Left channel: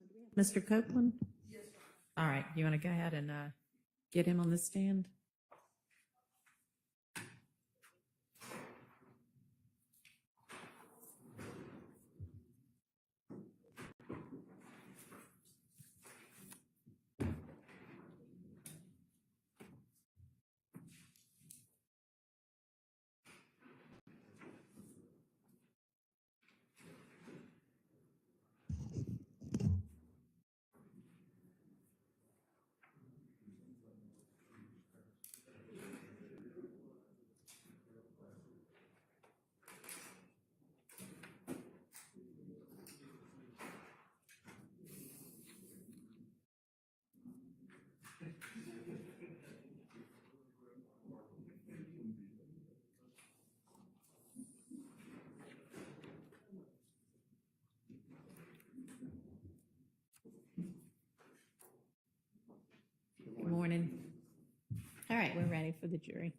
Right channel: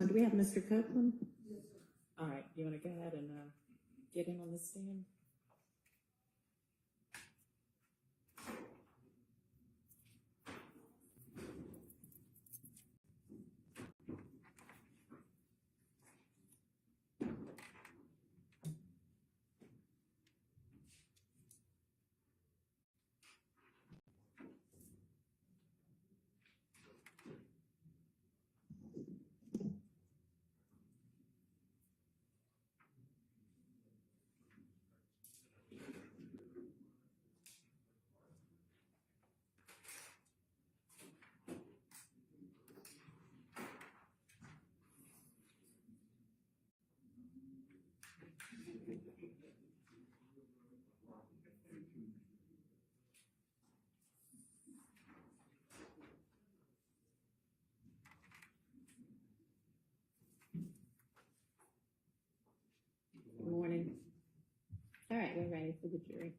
Do we have Mr. Copeland? Yes. All right, you want to go ahead and get him on the stand? Good morning. All right, we're ready for the jury.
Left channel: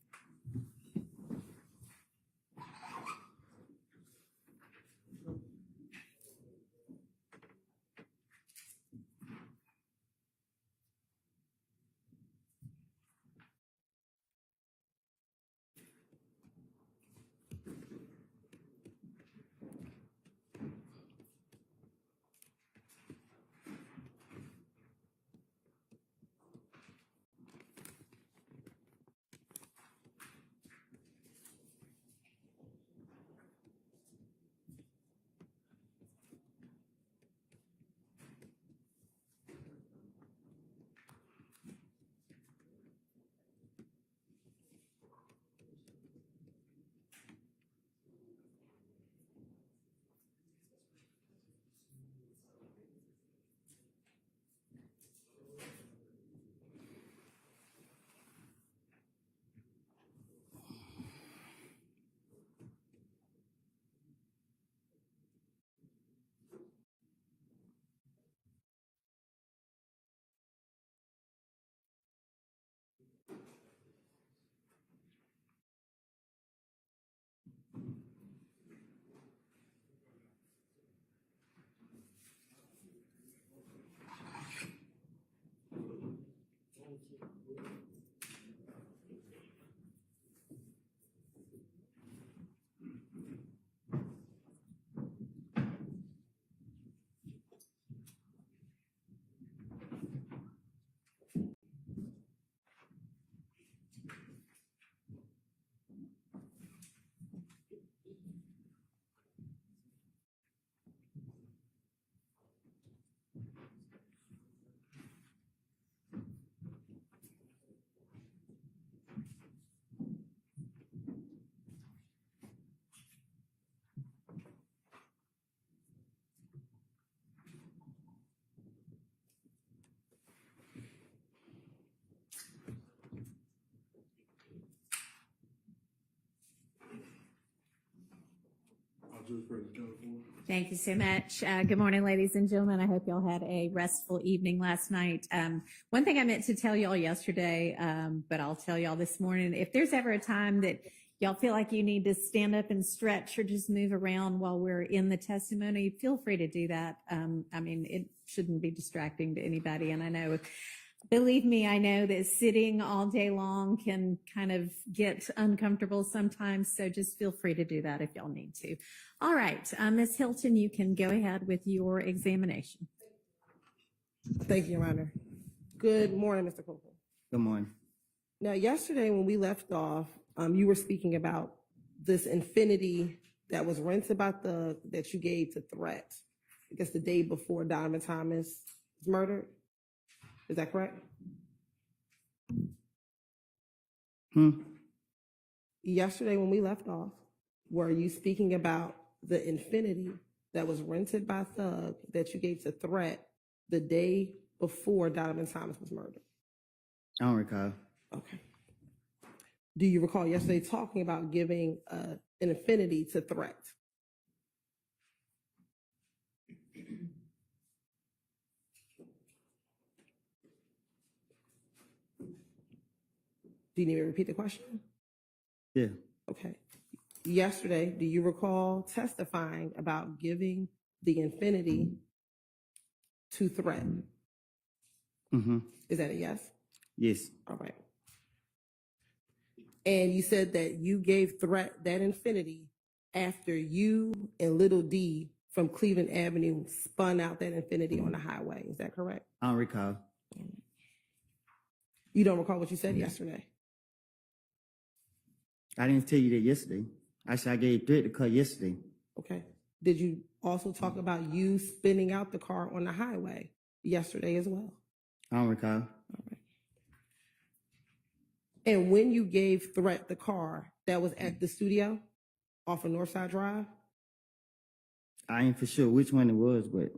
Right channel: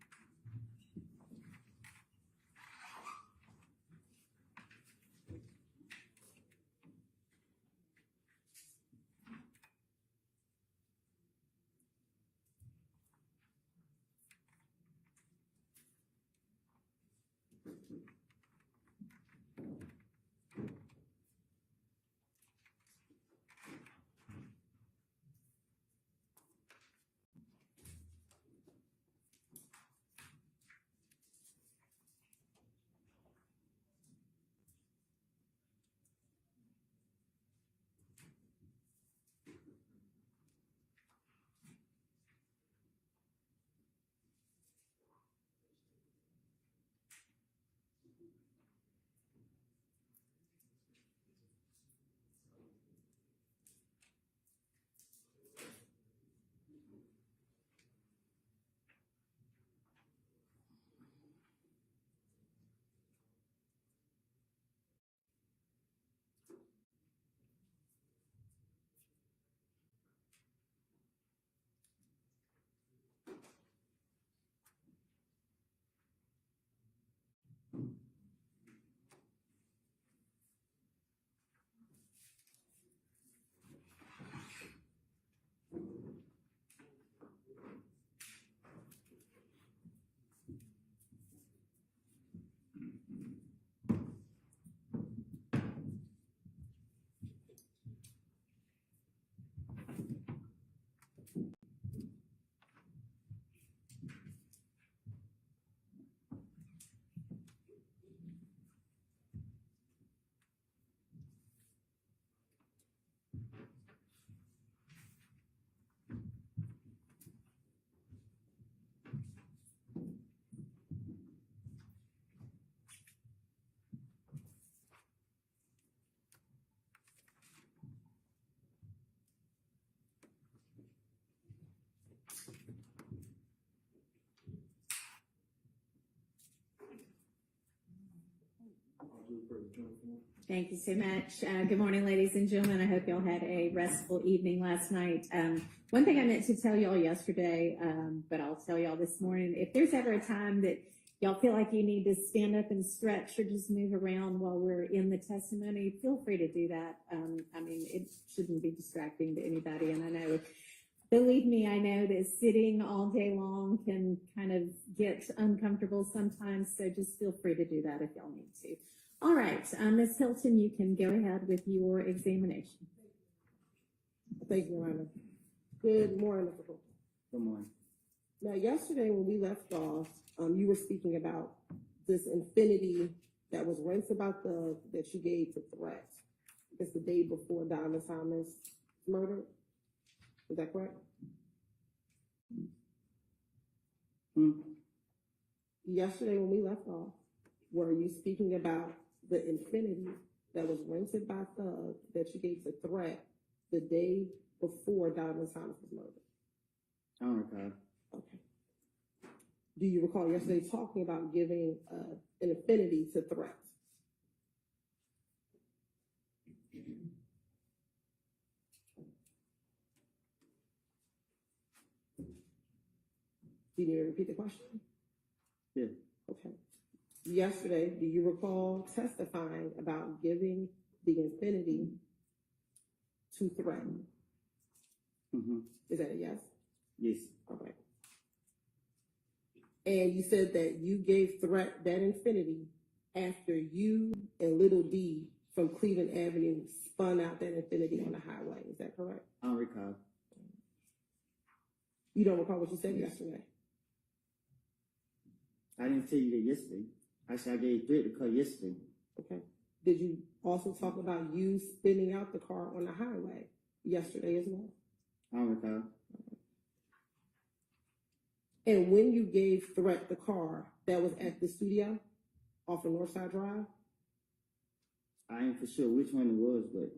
Thank you so much. Good morning, ladies and gentlemen. I hope y'all had a restful evening last night. One thing I meant to tell y'all yesterday, but I'll tell y'all this morning, if there's ever a time that y'all feel like you need to stand up and stretch or just move around while we're in the testimony, feel free to do that. I mean, it shouldn't be distracting to anybody. And I know, believe me, I know that sitting all day long can kind of get uncomfortable sometimes, so just feel free to do that if y'all need to. All right, Ms. Hylton, you can go ahead with your examination. Thank you, Your Honor. Good morning, Mr. Copeland. Good morning. Now, yesterday when we left off, you were speaking about this infinity that was rented about that you gave to Threat, I guess the day before Donovan Thomas was murdered. Is that correct? Yesterday when we left off, were you speaking about the infinity that was rented by Thug that you gave to Threat the day before Donovan Thomas was murdered? I don't recall. Okay. Do you recall yesterday talking about giving an infinity to Threat? Do you need me to repeat the question? Yeah. Okay. Yesterday, do you recall testifying about giving the infinity to Threat. Mm-hmm. Is that a yes? Yes. All right. And you said that you gave Threat that Infinity after you and Little D from Cleveland Avenue spun out that Infinity on the highway. Is that correct? I don't recall. You don't recall what you said yesterday? I didn't tell you that yesterday. I said I gave Threat the car yesterday. Okay. Did you also talk about you spinning out the car on the highway yesterday as well? I don't recall. All right. And when you gave Threat the car, that was at the studio off of Northside Drive? I ain't for sure which one it was, but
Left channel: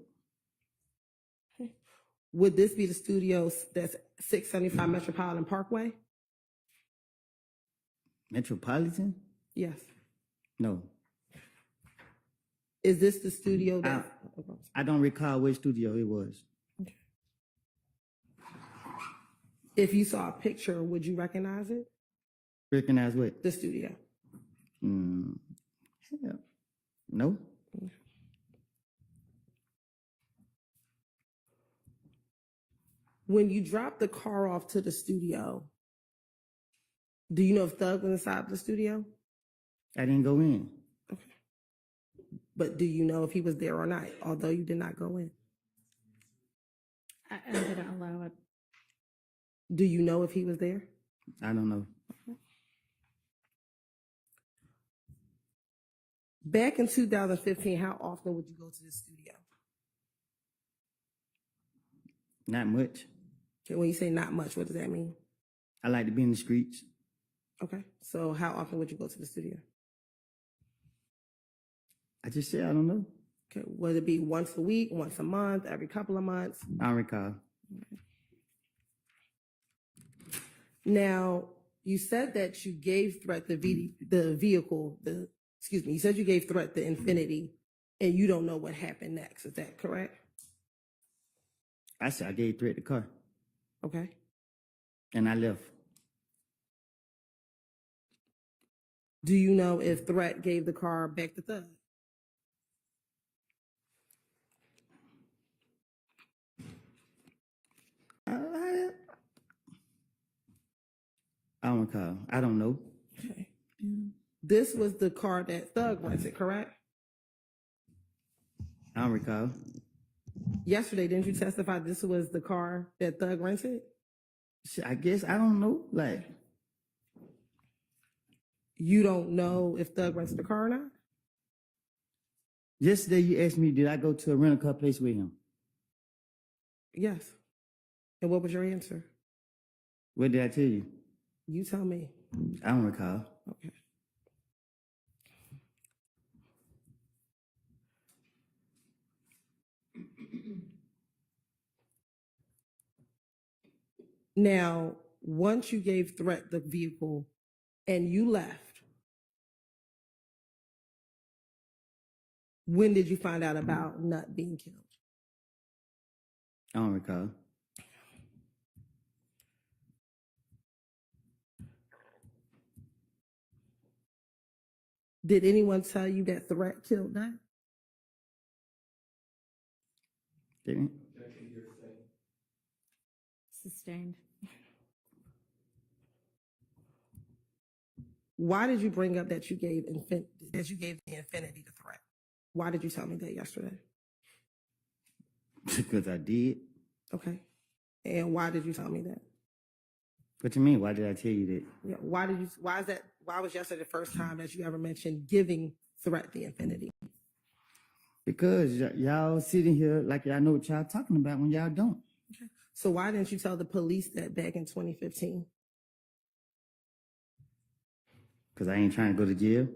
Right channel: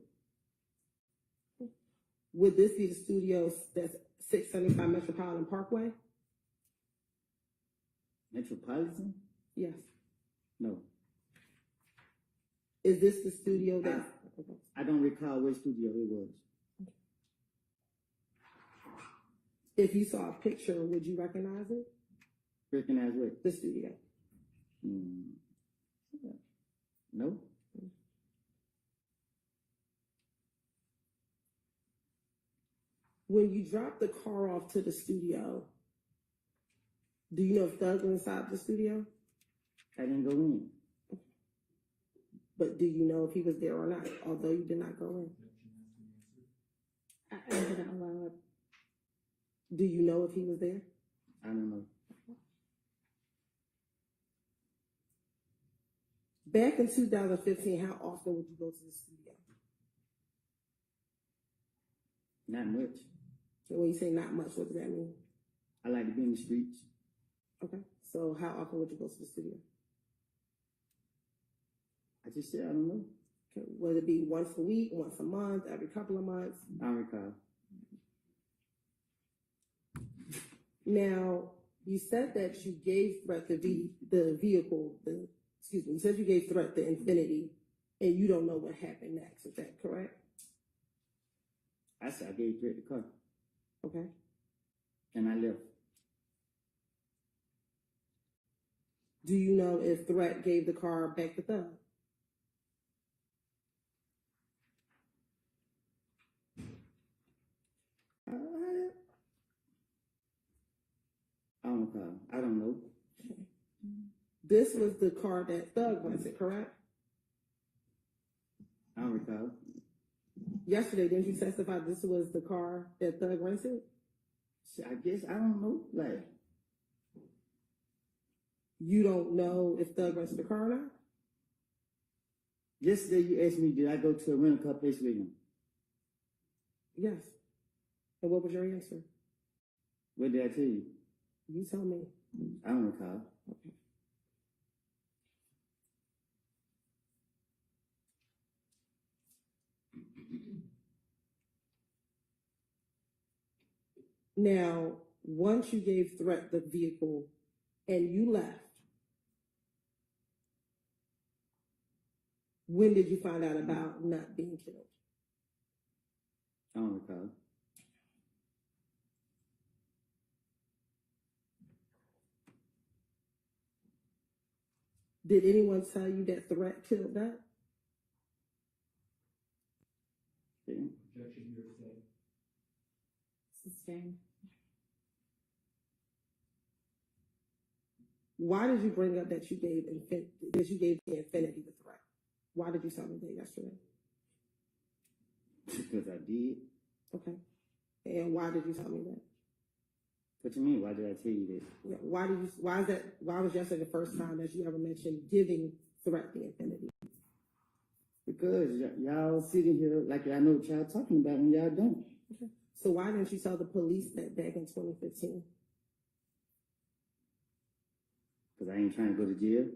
Would this be the studio that's 675 Metropolitan Parkway? Metropolitan? Yes. No. Is this the studio that? I don't recall which studio it was. If you saw a picture, would you recognize it? Recognize what? The studio. Hell, no. When you dropped the car off to the studio, do you know if Thug was inside the studio? I didn't go in. Okay. But do you know if he was there or not, although you did not go in? I didn't allow it. Do you know if he was there? I don't know. Back in 2015, how often would you go to the studio? Not much. And when you say not much, what does that mean? I like to be in the streets. Okay. So how often would you go to the studio? I just said I don't know. Okay. Would it be once a week, once a month, every couple of months? I don't recall. Now, you said that you gave Threat the vehicle, you said you gave Threat the Infinity, and you don't know what happened next. Is that correct? I said I gave Threat the car. Okay. And I left. Do you know if Threat gave the car back to Thug? I don't recall. I don't know. Okay. This was the car that Thug rented, correct? I don't recall. Yesterday, didn't you testify this was the car that Thug rented? Shit, I guess I don't know. Like, You don't know if Thug rented the car or not? yesterday you asked me, did I go to a rental car place with him? Yes. And what was your answer? What did I tell you? You tell me. I don't recall. Okay. Now, once you gave Threat the vehicle and you left, when did you find out about Nut being killed? I don't recall. Did anyone tell you that Threat killed Nut? Didn't? Sustained. Why did you bring up that you gave the Infinity to Threat? Why did you tell me that yesterday? Because I did. Okay. And why did you tell me that? What you mean? Why did I tell you that? Yeah, why was yesterday the first time that you ever mentioned giving Threat the Infinity? Because y'all sitting here like y'all know what y'all talking about when y'all don't. Okay. So why didn't you tell the police that back in 2015? Because I ain't trying to go to jail.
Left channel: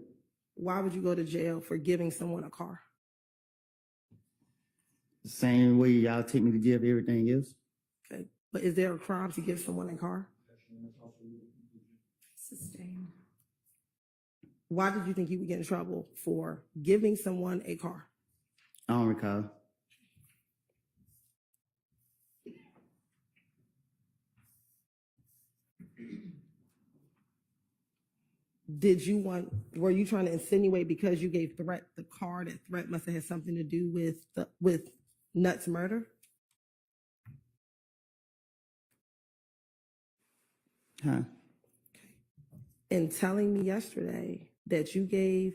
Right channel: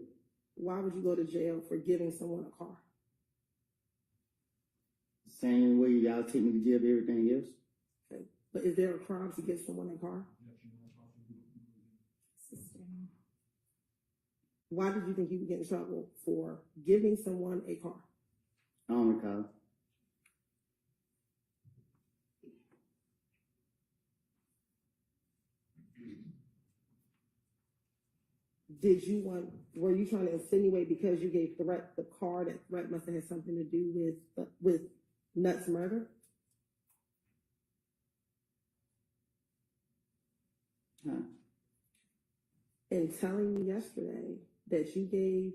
Why would you go to jail for giving someone a car? The same way y'all take me to jail for everything else. Okay. But is there a crime to give someone a car? Sustained. Why did you think you would get in trouble for giving someone a car? I don't recall. Were you trying to insinuate because you gave Threat the car that Threat must have had something to do with Nut's murder? Huh? In telling me yesterday that you gave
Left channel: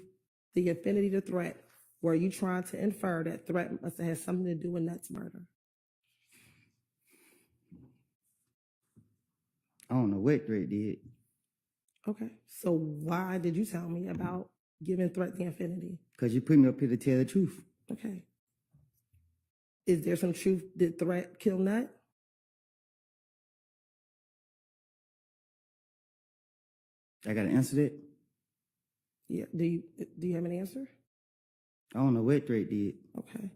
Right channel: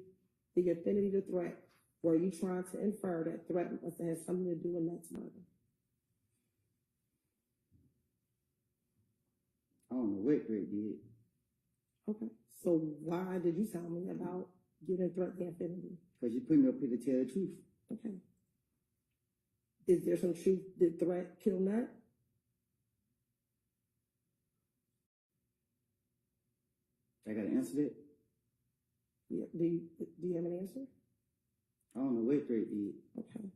the affinity to threat, were you trying to infer that threat must have had something to do with Nut's murder? I don't know what Threat did. Okay. So why did you tell me about giving threat the affinity? Because you put me up here to tell the truth. Okay. Is there some truth? Did threat kill Nut? I got to answer that. Yeah. Do you have an answer? I don't know what Threat did. Okay.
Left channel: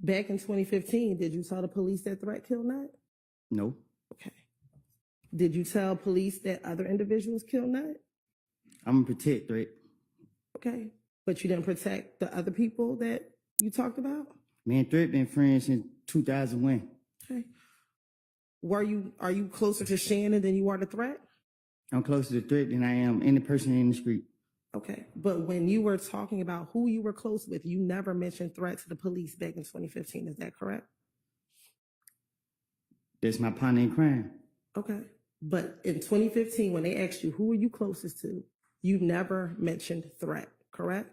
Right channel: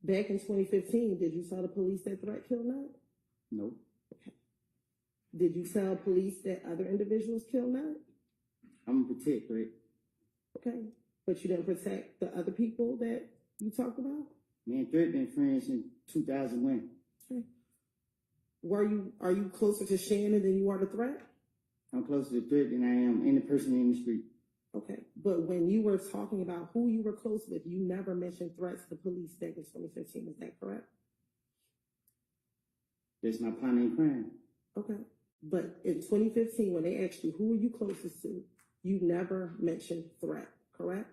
Back in 2015, did you tell the police that threat killed Nut? No. Okay. Did you tell police that other individuals killed Nut? I'm going to protect Threat. Okay. But you didn't protect the other people that you talked about? Me and Threat been friends since 2001. Okay. Are you closer to Shannon than you are to Threat? I'm closer to Threat than I am any person in the street. Okay. But when you were talking about who you were close with, you never mentioned Threat to the police back in 2015. Is that correct? That's my partner in crime. Okay. But in 2015, when they asked you who are you closest to, you never mentioned Threat, correct?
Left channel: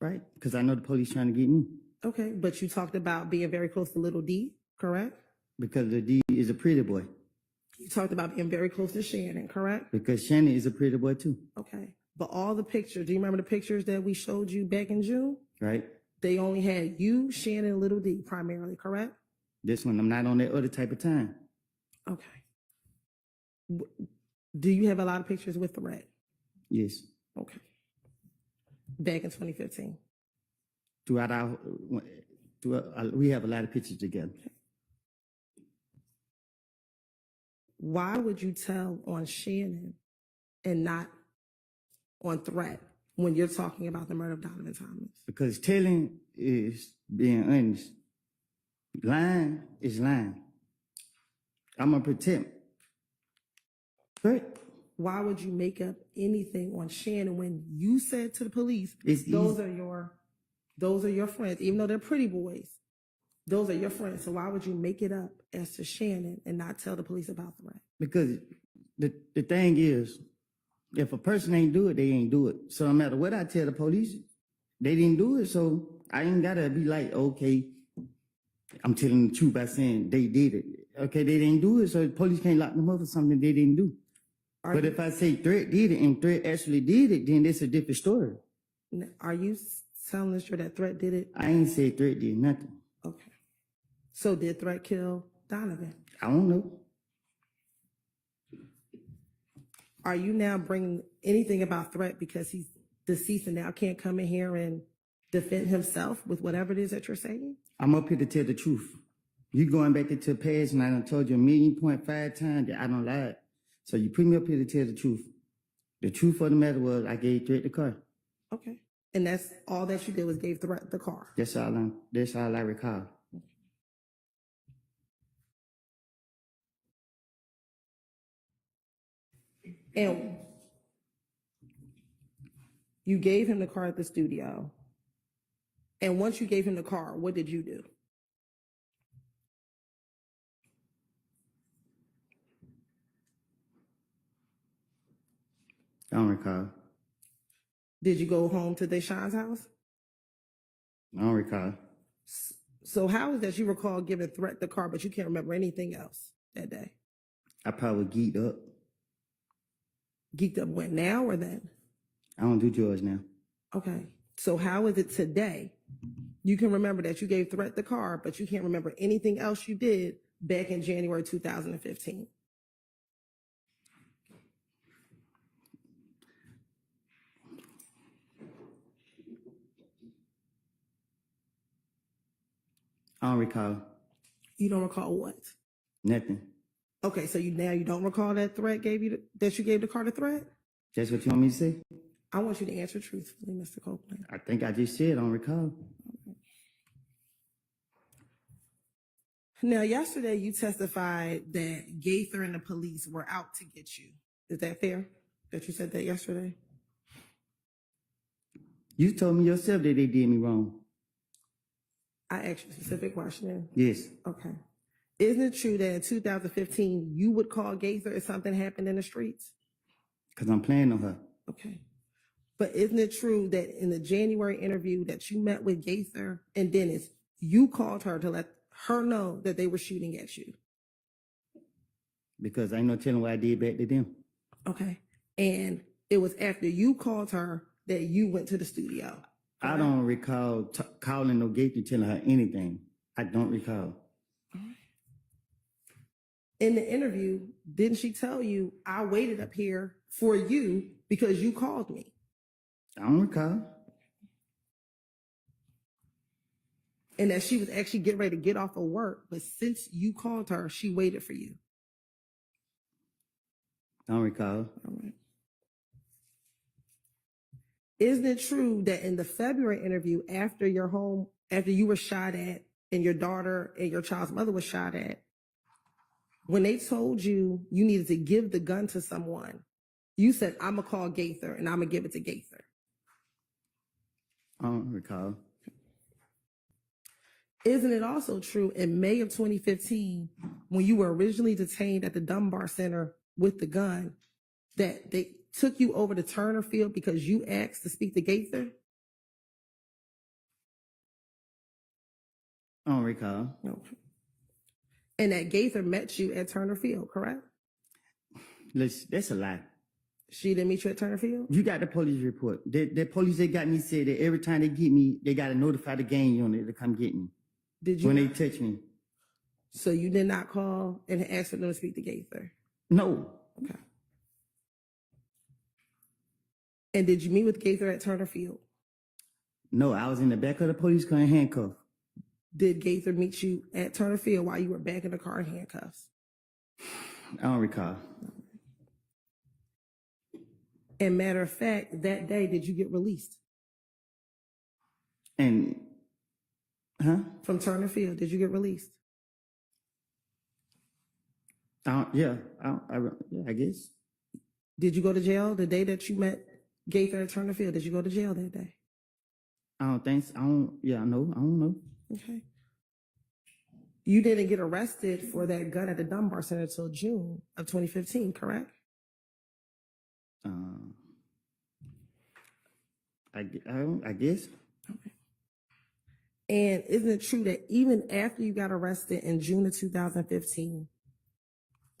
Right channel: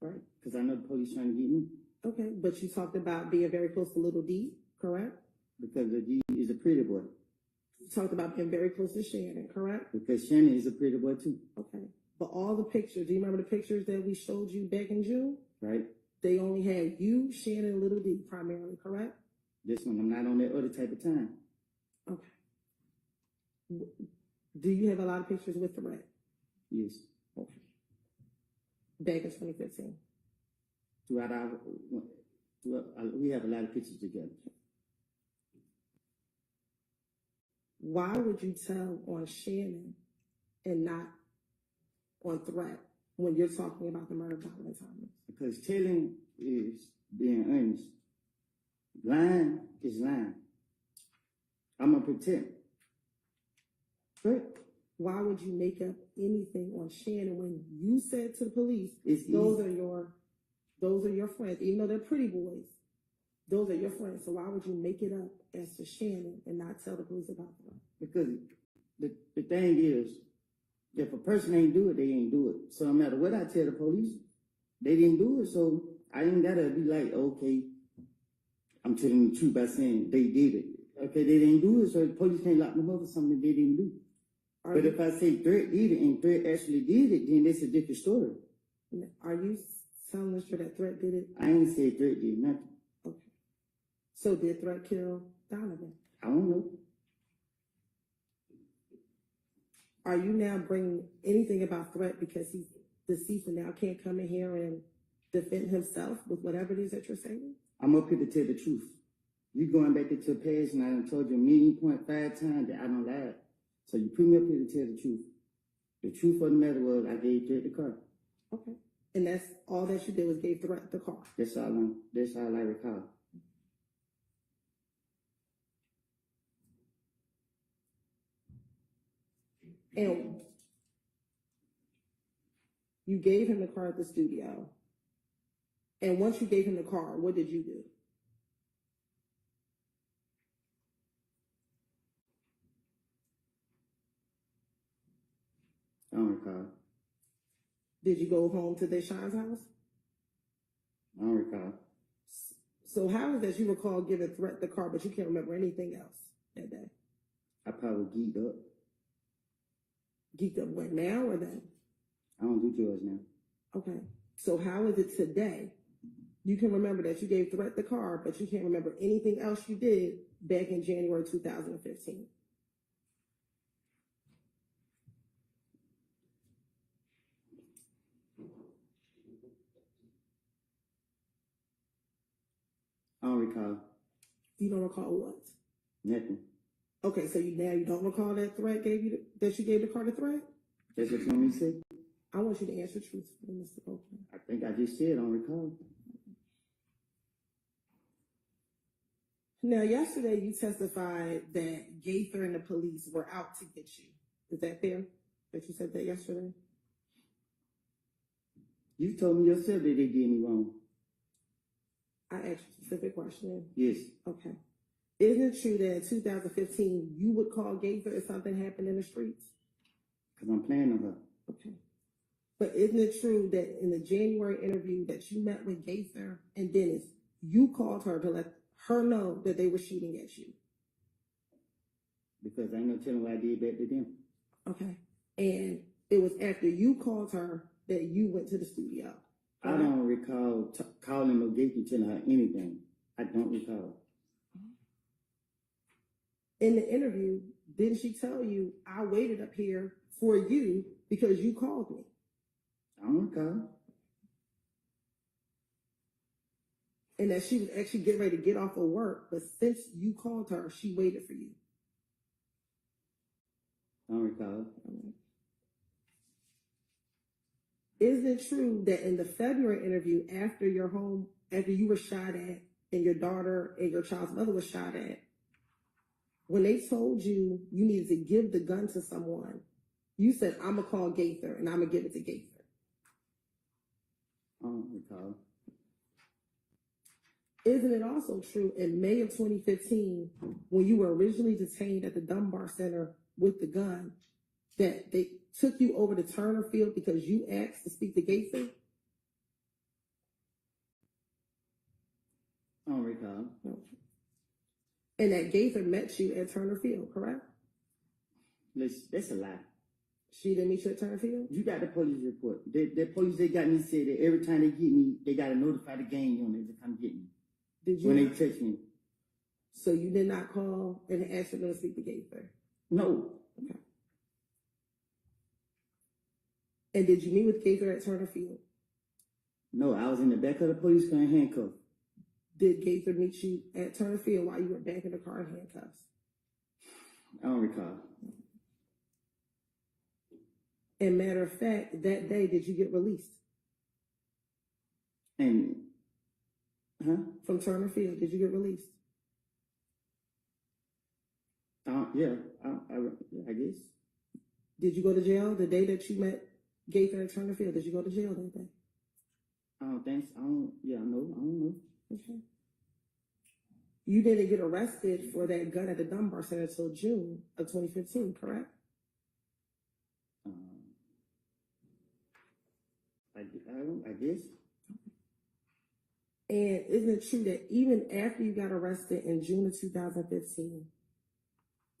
Right? Because I know the police trying to get me. Okay. But you talked about being very close to Little D, correct? Because the D is a pretty boy. You talked about being very close to Shannon, correct? Because Shannon is a pretty boy too. Okay. But all the pictures, do you remember the pictures that we showed you back in June? Right? They only had you, Shannon, and Little D primarily, correct? This one, I'm not on that other type of time. Okay. Do you have a lot of pictures with Threat? Yes. Okay. Back in 2015. We have a lot of pictures together. Why would you tell on Shannon and not on Threat when you're talking about the murder of Donovan Thomas? Because telling is being honest. Lying is lying. I'm going to protect. Right? Why would you make up anything on Shannon when you said to the police, It's those easy. are your friends, even though they're pretty boys. Those are your friends. So why would you make it up as to Shannon and not tell the police about Threat? Because the thing is, if a person ain't do it, they ain't do it. So no matter what I tell the police, they didn't do it. So I ain't got to be like, okay, I'm telling the truth by saying they did it. Okay, they didn't do it, so the police can't lock them up for something they didn't do. But if I say Threat did it and Threat actually did it, then that's a different story. Are you telling us that Threat did it? I ain't said Threat did nothing. Okay. So did Threat kill Donovan? I don't know. Are you now bringing anything about Threat because he's deceased and now can't come in here and defend himself with whatever it is that you're saying? I'm up here to tell the truth. You going back into the past and I done told you 1.5 times that I don't lie. So you put me up here to tell the truth. The truth of the matter was I gave Threat the car. Okay. And that's all that you did was gave Threat the car. That's all I recall. And you gave him the car at the studio. And once you gave him the car, what did you do? I don't recall. Did you go home to Deshaun's house? I don't recall. So how is that you recall giving Threat the car, but you can't remember anything else that day? I probably geeked up. Geeked up when, now or then? I don't do drugs now. Okay. So how is it today? You can remember that you gave Threat the car, but you can't remember anything else you did back in January 2015. I don't recall You don't recall what? nothing. Okay, so you don't recall that Threat gave you that you gave the car to Threat? That's what you want me to say? I want you to answer truthfully, Mr. Copeland. I think I just said I don't recall. Now, yesterday you testified that Gaither and the police were out to get you. Is that fair? That you said that yesterday? You told me yourself that they did me wrong. I asked you a specific question. Yes. Okay. Isn't it true that in 2015 you would call Gaither if something happened in the streets? Because I'm playing on her. Okay. But isn't it true that in the January interview that you met with Gaither and Dennis, you called her to let her know that they were shooting at you? Because I ain't no telling what I did back to them. Okay. And it was after you called her that you went to the studio. I don't recall calling no Gaither telling her anything. I don't recall. In the interview, didn't she tell you, I waited up here for you because you called me? I don't recall. And that she was actually getting ready to get off of work, but since you called her, she waited for you. I don't recall. All right. Isn't it true that in the February interview, after you were shot at and your daughter and your child's mother was shot at, when they told you you needed to give the gun to someone, you said, I'm going to call Gaither and I'm going to give it to Gaither? I don't recall. Isn't it also true in May of 2015, when you were originally detained at the Dunbar Center with the gun, that they took you over to Turner Field because you asked to speak to Gaither? I don't recall. No. And that Gaither met you at Turner Field, correct? That's a lie. She didn't meet you at Turner Field? You got the police report. The police that got me said that every time they get me, they got to notify the gang unit to come get me. Did you? When they touch me. So you did not call and ask for them to speak to Gaither? No. Okay. And did you meet with Gaither at Turner Field? No, I was in the back of the police car in handcuffs. Did Gaither meet you at Turner Field while you were back in the car in handcuffs? I don't recall. And matter of fact, that day, did you get released? And, From Turner Field, did you get released? Yeah, I guess. Did you go to jail the day that you met Gaither at Turner Field? Did you go to jail that day? I don't think so. I don't know. Okay. You didn't get arrested for that gun at the Dunbar Center until June of 2015, correct? I guess. Okay. And isn't it true that even after you got arrested in June of 2015,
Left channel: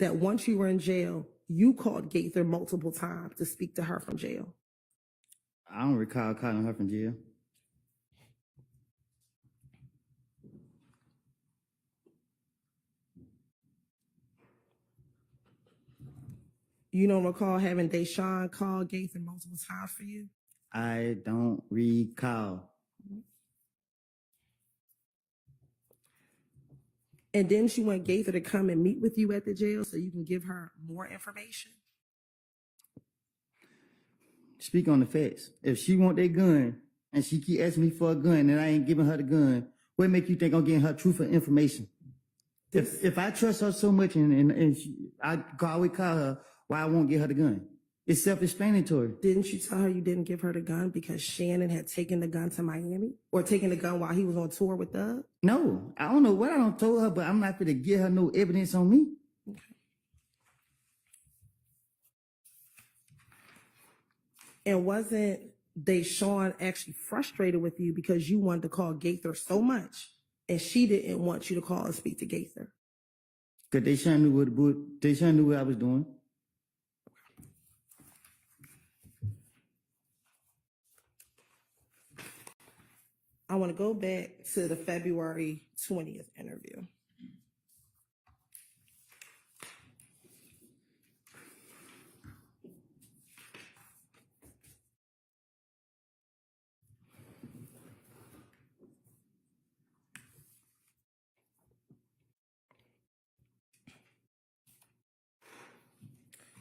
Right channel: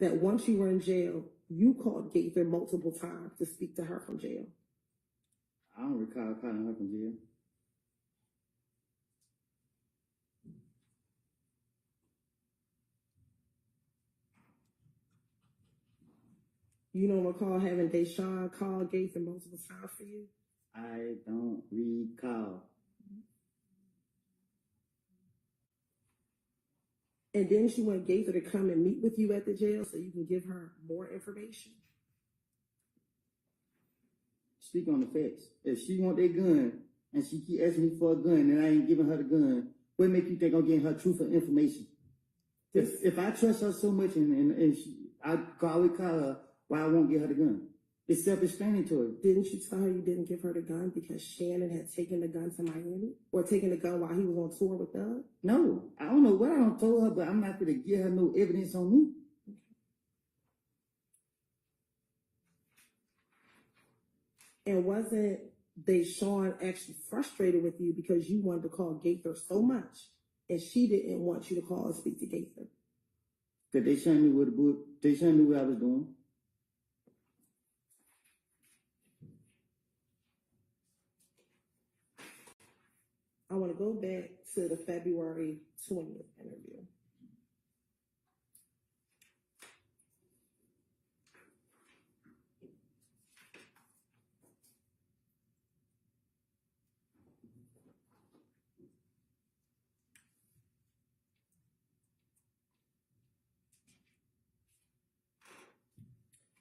that once you were in jail, you called Gaither multiple times to speak to her from jail? I don't recall calling her from jail. You don't recall having Deshaun call Gaither multiple times for you? I don't recall. And didn't you want Gaither to come and meet with you at the jail so you can give her more information? Speak on the facts. If she want that gun and she keep asking me for a gun and I ain't giving her the gun, what make you think I'm getting her truthful information? If I trust her so much and I always call her, why I won't get her the gun? It's self-explanatory. Didn't you tell her you didn't give her the gun because Shannon had taken the gun to Miami? Or taken the gun while he was on tour with Doug? No, I don't know what I done told her, but I'm not going to give her no evidence on me. Okay. And wasn't Deshaun actually frustrated with you because you wanted to call Gaither so much and she didn't want you to call and speak to Gaither? Because Deshaun knew what I was doing. I want to go back to the February 20th interview.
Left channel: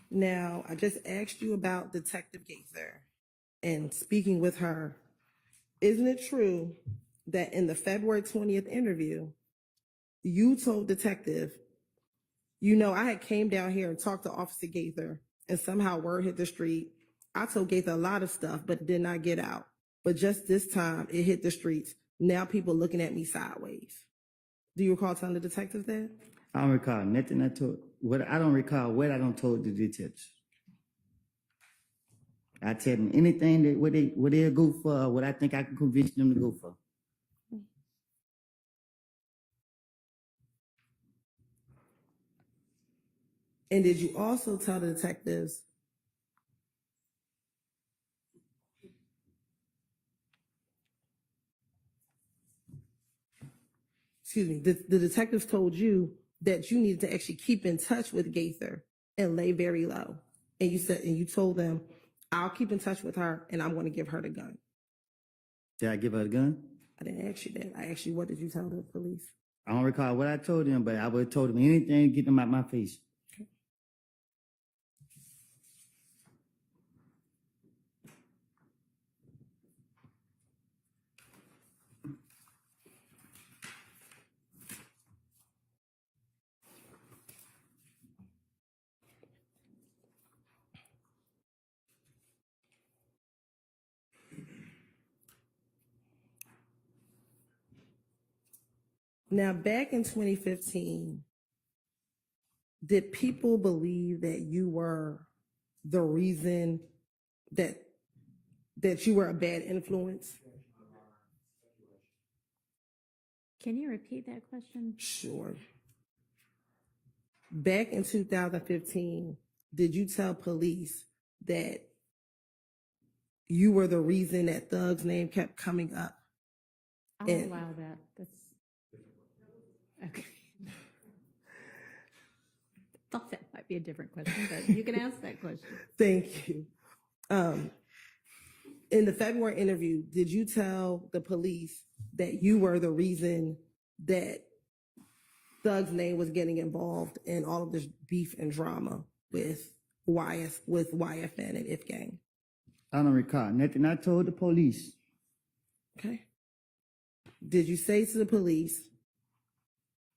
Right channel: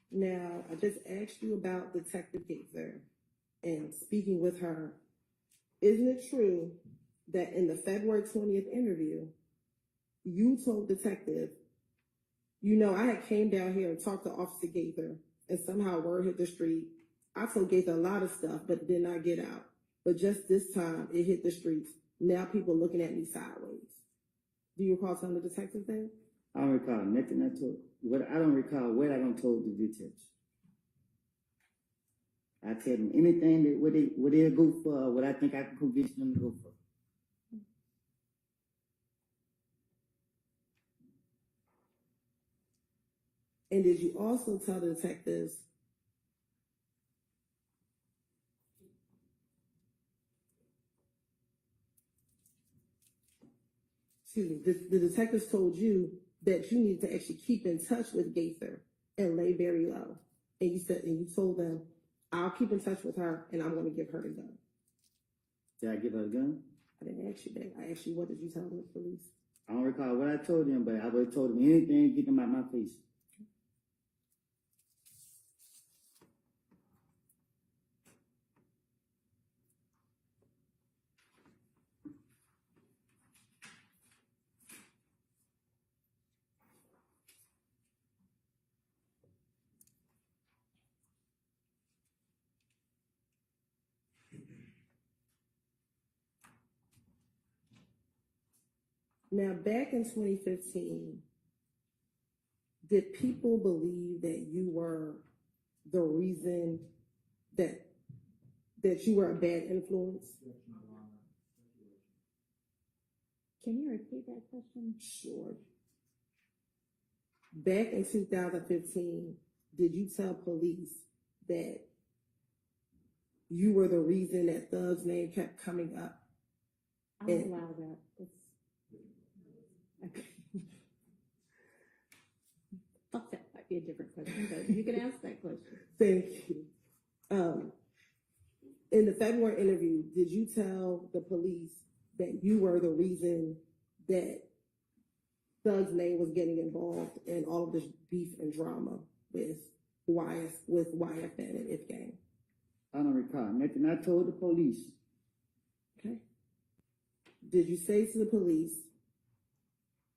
Now, I just asked you about Detective Gaither and speaking with her. Isn't it true that in the February 20th interview, you told Detective, I had came down here and talked to Officer Gaither and somehow word hit the street. I told Gaither a lot of stuff, but it did not get out. But just this time, it hit the streets. Now people looking at me sideways. Do you recall telling the detective that? I don't recall nothing I told. I don't recall what I don't told the detectives. I tell them anything that what they'll go for, or what I think I can convince them to go for. And did you also tell the detectives the detectives told you that you needed to actually keep in touch with Gaither and lay very low. And you told them, I'll keep in touch with her and I'm going to give her the gun. Did I give her a gun? I didn't ask you that. I asked you, what did you tell the police? I don't recall what I told them, but I would have told them anything to get them out my face. Now, back in 2015, did people believe that you were the reason that you were a bad influence? Can you repeat that question? Sure. Back in 2015, did you tell police that you were the reason that Thug's name kept coming up? I'll And- allow that. That's okay. Thought that might be a different question, but you can ask that question. Thank you. In the February interview, did you tell the police that you were the reason that Thug's name was getting involved in all of this beef and drama with YFN and If Gang? I don't recall nothing I told the police. Okay. Did you say to the police,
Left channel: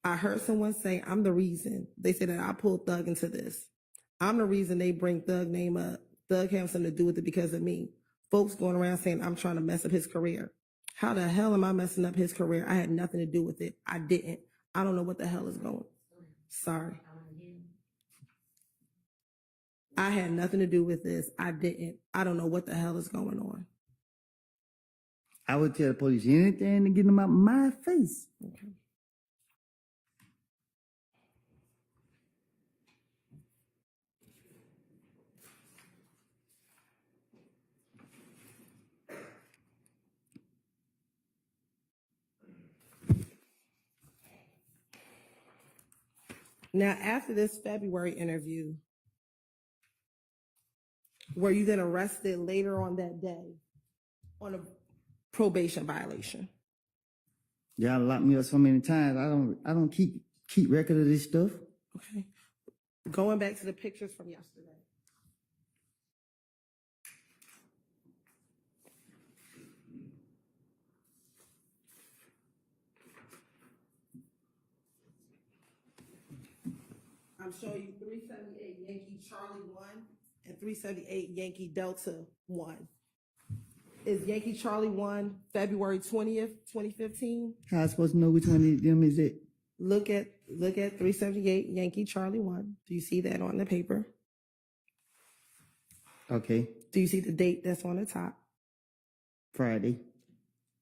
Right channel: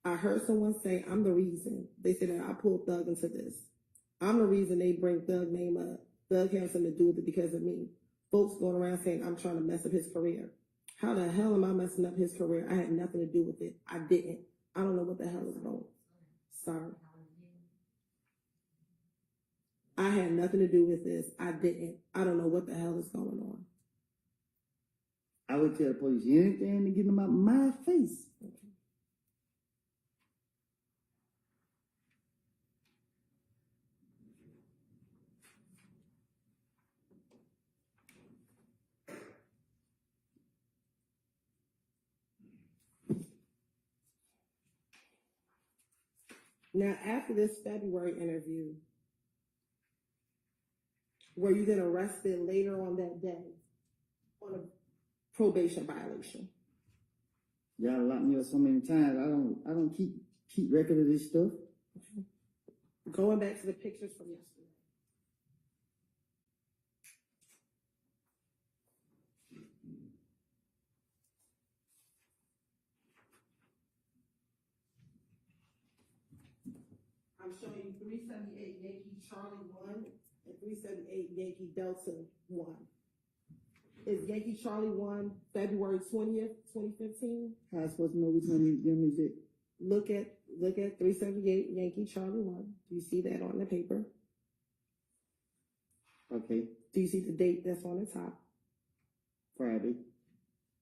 I heard someone say, I'm the reason. They said that I pulled Thug into this. I'm the reason they bring Thug name up. Thug has something to do with it because of me. Folks going around saying I'm trying to mess up his career. How the hell am I messing up his career? I had nothing to do with it. I didn't. I don't know what the hell is going on. Sorry. I had nothing to do with this. I didn't. I don't know what the hell is going on. I would tell the police anything to get them out my face. Okay. Now, after this February interview, were you then arrested later on that day on a probation violation? Y'all locked me up so many times. I don't keep record of this stuff. Okay. Going back to the pictures from yesterday. I'm showing you 378 Yankee Charlie 1 and 378 Yankee Delta 1. Is Yankee Charlie 1 February 20th, 2015? How I supposed to know which one of them is it? Look at 378 Yankee Charlie 1. Do you see that on the paper? Okay, Do you see the date that's on the top? Friday.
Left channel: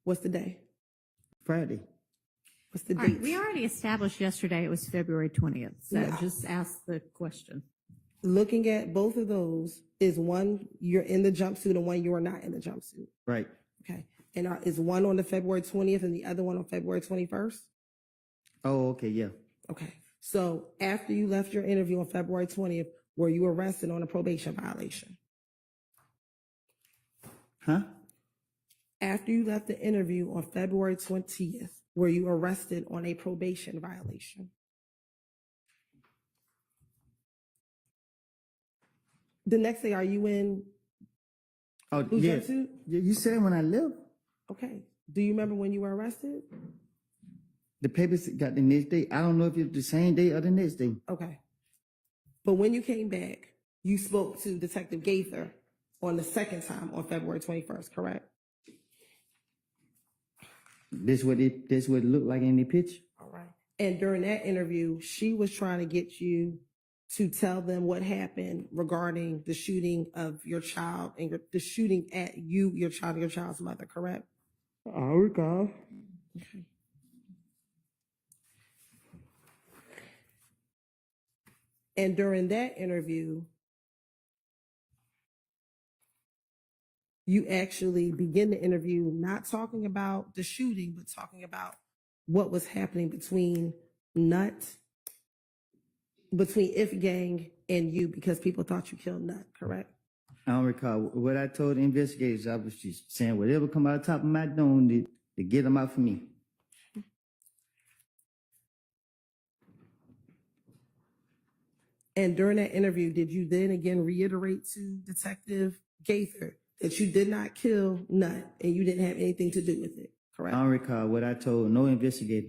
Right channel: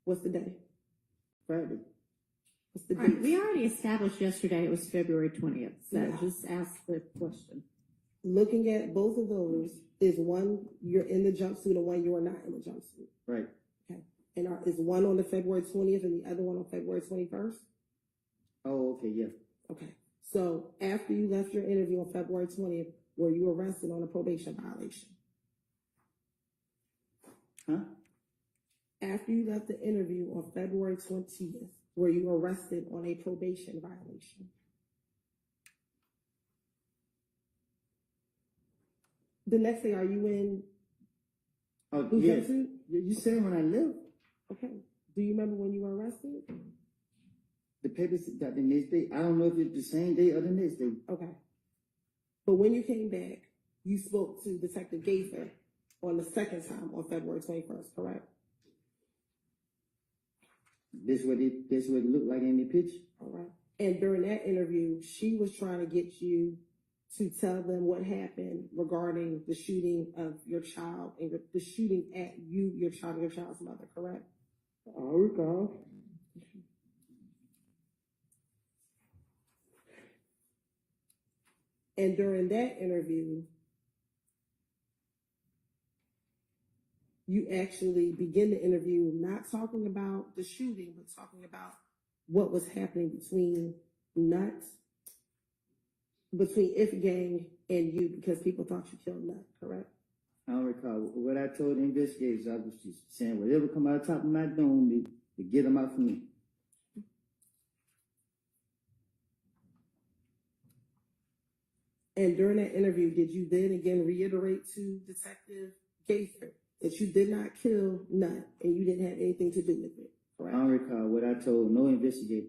What's the day? Friday. What's the All date? right, we already established yesterday it was February 20th, so Yeah. just ask the question. Looking at both of those, is one you're in the jumpsuit and one you are not in the jumpsuit? Right. Okay. And is one on the February 20th and the other one on February 21st? Oh, okay, yeah. Okay. So after you left your interview on February 20th, were you arrested on a probation violation? Huh? After you left the interview on February 20th, were you arrested on a probation violation? The next day, are you in Oh, blue yeah. jumpsuit? You said when I left. Okay. Do you remember when you were arrested? The papers got the next day. I don't know if it's the same day or the next day. Okay. But when you came back, you spoke to Detective Gaither on the second time on February 21st, correct? This what it looked like in the picture. All right. And during that interview, she was trying to get you to tell them what happened regarding the shooting of your child and the shooting at you, your child, and your child's mother, correct? I recall. Okay. And during that interview, you actually begin the interview not talking about the shooting, but talking about what was happening between If Gang and you, because people thought you killed Nut, correct? I don't recall what I told the investigators. I was just saying whatever come out of the top of my dome to get them out for me. And during that interview, did you then again reiterate to Detective Gaither that you did not kill Nut and you didn't have anything to do with it, correct? I don't recall what I told no investigator.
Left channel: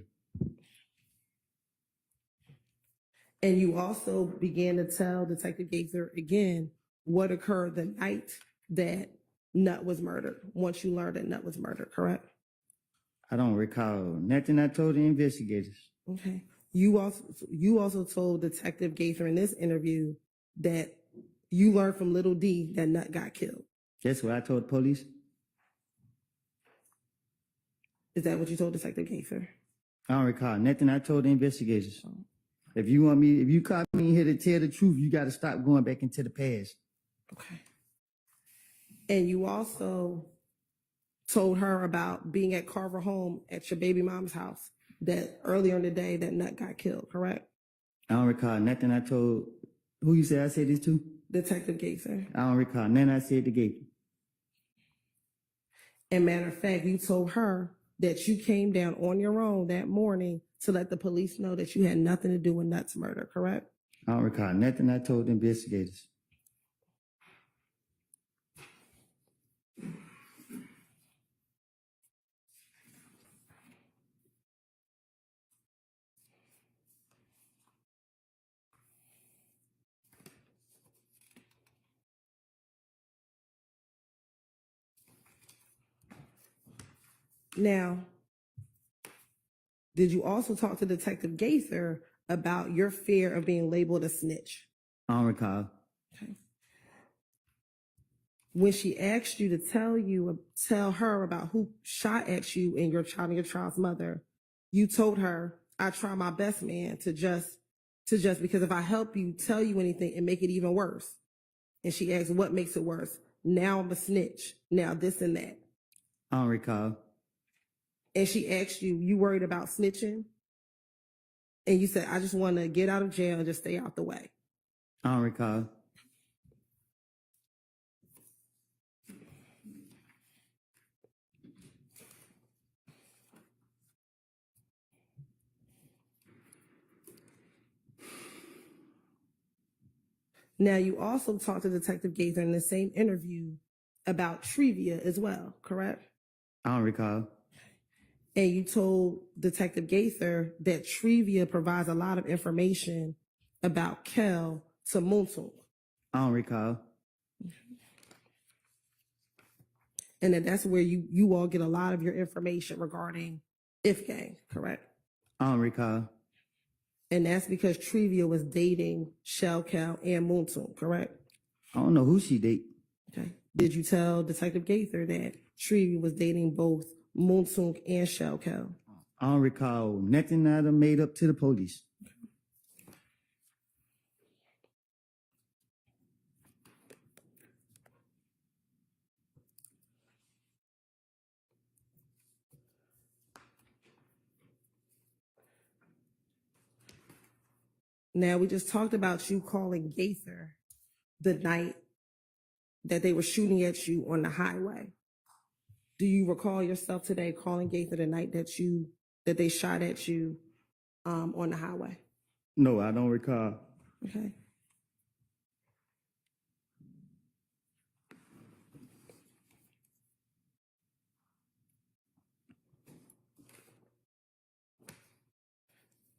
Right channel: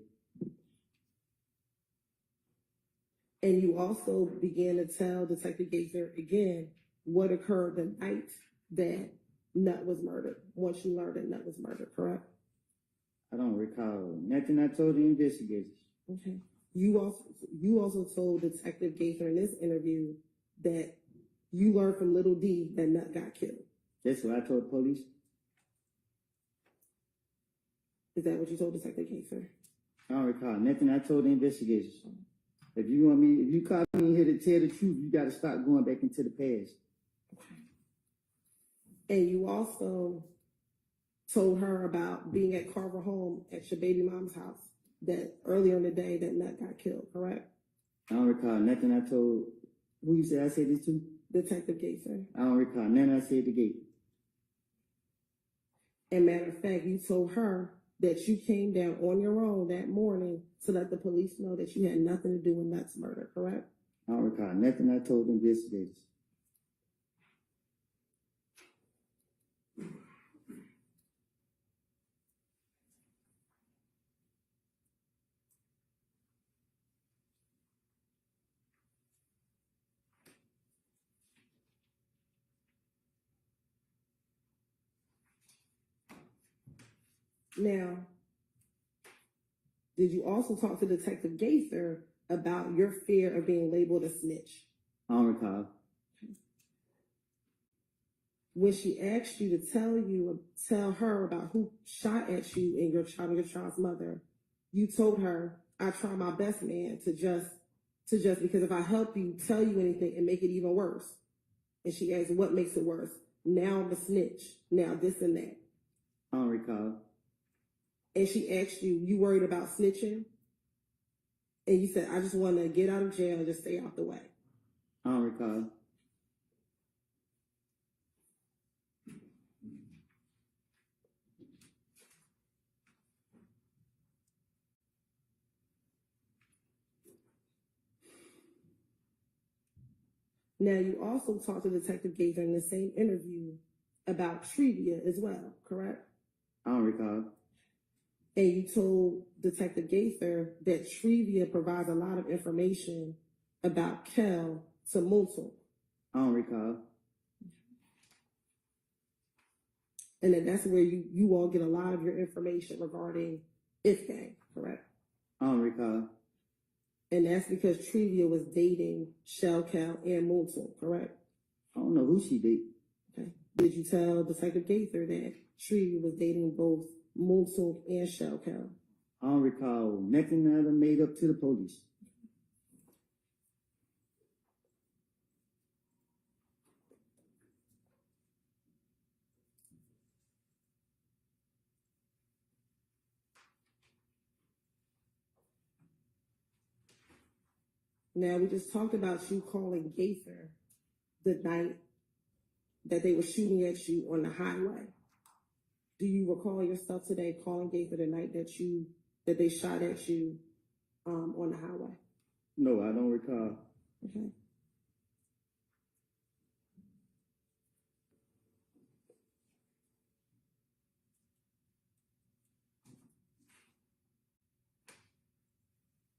And you also began to tell Detective Gaither again what occurred the night that Nut was murdered, once you learned that Nut was murdered, correct? I don't recall nothing I told the investigators. Okay. You also told Detective Gaither in this interview that you learned from Little D that Nut got killed. That's what I told the police. Is that what you told Detective Gaither? I don't recall nothing I told the investigators. If you call me here to tell the truth, you got to stop going back into the past. Okay. And you also told her about being at Carver home at your baby mom's house that earlier in the day that Nut got killed, correct? I don't recall nothing I told. Who you said I said this to? Detective Gaither. I don't recall nothing I said to Gaither. And matter of fact, you told her that you came down on your own that morning to let the police know that you had nothing to do with Nut's murder, correct? I don't recall nothing I told the investigators. Now, did you also talk to Detective Gaither about your fear of being labeled a snitch? I don't recall. Okay. When she asked you to tell her about who shot at you and your child's mother, you told her, I try my best, man, to just because if I help you tell you anything and make it even worse. And she asked, what makes it worse? Now I'm a snitch. Now this and that. I don't recall. And she asked you worried about snitching? And you said, I just want to get out of jail and just stay out the way. I don't recall. Now, you also talked to Detective Gaither in the same interview about trivia as well, correct? I don't recall. And you told Detective Gaither that trivia provides a lot of information about Kel to Muntul. I don't recall. And that's where you all get a lot of your information regarding If Gang, correct? I don't recall. And that's because Trivia was dating Shell Cal and Muntul, correct? I don't know who she date. Okay. Did you tell Detective Gaither that Trivia was dating both Muntul and Shell Cal? I don't recall nothing that I made up to the police. Now, we just talked about you calling Gaither the night that they were shooting at you on the highway. Do you recall yourself today calling Gaither the night that they shot at you on the highway? No, I don't recall. Okay.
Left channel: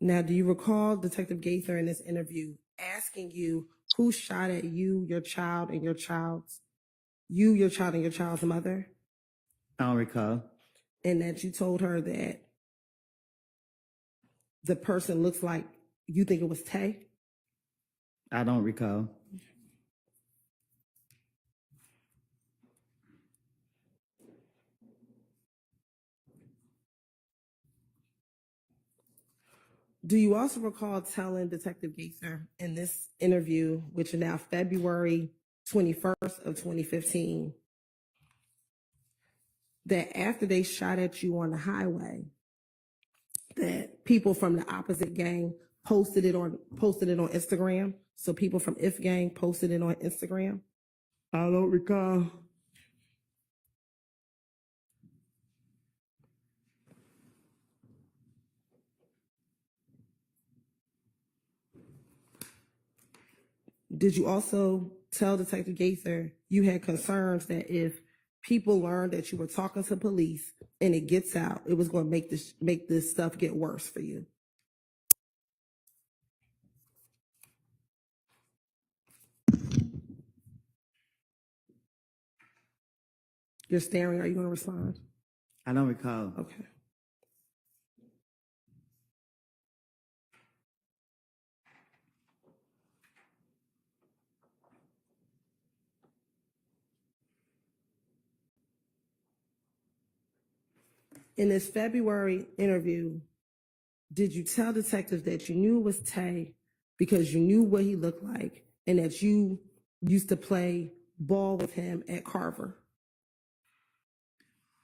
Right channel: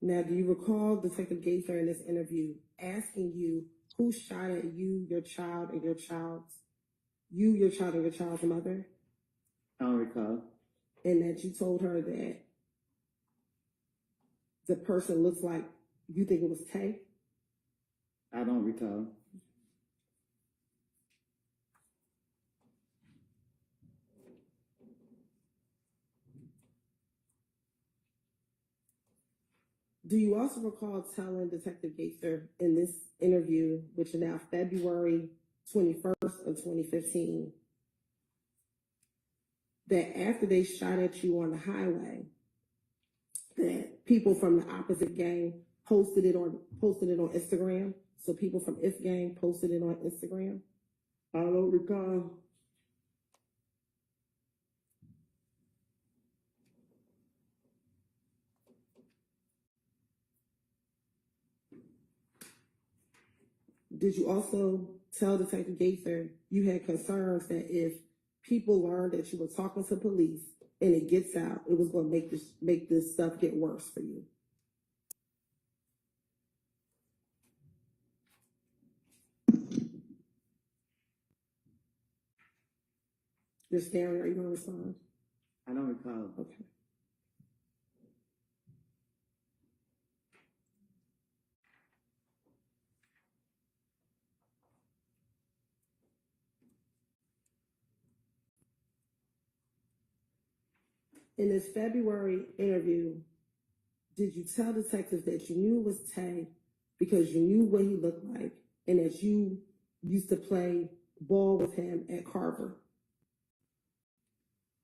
Now, do you recall Detective Gaither in this interview asking you who shot at you, your child, and your child's mother? I don't recall. And that you told her that the person looks like you think it was Tay? I don't recall. Do you also recall telling Detective Gaither in this interview, which is now February 21st of 2015, that after they shot at you on the highway, that people from the opposite gang posted it on Instagram? So people from If Gang posted it on Instagram? I don't recall. Did you also tell Detective Gaither you had concerns that if people learned that you were talking to police and it gets out, it was going to make this stuff get worse for you? You're staring. Are you going to respond? I don't recall. Okay. In this February interview, did you tell detectives that you knew it was Tay because you knew what he looked like and that you used to play ball with him at Carver?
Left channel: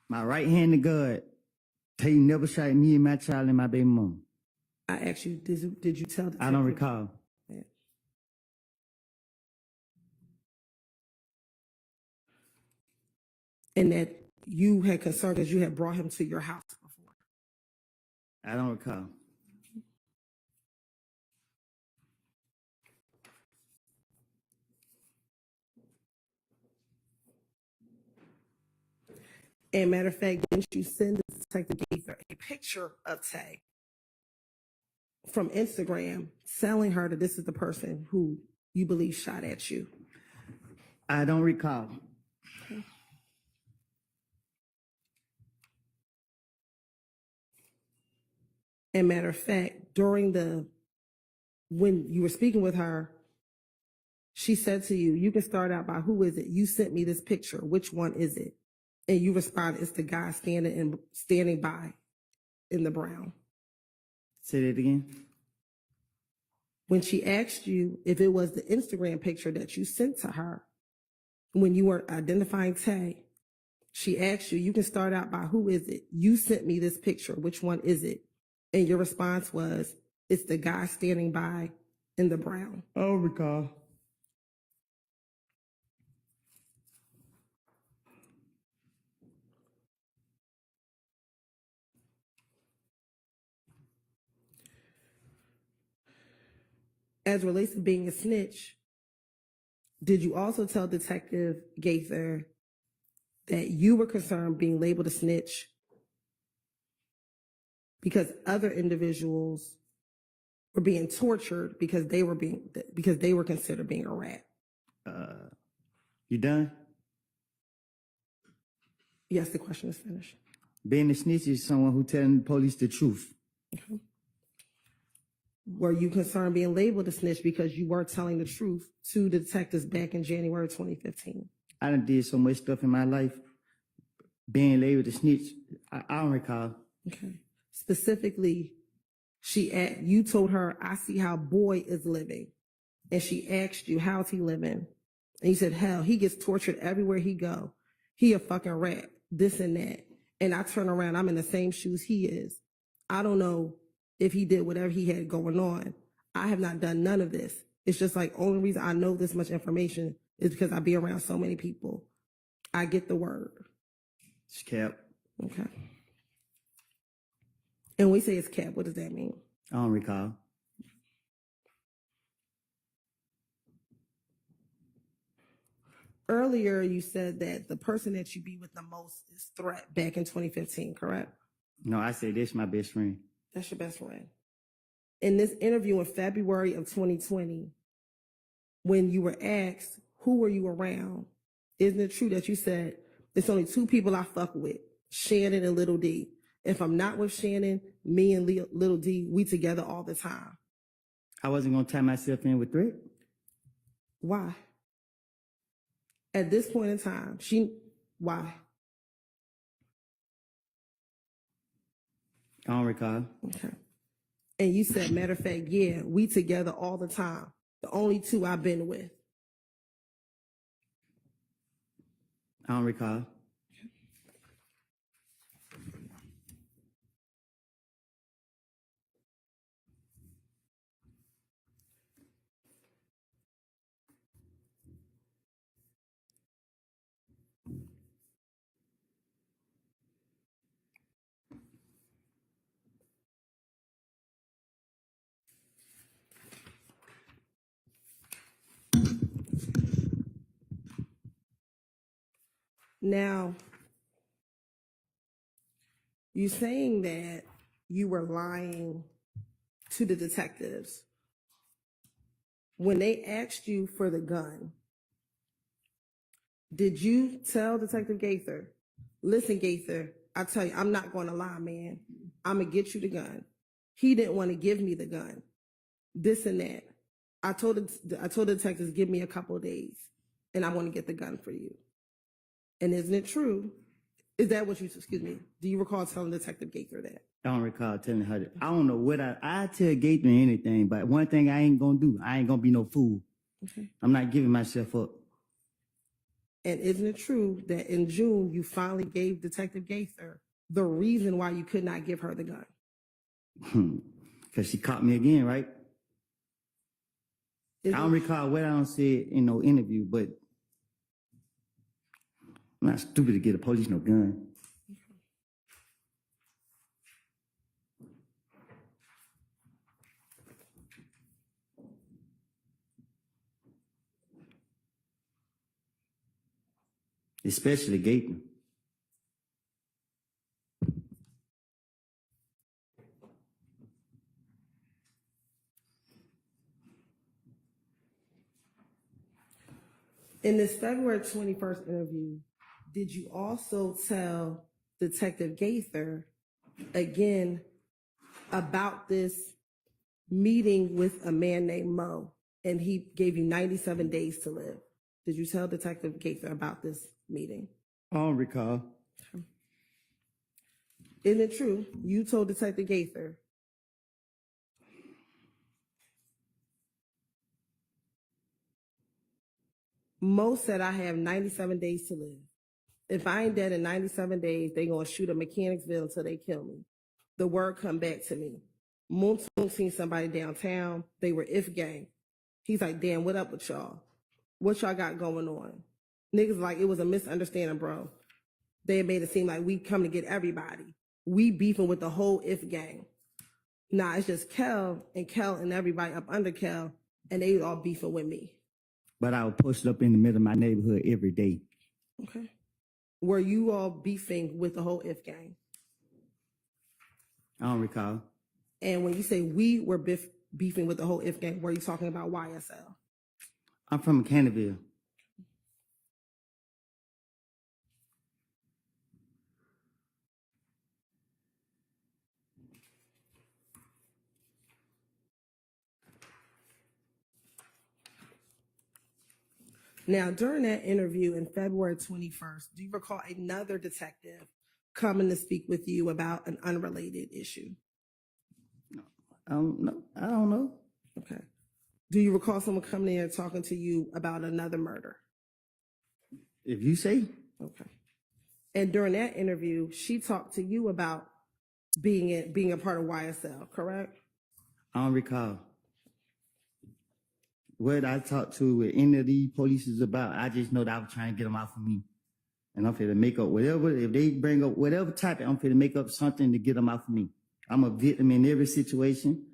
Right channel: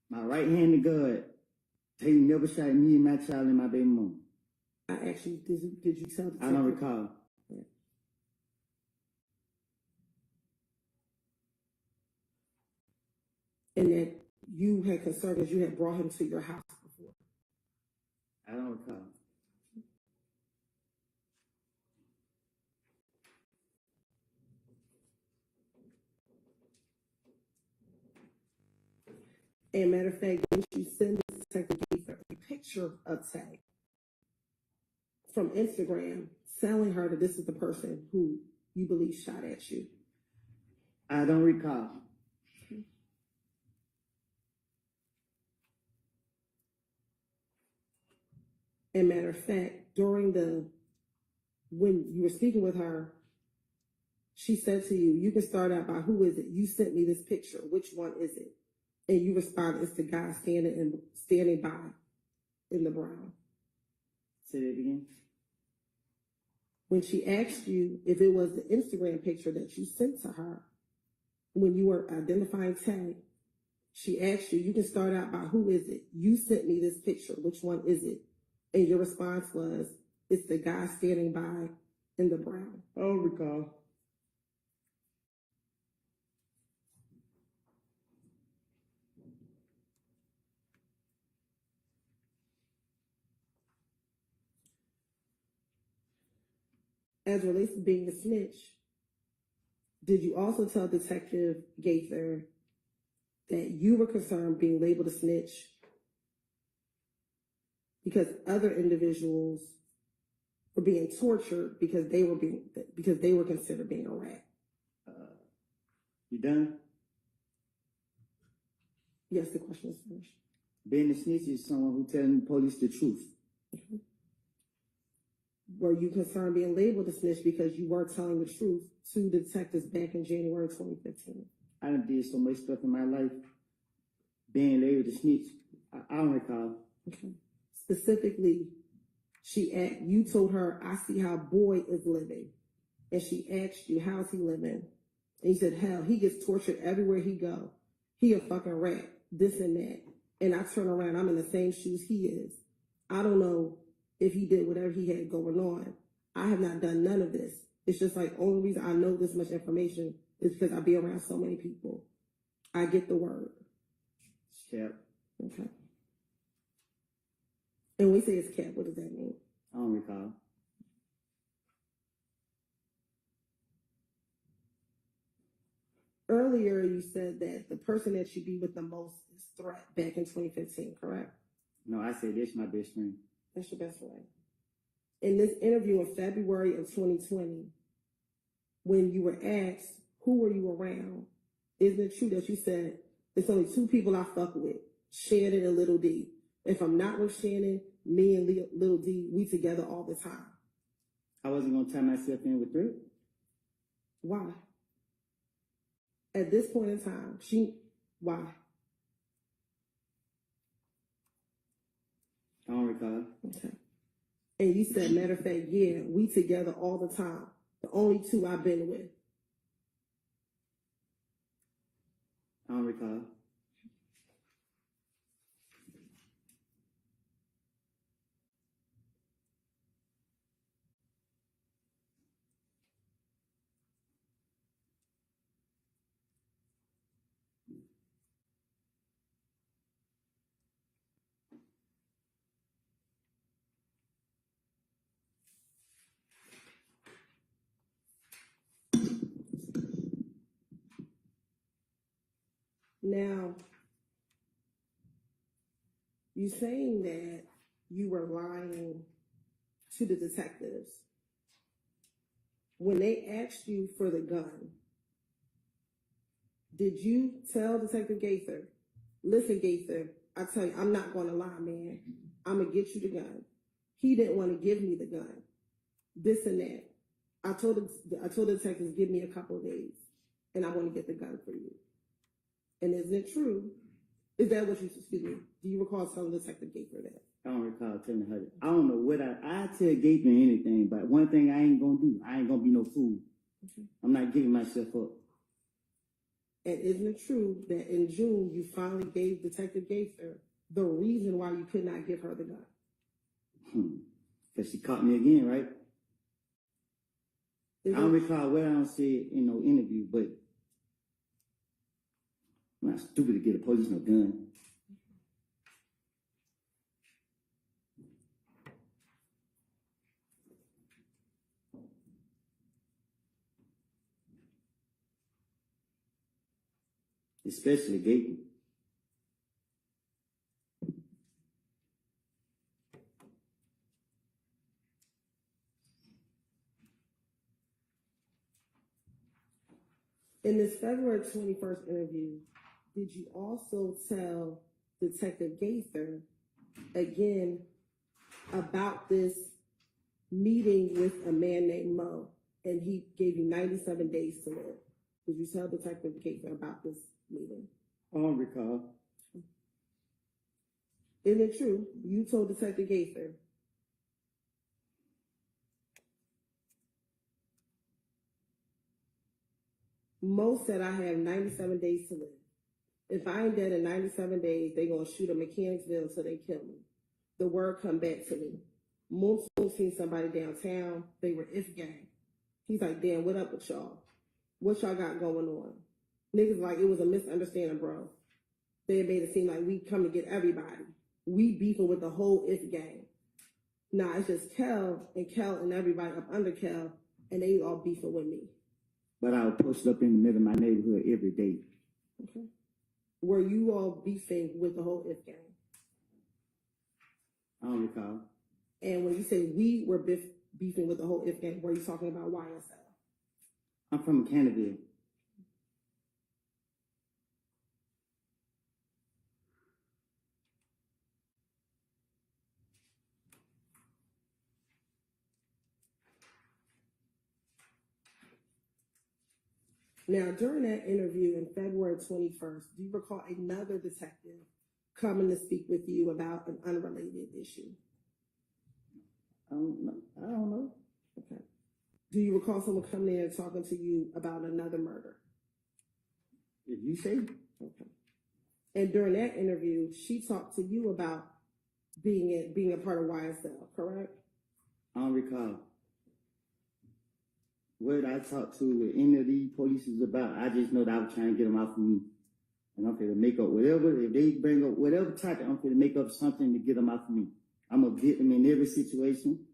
My right hand to God, Tay never shot me and my child and my baby mom. I asked you, did you tell detectives? I don't recall. Yeah. And that you had concern because you had brought him to your house before? I don't recall. And matter of fact, didn't you send Detective Gaither a picture of Tay from Instagram telling her that this is the person who you believe shot at you? I don't recall. And matter of fact, when you were speaking with her, she said to you, you can start out by who is it? You sent me this picture. Which one is it? And you responded, it's the guy standing by in the brown. Say that again. When she asked you if it was the Instagram picture that you sent to her, when you were identifying Tay, she asked you, you can start out by who is it? You sent me this picture. Which one is it? And your response was, it's the guy standing by in the brown. I don't recall. As relates to being a snitch, did you also tell Detective Gaither that you were concerned being labeled a snitch because other individuals were being tortured because they were considered being a rat? You done? Yes, the question is finished. Being a snitch is someone who telling the police the truth. Were you concerned being labeled a snitch because you were telling the truth to the detectives back in January 2015? I done did so much stuff in my life. Being labeled a snitch, I don't recall. Okay. Specifically, you told her, I see how boy is living. And she asked you, how's he living? And you said, hell, he gets tortured everywhere he go. He a fucking rat, this and that. And I turn around, I'm in the same shoes he is. I don't know if he did whatever he had going on. I have not done none of this. It's just like, only reason I know this much information is because I be around so many people. I get the word. It's cap. Okay. And we say it's cap, what does that mean? I don't recall. Earlier, you said that the person that you be with the most is Threat back in 2015, correct? No, I said this my best friend. That's your best friend. In this interview in February of 2020, when you were asked, who were you around? Isn't it true that you said, it's only two people I fuck with, Shannon and Little D? If I'm not with Shannon, me and Little D, we together all the time. I wasn't gonna tie myself in with threat. Why? At this point in time, why? I don't recall. Okay. And you said, matter of fact, yeah, we together all the time. The only two I've been with. I don't recall. Now, you're saying that you were lying to the detectives. When they asked you for the gun, did you tell Detective Gaither, listen, Gaither, I tell you, I'm not going to lie, man. I'm going to get you the gun. He didn't want to give me the gun. This and that. I told the detectives, give me a couple of days, and I want to get the gun for you. And isn't it true? Is that what you, excuse me, do you recall telling Detective Gaither that? I don't recall telling her that. I don't know what I tell Gaither anything, but one thing I ain't gonna do, I ain't gonna be no fool. Okay. I'm not giving myself up. And isn't it true that in June, you finally gave Detective Gaither the reason why you could not give her the gun? Because she caught me again, right? I don't recall what I don't say in no interview, but I'm not stupid to get a police no gun. Especially Gaither. In this February 21st interview, did you also tell Detective Gaither again about this meeting with a man named Mo, and he gave you 97 days to live? Did you tell Detective Gaither about this meeting? I don't recall. Is it true? You told Detective Gaither. Mo said I have 97 days to live. If I ain't dead in 97 days, they gonna shoot a Mechanicsville until they kill me. The word come back to me. Moon seen somebody downtown. They were If gang. He's like, damn, what up with y'all? What y'all got going on? Niggas like, it was a misunderstanding, bro. They made it seem like we come to get everybody. We beefing with the whole If gang. Nah, it's just Kel and everybody up under Kel, and they all beefing with me. But I was posted up in the middle of my neighborhood every day. Okay. Were you all beefing with the whole If gang? I don't recall. And when you say we were beefing with the whole If gang, were you talking about YSL? I'm from Canterville. Now, during that interview in February 21st, do you recall another detective coming to speak with you about an unrelated issue? I don't know. Okay. Do you recall someone coming in and talking to you about another murder? If you say. Okay. And during that interview, she talked to you about being a part of YSL, correct? I don't recall. What I talked to with any of these police is about, I just know that I was trying to get them off of me. And I'm finna make up whatever, if they bring up whatever topic, I'm finna make up something to get them off of me. I'm a victim in every situation.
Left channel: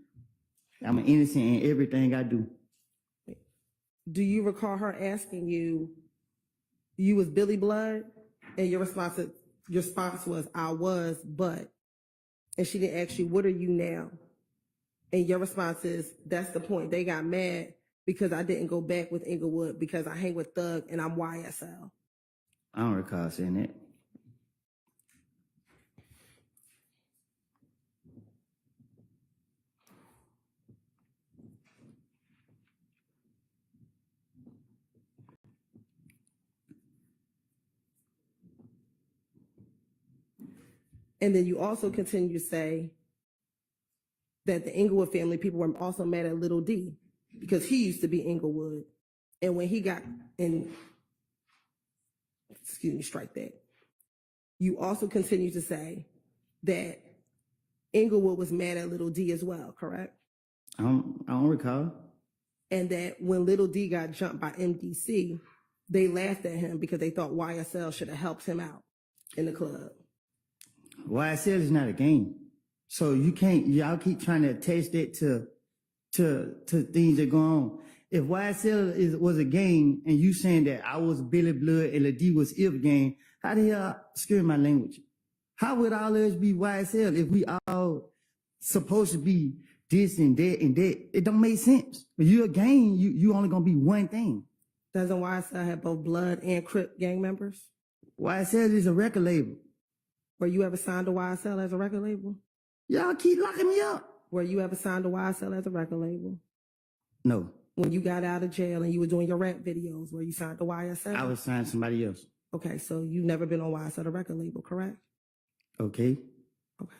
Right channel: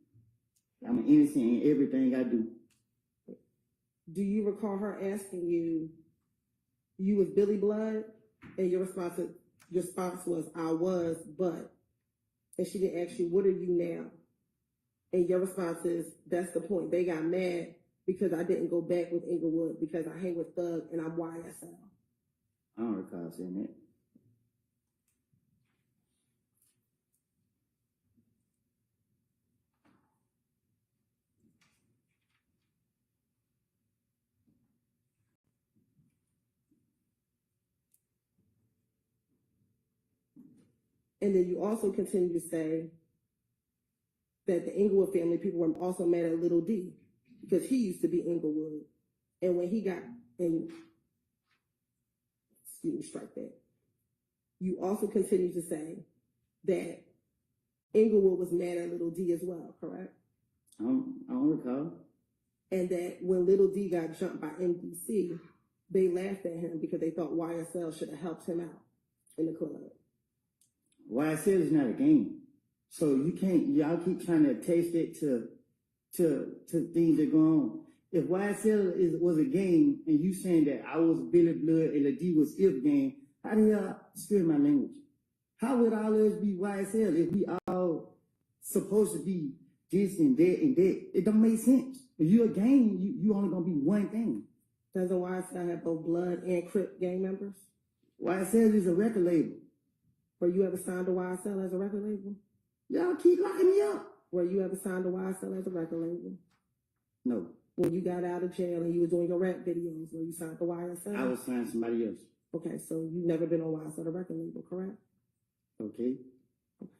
I'm an innocent in everything I do. Do you recall her asking you, you was Billy Blood? And your response was, I was, but. And she didn't ask you, what are you now? And your response is, that's the point. They got mad because I didn't go back with Inglewood because I hang with Thug and I'm YSL. I don't recall saying that. And then you also continue to say that the Inglewood family people were also mad at Little D because he used to be Inglewood. And when he got in, excuse me, strike that. You also continue to say that Inglewood was mad at Little D as well, correct? I don't recall. And that when Little D got jumped by MDC, they laughed at him because they thought YSL should have helped him out in the club. YSL is not a game. So you can't, y'all keep trying to attach that to things that go on. If YSL was a game and you saying that I was Billy Blood and Lil D was If game, how the hell, excuse my language, how would all us be YSL if we all supposed to be this and that and that? It don't make sense. If you're a gang, you only gonna be one thing. Doesn't YSL have both Blood and Crip gang members? YSL is a record label. Were you ever signed to YSL as a record label? Y'all keep locking me up. Were you ever signed to YSL as a record label? No. When you got out of jail and you were doing your rap videos, were you signed to YSL? I was signed to somebody else. Okay, so you've never been on YSL, the record label, correct? Okay. Okay.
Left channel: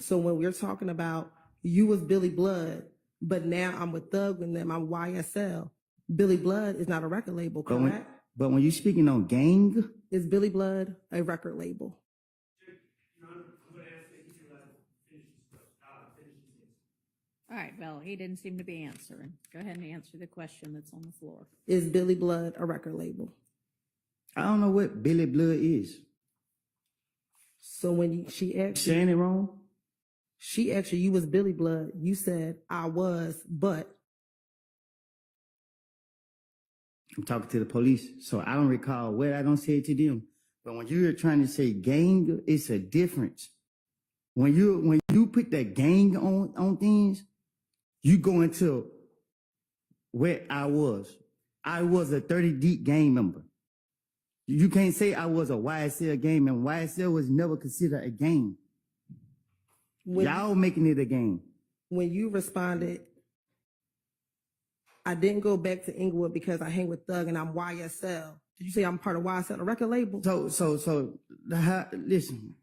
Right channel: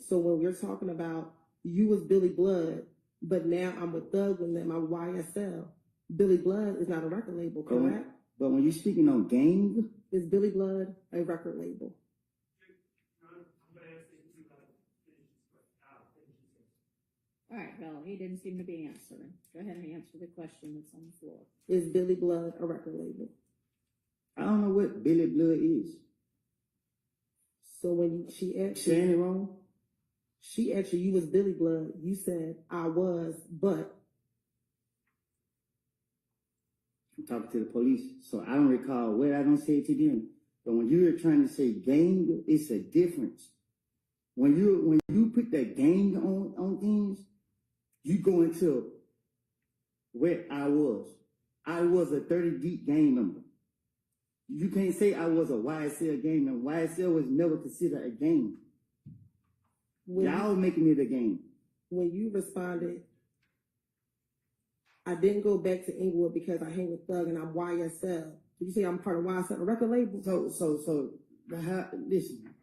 So when we're talking about you was Billy Blood, but now I'm with Thug and them, I'm YSL. Billy Blood is not a record label, correct? But when you're speaking on gang, Is Billy Blood a record label? All right, Bill, he didn't seem to be answering. Go ahead and answer the question that's on the floor. Is Billy Blood a record label? I don't know what Billy Blood is. So when she asked Saying it wrong? she asked you was Billy Blood, you said I was, but I'm talking to the police, so I don't recall what I don't say it to them. But when you're trying to say gang, it's a difference. When you put that gang on things, you go into where I was. I was a 30 deep gang member. You can't say I was a YSL gang member. YSL was never considered a gang. Y'all making it a game. when you responded, I didn't go back to Inglewood because I hang with Thug and I'm YSL. Did you say I'm part of YSL, a record label? Listen.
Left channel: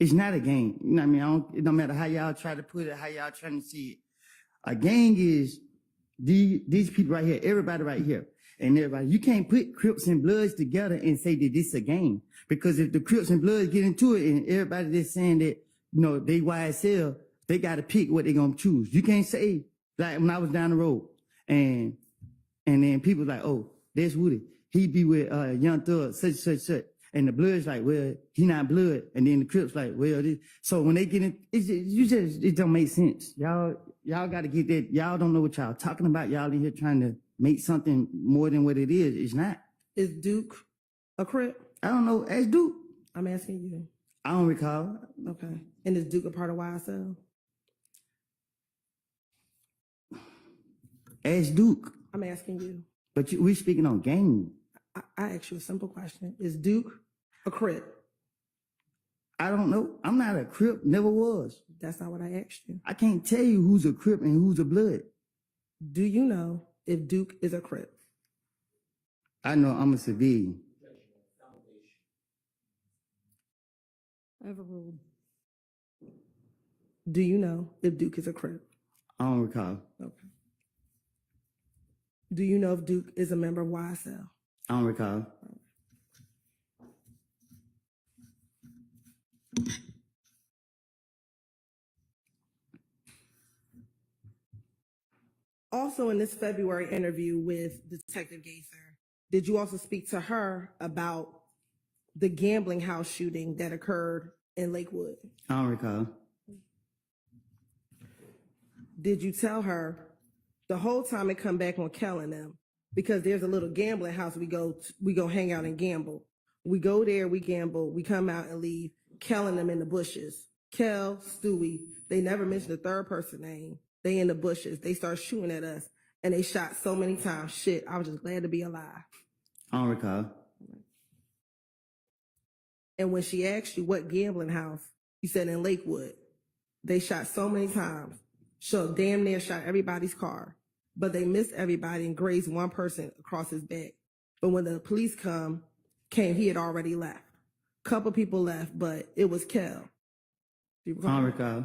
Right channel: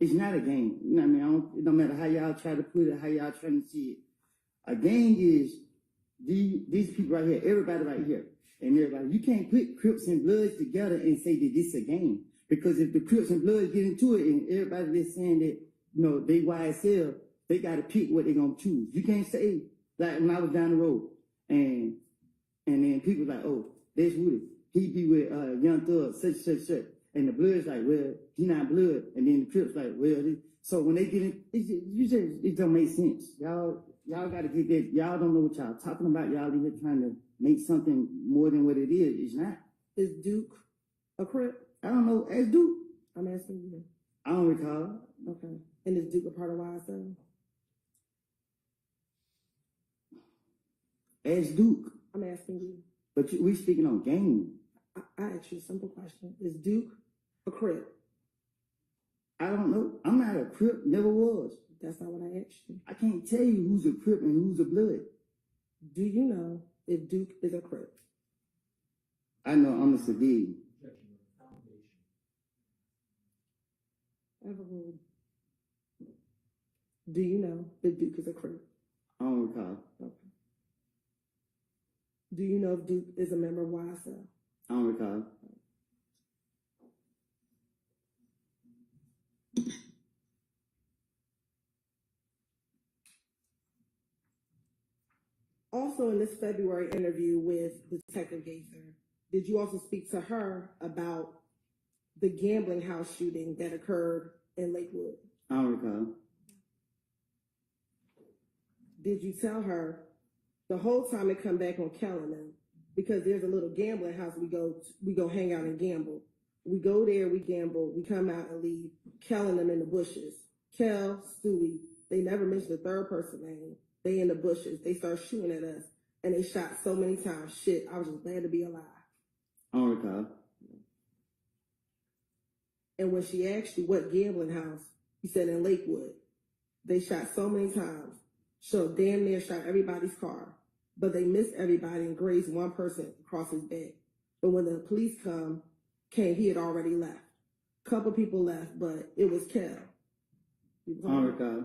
It's not a gang. You know what I mean? It don't matter how y'all try to put it, how y'all trying to see it. A gang is these people right here, everybody right here, and everybody. You can't put Crips and Bloods together and say that this is a gang. Because if the Crips and Bloods get into it and everybody that's saying that, you know, they YSL, they got to pick what they're going to choose. You can't say, like when I was down the road and then people like, oh, there's Woody. He be with Young Thug, such. And the Blood's like, well, he not Blood. And then the Crips like, well, so when they get in, it don't make sense. Y'all got to get that. Y'all don't know what y'all talking about. Y'all in here trying to make something more than what it is. It's not. Is Duke a Crip? I don't know. Ask Duke. I'm asking you. I don't recall. Okay. And is Duke a part of YSL? Ask Duke. I'm asking you. But we speaking on gang. I asked you a simple question. Is Duke a Crip? I don't know. I'm not a Crip. Never was. That's not what I asked you. I can't tell you who's a Crip and who's a Blood. Do you know if Duke is a Crip? I know I'm a civilian. Overruled. Do you know if Duke is a Crip? I don't recall. Okay. Do you know if Duke is a member of YSL? I don't recall. Also, in this February interview with Detective Gaither, did you also speak to her about the gambling house shooting that occurred in Lakewood? I don't recall. Did you tell her the whole time it come back on Kel and them, because there's a little gambling house we go hang out and gamble. We go there, we gamble, we come out and leave, Kel and them in the bushes. Kel, Stewie, they never mentioned the third person name. They in the bushes. They start shooting at us and they shot so many times. Shit, I was just glad to be alive. I don't recall. And when she asked you what gambling house, you said in Lakewood. They shot so many times. So damn near shot everybody's car. But they missed everybody and grazed one person across his back. But when the police come, came, he had already left. Couple people left, but it was Kel. Do you I don't recall.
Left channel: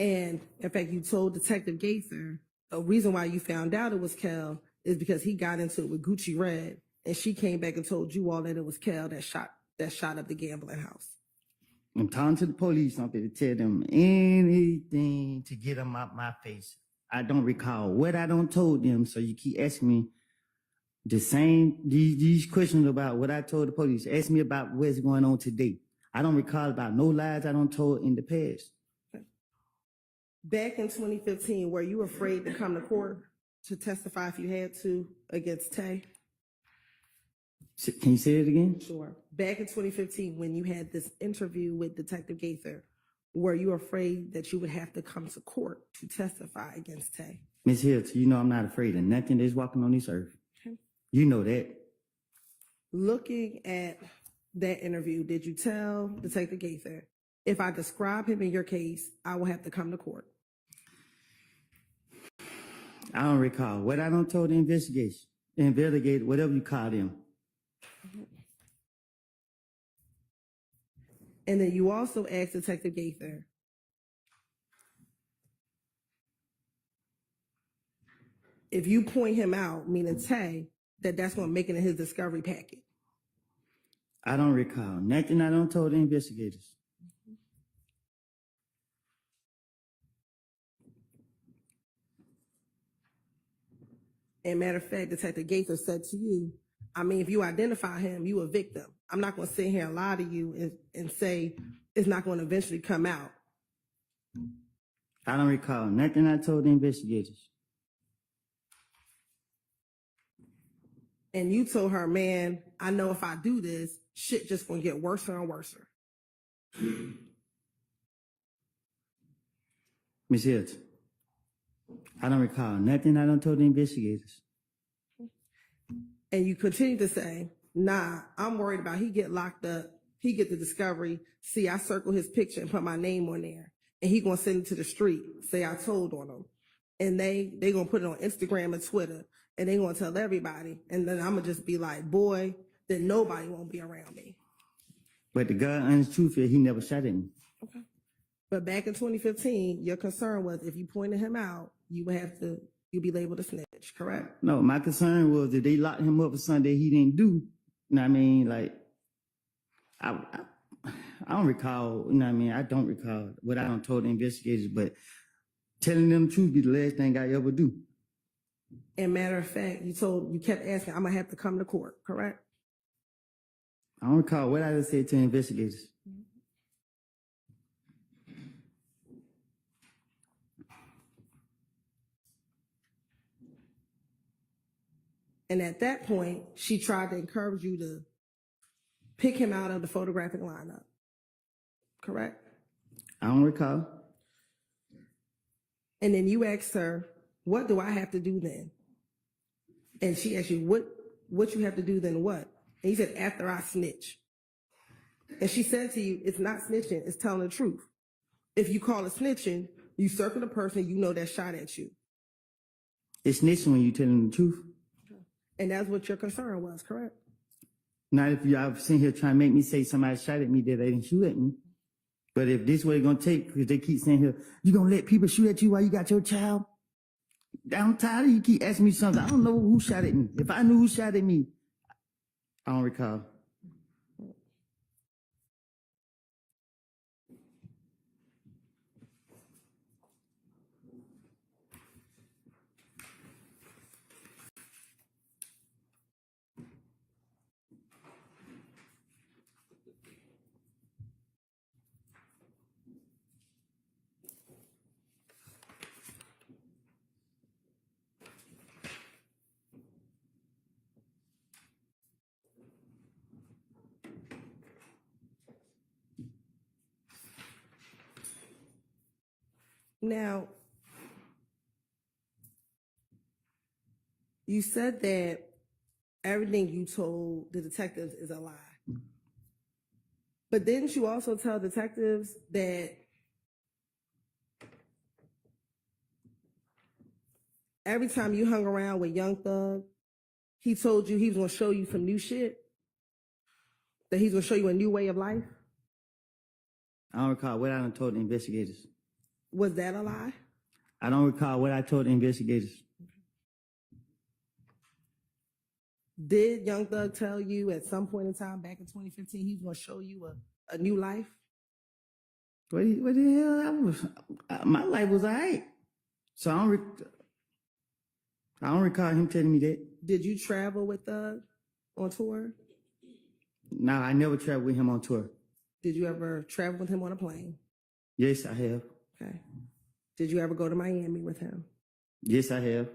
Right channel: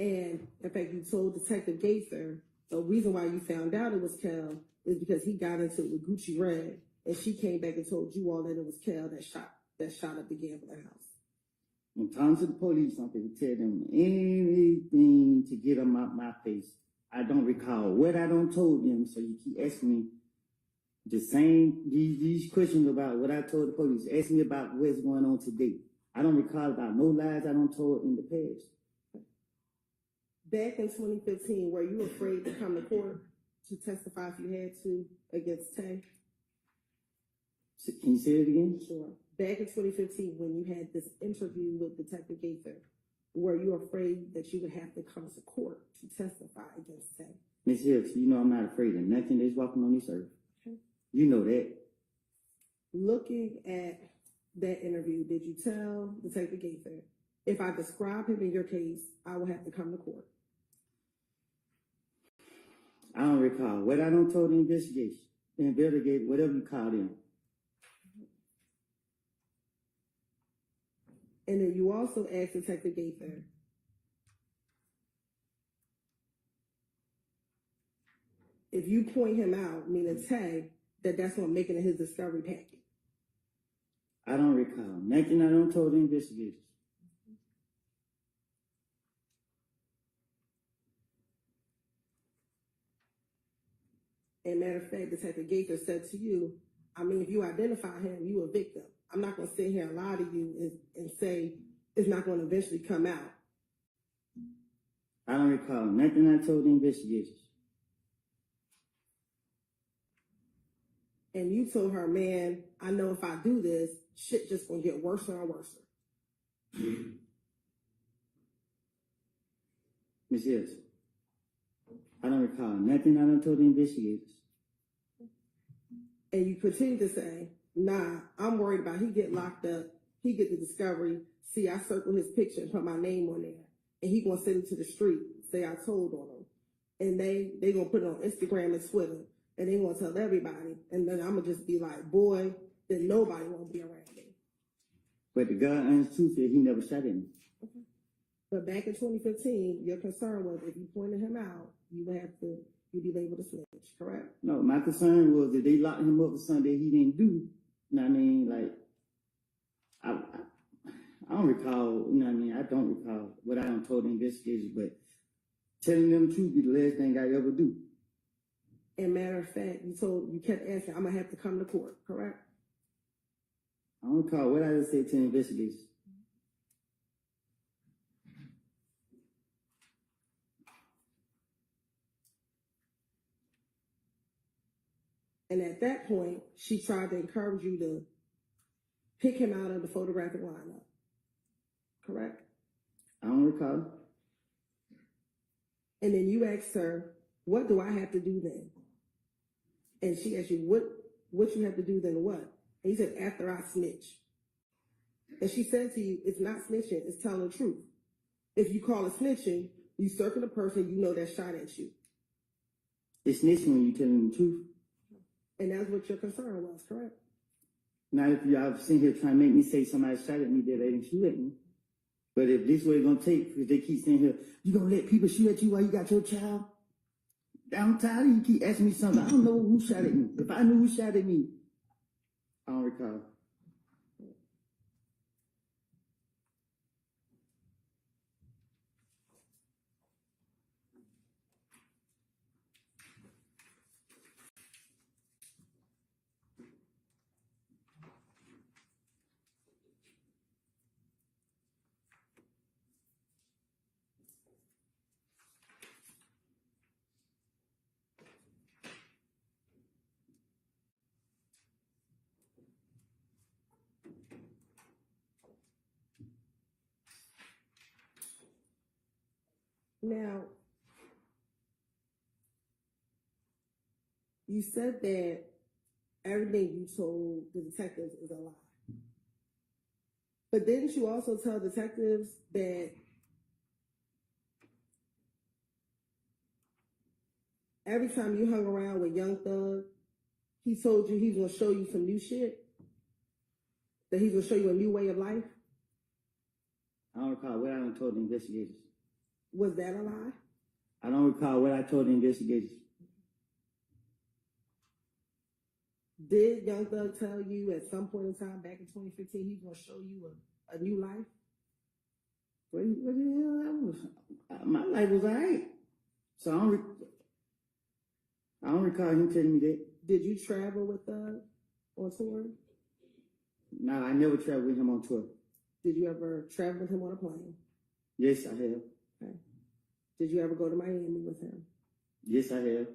And in fact, you told Detective Gaither the reason why you found out it was Kel is because he got into it with Gucci Red, and she came back and told you all that it was Kel that shot up the gambling house. I'm talking to the police. I'm going to tell them anything to get them out my face. I don't recall what I don't told them, so you keep asking me the same these questions about what I told the police. Ask me about what's going on today. I don't recall about no lies I don't told in the past. Back in 2015, were you afraid to come to court to testify if you had to against Tay? Can you say it again? Sure. Back in 2015, when you had this interview with Detective Gaither, were you afraid that you would have to come to court to testify against Tay? Miss Hylton, you know I'm not afraid of nothing that's walking on this earth. Okay. You know that. Looking at that interview, did you tell Detective Gaither, if I describe him in your case, I will have to come to court? I don't recall. What I don't told the investigator, whatever you call them. And then you also asked Detective Gaither, if you point him out, meaning Tay, that's going to make it in his discovery packet. I don't recall. Nothing I don't told the investigators. And matter of fact, Detective Gaither said to you, I mean, if you identify him, you a victim. I'm not going to sit here and lie to you and say it's not going to eventually come out. I don't recall. Nothing I told the investigators. And you told her, man, I know if I do this, shit just going to get worse and worse. Miss Hylton, I don't recall. Nothing I don't told the investigators. And you continue to say, nah, I'm worried about he get locked up, he get the discovery, see, I circle his picture and put my name on there, and he gonna send it to the street, say I told on him. And they gonna put it on Instagram and Twitter, and they gonna tell everybody, and then I'm gonna just be like, boy, then nobody won't be around me. But the God honest truth is he never shot at me. Okay. But back in 2015, your concern was if you pointed him out, you'd be labeled a snitch, correct? No, my concern was that they locked him up for something that he didn't do. You know what I mean? Like, I don't recall, you know what I mean? I don't recall what I don't told the investigators, but telling them the truth be the last thing I ever do. And matter of fact, you kept asking, I'm gonna have to come to court, correct? I don't recall what I just said to the investigators. And at that point, she tried to encourage you to pick him out of the photographic lineup, correct? I don't recall. And then you asked her, what do I have to do then? And she asked you, what you have to do then what? And you said, after I snitch. And she said to you, it's not snitching, it's telling the truth. If you call it snitching, you circle the person you know that shot at you. It's snitching when you telling the truth. And that's what your concern was, correct? Not if y'all sitting here trying to make me say somebody shot at me that they didn't shoot at me. But if this way it's going to take, because they keep saying here, you going to let people shoot at you while you got your child? I'm tired of you keep asking me something. I don't know who shot at me. If I knew who shot at me, I don't recall. Now, you said that everything you told the detectives is a lie. But didn't you also tell detectives that every time you hung around with Young Thug, he told you he was going to show you some new shit? That he's going to show you a new way of life? I don't recall what I done told the investigators. Was that a lie? I don't recall what I told the investigators. Did Young Thug tell you at some point in time back in 2015 he was going to show you a new life? What the hell? My life was all right. So I don't recall him telling me that. Did you travel with Thug on tour? No, I never traveled with him on tour. Did you ever travel with him on a plane? Yes, I have. Okay. Did you ever go to Miami with him? Yes, I have.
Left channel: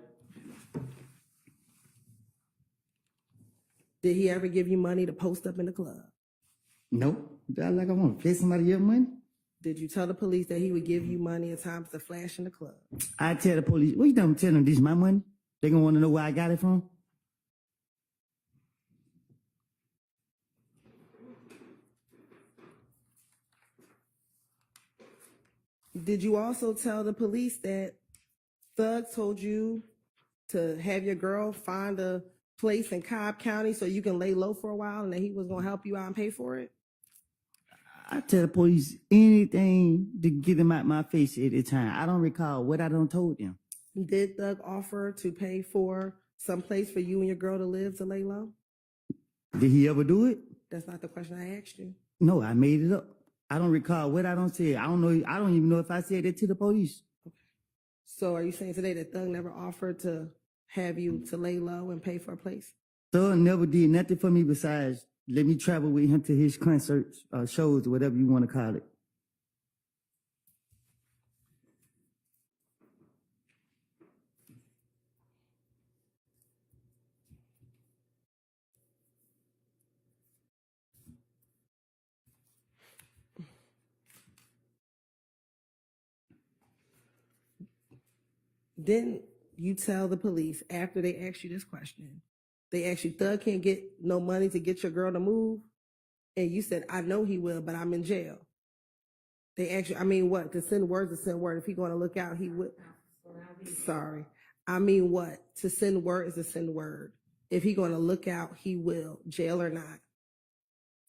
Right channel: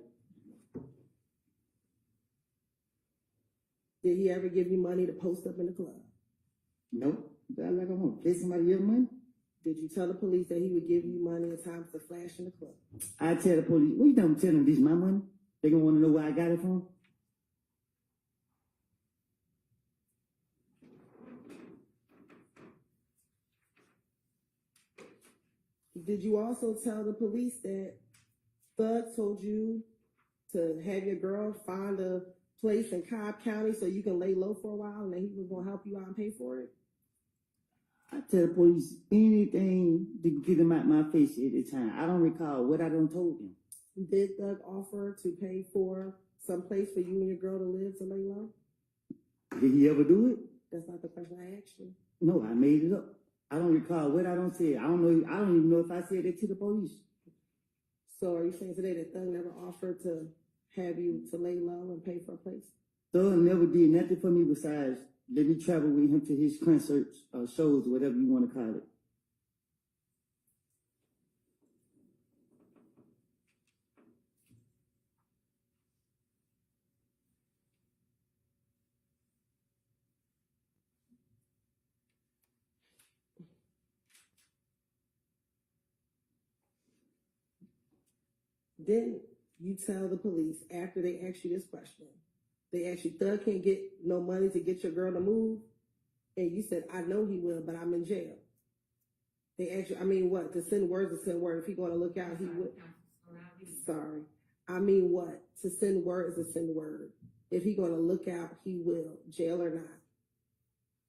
Did he ever give you money to post up in the club? Nope. I want to pay somebody else's money. Did you tell the police that he would give you money at times to flash in the club? I tell the police, what you done tell them this is my money? They gonna want to know where I got it from? Did you also tell the police that Thug told you to have your girl find a place in Cobb County so you can lay low for a while and that he was going to help you out and pay for it? I tell the police anything to get them out my face at the time. I don't recall what I done told them. Did Thug offer to pay for some place for you and your girl to live to lay low? Did he ever do it? That's not the question I asked you. No, I made it up. I don't recall what I done said. I don't know. I don't even know if I said that to the police. Okay. So are you saying today that Thug never offered to have you to lay low and pay for a place? Thug never did nothing for me besides let me travel with him to his concerts, shows, whatever you want to call it. Didn't you tell the police after they asked you this question? They asked you, Thug can't get no money to get your girl to move? And you said, I know he will, but I'm in jail. They asked you, I mean, what? To send words to send word. If he's going to look out, he would. Sorry. I mean, what? To send word is to send word. If he's going to look out, he will, jail or not.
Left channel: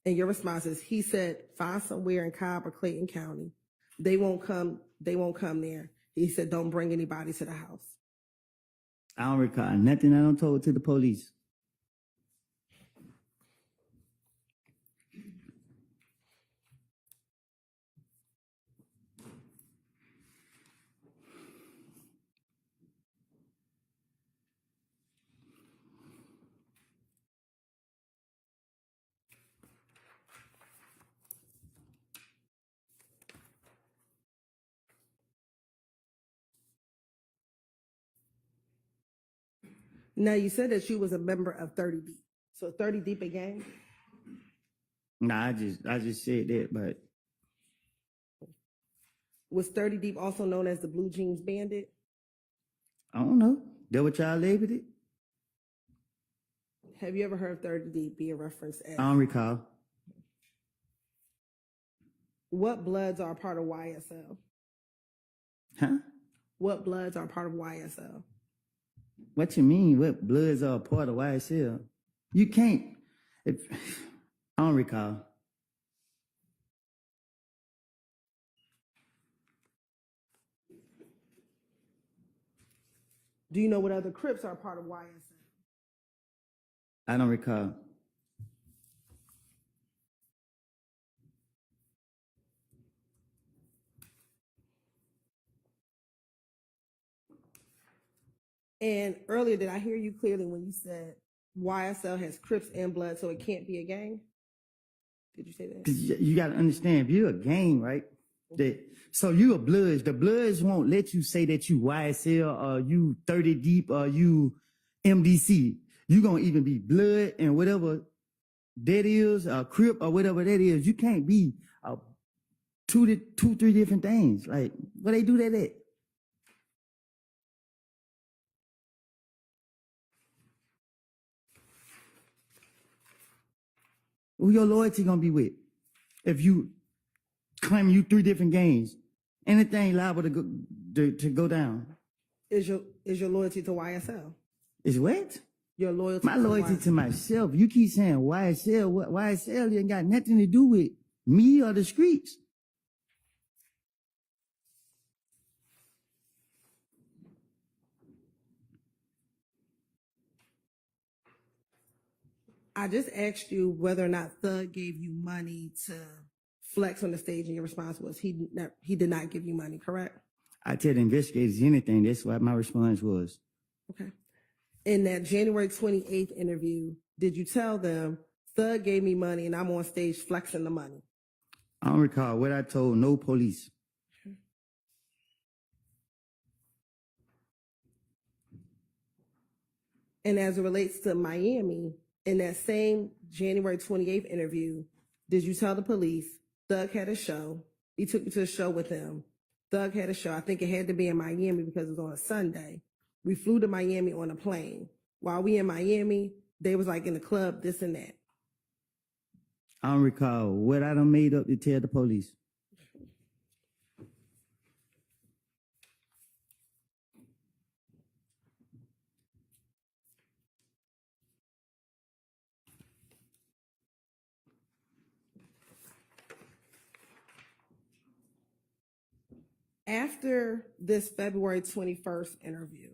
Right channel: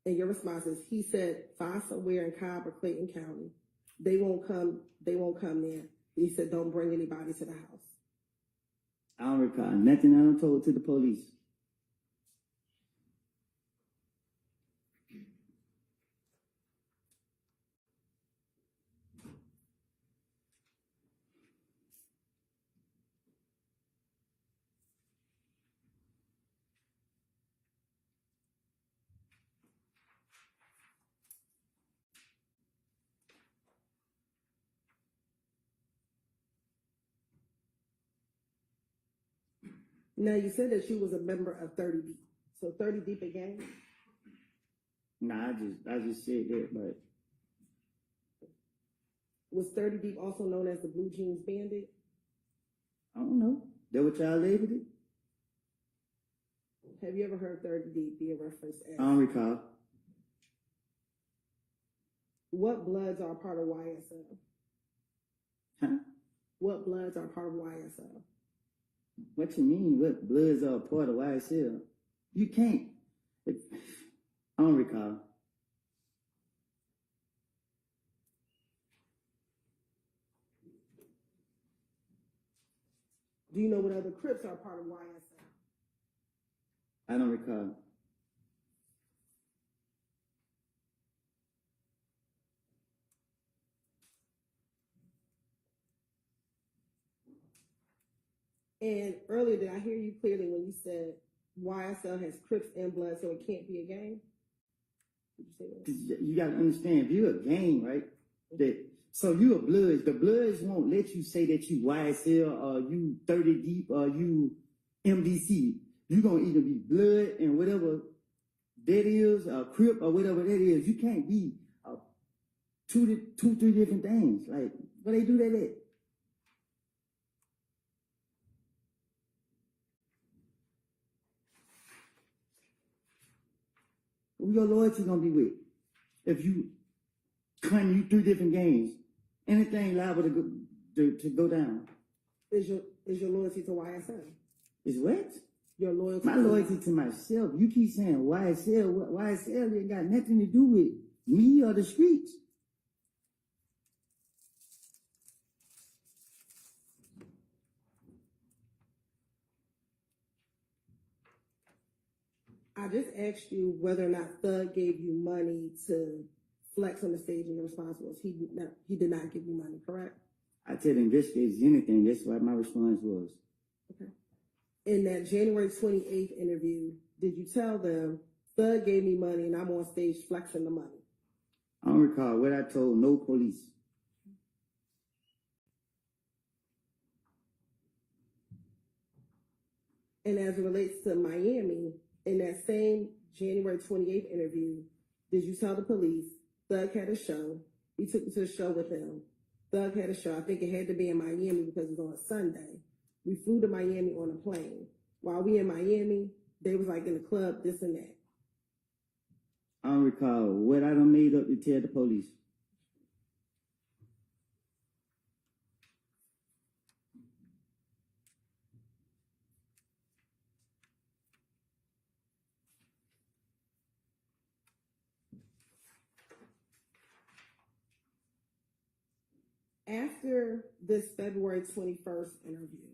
And your response is, he said, find somewhere in Cobb or Clayton County. They won't come there. He said, don't bring anybody to the house. I don't recall nothing I done told to the police. Now, you said that you was a member of 30 Deep. So 30 Deep a gang? Nah, I just said that, but Was 30 Deep also known as the Blue Jeans Bandit? I don't know. That what y'all labeled it? Have you ever heard 30 Deep be a reference as? I don't recall. What Bloods are a part of YSL? Huh? What Bloods are a part of YSL? What you mean? What Bloods are a part of YSL? You can't. I don't recall. Do you know what other Crips are a part of YSL? I don't recall. And earlier, did I hear you clearly when you said YSL has Crips and Blood, so it can't be a gang? Did you say that? 'Cause you got to understand, if you're a gang, right? So you a Bloods. The Bloods won't let you say that you YSL or you 30 Deep or you MDC. You gonna even be Blood and whatever that is, a Crip or whatever that is. You can't be two, three different things. Like, where they do that at? Who your loyalty gonna be with? If you claim you 3 different games, anything liable to go down. Is your loyalty to YSL? Is what? Your loyalty My to loyalty YSL. to myself. You keep saying YSL. What YSL ain't got nothing to do with me or the streets. I just asked you whether or not Thug gave you money to flex on the stage, and your response was he did not give you money, correct? I tell the investigators anything. That's what my response was. Okay. In that January 28th interview, did you tell them Thug gave me money and I'm on stage flexing the money? I don't recall what I told no police. And as it relates to Miami, in that same January 28th interview, did you tell the police Thug had a show? He took you to a show with him. Thug had a show. I think it had to be in Miami because it was on a Sunday. We flew to Miami on a plane. While we in Miami, they was like in the club, this and that. I don't recall what I done made up to tell the police. After this February 21st interview,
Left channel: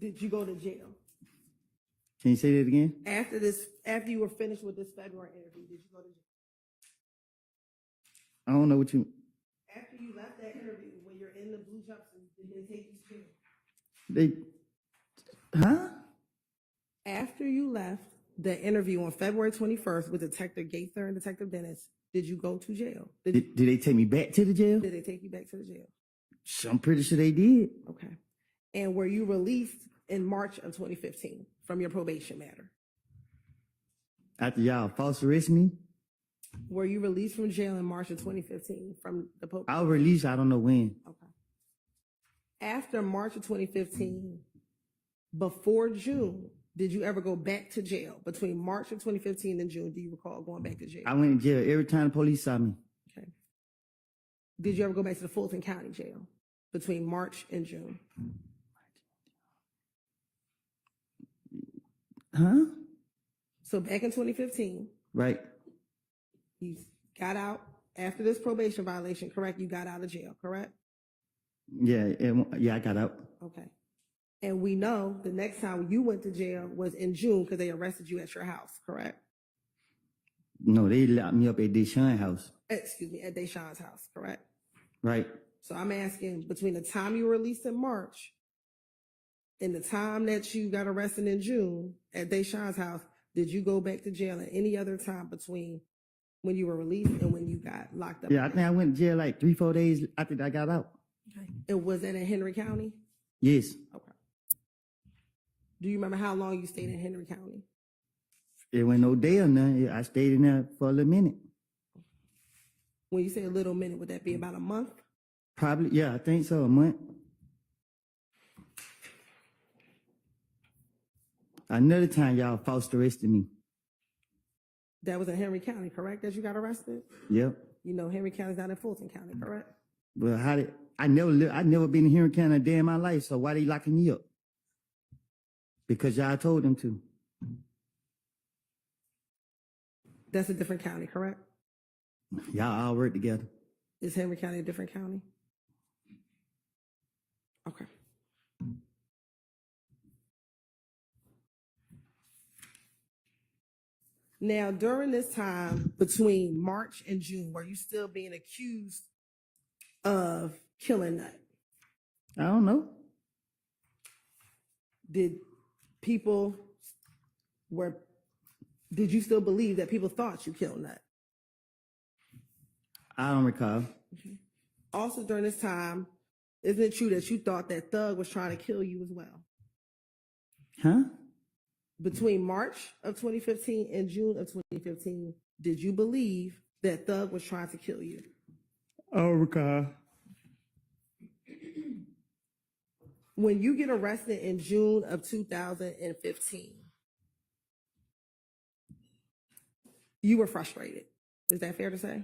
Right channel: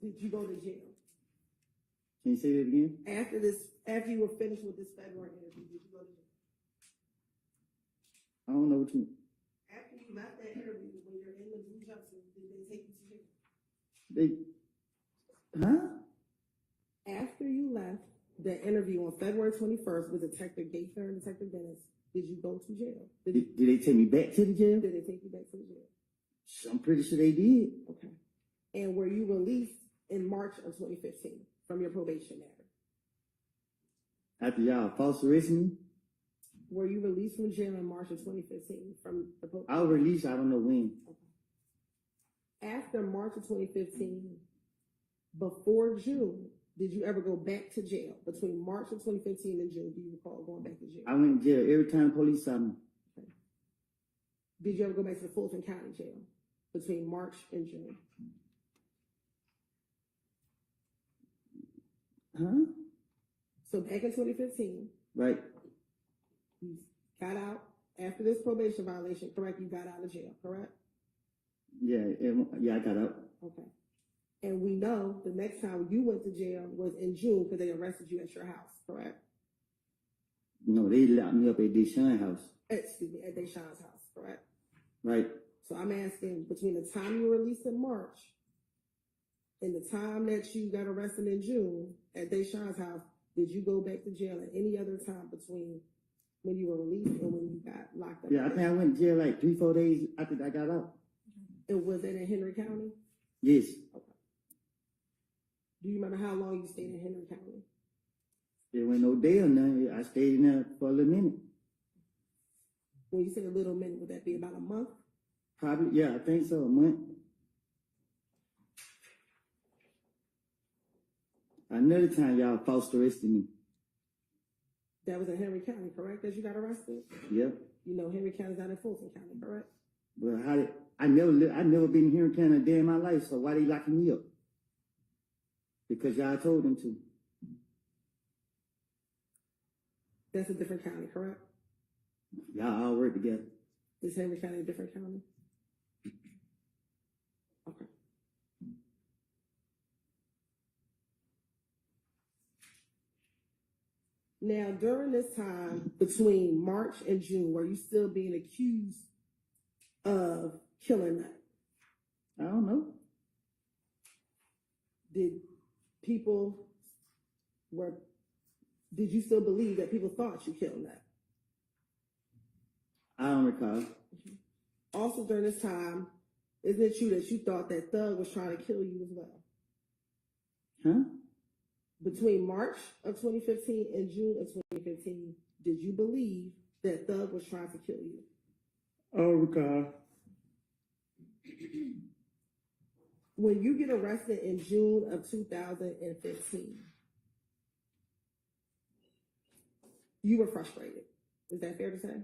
did you go to jail? Can you say that again? After you were finished with this February interview, did you go to jail? I don't know what you. After you left that interview, when you're in the blue jumpsuit, did they take you to jail? After you left the interview on February 21st with Detective Gaither and Detective Dennis, did you go to jail? Did they take me back to the jail? Did they take you back to the jail? I'm pretty sure they did. Okay. And were you released in March of 2015 from your probation matter? After y'all false arrest me? Were you released from jail in March of 2015 from the probation? I was released, I don't know when. Okay. After March of 2015, before June, did you ever go back to jail? Between March of 2015 and June, do you recall going back to jail? I went to jail every time the police saw me. Okay. Did you ever go back to the Fulton County Jail between March and June? Huh? So back in 2015, Right. you got out after this probation violation, correct? You got out of jail, correct? Yeah, I got out. Okay. And we know the next time you went to jail was in June because they arrested you at your house, correct? No, they locked me up at Deshaun house. Excuse me, at Deshaun's house, correct? Right. So I'm asking, between the time you were released in March and the time that you got arrested in June at Deshaun's house, did you go back to jail at any other time between when you were released and when you got locked up? Yeah, I think I went to jail like 3-4 days after I got out. Okay. And was that in Henry County? Yes. Okay. Do you remember how long you stayed in Henry County? It went no day or nothing. I stayed in there for a little minute. When you say a little minute, would that be about a month? Probably, yeah, I think so, a month. Another time y'all false arrested me. That was in Henry County, correct, that you got arrested? Yep. You know Henry County's not in Fulton County, correct? Well, I never been in Henry County a day in my life, so why they locking me up? Because y'all told them to. That's a different county, correct? Y'all all work together. Is Henry County a different county? Okay. Now, during this time between March and June, were you still being accused of killing Nut? I don't know. Did you still believe that people thought you killed Nut? I don't recall. Also, during this time, isn't it true that you thought that Thug was trying to kill you as well? Huh? Between March of 2015 and June of 2015, did you believe that Thug was trying to kill you? I don't recall. When you get arrested in June of 2015, you were frustrated. Is that fair to say?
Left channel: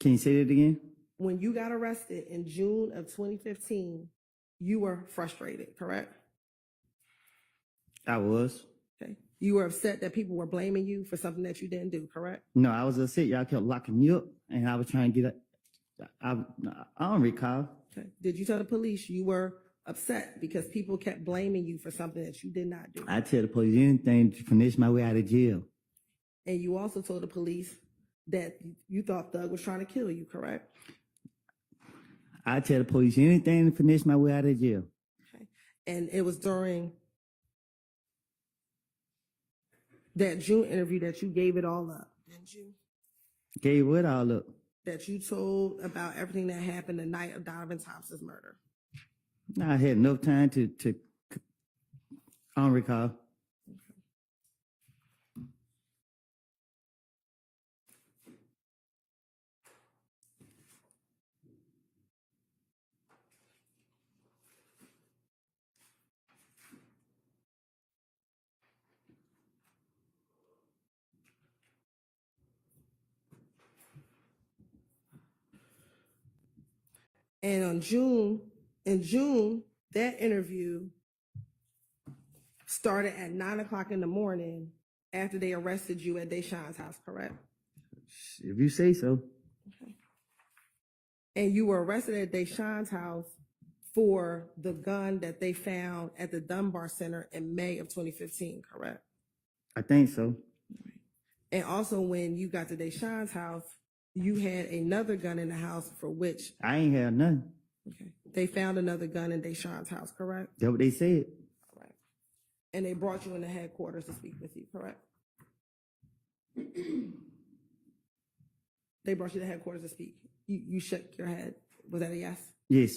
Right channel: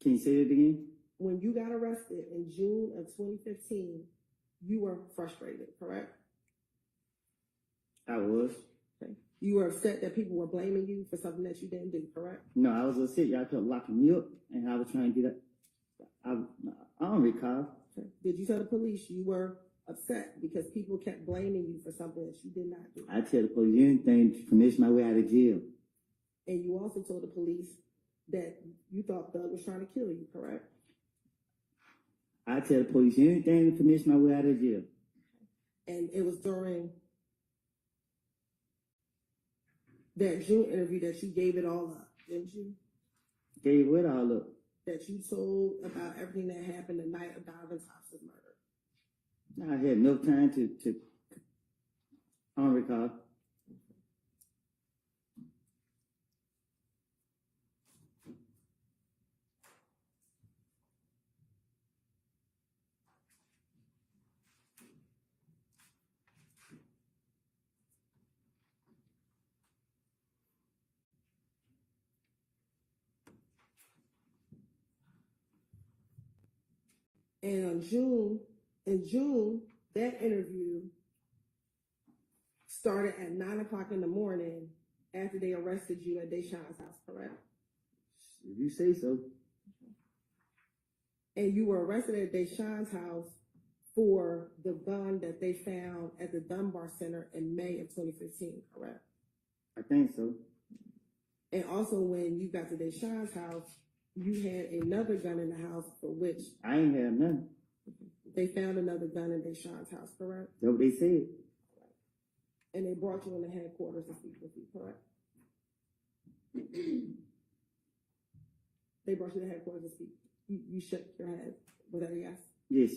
Can you say that again? When you got arrested in June of 2015, you were frustrated, correct? I was. Okay. You were upset that people were blaming you for something that you didn't do, correct? No, I was upset. Y'all kept locking me up, and I was trying to get up. I don't recall. Okay. Did you tell the police you were upset because people kept blaming you for something that you did not do? I tell the police anything to finish my way out of jail. And you also told the police that you thought Thug was trying to kill you, correct? I tell the police anything to finish my way out of jail. Okay. And it was during that June interview that you gave it all up, didn't you? Gave what all up? That you told about everything that happened the night of Donovan Thompson's murder. I had no time to I don't recall. And in June, that interview started at 9:00 in the morning after they arrested you at Deshaun's house, correct? If you say so. And you were arrested at Deshaun's house for the gun that they found at the Dunbar Center in May of 2015, correct? I think so. And also when you got to Deshaun's house, you had another gun in the house for which, I ain't had nothing. okay, they found another gun in Deshaun's house, correct? That's what they said. Right. And they brought you in the headquarters to speak with you, correct? They brought you to the headquarters to speak. You shook your head. Was that a yes? Yes.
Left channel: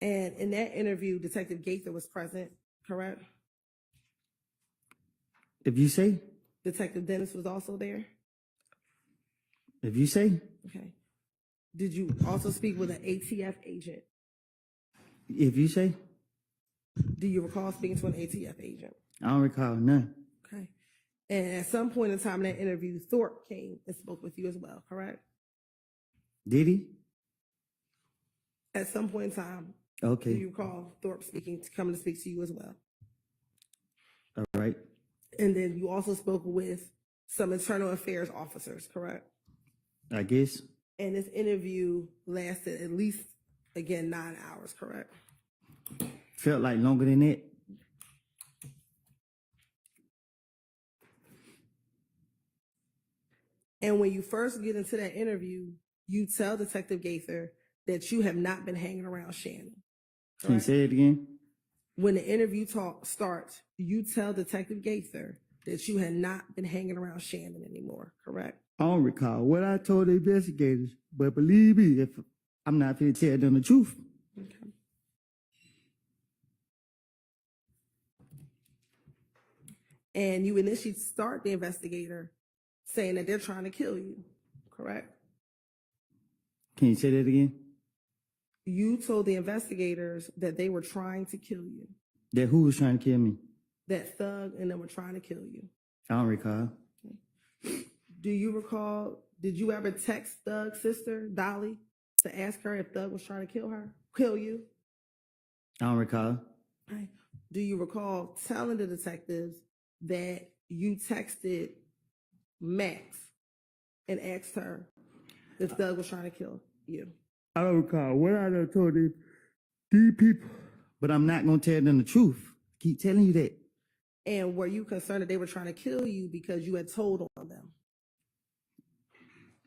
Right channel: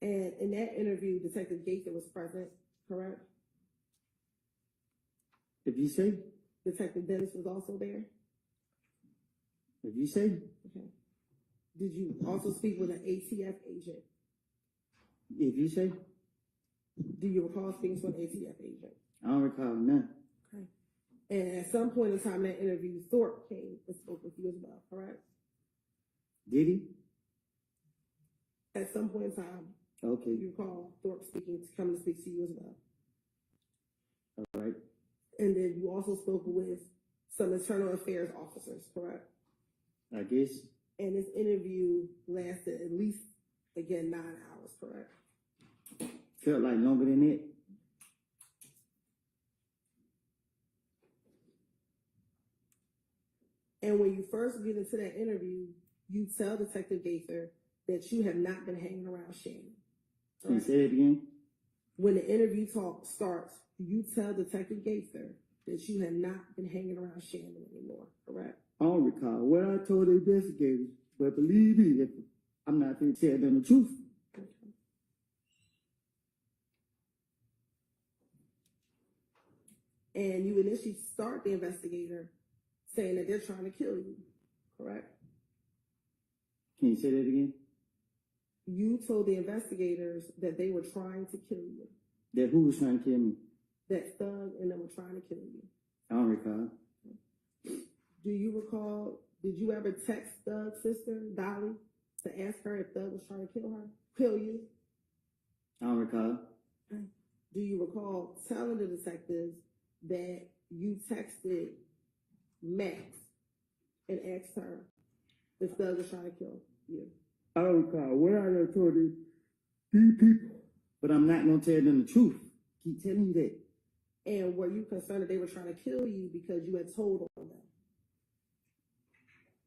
And in that interview, Detective Gaither was present, correct? If you say. Detective Dennis was also there? If you say. Okay. Did you also speak with an ATF agent? If you say. Do you recall speaking to an ATF agent? I don't recall none. Okay. And at some point in time in that interview, Thorpe came and spoke with you as well, correct? Did he? At some point in time, Okay. do you recall Thorpe coming to speak to you as well? All right. And then you also spoke with some internal affairs officers, correct? I guess. And this interview lasted at least, again, 9 hours, correct? Felt like longer than that. And when you first get into that interview, you tell Detective Gaither that you have not been hanging around Shannon. Can you correct? say it again? When the interview starts, you tell Detective Gaither that you had not been hanging around Shannon anymore, correct? I don't recall what I told the investigators, but believe me, if I'm not going to tell them the truth. Okay. And you initially start the investigator saying that they're trying to kill you, correct? Can you say that again? You told the investigators that they were trying to kill you, That who was trying to kill me? that Thug and them were trying to kill you. I don't recall. Do you recall, did you ever text Thug's sister, Dolly, to ask her if Thug was trying to kill you? I don't recall. Right. Do you recall telling the detectives that you texted Max and asked her if Thug was trying to kill you? I don't recall what I done told these people. But I'm not going to tell them the truth. Keep telling you that. And were you concerned that they were trying to kill you because you had told on them?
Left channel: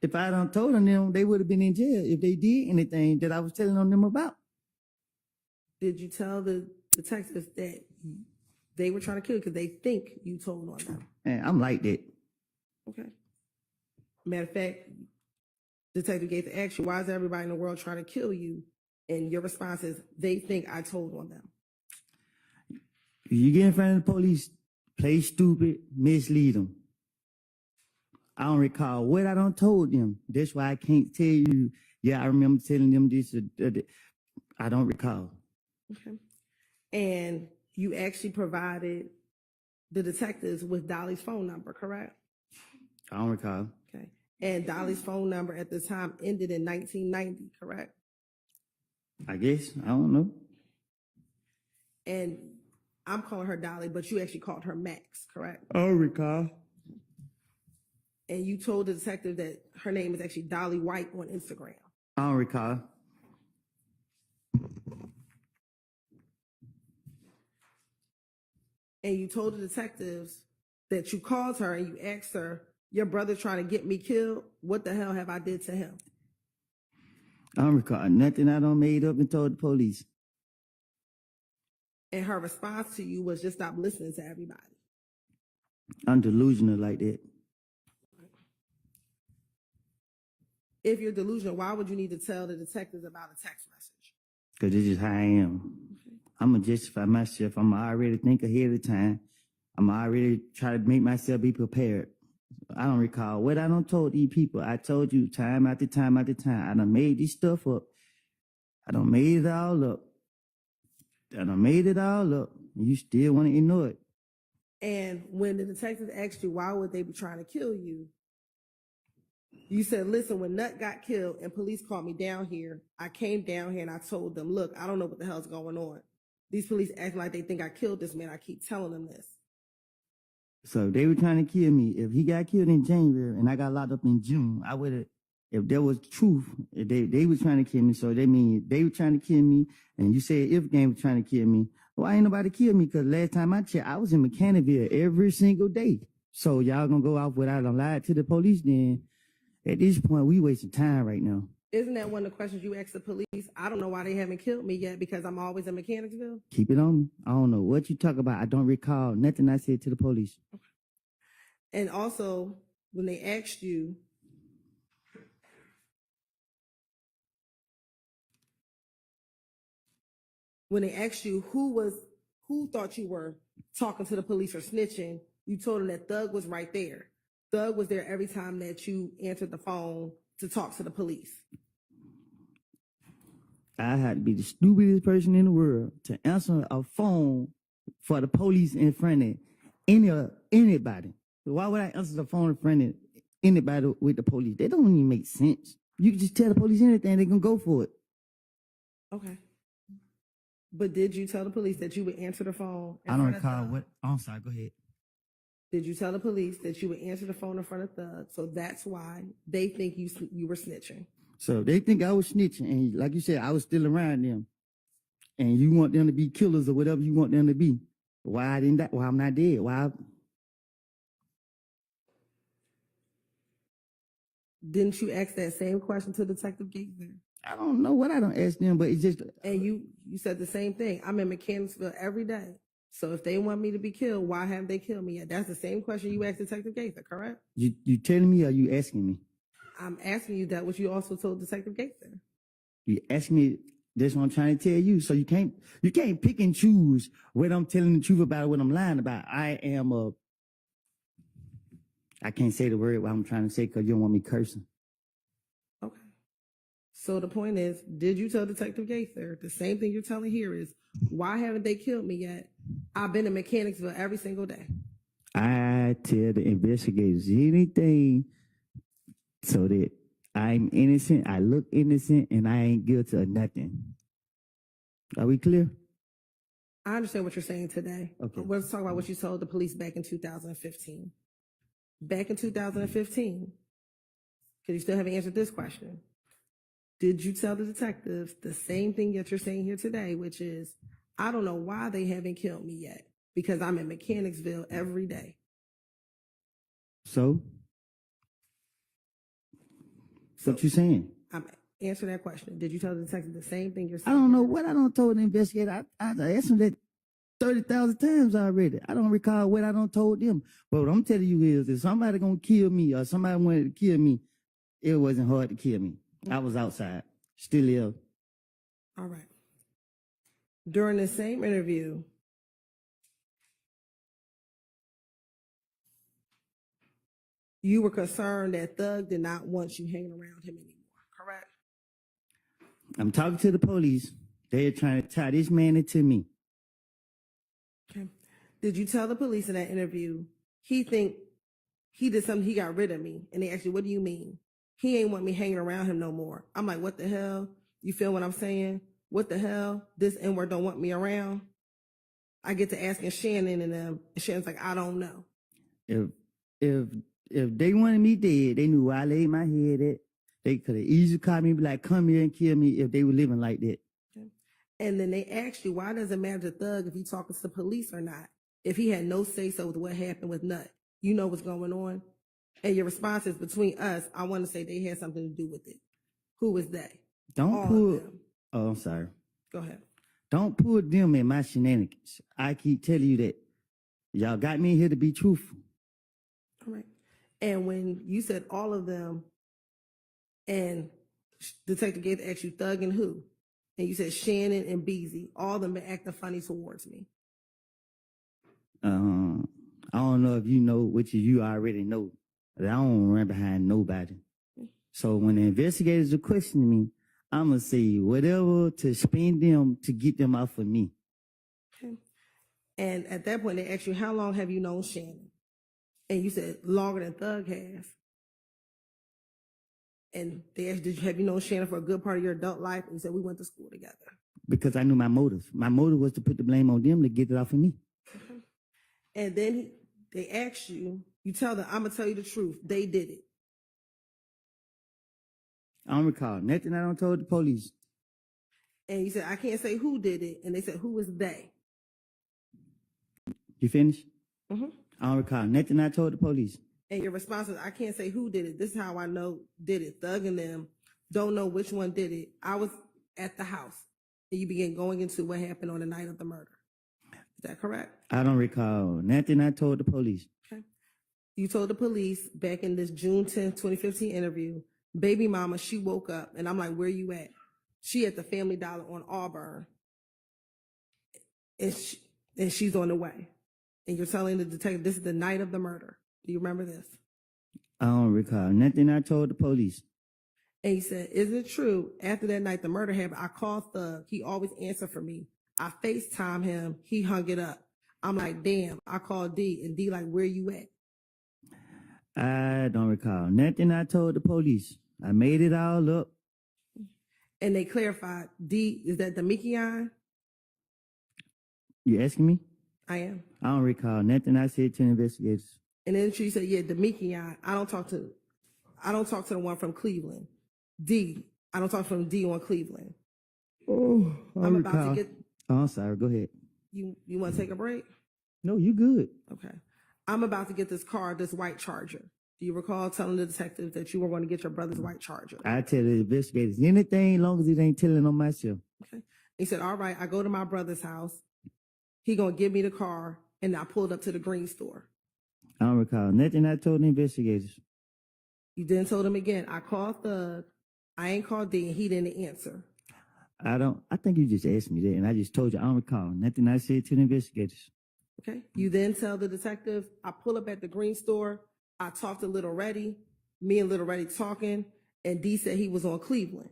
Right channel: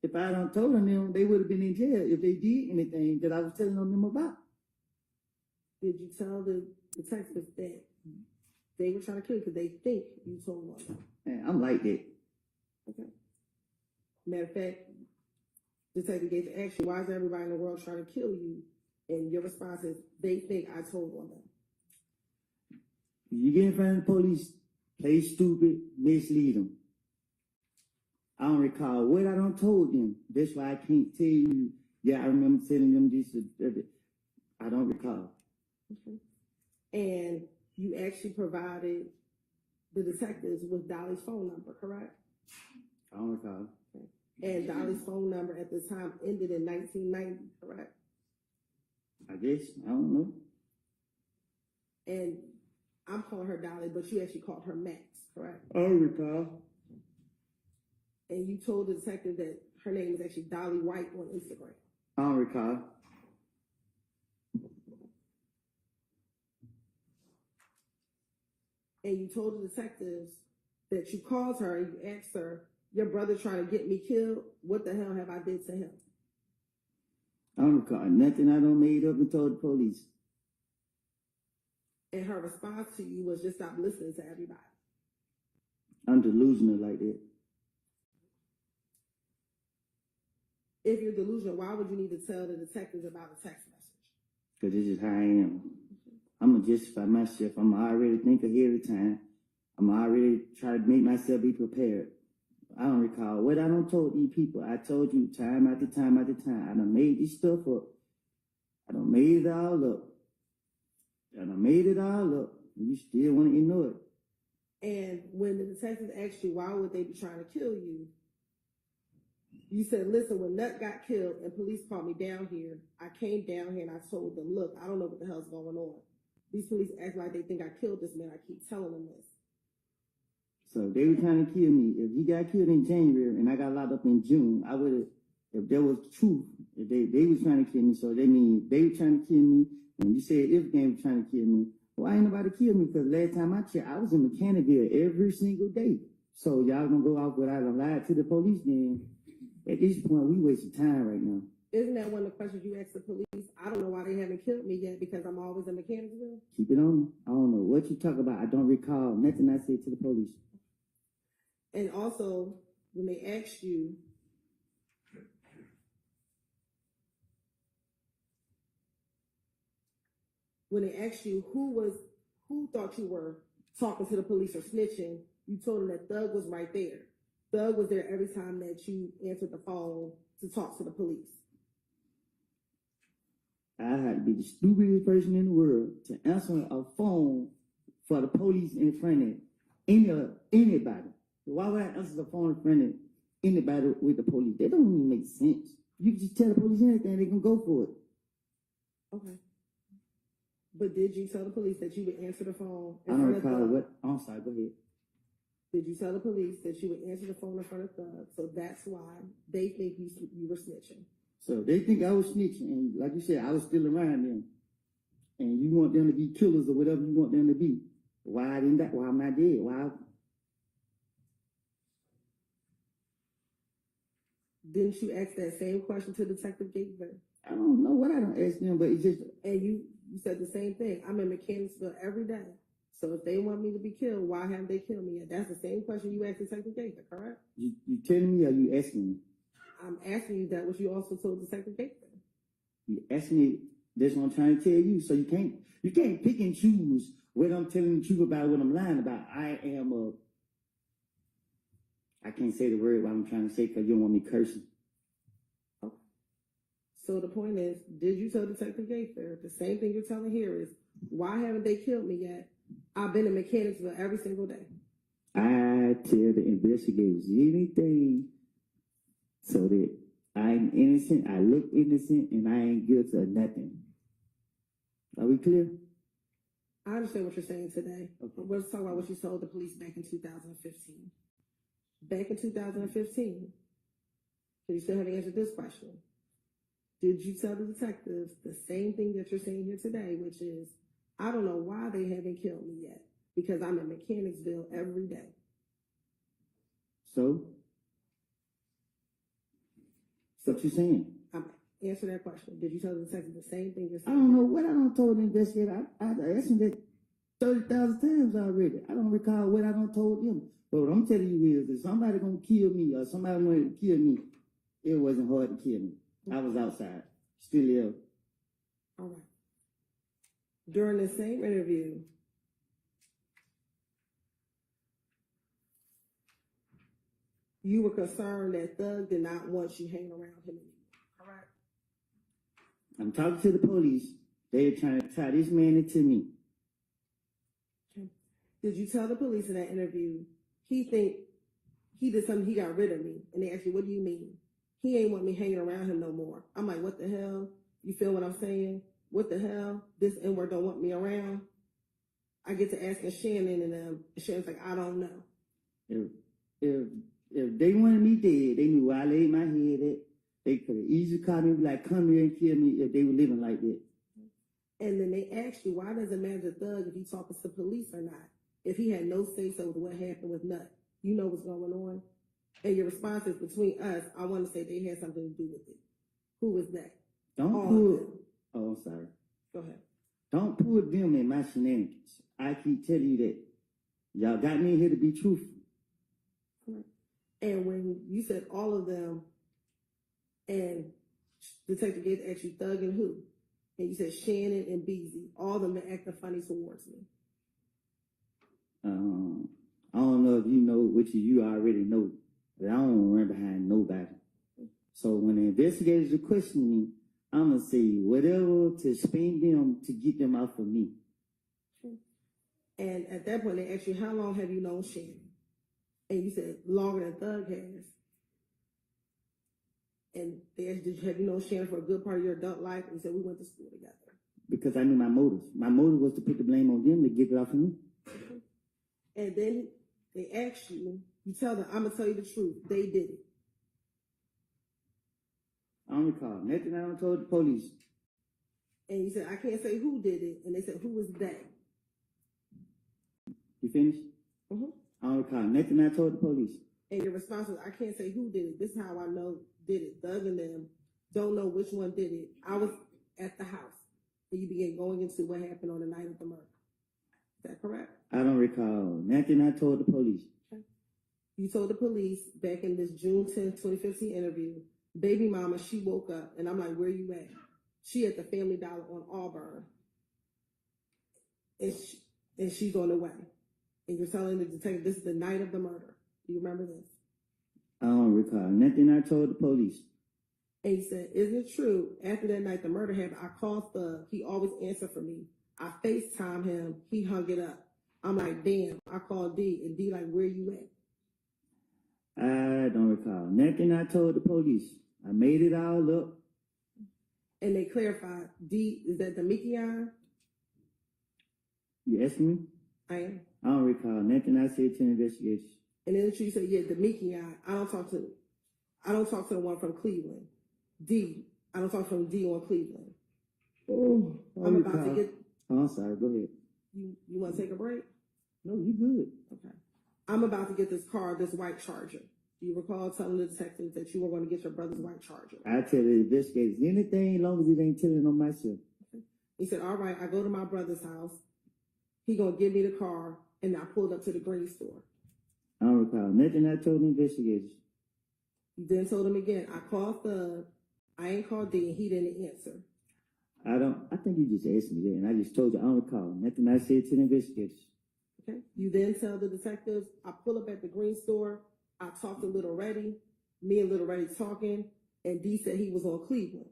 If I done told them, they would have been in jail if they did anything that I was telling on them about. Did you tell the detectives that they were trying to kill you because they think you told on them? And I'm like that. Okay. Matter of fact, Detective Gaither asked you, why is everybody in the world trying to kill you? And your response is, they think I told on them. You get in front of the police, play stupid, mislead them. I don't recall what I done told them. That's why I can't tell you, yeah, I remember telling them this. I don't recall. Okay. And you actually provided the detectives with Dolly's phone number, correct? I don't recall. Okay. And Dolly's phone number at the time ended in 1990, correct? I guess. I don't know. And I'm calling her Dolly, but you actually called her Max, correct? I don't recall. And you told the detective that her name is actually Dolly White on Instagram. I don't recall. And you told the detectives that you called her and you asked her, your brother trying to get me killed, what the hell have I did to him? I don't recall nothing I done made up and told the police. And her response to you was just stop listening to everybody. I'm delusional like that. If you're delusional, why would you need to tell the detectives about a text message? Because this is how I am. I'm going to justify myself. I'm already think ahead of time. I'm already try to make myself be prepared. I don't recall what I done told these people. I told you time after time after time. I done made this stuff up. I done made it all up. I done made it all up. You still want to ignore it. And when the detectives asked you why would they be trying to kill you, you said, listen, when Nut got killed and police called me down here, I came down here and I told them, look, I don't know what the hell's going on. These police acting like they think I killed this man. I keep telling them this. So if they were trying to kill me. If he got killed in January and I got locked up in June, I would have, if there was truth, if they were trying to kill me. So they mean they were trying to kill me, and you said if game was trying to kill me, why ain't nobody kill me? Because last time I checked, I was in Mechanicsville every single day. So y'all gonna go off without a lie to the police then? At this point, we wasting time right now. Isn't that one of the questions you asked the police? I don't know why they haven't killed me yet because I'm always in Mechanicsville. Keep it on. I don't know what you talk about. I don't recall nothing I said to the police. And also, when they asked you, who thought you were talking to the police or snitching, you told them that Thug was right there. Thug was there every time that you answered the phone to talk to the police. I had to be the stupidest person in the world to answer a phone for the police in front of anybody. Why would I answer the phone in front of anybody with the police? That don't even make sense. You can just tell the police anything, they're going to go for it. Okay. But did you tell the police that you would answer the phone in I don't front of recall Thug? what. I'm sorry, go ahead. Did you tell the police that you would answer the phone in front of Thug? So that's why they think you were snitching. So they think I was snitching, and like you said, I was still around them. And you want them to be killers or whatever you want them to be. Why didn't that? Why I'm not dead? Why? Didn't you ask that same question to Detective Gaither? I don't know what I don't ask them, but it's just. And you said the same thing. I'm in Mechanicsville every day. So if they want me to be killed, why haven't they killed me yet? That's the same question you asked Detective Gaither, correct? You telling me or you asking me? I'm asking you that what you also told Detective Gaither. You ask me. That's what I'm trying to tell you. So you can't pick and choose what I'm telling the truth about or what I'm lying about. I can't say the word what I'm trying to say because you don't want me cursing. Okay. So the point is, did you tell Detective Gaither the same thing you're telling here is, why haven't they killed me yet? I've been in Mechanicsville every single day. I tell the investigators anything so that I'm innocent, I look innocent, and I ain't guilty of nothing. Are we clear? I understand what you're saying today. Okay. Let's talk about what you told the police back in 2015. Back in 2015, because you still haven't answered this question. Did you tell the detectives the same thing that you're saying here today, which is, I don't know why they haven't killed me yet because I'm in Mechanicsville every day. So? What you saying? I'm answering that question. Did you tell the detective the same thing you're I saying? don't know what I done told the investigator. I asked them that 30,000 times already. I don't recall what I done told them. But what I'm telling you is, if somebody gonna kill me or somebody wanted to kill me, it wasn't hard to kill me. I was outside, still ill. All right. During the same interview, you were concerned that Thug did not want you hanging around him anymore, correct? I'm talking to the police. They're trying to tie this man into me. Okay. Did you tell the police in that interview he did something, he got rid of me? And they asked you, what do you mean? He ain't want me hanging around him no more. I'm like, what the hell? You feel what I'm saying? What the hell? This N-word don't want me around? I get to asking Shannon and them, and Shannon's like, I don't know. If they wanted me dead, they knew where I laid my head at. They could have easily called me and be like, come here and kill me if they were living like that. Okay. And then they asked you, why does it matter to Thug if he talking to police or not? If he had no say-so with what happened with Nut, you know what's going on? And your response is, between us, I want to say they had something to do with it. Who was they? Don't All pull. of them. Oh, I'm sorry. Go ahead. Don't pull them in my shenanigans. I keep telling you that. Y'all got me here to be truthful. All right. And when you said all of them, and Detective Gates asked you Thug and who, and you said Shannon and Beezy, all of them been acting funny towards me. I don't know if you know, which you already know, that I don't run behind nobody. So when the investigators are questioning me, I'm going to say whatever to spend them to get them off of me. Okay. And at that point, they asked you, how long have you known Shannon? And you said, longer than Thug has. And they asked, have you known Shannon for a good part of your adult life? And you said, we went to school together. Because I knew my motive. My motive was to put the blame on them to get it off of me. And then they asked you, you tell them, I'm going to tell you the truth. They did it. I don't recall nothing I don't told the police. And you said, I can't say who did it. And they said, who was they? You finished? Mm-hmm. I don't recall nothing I told the police. And your response was, I can't say who did it. This is how I know did it. Thug and them don't know which one did it. I was at the house. And you began going into what happened on the night of the murder. Is that correct? I don't recall nothing I told the police. Okay. You told the police back in this June 10th, 2015 interview, baby mama, she woke up. And I'm like, where you at? She at the Family Dollar on Auburn. And she's on the way. And you're telling the detective, this is the night of the murder. Do you remember this? I don't recall nothing I told the police. And he said, is it true? After that night the murder happened, I called Thug. He always answered for me. I FaceTime him. He hung it up. I'm like, damn. I called D. And D like, where you at? I don't recall nothing I told the police. I made it all up. And they clarified, D, is that the Mickey-on? You asking me? I am. I don't recall nothing I said to the investigators. And then she said, yeah, the Mickey-on. I don't talk to the one from Cleveland. D. I don't talk from D on Cleveland. Oh, I'm about to get. Oh, I'm sorry. Go ahead. You want to take a break? No, you good. Okay. I'm about to get this car, this white Charger. Do you recall telling the detectives that you were going to get your brother's white Charger? I tell the investigators anything as long as it ain't telling on myself. Okay. He said, all right, I go to my brother's house. He going to give me the car, and I pulled up to the green store. I don't recall nothing I told the investigators. You then told him again, I called Thug. I ain't called D, and he didn't answer. I think you just asked me that, and I just told you I don't recall nothing I said to the investigators. Okay. You then tell the detective, I pull up at the green store. I talked to Little Reddy. Me and Little Reddy talking, and D said he was on Cleveland.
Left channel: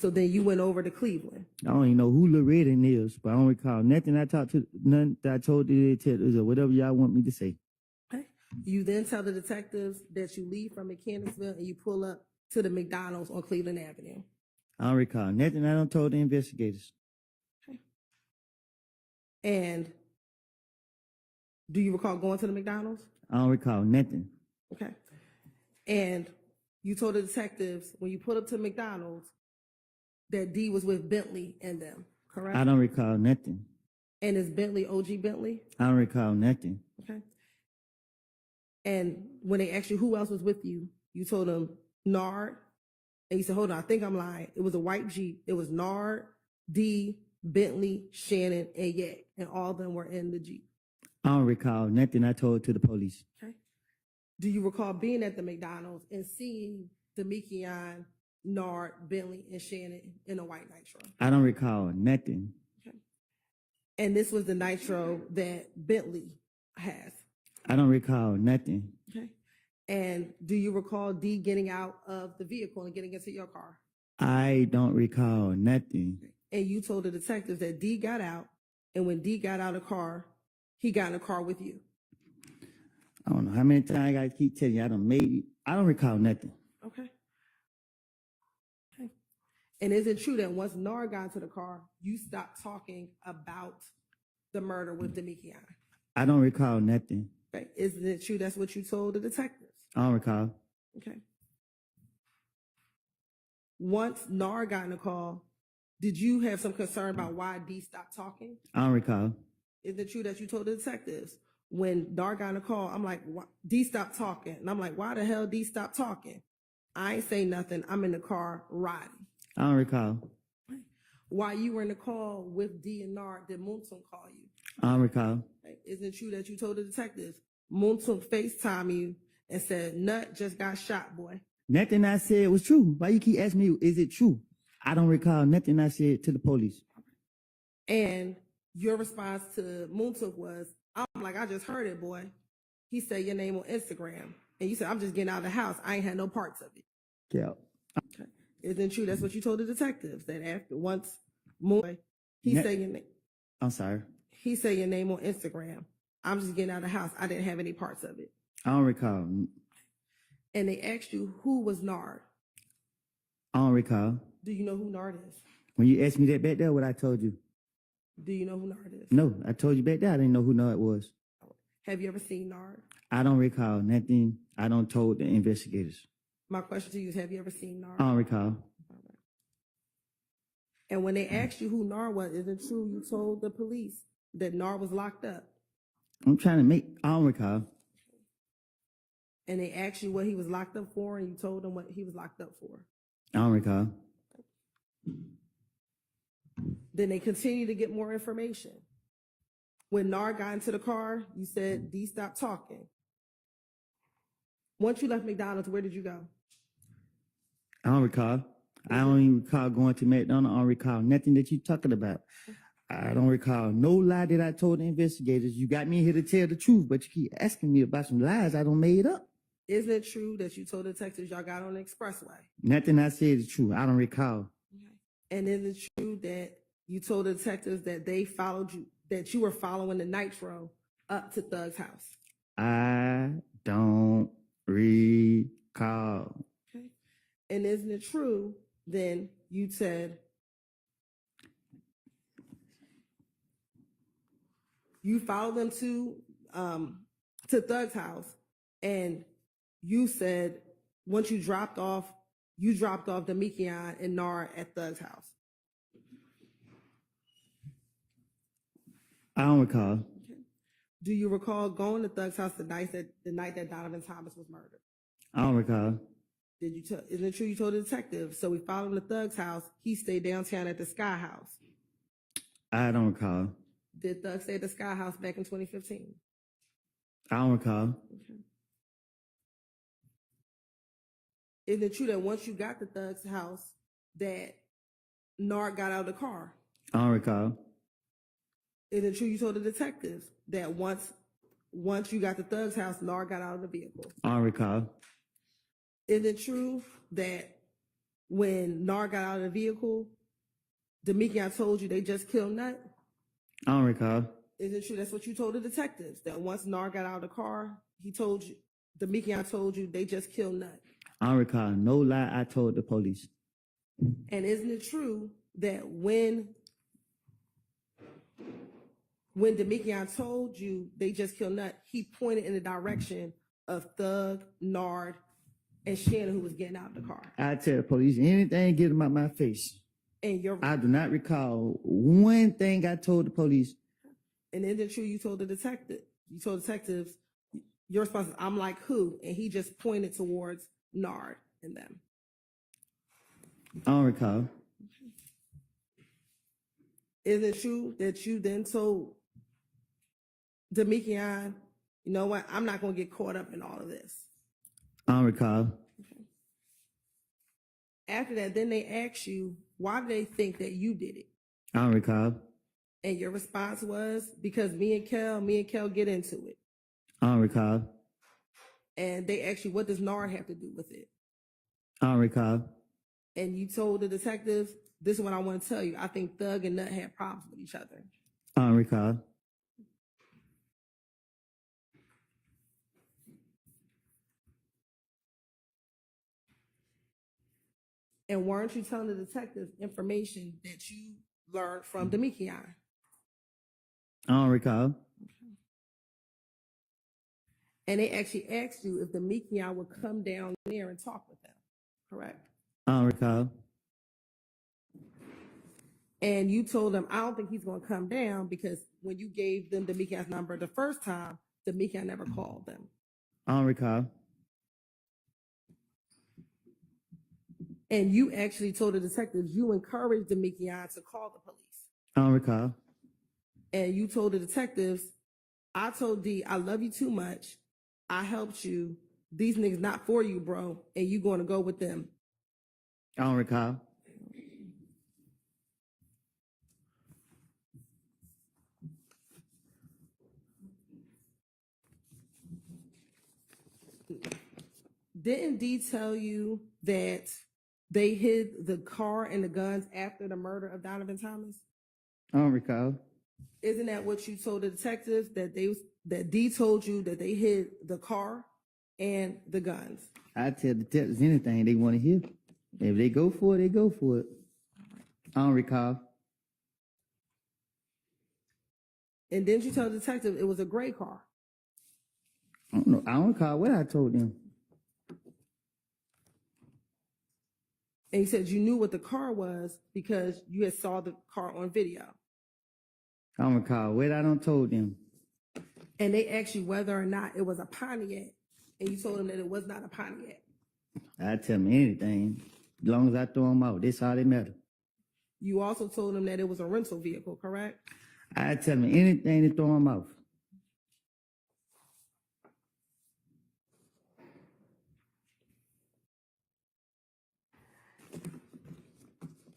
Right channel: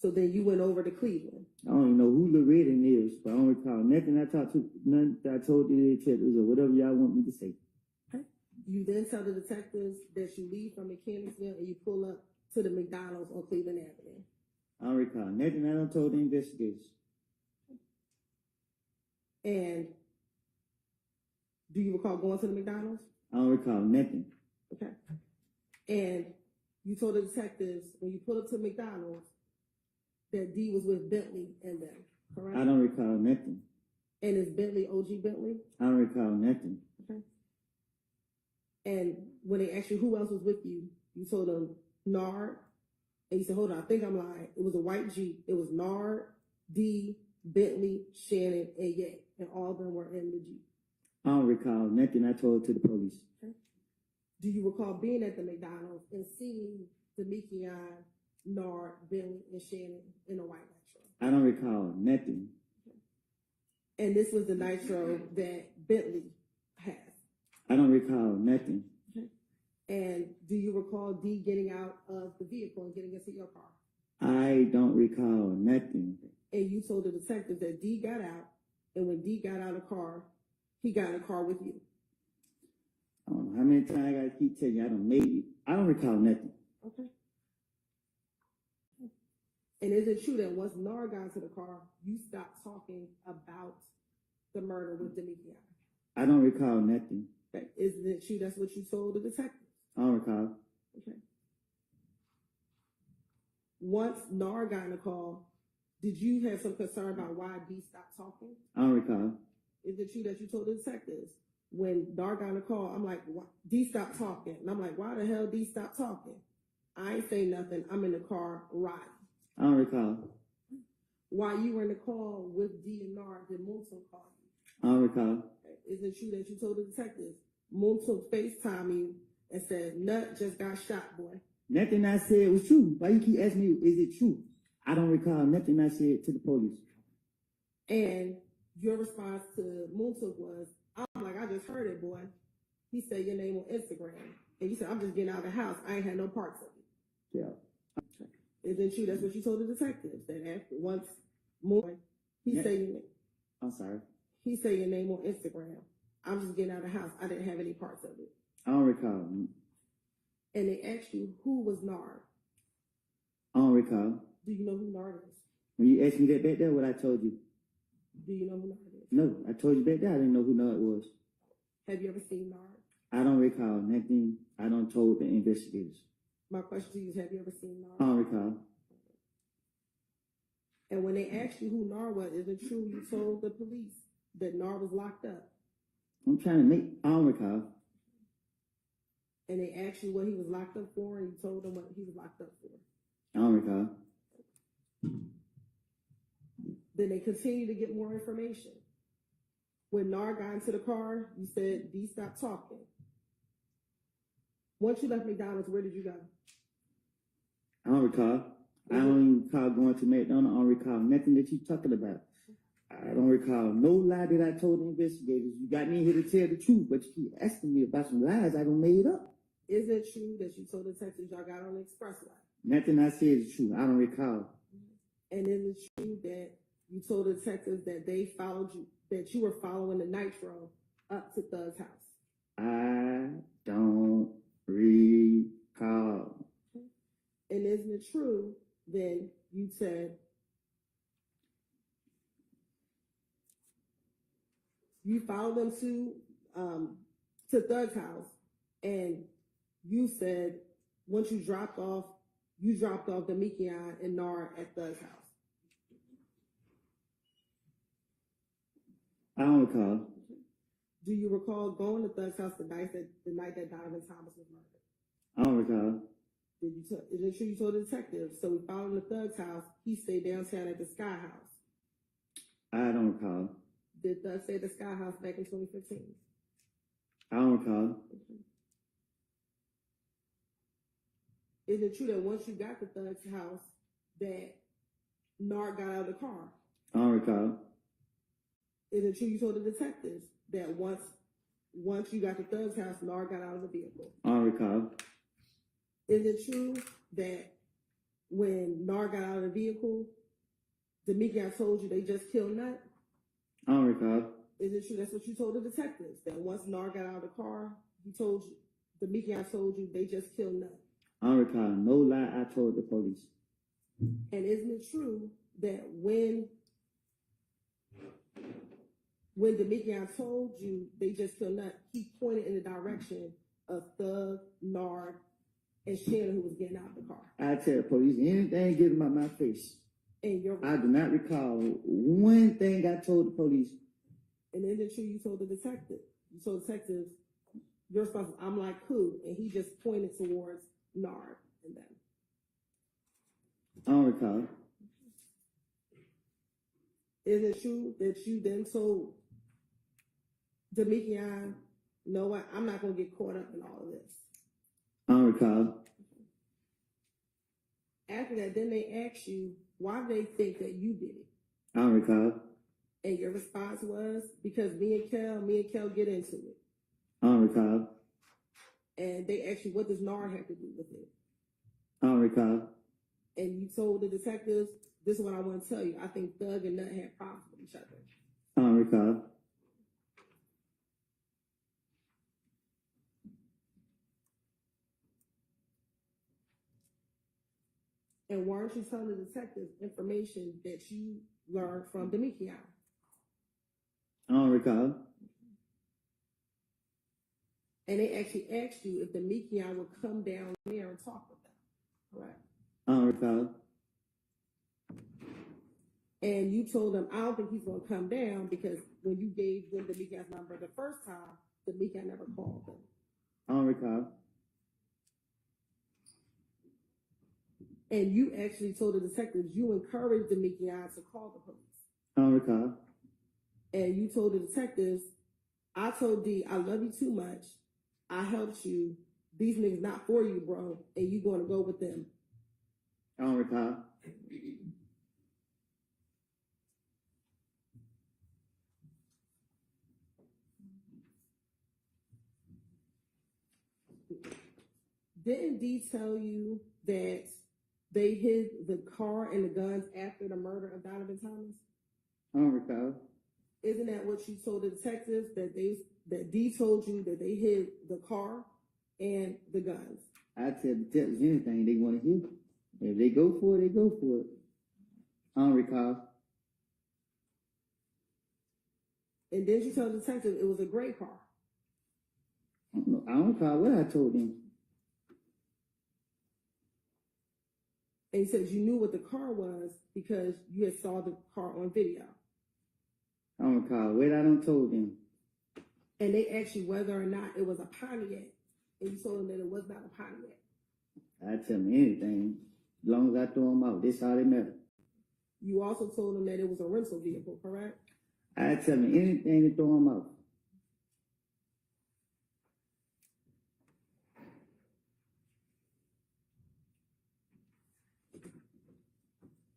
So then you went over to Cleveland. I don't even know who Loretta is, but I don't recall nothing I talked to, none that I told the detectives or whatever y'all want me to say. Okay. You then tell the detectives that you leave from Mechanicsville and you pull up to the McDonald's on Cleveland Avenue. I don't recall nothing I don't told the investigators. Okay. And do you recall going to the McDonald's? I don't recall nothing. Okay. And you told the detectives when you pulled up to McDonald's that D was with Bentley and them, correct? I don't recall nothing. And is Bentley OG Bentley? I don't recall nothing. Okay. And when they asked you who else was with you, you told them Nard. And you said, hold on, I think I'm lying. It was a white Jeep. It was Nard, D, Bentley, Shannon, and Yak. And all of them were in the Jeep. I don't recall nothing I told to the police. Okay. Do you recall being at the McDonald's and seeing the Mickey-on, Nard, Bentley, and Shannon in a white Nitro? I don't recall nothing. Okay. And this was the Nitro that Bentley has. I don't recall nothing. Okay. And do you recall D getting out of the vehicle and getting into your car? I don't recall nothing. and you told the detectives that D got out, and when D got out of the car, he got in the car with you. I don't know how many times I gotta keep telling you I done made it. I don't recall nothing. Okay. And is it true that once Nard got into the car, you stopped talking about the murder with Demikian? I don't recall nothing. Okay. Isn't it true that's what you told the detectives? I don't recall. Okay. Once Nard got in the call, did you have some concern about why D stopped talking? I don't recall. Is it true that you told the detectives when Nard got in the call, I'm like, D stopped talking. And I'm like, why the hell D stopped talking? I ain't say nothing. I'm in the car riding. I don't recall. While you were in the call with D and Nard, did Muntum call you? I don't recall. Okay. Is it true that you told the detectives Muntum FaceTime you and said, Nut just got shot, boy? Nothing I said was true. Why you keep asking me, is it true? I don't recall nothing I said to the police. And your response to Muntum was, I'm like, I just heard it, boy. He said your name on Instagram. And you said, I'm just getting out of the house. I ain't had no parts of it. Yeah. Okay. Is it true that's what you told the detectives? That after once more, he said your name. I'm sorry. He said your name on Instagram. I'm just getting out of the house. I didn't have any parts of it. I don't recall. And they asked you who was Nard. I don't recall. Do you know who Nard is? When you asked me that back there, what I told you? Do you know who Nard is? No, I told you back there I didn't know who Nard was. Have you ever seen Nard? I don't recall nothing I don't told the investigators. My question to you is, have you ever seen Nard? I don't recall. And when they asked you who Nard was, is it true you told the police that Nard was locked up? I'm trying to make, I don't recall. And they asked you what he was locked up for, and you told them what he was locked up for. I don't recall. Then they continued to get more information. When Nard got into the car, you said, D, stop talking. Once you left McDonald's, where did you go? I don't recall. I don't even recall going to McDonald's. I don't recall nothing that you talking about. I don't recall no lie that I told the investigators. You got me here to tell the truth, but you keep asking me about some lies I don't made up. Isn't it true that you told the detectives y'all got on the expressway? Nothing I said is true. I don't recall. And is it true that you told the detectives that they followed you, that you were following the Nitro up to Thug's house? I don't recall. Okay. And isn't it true then you said you followed them to Thug's house, and you said once you dropped off Demikian and Nard at Thug's house? I don't recall. Okay. Do you recall going to Thug's house the night that Donovan Thomas was murdered? I don't recall. Isn't it true you told the detective? So we followed him to Thug's house. He stayed downtown at the Sky House. I don't recall. Did Thug stay at the Sky House back in 2015? I don't recall. Okay. Is it true that once you got to Thug's house that Nard got out of the car? I don't recall. Is it true you told the detectives that once you got to Thug's house, Nard got out of the vehicle? I don't recall. Is it true that when Nard got out of the vehicle, Demikian told you they just killed Nut? I don't recall. Is it true that's what you told the detectives? That once Nard got out of the car, Demikian told you they just killed Nut? I don't recall no lie I told the police. And isn't it true that when Demikian told you they just killed Nut, he pointed in the direction of Thug, Nard, and Shannon, who was getting out of the car? I tell the police anything get them out my face. And I do not recall one thing I told the police. And isn't it true you told detectives, your response is, I'm like who? And he just pointed towards Nard and them. I don't recall. Is it true that you then told Demikian, you know what, I'm not going to get caught up in all of this? I don't recall. After that, then they asked you, why do they think that you did it? I don't recall. And your response was, because me and Kel get into it. I don't recall. And they asked you, what does Nard have to do with it? I don't recall. And you told the detectives, this is what I want to tell you. I think Thug and Nut had problems with each other. I don't recall. And weren't you telling the detectives information that you learned from Demikian? I don't recall. And they actually asked you if Demikian would come down there and talk with them, correct? I don't recall. And you told them, I don't think he's going to come down because when you gave them Demikian's number the first time, Demikian never called them. I don't recall. And you actually told the detectives you encouraged Demikian to call the police. I don't recall. And you told the detectives, I told D, I love you too much. I helped you. These niggas not for you, bro. And you going to go with them. I don't recall. Didn't D tell you that they hid the car and the guns after the murder of Donovan Thomas? I don't recall. Isn't that what you told the detectives, that D told you that they hid the car and the guns? I tell detectives anything they want to hear. If they go for it, they go for it. I don't recall. And didn't you tell the detective it was a gray car? I don't know. I don't recall what I told them. And you said you knew what the car was because you had saw the car on video. I don't recall what I don't told them. And they asked you whether or not it was a Pontiac. And you told them that it was not a Pontiac. I tell them anything. As long as I throw them out, that's all they matter. You also told them that it was a rental vehicle, correct? I tell them anything to throw them off.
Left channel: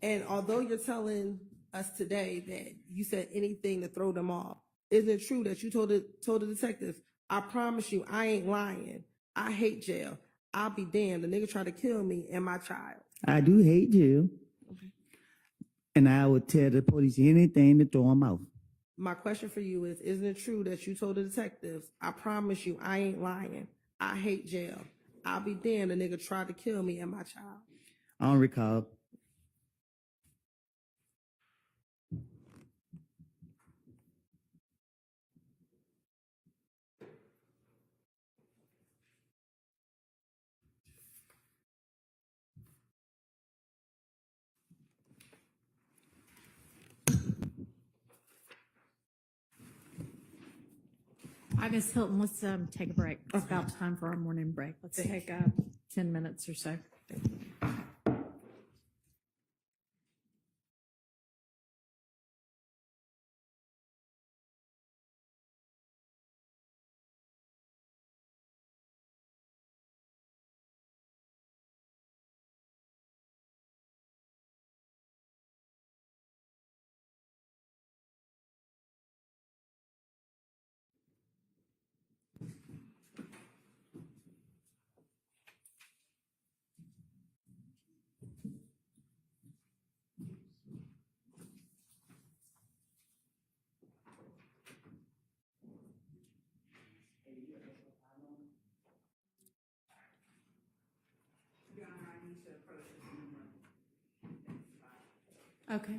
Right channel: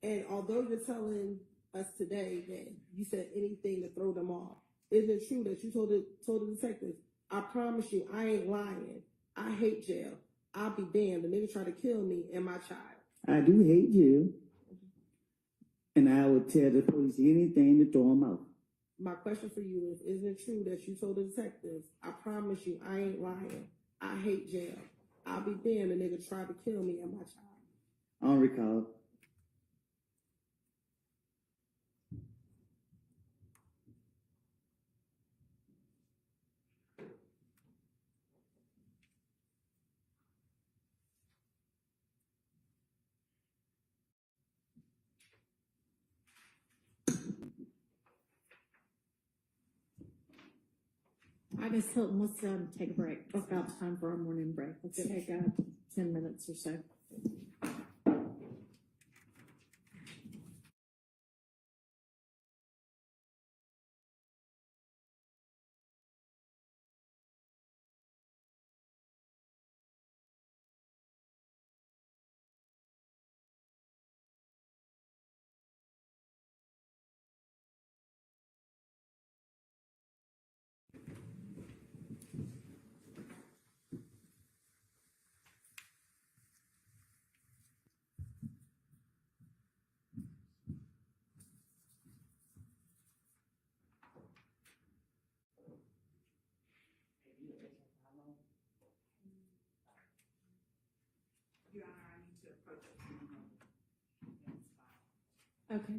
And although you're telling us today that you said anything to throw them off, isn't it true that you told the detectives, I promise you, I ain't lying. I hate jail. I'll be damned. The nigga tried to kill me and my child. I do hate you. And I would tell the police anything to throw them off. My question for you is, isn't it true that you told the detectives, I promise you, I ain't lying. I hate jail. I'll be damned. The nigga tried to kill me and my child. I don't recall. All right, Ms. Hylton, let's take a break. It's about time for our morning break. Let's take 10 minutes or so. Okay.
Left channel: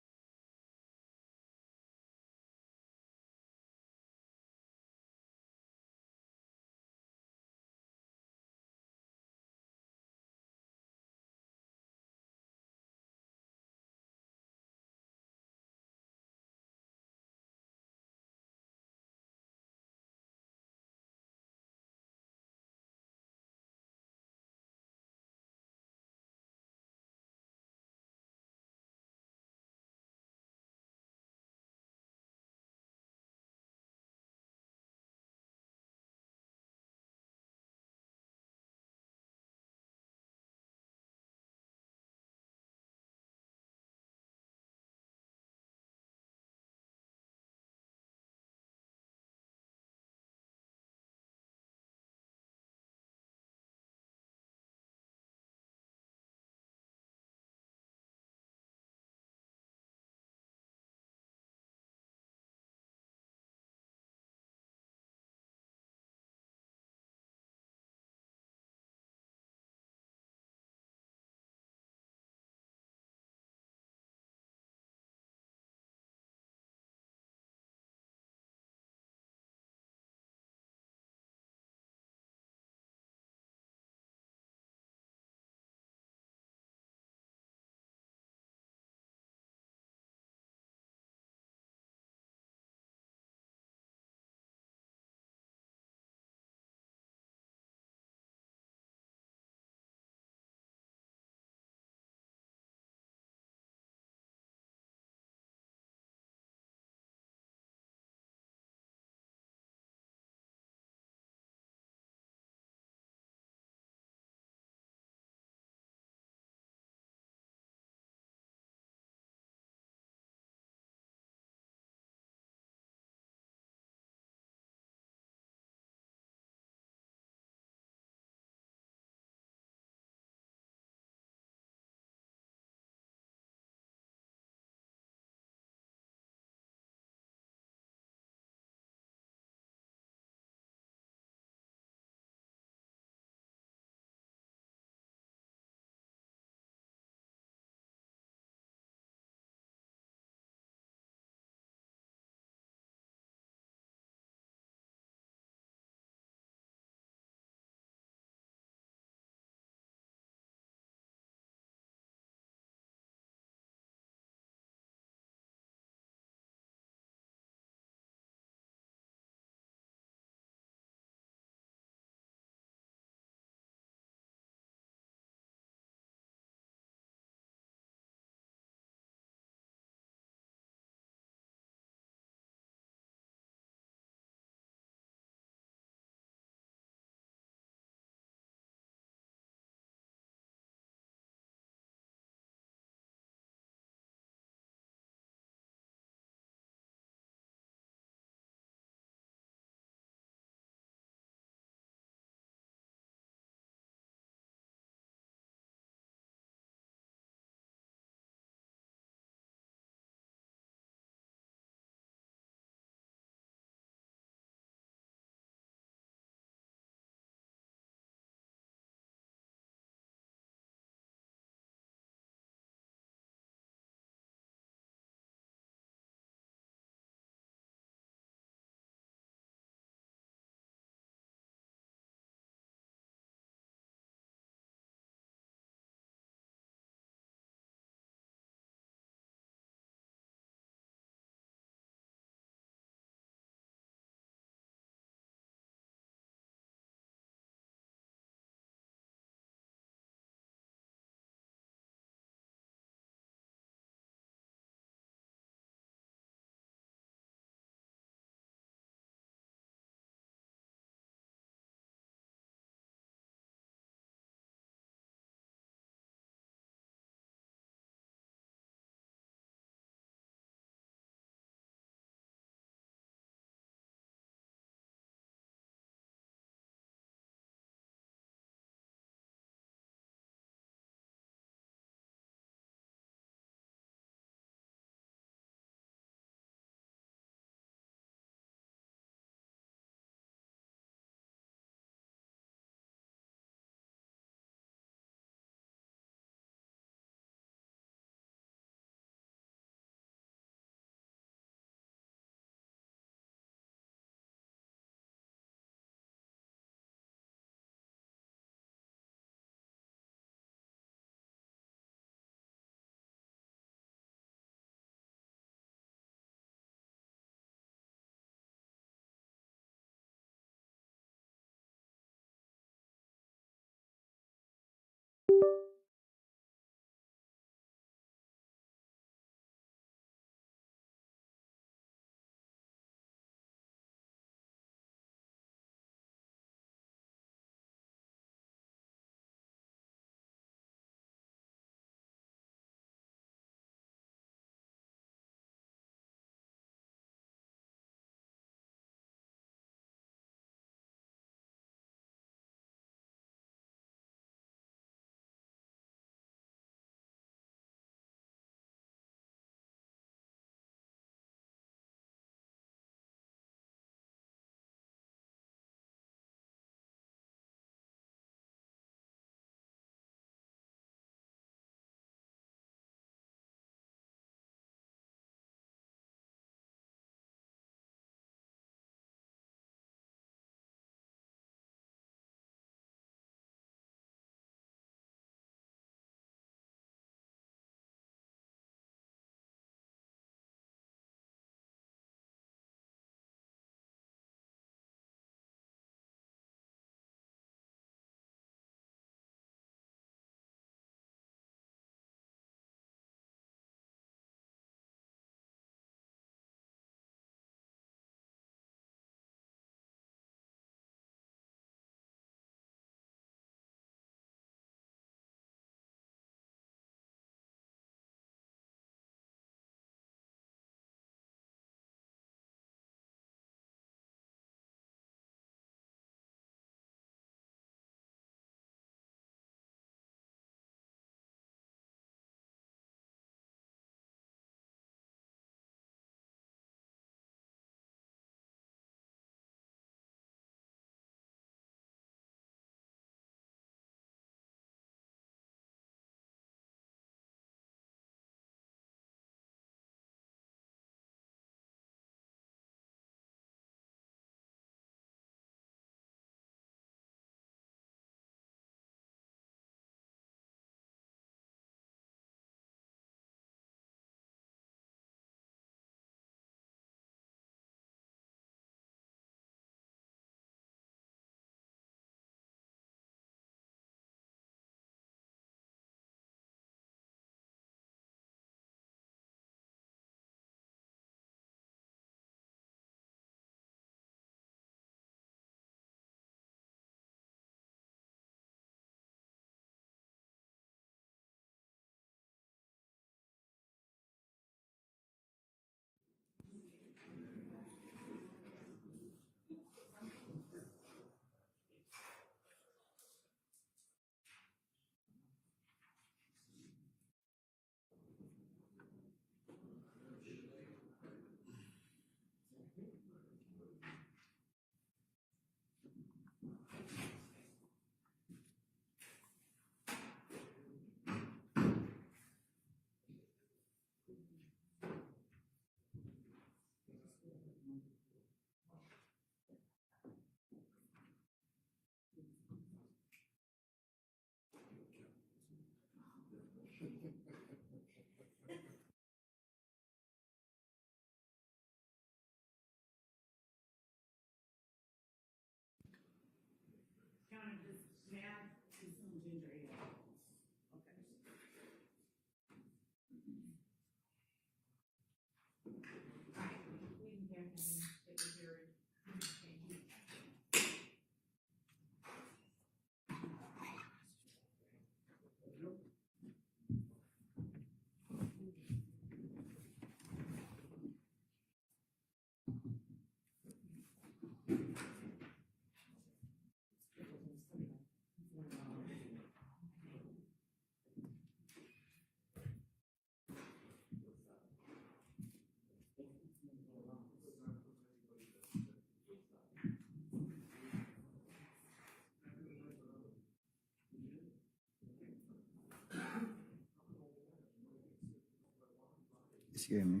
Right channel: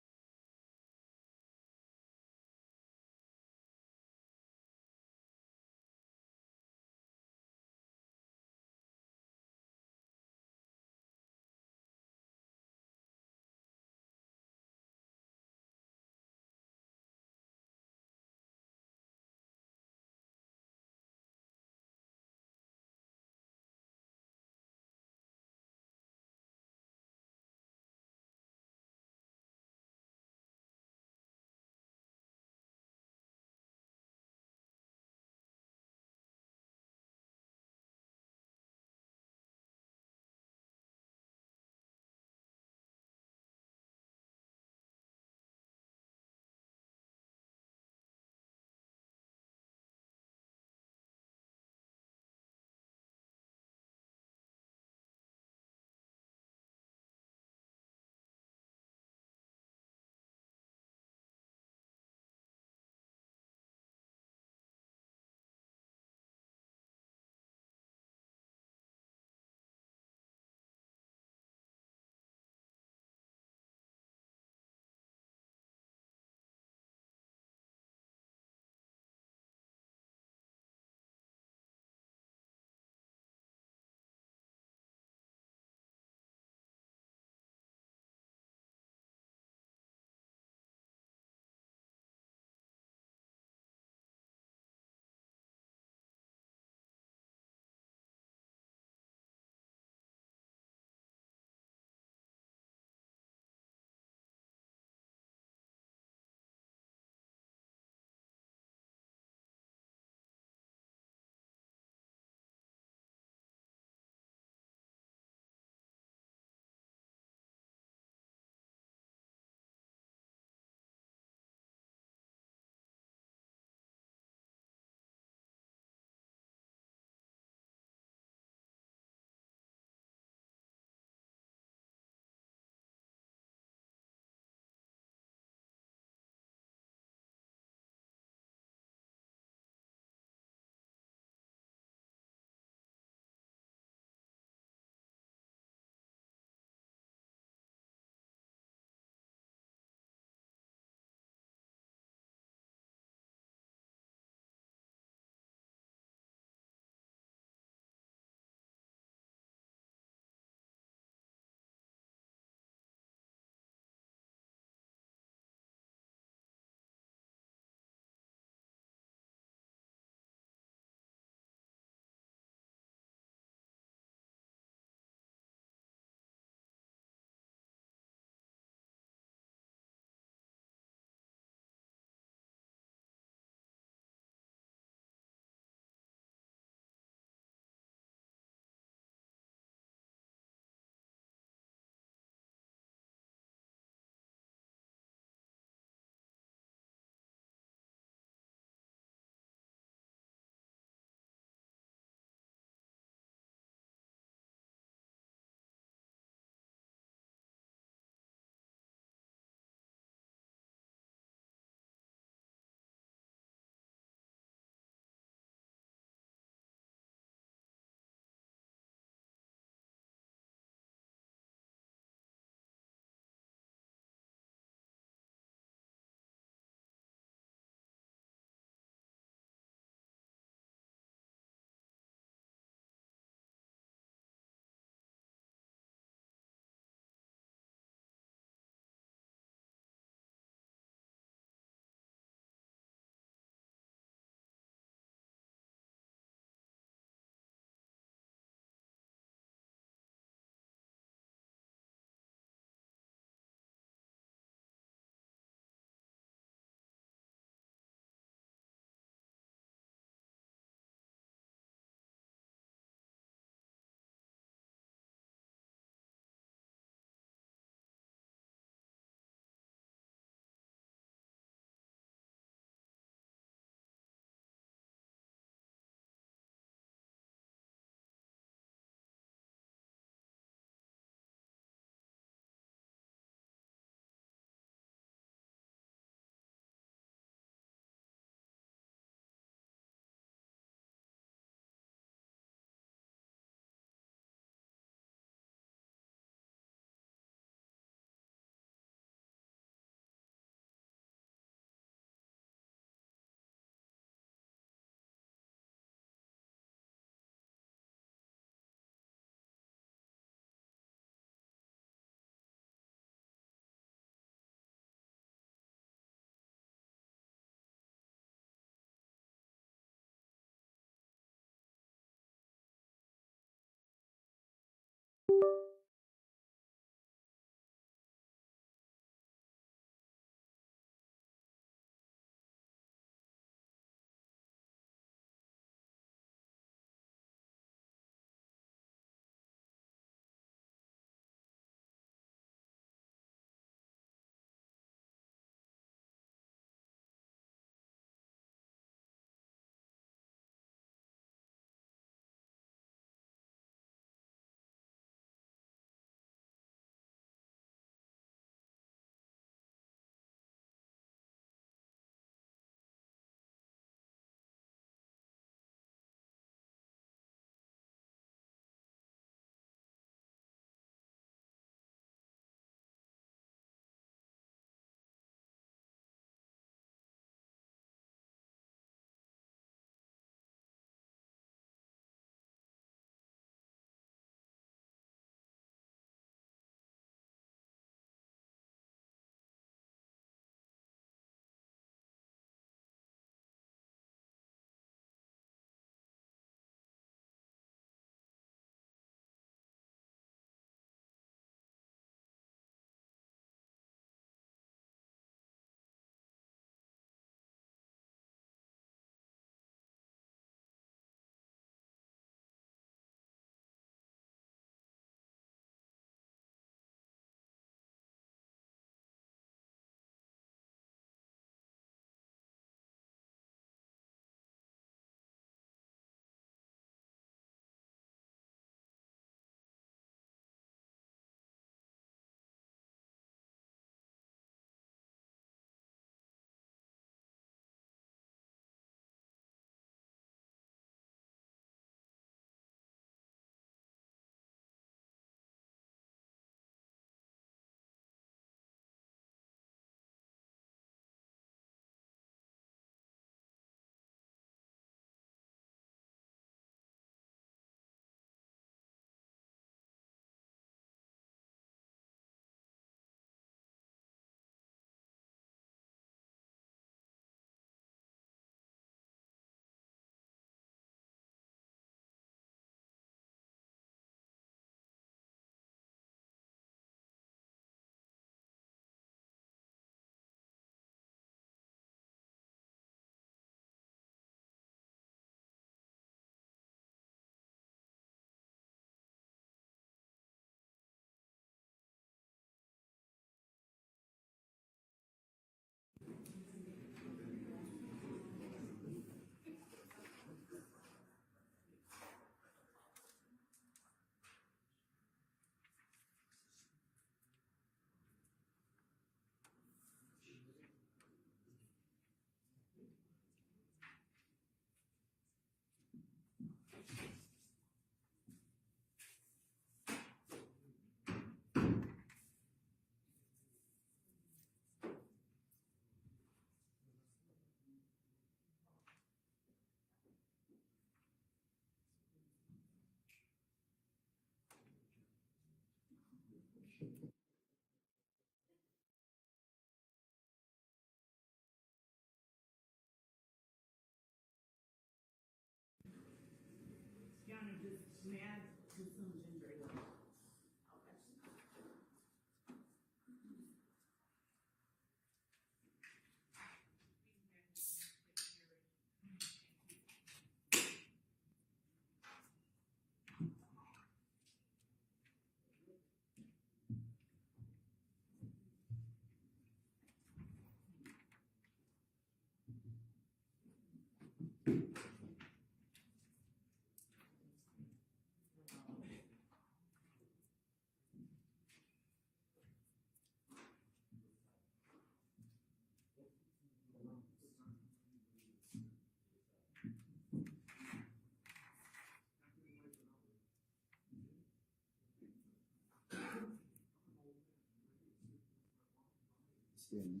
It scared me.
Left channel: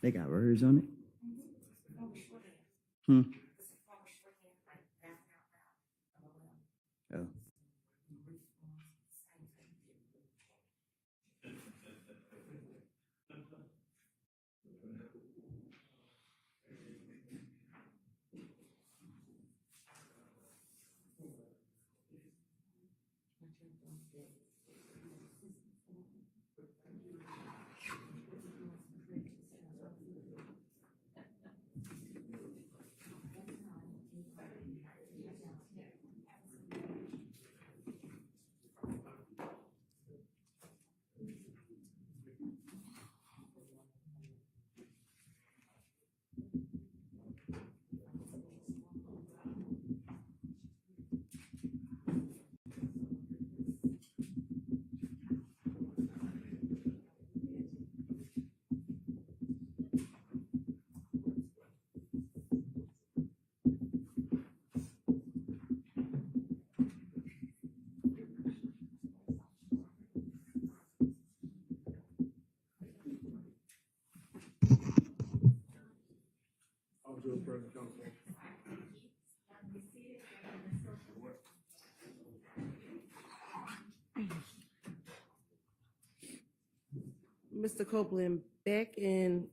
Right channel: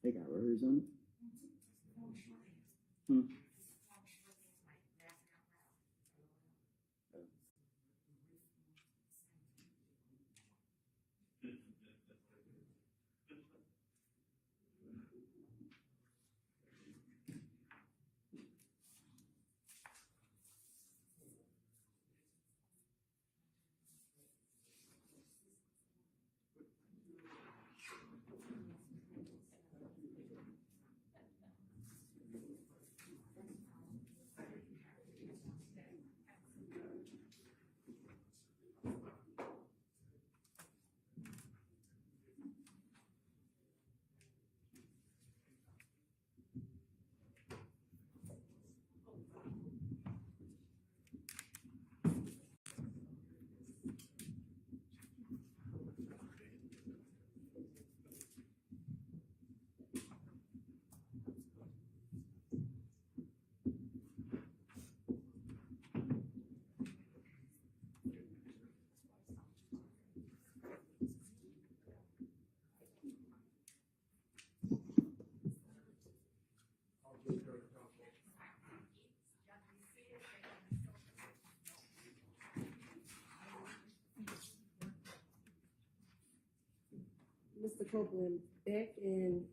They got words on it. Hmm. Oh. Mr. Copeland, back in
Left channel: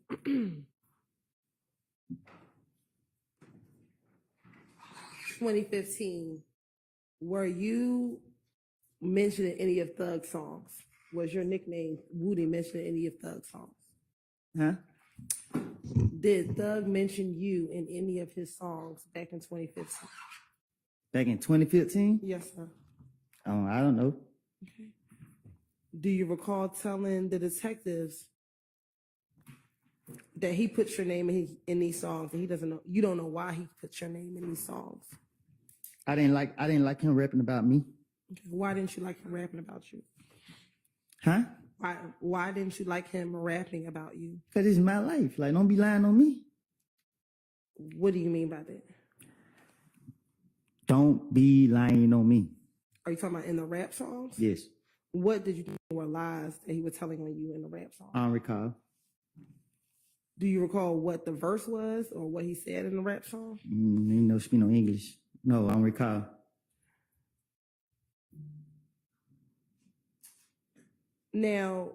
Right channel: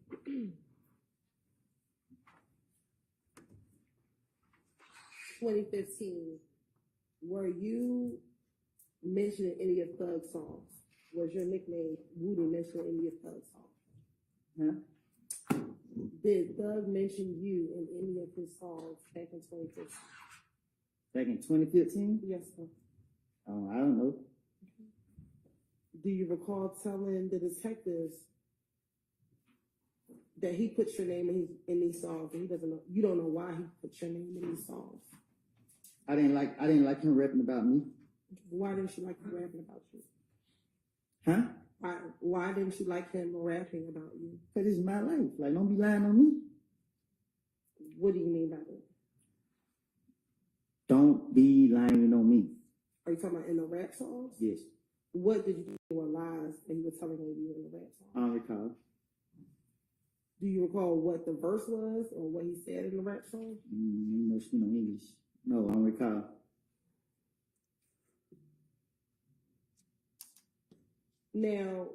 2015, were you mentioned in any of Thug's songs? Was your nickname Woody mentioned in any of Thug's songs? Huh? Did Thug mention you in any of his songs back in 2015? Back in 2015? Yes, sir. Oh, I don't know. Okay. Do you recall telling the detectives that he puts your name in these songs and he doesn't know, you don't know why he puts your name in these songs? I didn't like him rapping about me. Okay. Why didn't you like him rapping about you? Huh? Why didn't you like him rapping about you? Cause it's my life. Like, don't be lying on me. What do you mean by that? Don't be lying on me. Are you talking about in the rap songs? Yes. What did you think were lies that he was telling on you in the rap song? I don't recall. Do you recall what the verse was or what he said in the rap song? Ain't no speak no English. No, I don't recall. Now,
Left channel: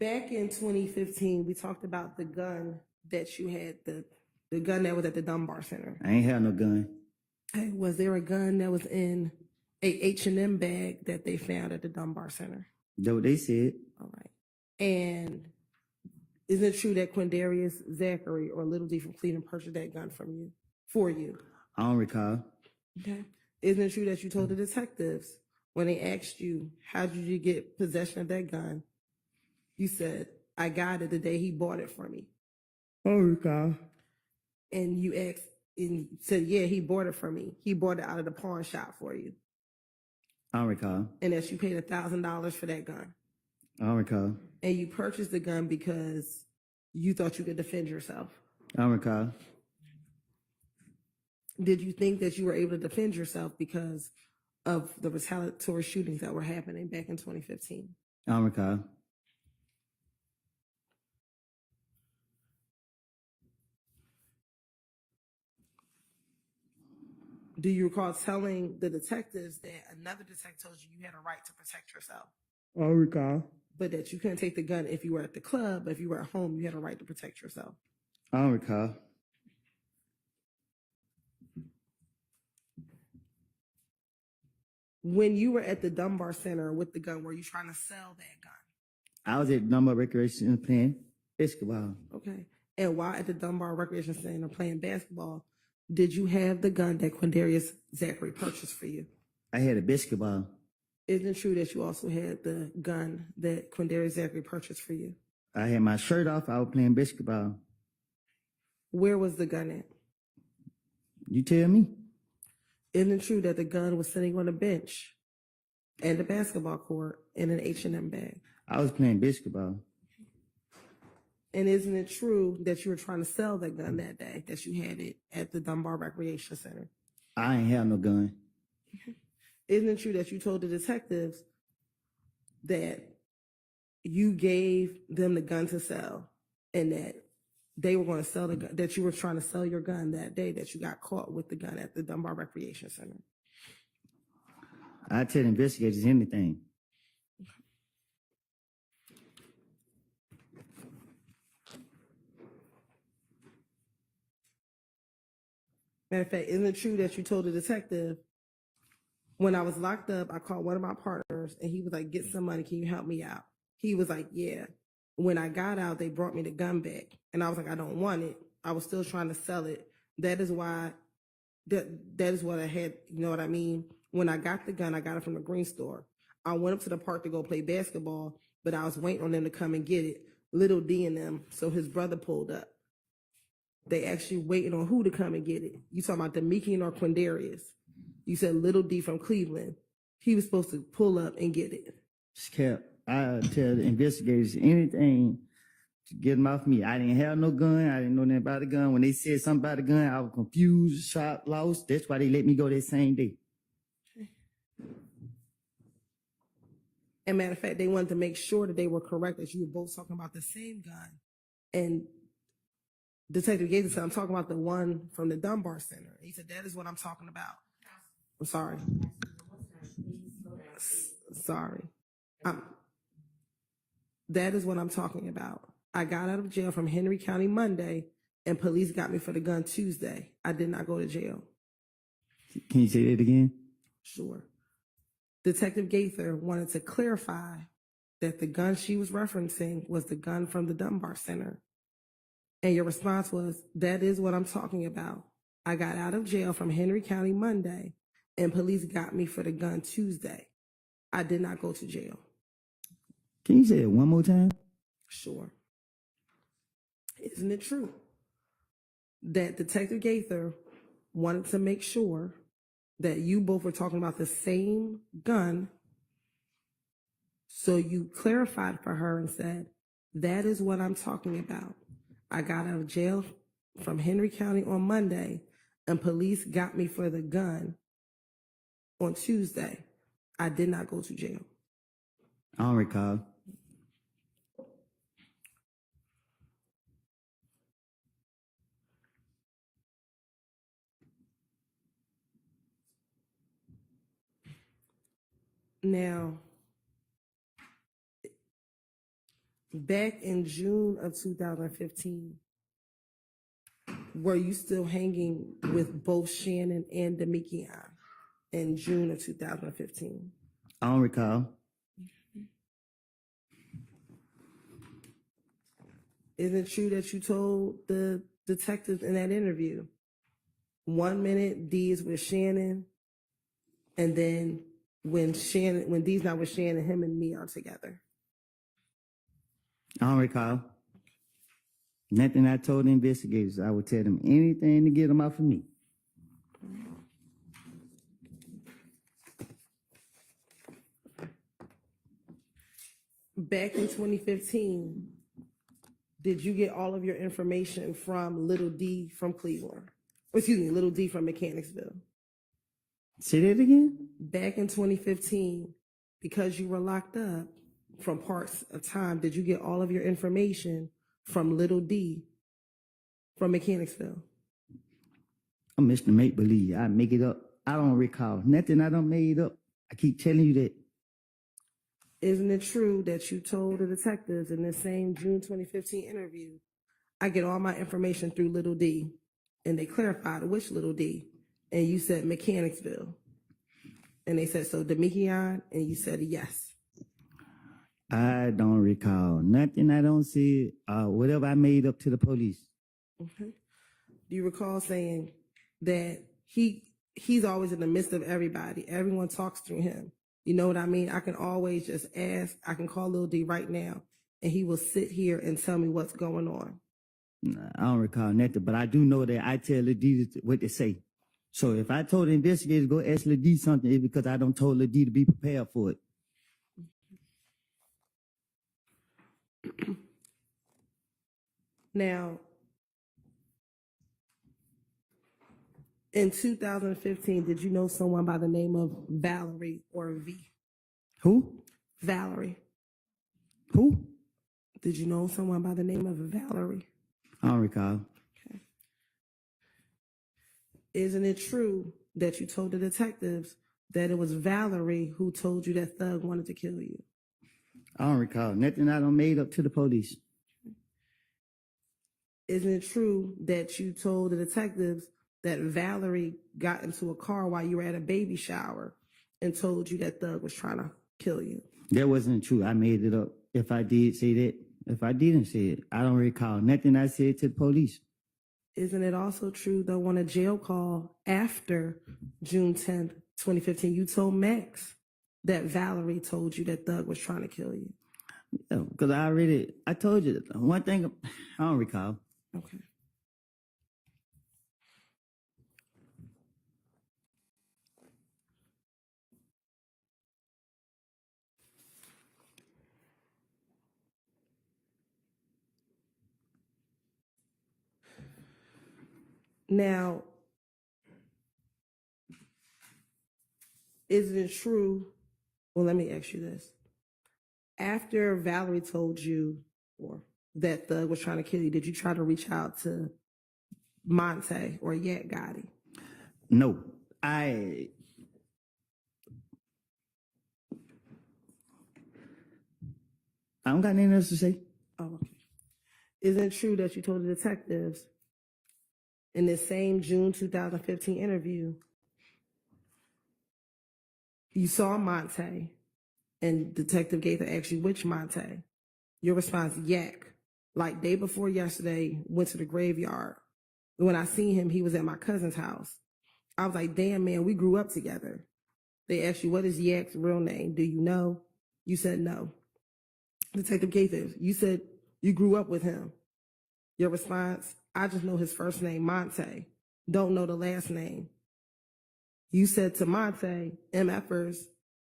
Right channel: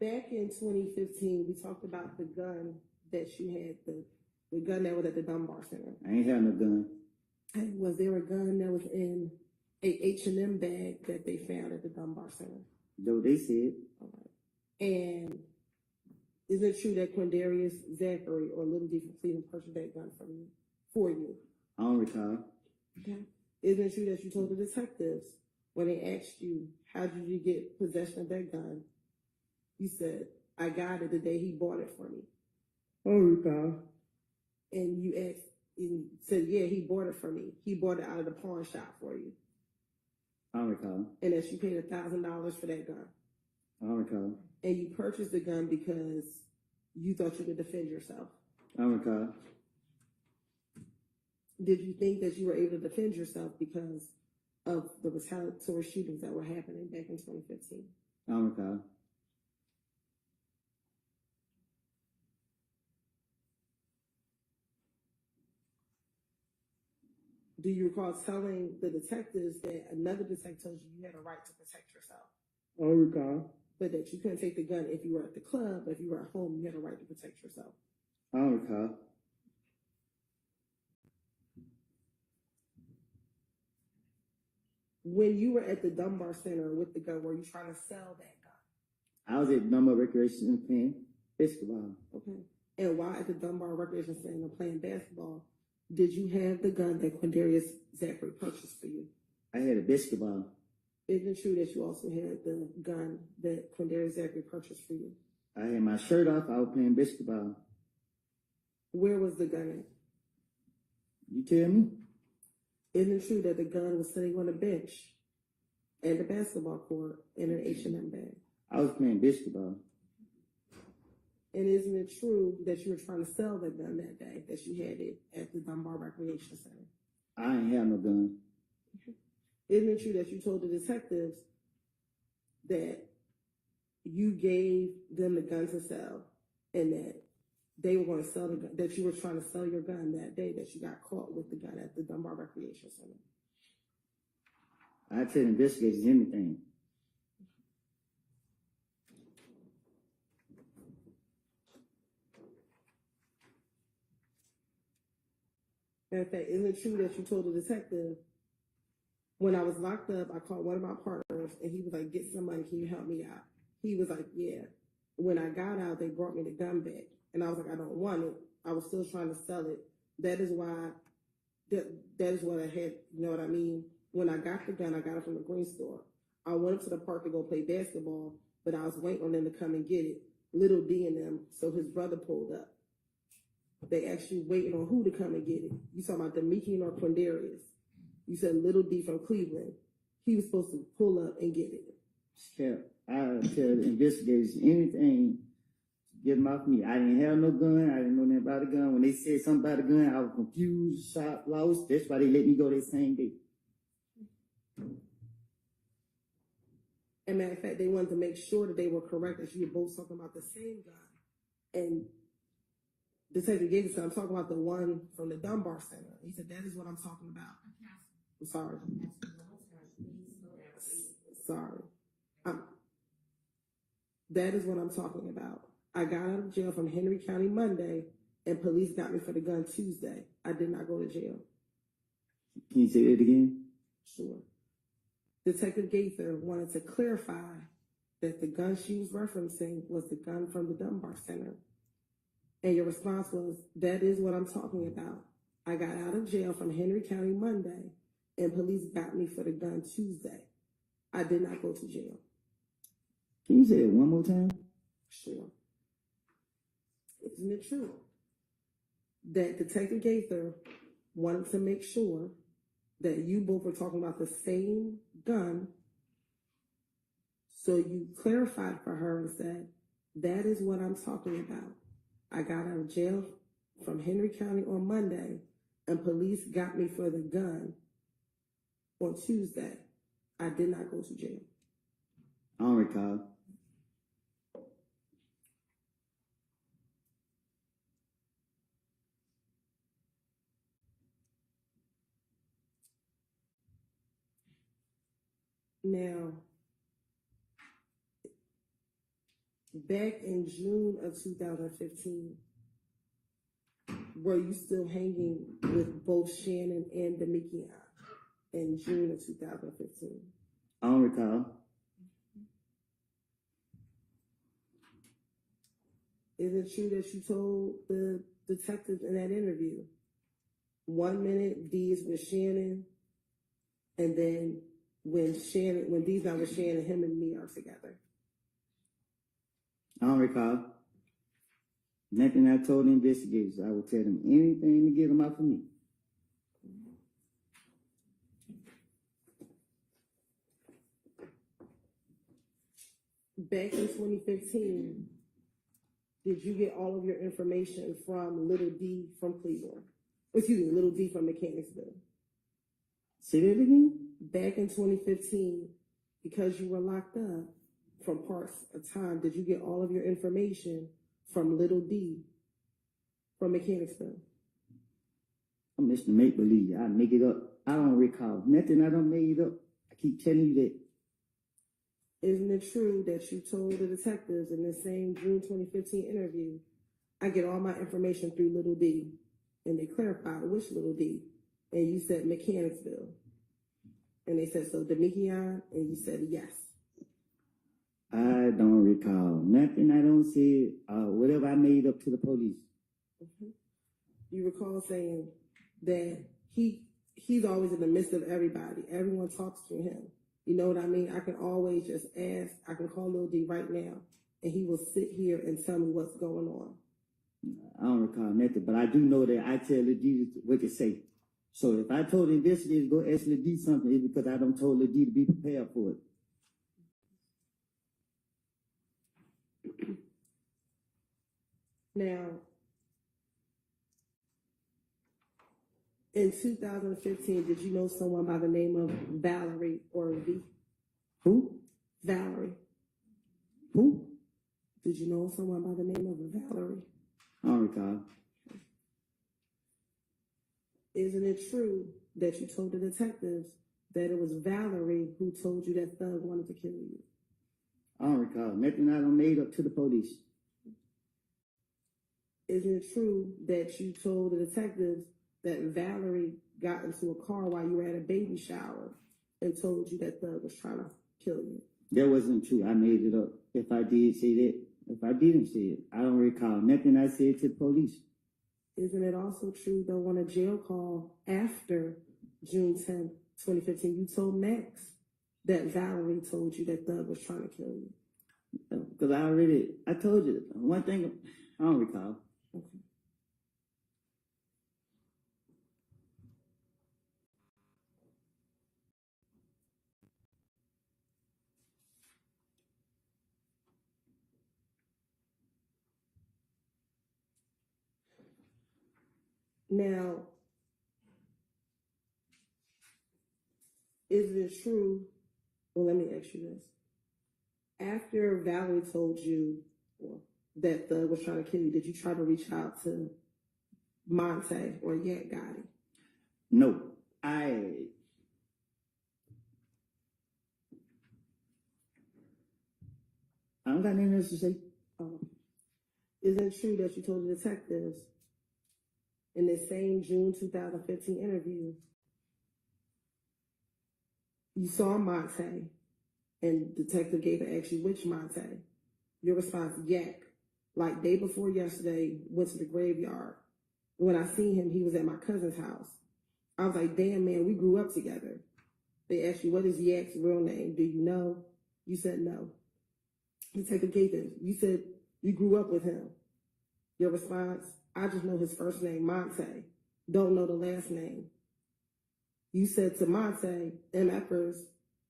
back in 2015, we talked about the gun that you had, the gun that was at the Dunbar Center. I ain't had no gun. Hey, was there a gun that was in a H&M bag that they found at the Dunbar Center? That's what they said. All right. And is it true that Quindarius Zachary or Little D from Cleveland purchased that gun for you? I don't recall. Okay. Isn't it true that you told the detectives when they asked you, how did you get possession of that gun? You said, I got it the day he bought it for me. I don't recall. And you asked, and you said, yeah, he bought it for me. He bought it out of the pawn shop for you. I don't recall. And that you paid $1,000 for that gun. I don't recall. And you purchased the gun because you thought you could defend yourself. I don't recall. Did you think that you were able to defend yourself because of the retaliatory shootings that were happening back in 2015? I don't recall. Do you recall telling the detectives that another detective told you you had a right to protect yourself? I recall. but that you couldn't take the gun if you were at the club, but if you were at home, you had a right to protect yourself. I don't recall. When you were at the Dunbar Center with the gun, were you trying to sell that gun? I was at Dunbar Recreation Center playing basketball. Okay. And while at the Dunbar Recreation Center playing basketball, did you have the gun that Quindarius Zachary purchased for you? I had a basketball. Isn't it true that you also had the gun that Quindarius Zachary purchased for you? I had my shirt off. I was playing basketball. Where was the gun at? You tell me. Isn't it true that the gun was sitting on a bench and the basketball court in an H&M bag? I was playing basketball. And isn't it true that you were trying to sell that gun that day, that you had it at the Dunbar Recreation Center? I ain't have no gun. Isn't it true that you told the detectives that you gave them the gun to sell and that they were going to sell the gun, that you were trying to sell your gun that day, that you got caught with the gun at the Dunbar Recreation Center? I tell investigators anything. Matter of fact, isn't it true that you told the detective, when I was locked up, I called one of my partners and he was like, get some money, can you help me out? He was like, yeah. When I got out, they brought me the gun back. And I was like, I don't want it. I was still trying to sell it. That is why, that is what I had, you know what I mean? When I got the gun, I got it from the green store. I went up to the park to go play basketball, but I was waiting on them to come and get it. Little D and them, so his brother pulled up. They actually waiting on who to come and get it. You talking about Demikian or Quindarius? You said Little D from Cleveland. He was supposed to pull up and get it. Cap, I tell the investigators anything to get them off me. I didn't have no gun. I didn't know nothing about the gun. When they said something about the gun, I was confused, shocked, lost. That's why they let me go that same day. And matter of fact, they wanted to make sure that they were correct, that you were both talking about the same gun. And Detective Gates said, I'm talking about the one from the Dunbar Center. He said, that is what I'm talking about. I'm sorry. Sorry. That is what I'm talking about. I got out of jail from Henry County Monday, and police got me for the gun Tuesday. I did not go to jail. Can you say that again? Sure. Detective Gaither wanted to clarify that the gun she was referencing was the gun from the Dunbar Center. And your response was, that is what I'm talking about. I got out of jail from Henry County Monday, and police got me for the gun Tuesday. I did not go to jail. Can you say it one more time? Sure. Isn't it true that Detective Gaither wanted to make sure that you both were talking about the same gun, so you clarified for her and said, that is what I'm talking about. I got out of jail from Henry County on Monday, and police got me for the gun on Tuesday. I did not go to jail. I don't recall. Now, back in June of 2015, were you still hanging with both Shannon and Demikian in June of 2015? I don't recall. Isn't it true that you told the detectives in that interview, 1 minute D is with Shannon, and then when D's not with Shannon, him and me are together? I don't recall. Nothing I told the investigators. I would tell them anything to get them off of me. Back in 2015, did you get all of your information from Little D from Cleveland? Excuse me, Little D from Mechanicsville. Say that again? Back in 2015, because you were locked up from parts of time, did you get all of your information from Little D from Mechanicsville? I'm Mr. Make Believe. I make it up. I don't recall. Nothing I don't made up. I keep telling you that. Isn't it true that you told the detectives in this same June 2015 interview, I get all my information through Little D, and they clarified which Little D, and you said Mechanicsville, and they said, so Demekion, and you said yes. I don't recall nothing. I don't say whatever I made up to the police. Okay. Do you recall saying that he's always in the midst of everybody? Everyone talks through him. You know what I mean? I can always just ask. I can call Lil D right now, and he will sit here and tell me what's going on. Nah, I don't recall nothing, but I do know that I tell Lil D what to say. So if I told the investigators go ask Lil D something, it's because I don't told Lil D to be prepared for it. Now, in 2015, did you know someone by the name of Valerie or V? Who? Valerie. Who? Did you know someone by the name of Valerie? I don't recall. Okay. Isn't it true that you told the detectives that it was Valerie who told you that Thug wanted to kill you? I don't recall nothing. I done made up to the police. Isn't it true that you told the detectives that Valerie got into a car while you were at a baby shower and told you that Thug was trying to kill you? That wasn't true. I made it up. If I did say that, if I didn't say it, I don't recall nothing I said to the police. Isn't it also true, though, on a jail call after June 10th, 2015, you told Max that Valerie told you that Thug was trying to kill you? Because I told you one thing, I don't recall. Okay. Now, is it true? Well, let me ask you this. After Valerie told you or that Thug was trying to kill you, did you try to reach out to Monte or Yak Gotti? No, I don't got anything else to say. Oh, okay. Is it true that you told the detectives in this same June 2015 interview, you saw Monte and Detective Gaither asked you which Monte? Your response, Yak. Like day before yesterday, went to the graveyard. When I seen him, he was at my cousin's house. I was like, damn, man, we grew up together. They asked you, what is Yak's real name? Do you know? You said no. Detective Gaither, you said you grew up with him. Your response, I just know his first name, Monte. Don't know the last name. You said to Monte, MFers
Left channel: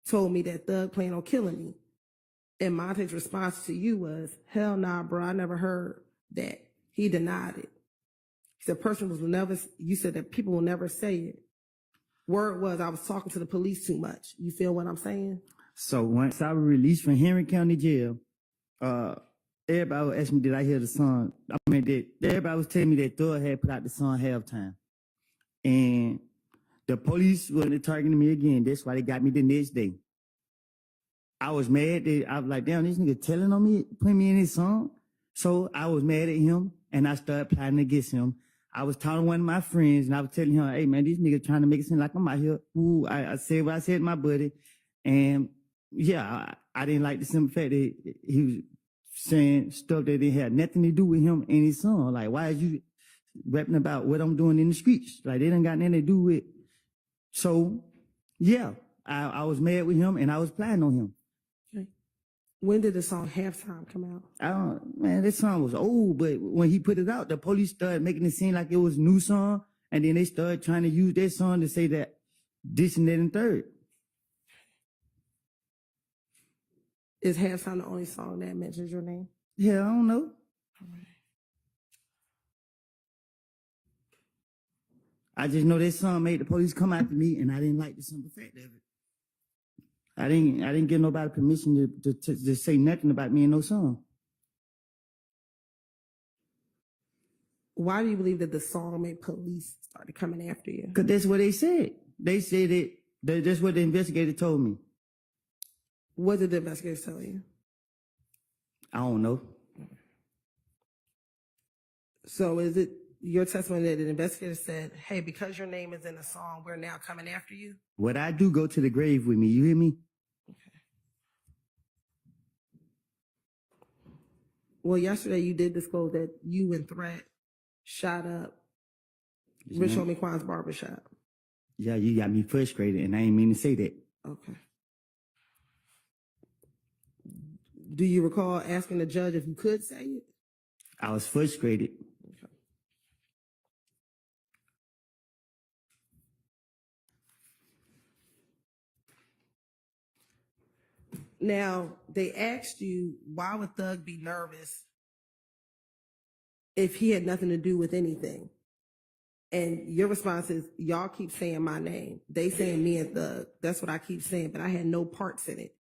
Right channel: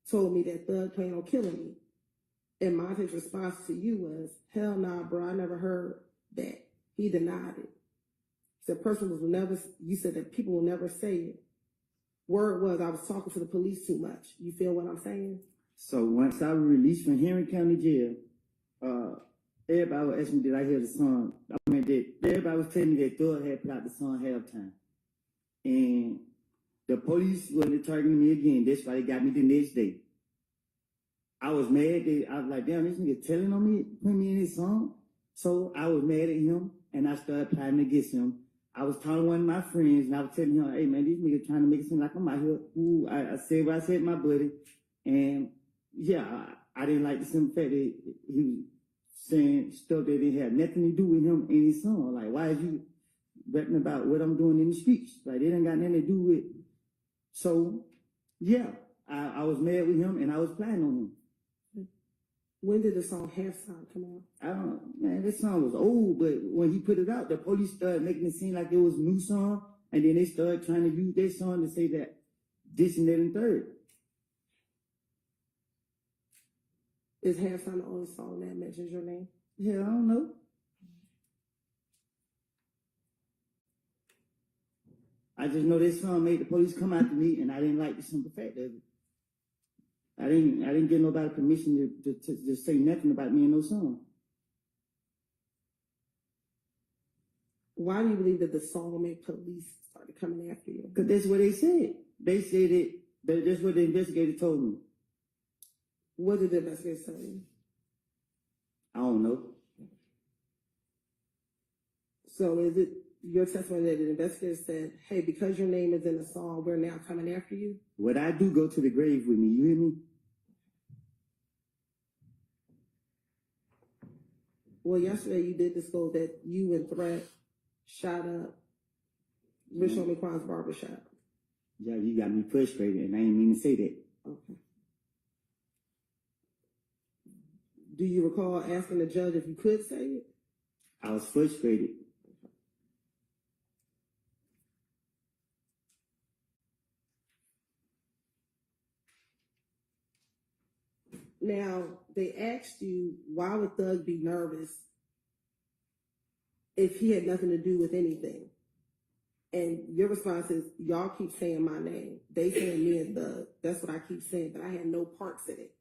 told me that Thug planned on killing me. And Monte's response to you was, hell nah, bro, I never heard that. He denied it. He said, you said that people will never say it. Word was, I was talking to the police too much. You feel what I'm saying? So once I was released from Henry County Jail, everybody was asking me, did I hear the song? Everybody was telling me that Thug had put out the song Halftime. And the police were targeting me again. That's why they got me the next day. I was mad. I was like, damn, this nigga telling on me, putting me in his song. So I was mad at him, and I started plotting against him. I was talking to one of my friends, and I was telling him, hey, man, this nigga trying to make it seem like I'm out here. Ooh, I said what I said to my buddy. And, yeah, I didn't like the simple fact that he was saying stuff that didn't have nothing to do with him and his song. Like, why is you rapping about what I'm doing in the streets? Like, they done got nothing to do with. So, yeah, I was mad with him, and I was plotting on him. Okay. When did the song Halftime come out? Man, this song was old, but when he put it out, the police started making it seem like it was a new song, and then they started trying to use that song to say that this and that and third. Is Halftime the only song that mentions your name? Yeah, I don't know. I just know this song made the police come after me, and I didn't like the simple fact of it. I didn't give nobody permission to say nothing about me in no song. Why do you believe that the song made police started coming after you? Because that's what they said. They said it. That's what the investigator told me. What did the investigators tell you? I don't know. So is it your testimony that the investigator said, hey, because your name is in the song, we're now coming after you? What I do go to the grave with me, you hear me? Well, yesterday you did disclose that you and Threat shot up Rich Homie Quan's barbershop. Yeah, you got me frustrated, and I ain't mean to say that. Okay. Do you recall asking the judge if you could say it? I was frustrated. Okay. Now, they asked you, why would Thug be nervous if he had nothing to do with anything? And your response is, y'all keep saying my name. They saying me and Thug. That's what I keep saying, but I had no parts in it.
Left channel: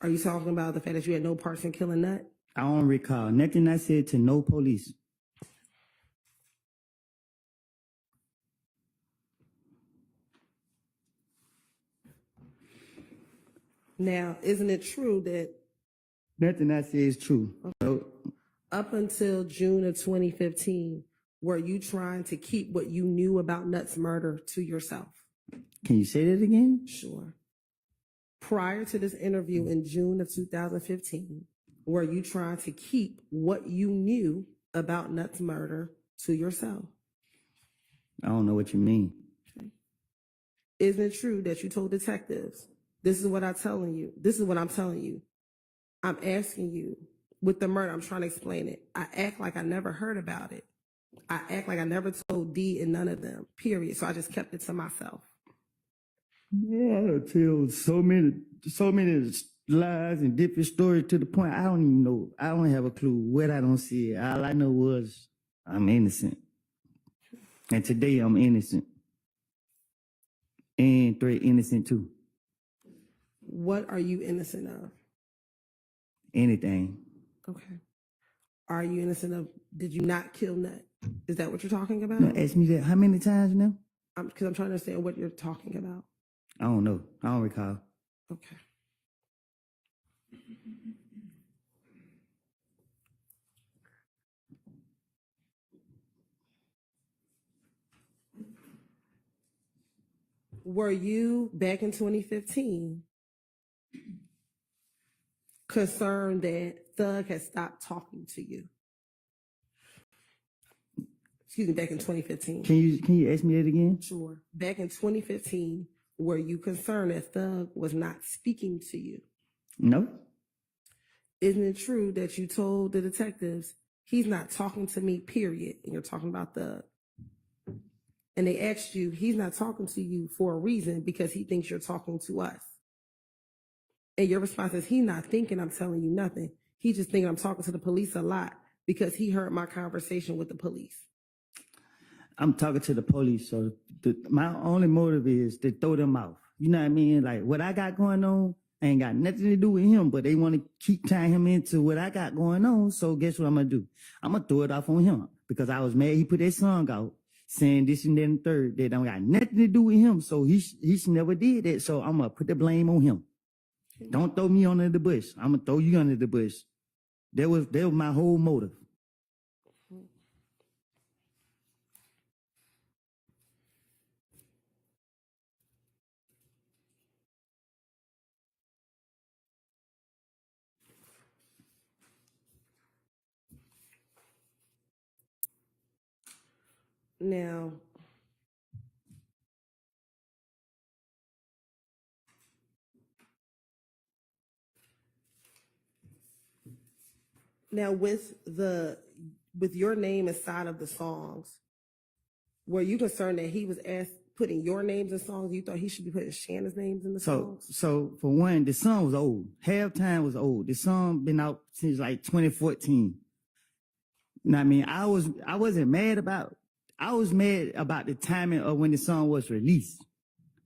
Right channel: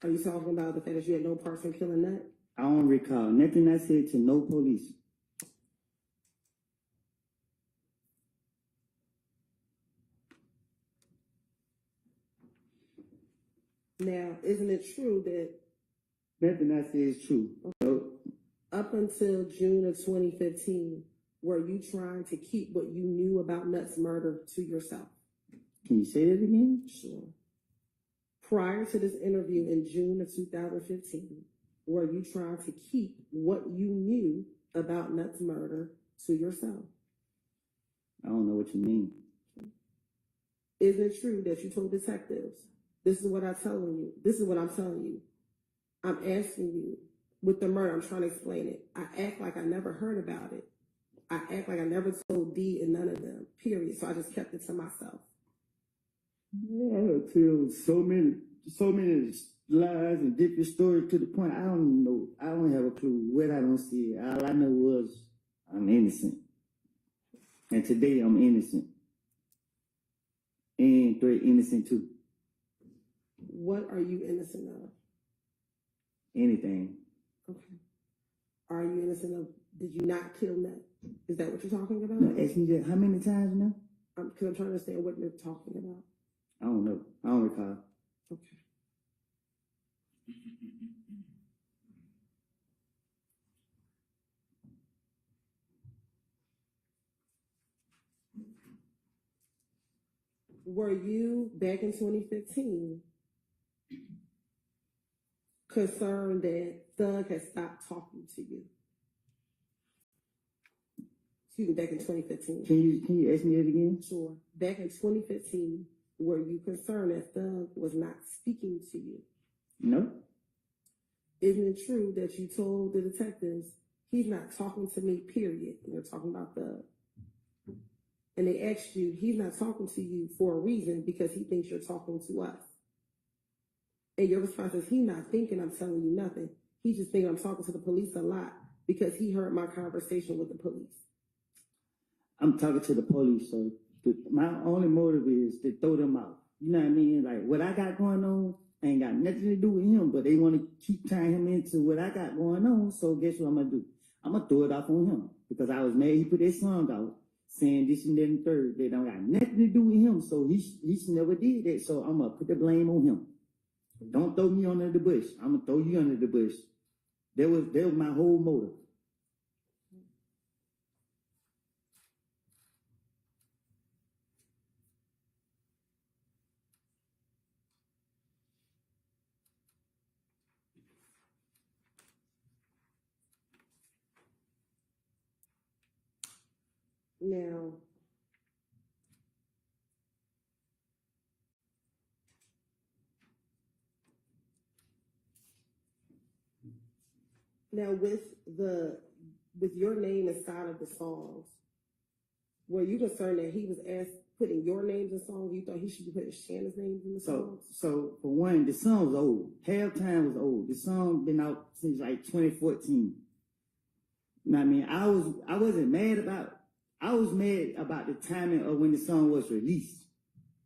Are you talking about the fact that you had no parts in killing Nut? I don't recall nothing I said to no police. Now, isn't it true that Nothing I said is true. So, up until June of 2015, were you trying to keep what you knew about Nut's murder to yourself? can you say that again? Sure. Prior to this interview in June of 2015, were you trying to keep what you knew about Nut's murder to yourself? I don't know what you mean. Isn't it true that you told detectives, this is what I'm telling you, this is what I'm telling you, I'm asking you, with the murder, I'm trying to explain it. I act like I never heard about it. I act like I never told D and none of them, period. So I just kept it to myself. Yeah, I tell so many lies and different stories to the point I don't even know. I don't have a clue what I don't see. All I know was I'm innocent. And today I'm innocent. And Threat innocent too. What are you innocent of? Anything. Okay. Are you innocent of, did you not kill Nut? Is that what you're talking about? Now, ask me that how many times now? Because I'm trying to understand what you're talking about. I don't know. I don't recall. Okay. Were you, back in 2015, concerned that Thug had stopped talking to you? Excuse me, back in 2015. Can you ask me that again? Sure. Back in 2015, were you concerned that Thug was not speaking to you? No. Isn't it true that you told the detectives, he's not talking to me, period, and you're talking about Thug? And they asked you, he's not talking to you for a reason because he thinks you're talking to us. And your response is, he's not thinking I'm telling you nothing. He's just thinking I'm talking to the police a lot because he heard my conversation with the police. I'm talking to the police, so my only motive is to throw them off. You know what I mean? Like, what I got going on ain't got nothing to do with him, but they want to keep tying him into what I got going on, so guess what I'm going to do? I'm going to throw it off on him because I was mad he put that song out saying this and that and third. That don't got nothing to do with him, so he never did that, so I'm going to put the blame on him. Don't throw me under the bush. I'm going to throw you under the bush. That was my whole motive. Now with your name inside of the songs, were you concerned that he was putting your names in songs? You thought he should be putting Shannon's names in the songs? So for one, the song was old. Halftime was old. The song been out since like 2014. You know what I mean? I wasn't mad about. I was mad about the timing of when the song was released,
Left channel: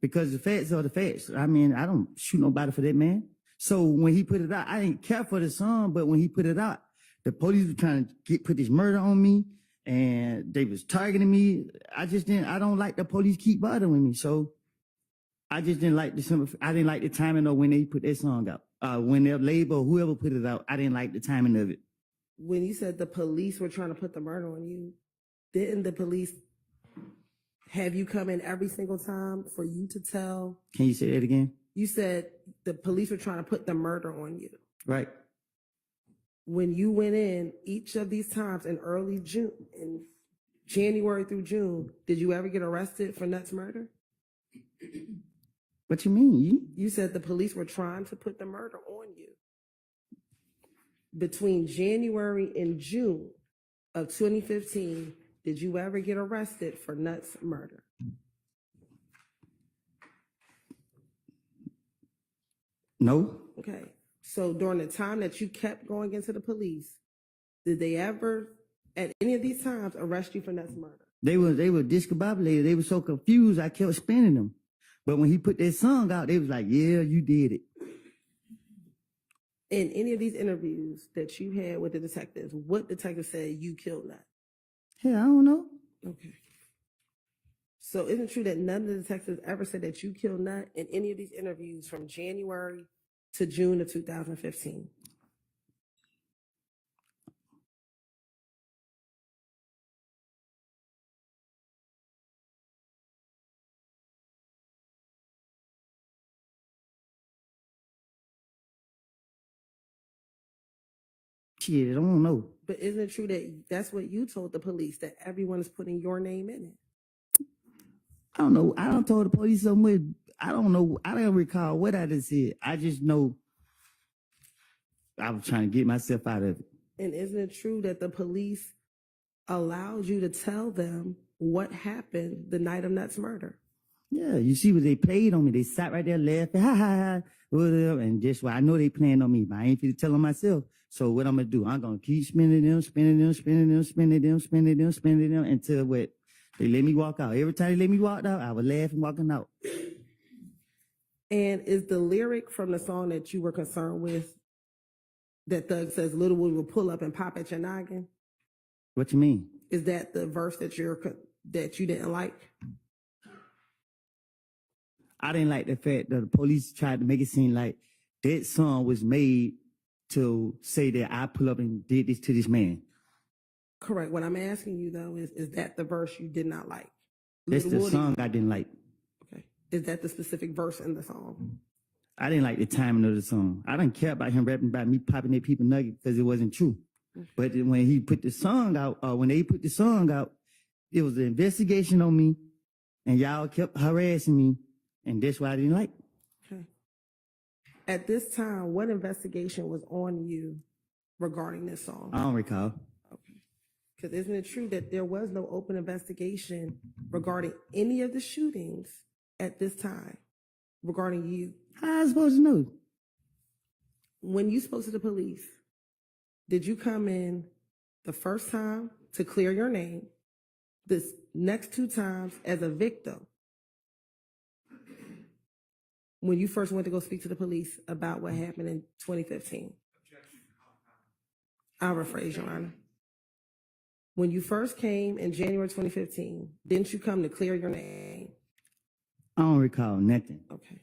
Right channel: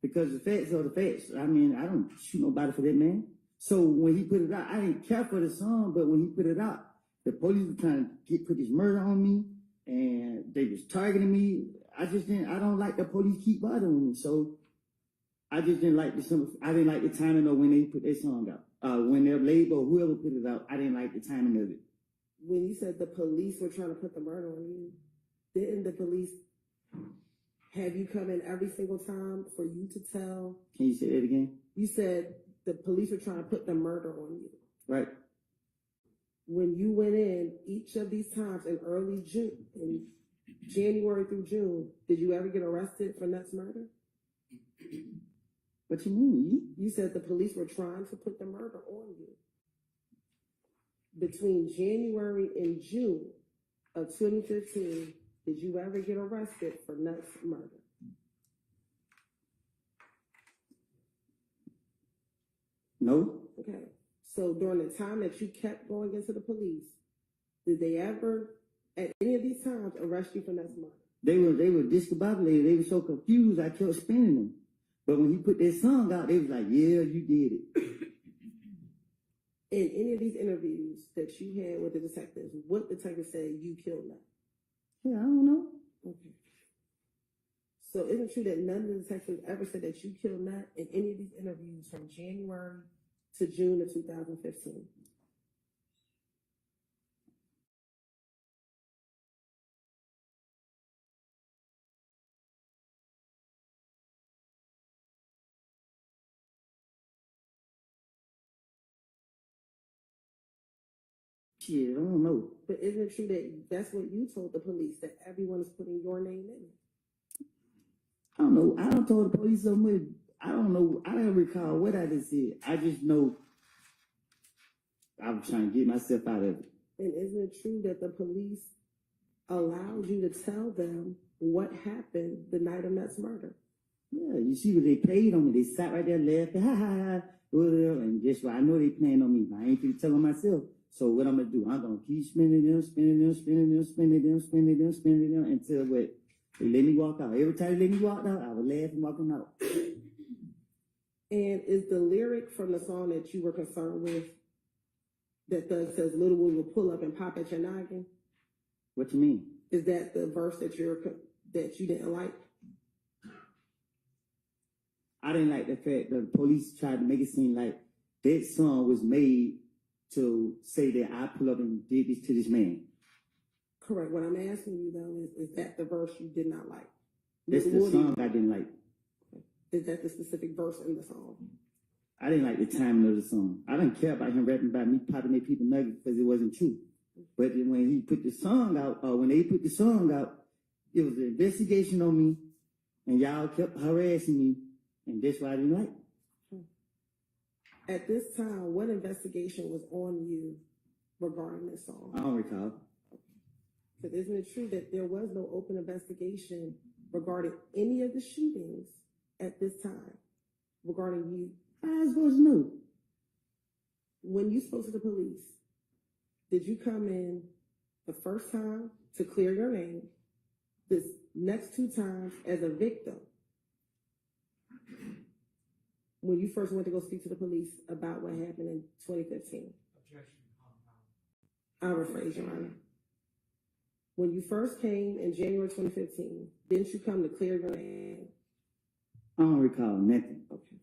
because the facts are the facts. I mean, I don't shoot nobody for that, man. So when he put it out, I didn't care for the song, but when he put it out, the police were trying to put this murder on me, and they was targeting me. I don't like the police keep bothering me. So I just didn't like I didn't like the timing of when they put that song out. When their label, whoever put it out, I didn't like the timing of it. When you said the police were trying to put the murder on you, didn't the police have you come in every single time for you to tell? Can you say that again? You said the police were trying to put the murder on you. Right. When you went in each of these times in early June, in January through June, did you ever get arrested for Nuts murder? What you mean? You said the police were trying to put the murder on you. Between January and June of 2015, did you ever get arrested for Nuts murder? No. Okay. So during the time that you kept going into the police, did they ever, at any of these times, arrest you for Nuts murder? They were discombobulated. They were so confused. I kept spinning them. But when he put that song out, they was like, "Yeah, you did it." In any of these interviews that you had with the detectives, what detective said you killed Nut? Yeah, I don't know. Okay. So isn't it true that none of the detectives ever said that you killed Nut in any of these interviews from January to June of 2015? Shit, I don't know. But isn't it true that that's what you told the police, that everyone is putting your name in it? I don't know. I don't told the police so much. I don't know. I don't recall what I just said. I just know I was trying to get myself out of it. And isn't it true that the police allowed you to tell them what happened the night of Nuts murder? Yeah, you see what they played on me. They sat right there laughing, ha ha ha, whatever. And just why I know they playing on me, but I ain't finna tell them myself. So what I'm gonna do? I'm gonna keep spinning them, spinning them, spinning them, spinning them, spinning them, spinning them until what? They let me walk out. Every time they let me walk out, I was laughing walking out. And is the lyric from the song that you were concerned with that Thug says Lil Woody will pull up and pop at your noggin? What you mean? Is that the verse that you didn't like? I didn't like the fact that the police tried to make it seem like that song was made to say that I pull up and did this to this man. Correct. What I'm asking you though is that the verse you did not like? That's Lil the Woody. song I didn't like. Okay. Is that the specific verse in the song? I didn't like the timing of the song. I didn't care about him rapping about me popping at people nuggets because it wasn't true. But then when he put the song out, when they put the song out, it was an investigation on me, and y'all kept harassing me, and that's why I didn't like. Okay. At this time, what investigation was on you regarding this song? I don't recall. Okay. Because isn't it true that there was no open investigation regarding any of the shootings at this time regarding you? How I supposed to know? When you spoke to the police, did you come in the first time to clear your name, this next two times as a victim? When you first went to go speak to the police about what happened in 2015? I'll rephrase, Your Honor. When you first came in January 2015, didn't you come to clear your name? I don't recall nothing. Okay.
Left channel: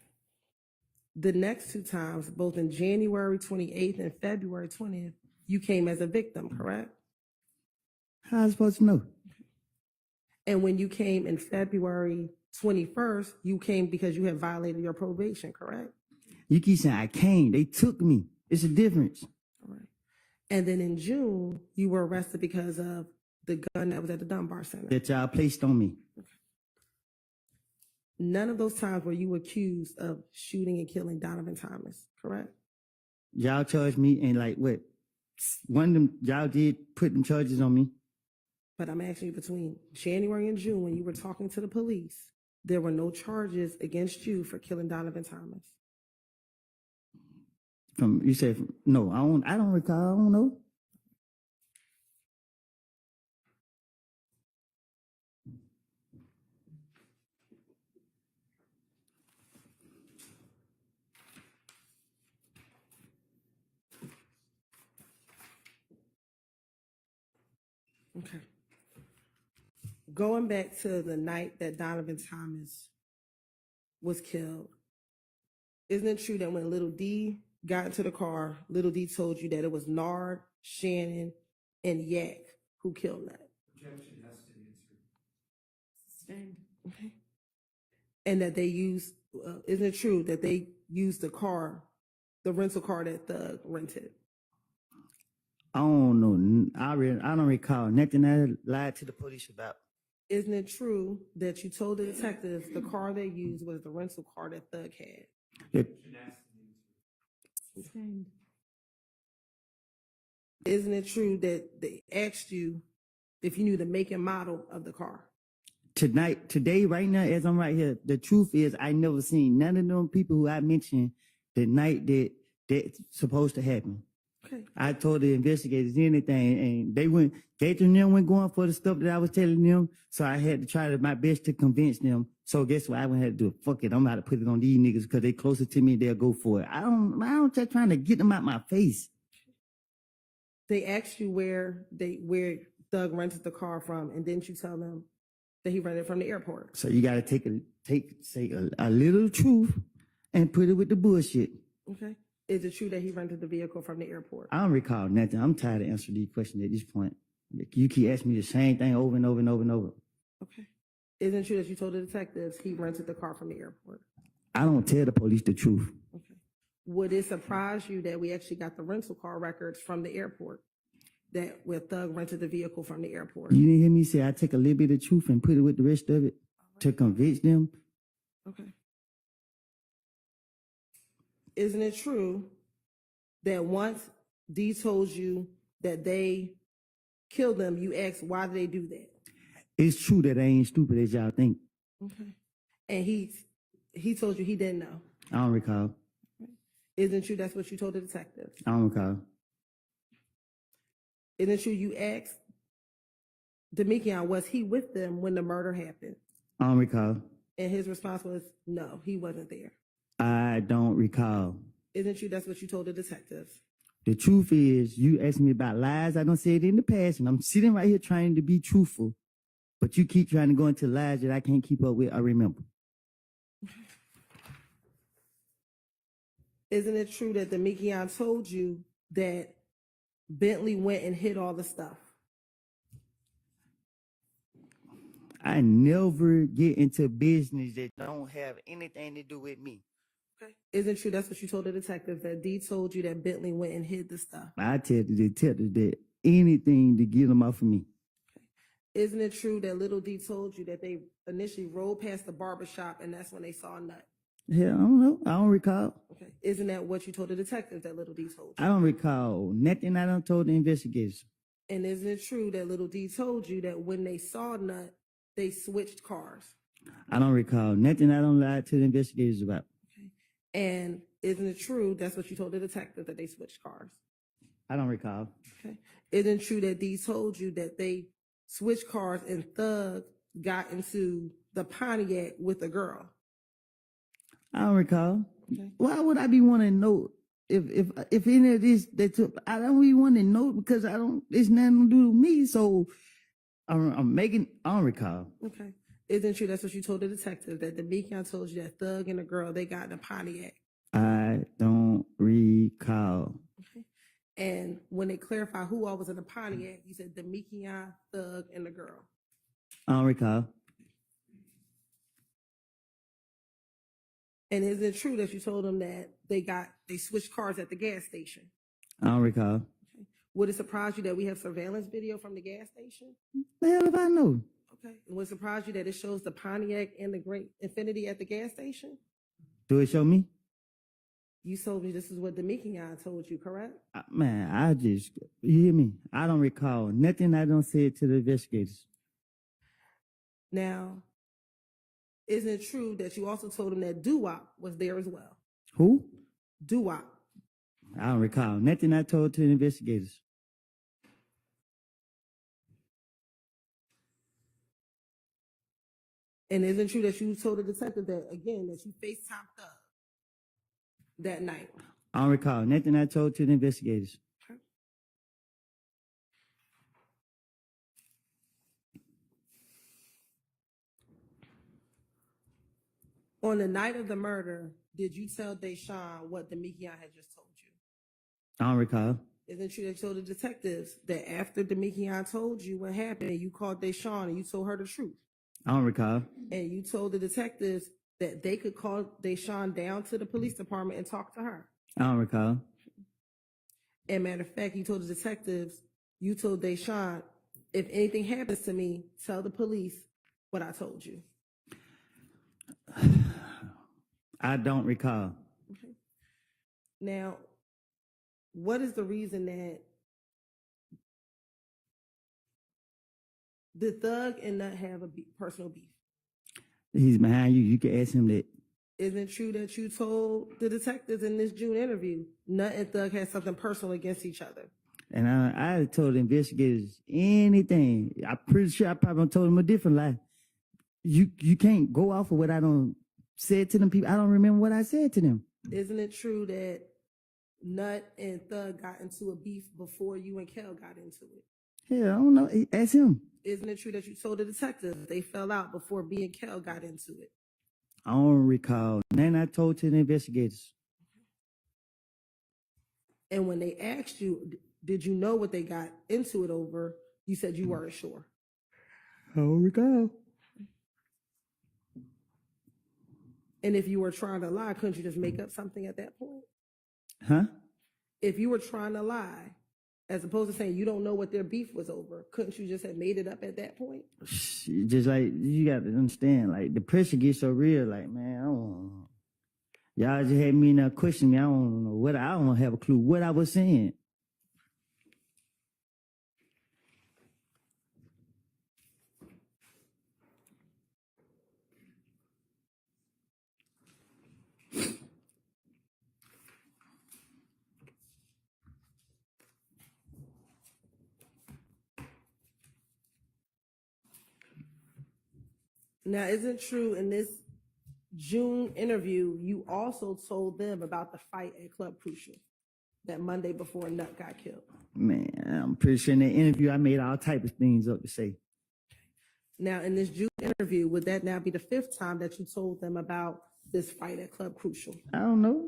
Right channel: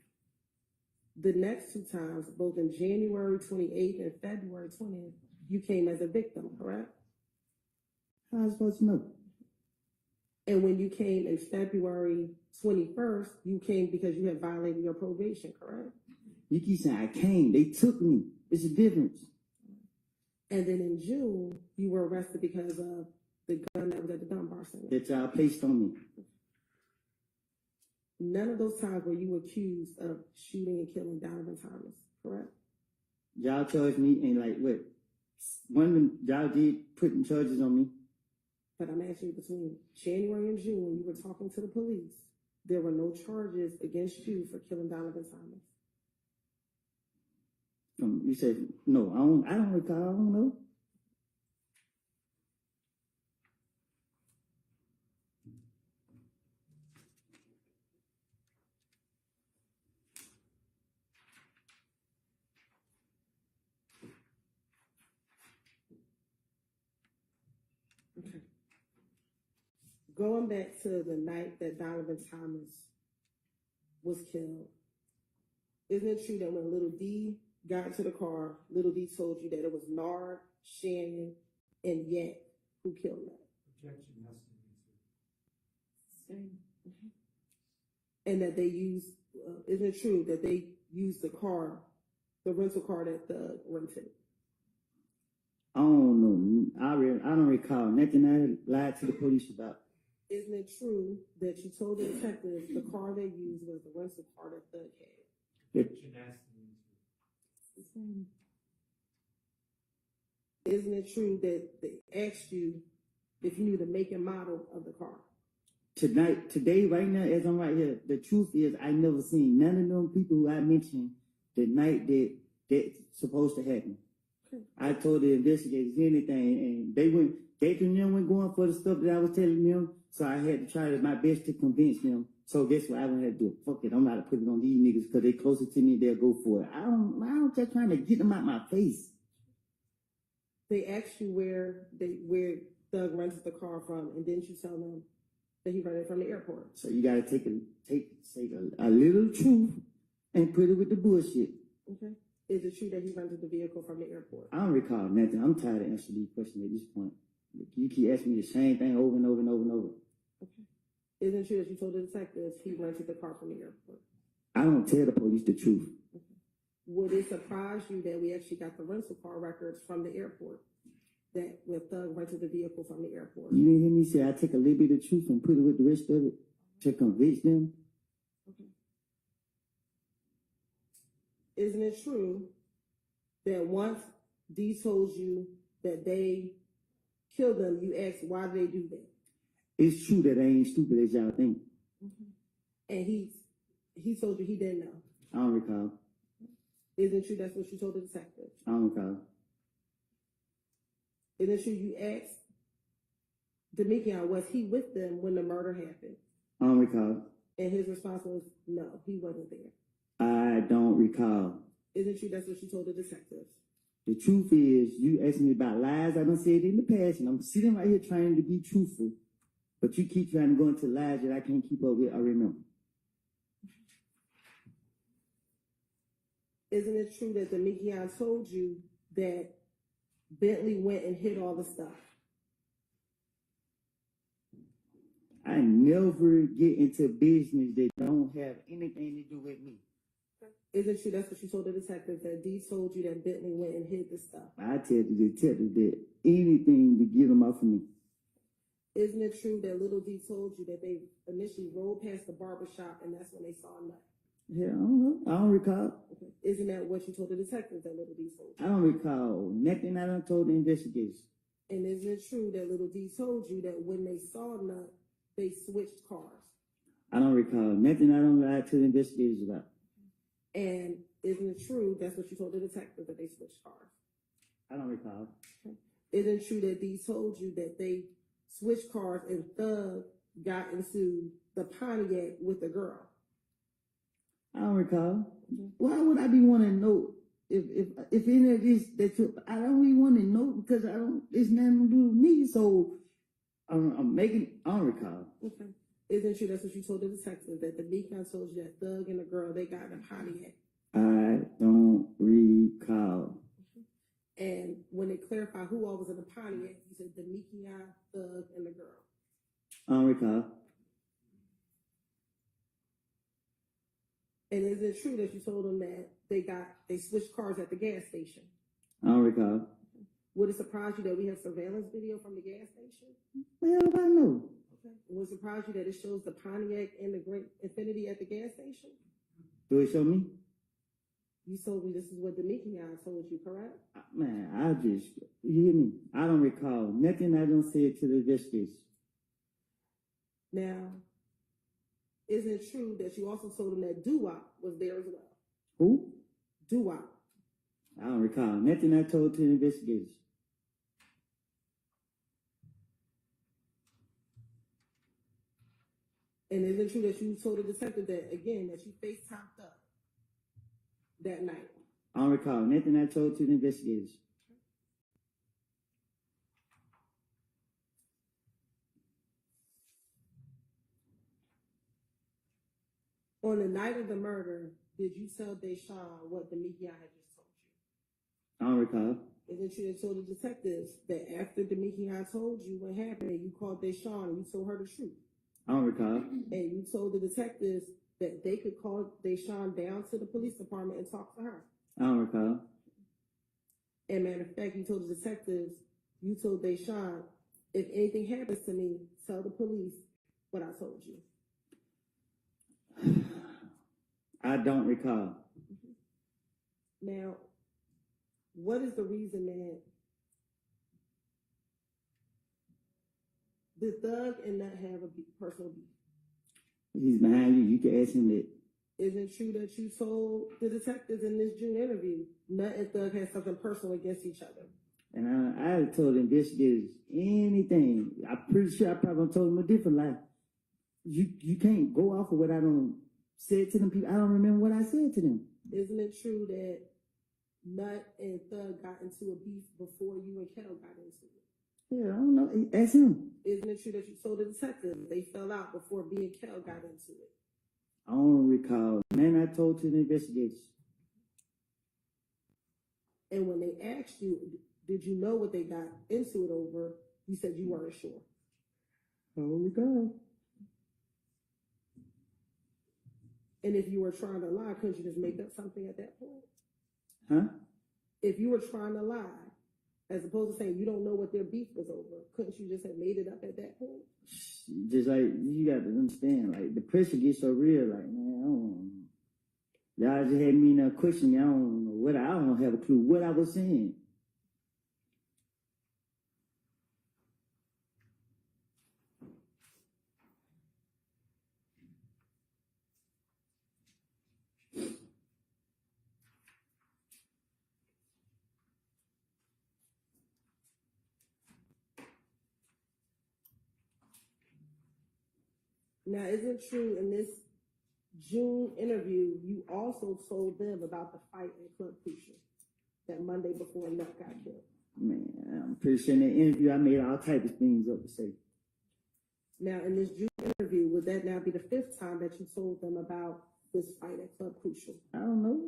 The next two times, both in January 28th and February 20th, you came as a victim, correct? How I supposed to know? And when you came in February 21st, you came because you had violated your probation, correct? You keep saying I came. They took me. It's a difference. All right. And then in June, you were arrested because of the gun that was at the Dunbar Center. That y'all placed on me. None of those times were you accused of shooting and killing Donovan Thomas, correct? Y'all charged me, and like what? One of them, y'all did put them charges on me. But I'm asking you, between January and June, when you were talking to the police, there were no charges against you for killing Donovan Thomas. You said no. I don't recall. I don't know. Okay. Going back to the night that Donovan Thomas was killed, isn't it true that when Little D got into the car, Little D told you that it was Nard, Shannon, and Yak who killed Nut? Objection, has to be answered. Sustained. Okay. And that they used, isn't it true that they used the car, the rental car that Thug rented? I don't know. I don't recall nothing I lied to the police about. Isn't it true that you told the detectives the car they used was the rental car that Thug had? That- Objection, has to be answered. Sustained. Isn't it true that they asked you if you knew the make and model of the car? today, right now, as I'm right here, the truth is I never seen none of them people who I mentioned the night that that's supposed to happen. Okay. I told the investigators anything, and they went going for the stuff that I was telling them. So I had to try my best to convince them. So guess what? I would have to do it. Fuck it. I'm about to put it on these niggas because they closer to me. They'll go for it. I don't just trying to get them out my face. They asked you where Thug rented the car from, and didn't you tell them that he rented it from the airport? So you got to say a little truth and put it with the bullshit. Okay. Is it true that he rented the vehicle from the airport? I don't recall nothing. I'm tired of answering these questions at this point. You keep asking me the same thing over and over and over and over. Okay. Isn't it true that you told the detectives he rented the car from the airport? I don't tell the police the truth. Okay. Would it surprise you that we actually got the rental car records from the airport, that where Thug rented the vehicle from the airport? You didn't hear me say I take a little bit of truth and put it with the rest of it to convince them? Okay. Isn't it true that once D told you that they killed them, you asked why did they do that? It's true that I ain't stupid as y'all think. Okay. And he told you he didn't know. I don't recall. Isn't it true that's what you told the detective? I don't recall. Isn't it true you asked Demekion, was he with them when the murder happened? I don't recall. And his response was, no, he wasn't there. I don't recall. Isn't it true that's what you told the detectives? The truth is, you asked me about lies. I don't say it in the past, and I'm sitting right here trying to be truthful. But you keep trying to go into lies that I can't keep up with. I remember. Isn't it true that Demekion told you that Bentley went and hid all the stuff? I never get into business that don't have anything to do with me. Okay. Isn't it true that's what you told the detectives, that D told you that Bentley went and hid the stuff? I tell the detective that anything to get them off of me. Isn't it true that Little D told you that they initially rode past the barbershop and that's when they saw Nut? Yeah, I don't know. I don't recall. Okay. Isn't that what you told the detectives that Little D told I you? don't recall nothing I done told the investigators. And isn't it true that Little D told you that when they saw Nut, they switched cars? I don't recall nothing I don't lie to the investigators about. Okay. And isn't it true that's what you told the detectives, that they switched cars? I don't recall. Okay. Isn't it true that D told you that they switched cars and Thug got into the Pontiac with a girl? I don't recall. Okay. Why would I be wanting to know if any of this that took? I don't even want to know because I don't. It's nothing to do with me. So I'm making. I don't recall. Okay. Isn't it true that's what you told the detective, that the Demekion told you that Thug and the girl, they got in a Pontiac? I don't recall. Okay. And when they clarified who all was in the Pontiac, you said Demekion, Thug, and the girl. I don't recall. And is it true that you told them that they switched cars at the gas station? I don't recall. Okay. Would it surprise you that we have surveillance video from the gas station? The hell if I know? Okay. And would it surprise you that it shows the Pontiac and the Great Infinity at the gas station? Do it show me? You told me this is what Demekion told you, correct? Man, you hear me? I don't recall nothing I don't say to the investigators. Now, isn't it true that you also told them that Doo-Wop was there as well? Who? Doo-Wop. I don't recall nothing I told to the investigators. And isn't it true that you told the detective that, again, that you FaceTimed Thug that night? I don't recall nothing I told to the investigators. On the night of the murder, did you tell Deshaun what Demekion had just told you? I don't recall. Isn't it true that you told the detectives that after Demekion told you what happened, you called Deshaun and you told her the truth? I don't recall. And you told the detectives that they could call Deshaun down to the police department and talk to her. I don't recall. And matter of fact, you told the detectives, you told Deshaun, if anything happens to me, tell the police what I told you. I don't recall. Okay. Now, what is the reason that the thug and Nut have a personal beef? He's behind you. You can ask him that. Isn't it true that you told the detectives in this June interview, Nut and Thug had something personal against each other? And I told the investigators anything. I'm pretty sure I probably told them a different lie. You can't go off of what I don't said to them people. I don't remember what I said to them. Isn't it true that Nut and Thug got into a beef before you and Kel got into it? Yeah, I don't know. Ask him. Isn't it true that you told the detectives they fell out before me and Kel got into it? I don't recall. Then I told to the investigators. And when they asked you, did you know what they got into it over? You said you weren't sure. I don't recall. And if you were trying to lie, couldn't you just make up something at that point? Huh? If you were trying to lie, as opposed to saying you don't know what their beef was over, couldn't you just have made it up at that point? Just like, you got to understand, like, the pressure gets so real, like, man, I don't y'all just had me now question me. I don't know what, I don't have a clue what I was saying. Now, is it true in this June interview, you also told them about the fight at Club Crucial that Monday before Nut got killed? Man, I'm pretty sure in that interview I made all type of things up to say. Now, in this June interview, would that now be the 5th time that you told them about this fight at Club Crucial? I don't know.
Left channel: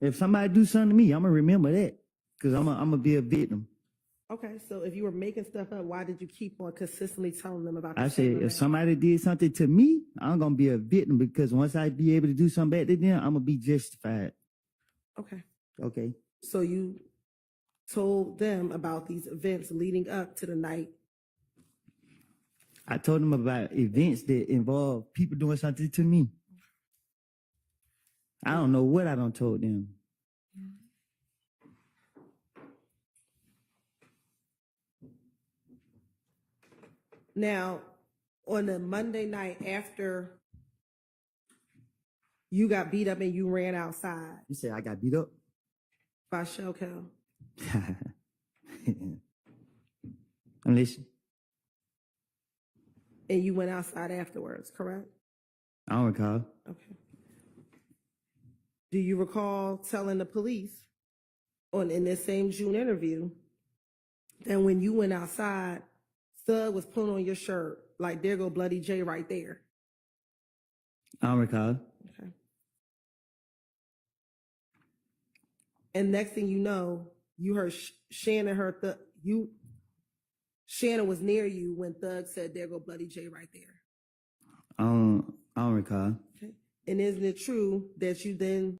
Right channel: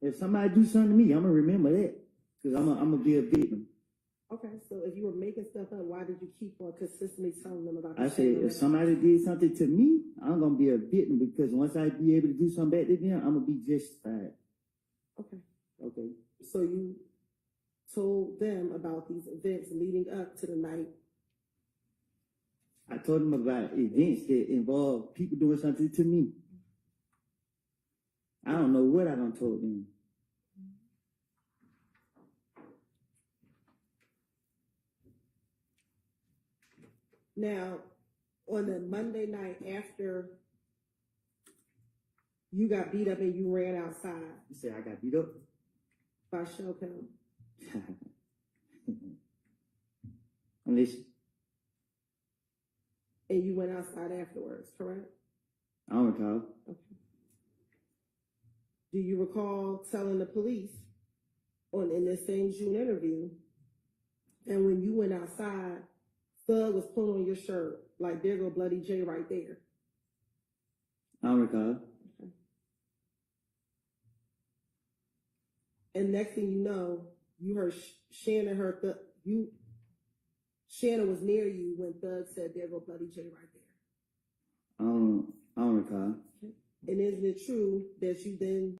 If somebody do something to me, I'm gonna remember that, because I'm gonna be a victim. Okay, so if you were making stuff up, why did you keep on consistently telling them about I the said, same if event? somebody did something to me, I'm gonna be a victim, because once I be able to do something bad to them, I'm gonna be justified. Okay, Okay. so you told them about these events leading up to the night. I told them about events that involve people doing something to me. I don't know what I done told them. Now, on the Monday night after you got beat up and you ran outside You said I got beat up? by Shell Cal, I'm listening. and you went outside afterwards, correct? I don't recall. Okay. Do you recall telling the police in this same June interview that when you went outside, Thug was pulling on your shirt like there go Bloody J right there? I don't recall. Okay. And next thing you know, you heard Shannon Shannon was near you when Thug said there go Bloody J right there. I don't recall. Okay. And isn't it true that you then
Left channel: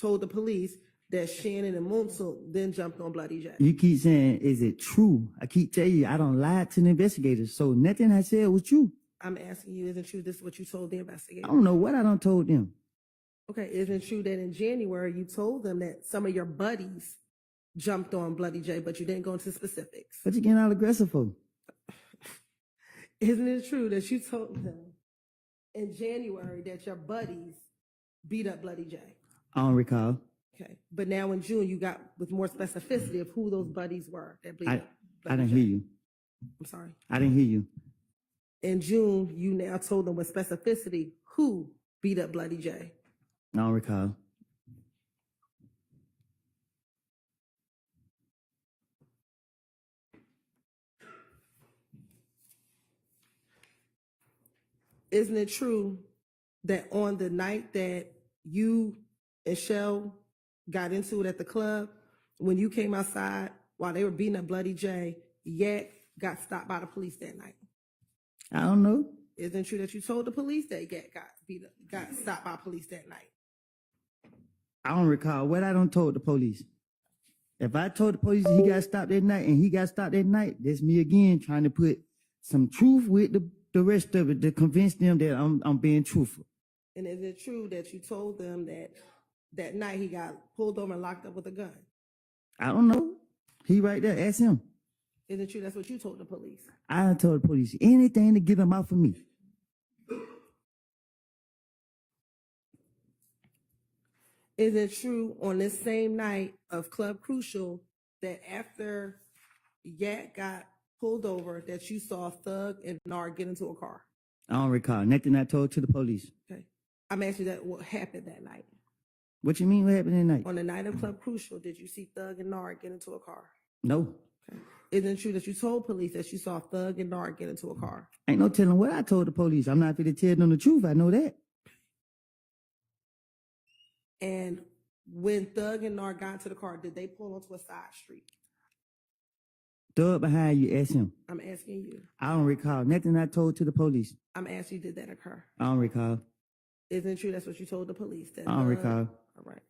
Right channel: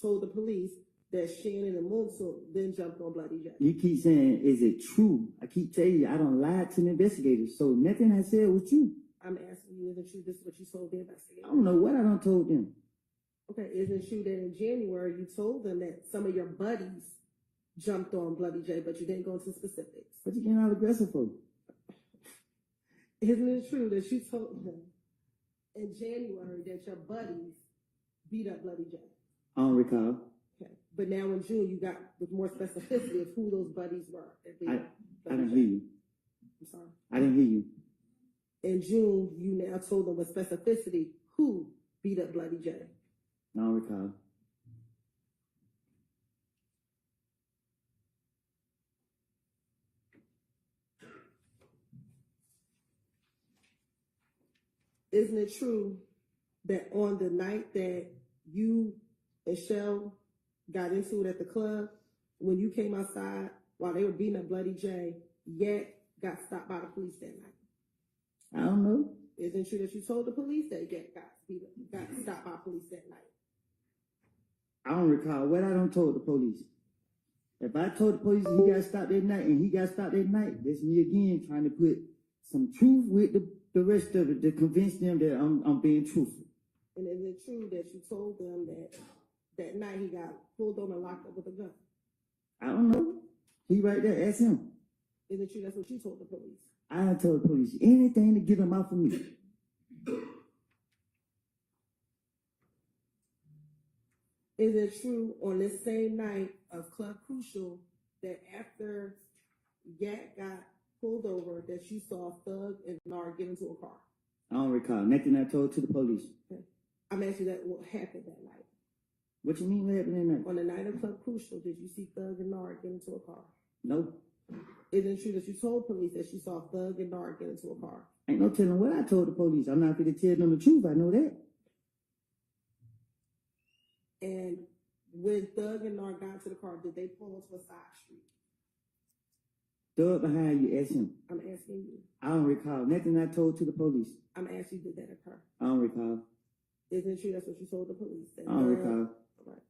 told the police that Shannon and Munsil then jumped on Bloody J? You keep saying, is it true? I keep telling you, I don't lie to the investigators, so nothing I said was true. I'm asking you, isn't true this is what you told the I investigators? don't know what I done told them. Okay, isn't it true that in January you told them that some of your buddies jumped on Bloody J, but you didn't go into specifics? What you getting all aggressive for? Isn't it true that you told them in January that your buddies beat up Bloody J? I don't recall. Okay, but now in June you got with more specificity of who those buddies were that beat up I Bloody didn't J. hear you. I'm sorry. I didn't hear you. In June, you now told them with specificity who beat up Bloody J. I don't recall. Isn't it true that on the night that you and Shell got into it at the club, when you came outside while they were beating up Bloody J, Yak got stopped by the police that night? I don't know. Isn't it true that you told the police that Yak got stopped by police that night? I don't recall what I done told the police. If I told the police he got stopped that night and he got stopped that night, that's me again trying to put some truth with the rest of it to convince them that I'm being truthful. And is it true that you told them that night he got pulled over and locked up with a gun? I don't know. He right there. Ask him. Is it true that's what you told the police? I done told the police anything to get them off of me. Is it true on this same night of Club Crucial that after Yak got pulled over that you saw Thug and Nard get into a car? I don't recall nothing I told to the police. Okay. I'm asking that what happened that night. What you mean what happened that night? On the night of Club Crucial, did you see Thug and Nard get into a car? No. Okay. Isn't it true that you told police that you saw Thug and Nard get into a car? Ain't no telling what I told the police. I'm not going to tell them the truth. I know that. And when Thug and Nard got into the car, did they pull onto a side street? Thug behind you, ask him. I'm asking you. I don't recall nothing I told to the police. I'm asking you, did that occur? I don't recall. Isn't it true that's what you told the police? That I don't recall. All right.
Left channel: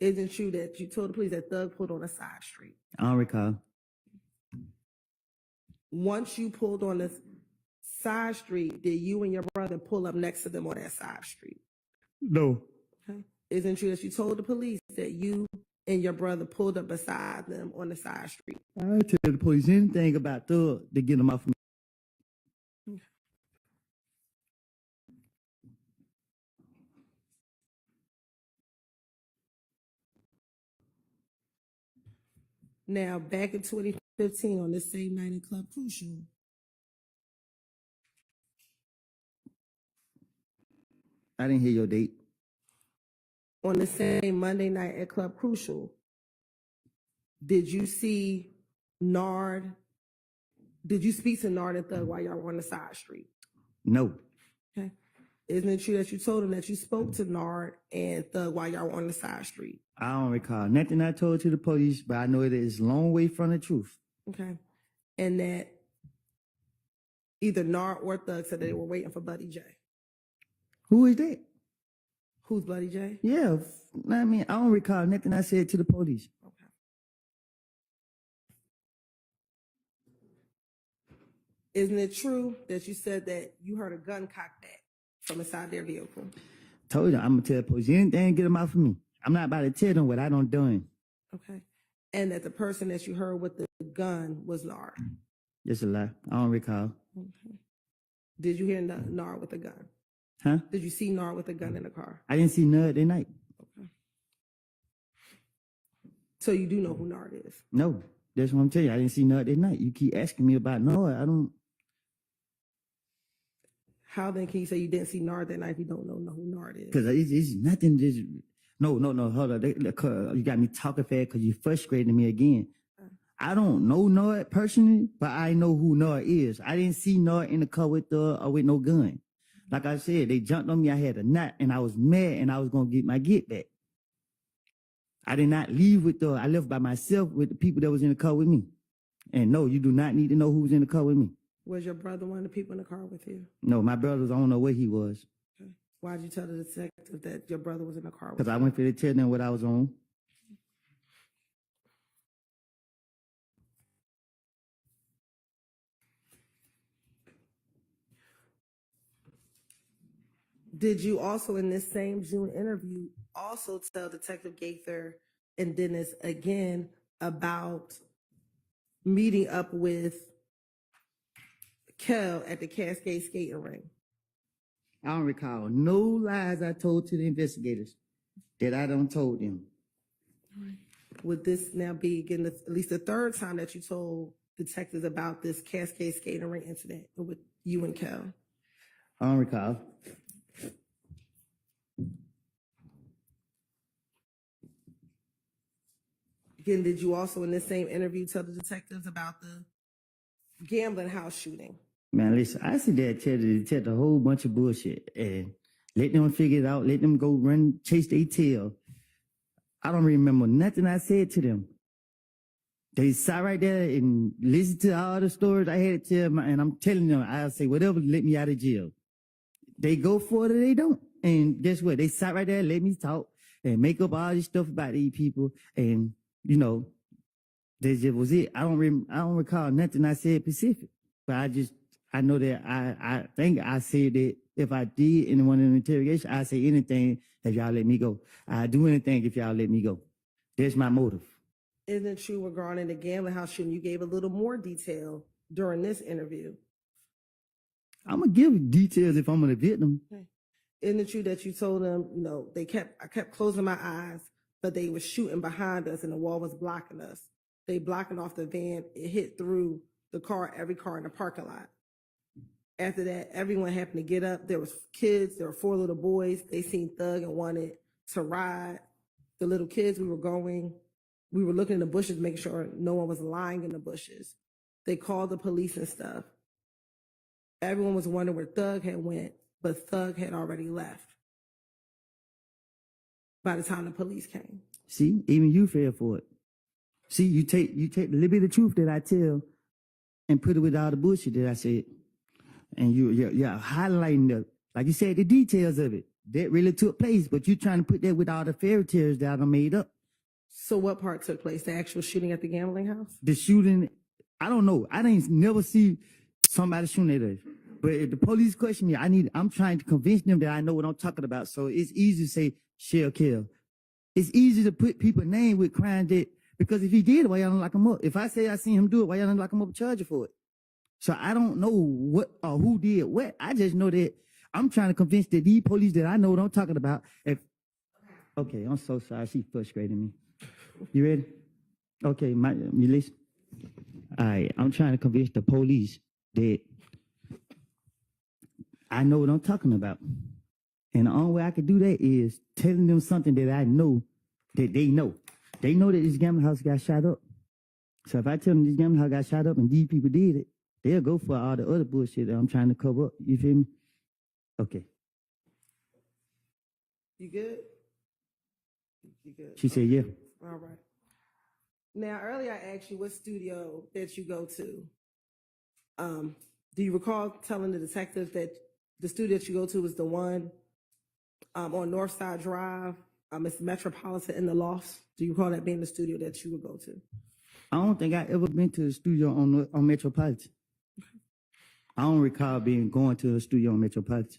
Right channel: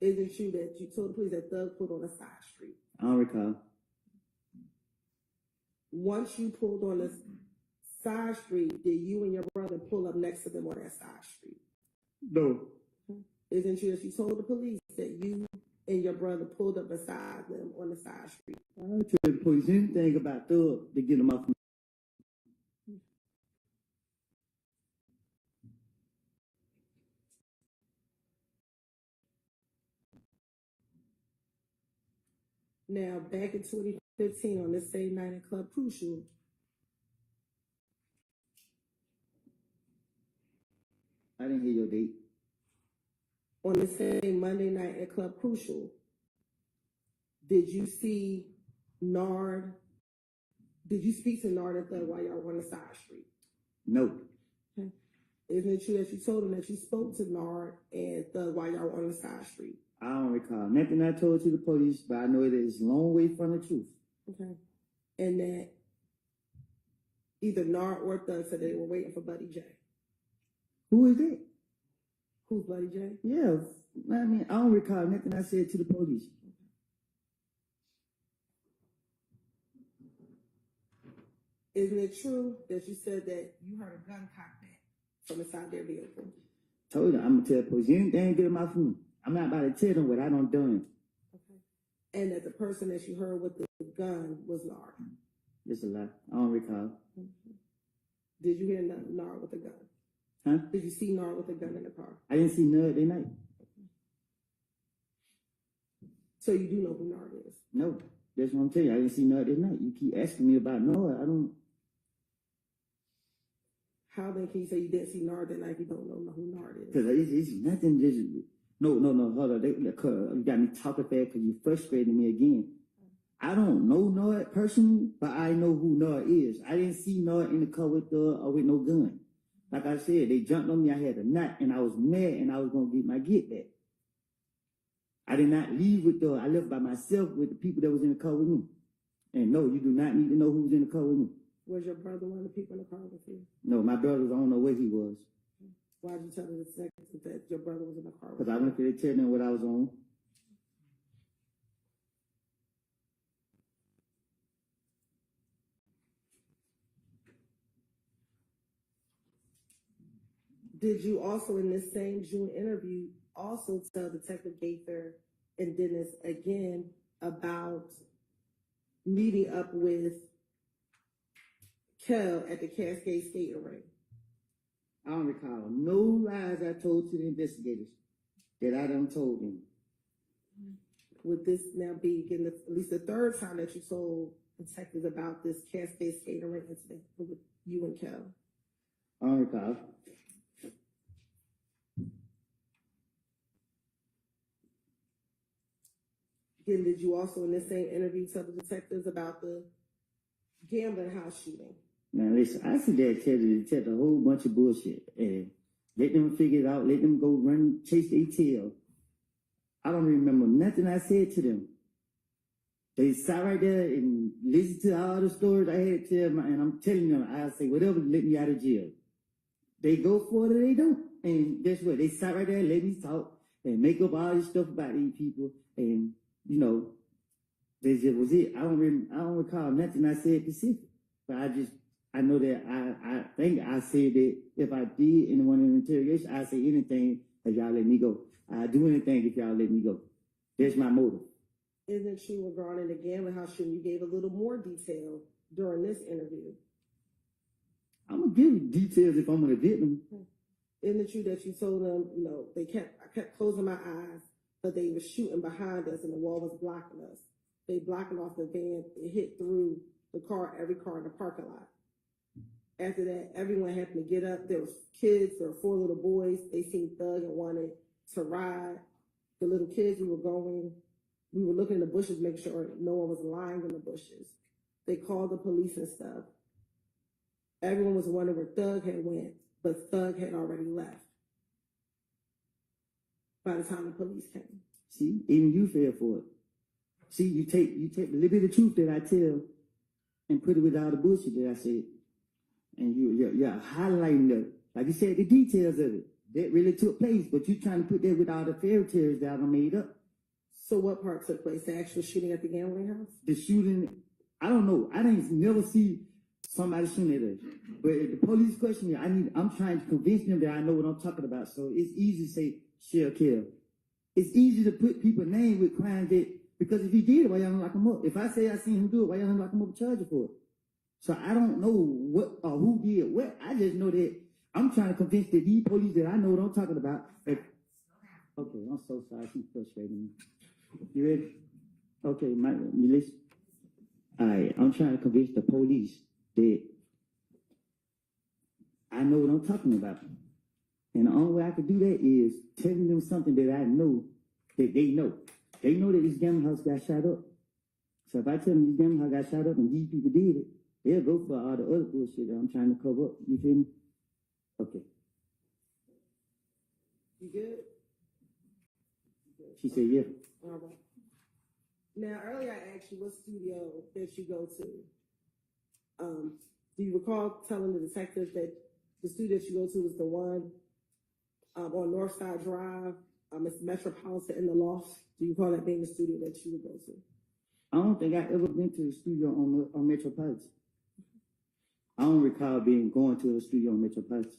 Isn't it true that you told the police that Thug pulled on a side street? I don't recall. Once you pulled on the side street, did you and your brother pull up next to them on that side street? No. Okay. Isn't it true that you told the police that you and your brother pulled up beside them on the side street? I didn't tell the police anything about Thug to get them off me. Now, back in 2015, on this same night in Club Crucial, I didn't hear your date. on the same Monday night at Club Crucial, did you see Nard? Did you speak to Nard and Thug while y'all were on the side street? No. Okay. Isn't it true that you told him that you spoke to Nard and Thug while y'all were on the side street? I don't recall nothing I told to the police, but I know it is a long way from the truth. Okay. And that either Nard or Thug said that they were waiting for Bloody J. Who is that? Who's Bloody J? Yeah, I mean, I don't recall nothing I said to the police. Isn't it true that you said that you heard a gun cocked back from inside their vehicle? Told you, I'm going to tell the police anything, get them out for me. I'm not about to tell them what I done done. Okay. And that the person that you heard with the gun was Nard? Just a lie. I don't recall. Okay. Did you hear Nard with a gun? Huh? Did you see Nard with a gun in the car? I didn't see none that night. Okay. So you do know who Nard is? No, that's what I'm telling you. I didn't see none that night. You keep asking me about Nard. I don't. How then can you say you didn't see Nard that night if you don't know who Nard is? Because it's nothing. Just no. Hold on. You got me talking fast because you frustrating me again. I don't know Nard personally, but I know who Nard is. I didn't see Nard in the car with no gun. Like I said, they jumped on me. I had a knot, and I was mad, and I was gonna get my get back. I did not leave with I left by myself with the people that was in the car with me. And no, you do not need to know who was in the car with me. Was your brother one of the people in the car with you? No, my brother, I don't know where he was. Okay. Why did you tell the detective that your brother was in the car with Because you? I went for to tell them what I was on. Did you also, in this same June interview, also tell Detective Gaither and Dennis again about meeting up with Kel at the Cascade skating ring? I don't recall no lies I told to the investigators that I done told them. Would this now be again at least the third time that you told detectives about this Cascade skating ring incident with you and Kel? I don't recall. Again, did you also in this same interview tell the detectives about the gambling house shooting? Man, listen, I sit there and tell a whole bunch of bullshit and let them figure it out, let them go run, chase their tail. I don't remember nothing I said to them. They sat right there and listened to all the stories I had to tell, and I'm telling them, I'll say whatever to let me out of jail. They go for it or they don't. And guess what? They sat right there and let me talk and make up all this stuff about these people. And, you know, that just was it. I don't recall nothing I said specific. But I know that I think I said that if I did in one of the interrogation, I'd say anything if y'all let me go. I'd do anything if y'all let me go. That's my motive. Isn't it true regarding the gambling house shooting? You gave a little more detail during this interview. I'm gonna give details if I'm a victim. Isn't it true that you told them, you know, I kept closing my eyes, but they were shooting behind us and the wall was blocking us. They blocking off the van. It hit through the car, every car in the parking lot. After that, everyone happened to get up. There was kids. There were 4 little boys. They seen Thug and wanted to ride. The little kids, we were looking in the bushes, making sure no one was lying in the bushes. They called the police and stuff. Everyone was wondering where Thug had went, but Thug had already left by the time the police came. See, even you fell for it. See, you take a little bit of truth that I tell and put it with all the bullshit that I said. And you're highlighting like you said, the details of it. That really took place, but you're trying to put that with all the fairy tales that I made up. So what part took place? The actual shooting at the gambling house? The shooting, I don't know. I didn't never see somebody shooting at us. But if the police question me, I'm trying to convince them that I know what I'm talking about. So it's easy to say shell kill. It's easy to put people's name with crimes that, because if he did it, why y'all don't lock him up? If I say I seen him do it, why y'all don't lock him up and charge you for it? So I don't know what or who did what. I just know that I'm trying to convince that these police that I know what I'm talking about. Okay, I'm so sorry. She frustrating me. You ready? Okay, you listen. All right, I'm trying to convince the police that I know what I'm talking about. And the only way I can do that is telling them something that I know that they know. They know that this gambling house got shot up. So if I tell them this gambling house got shot up and these people did it, they'll go for all the other bullshit that I'm trying to cover up. You feel me? Okay. You good? You good? She said, yeah. All right. Now, earlier I asked you what studio that you go to. Do you recall telling the detectives that the studio that you go to is the one on Northside Drive? It's Metropolitan in the Lofts. Do you recall that being the studio that you would go to? I don't think I ever been to the studio on Metropolitan. I don't recall going to a studio on Metropolitan.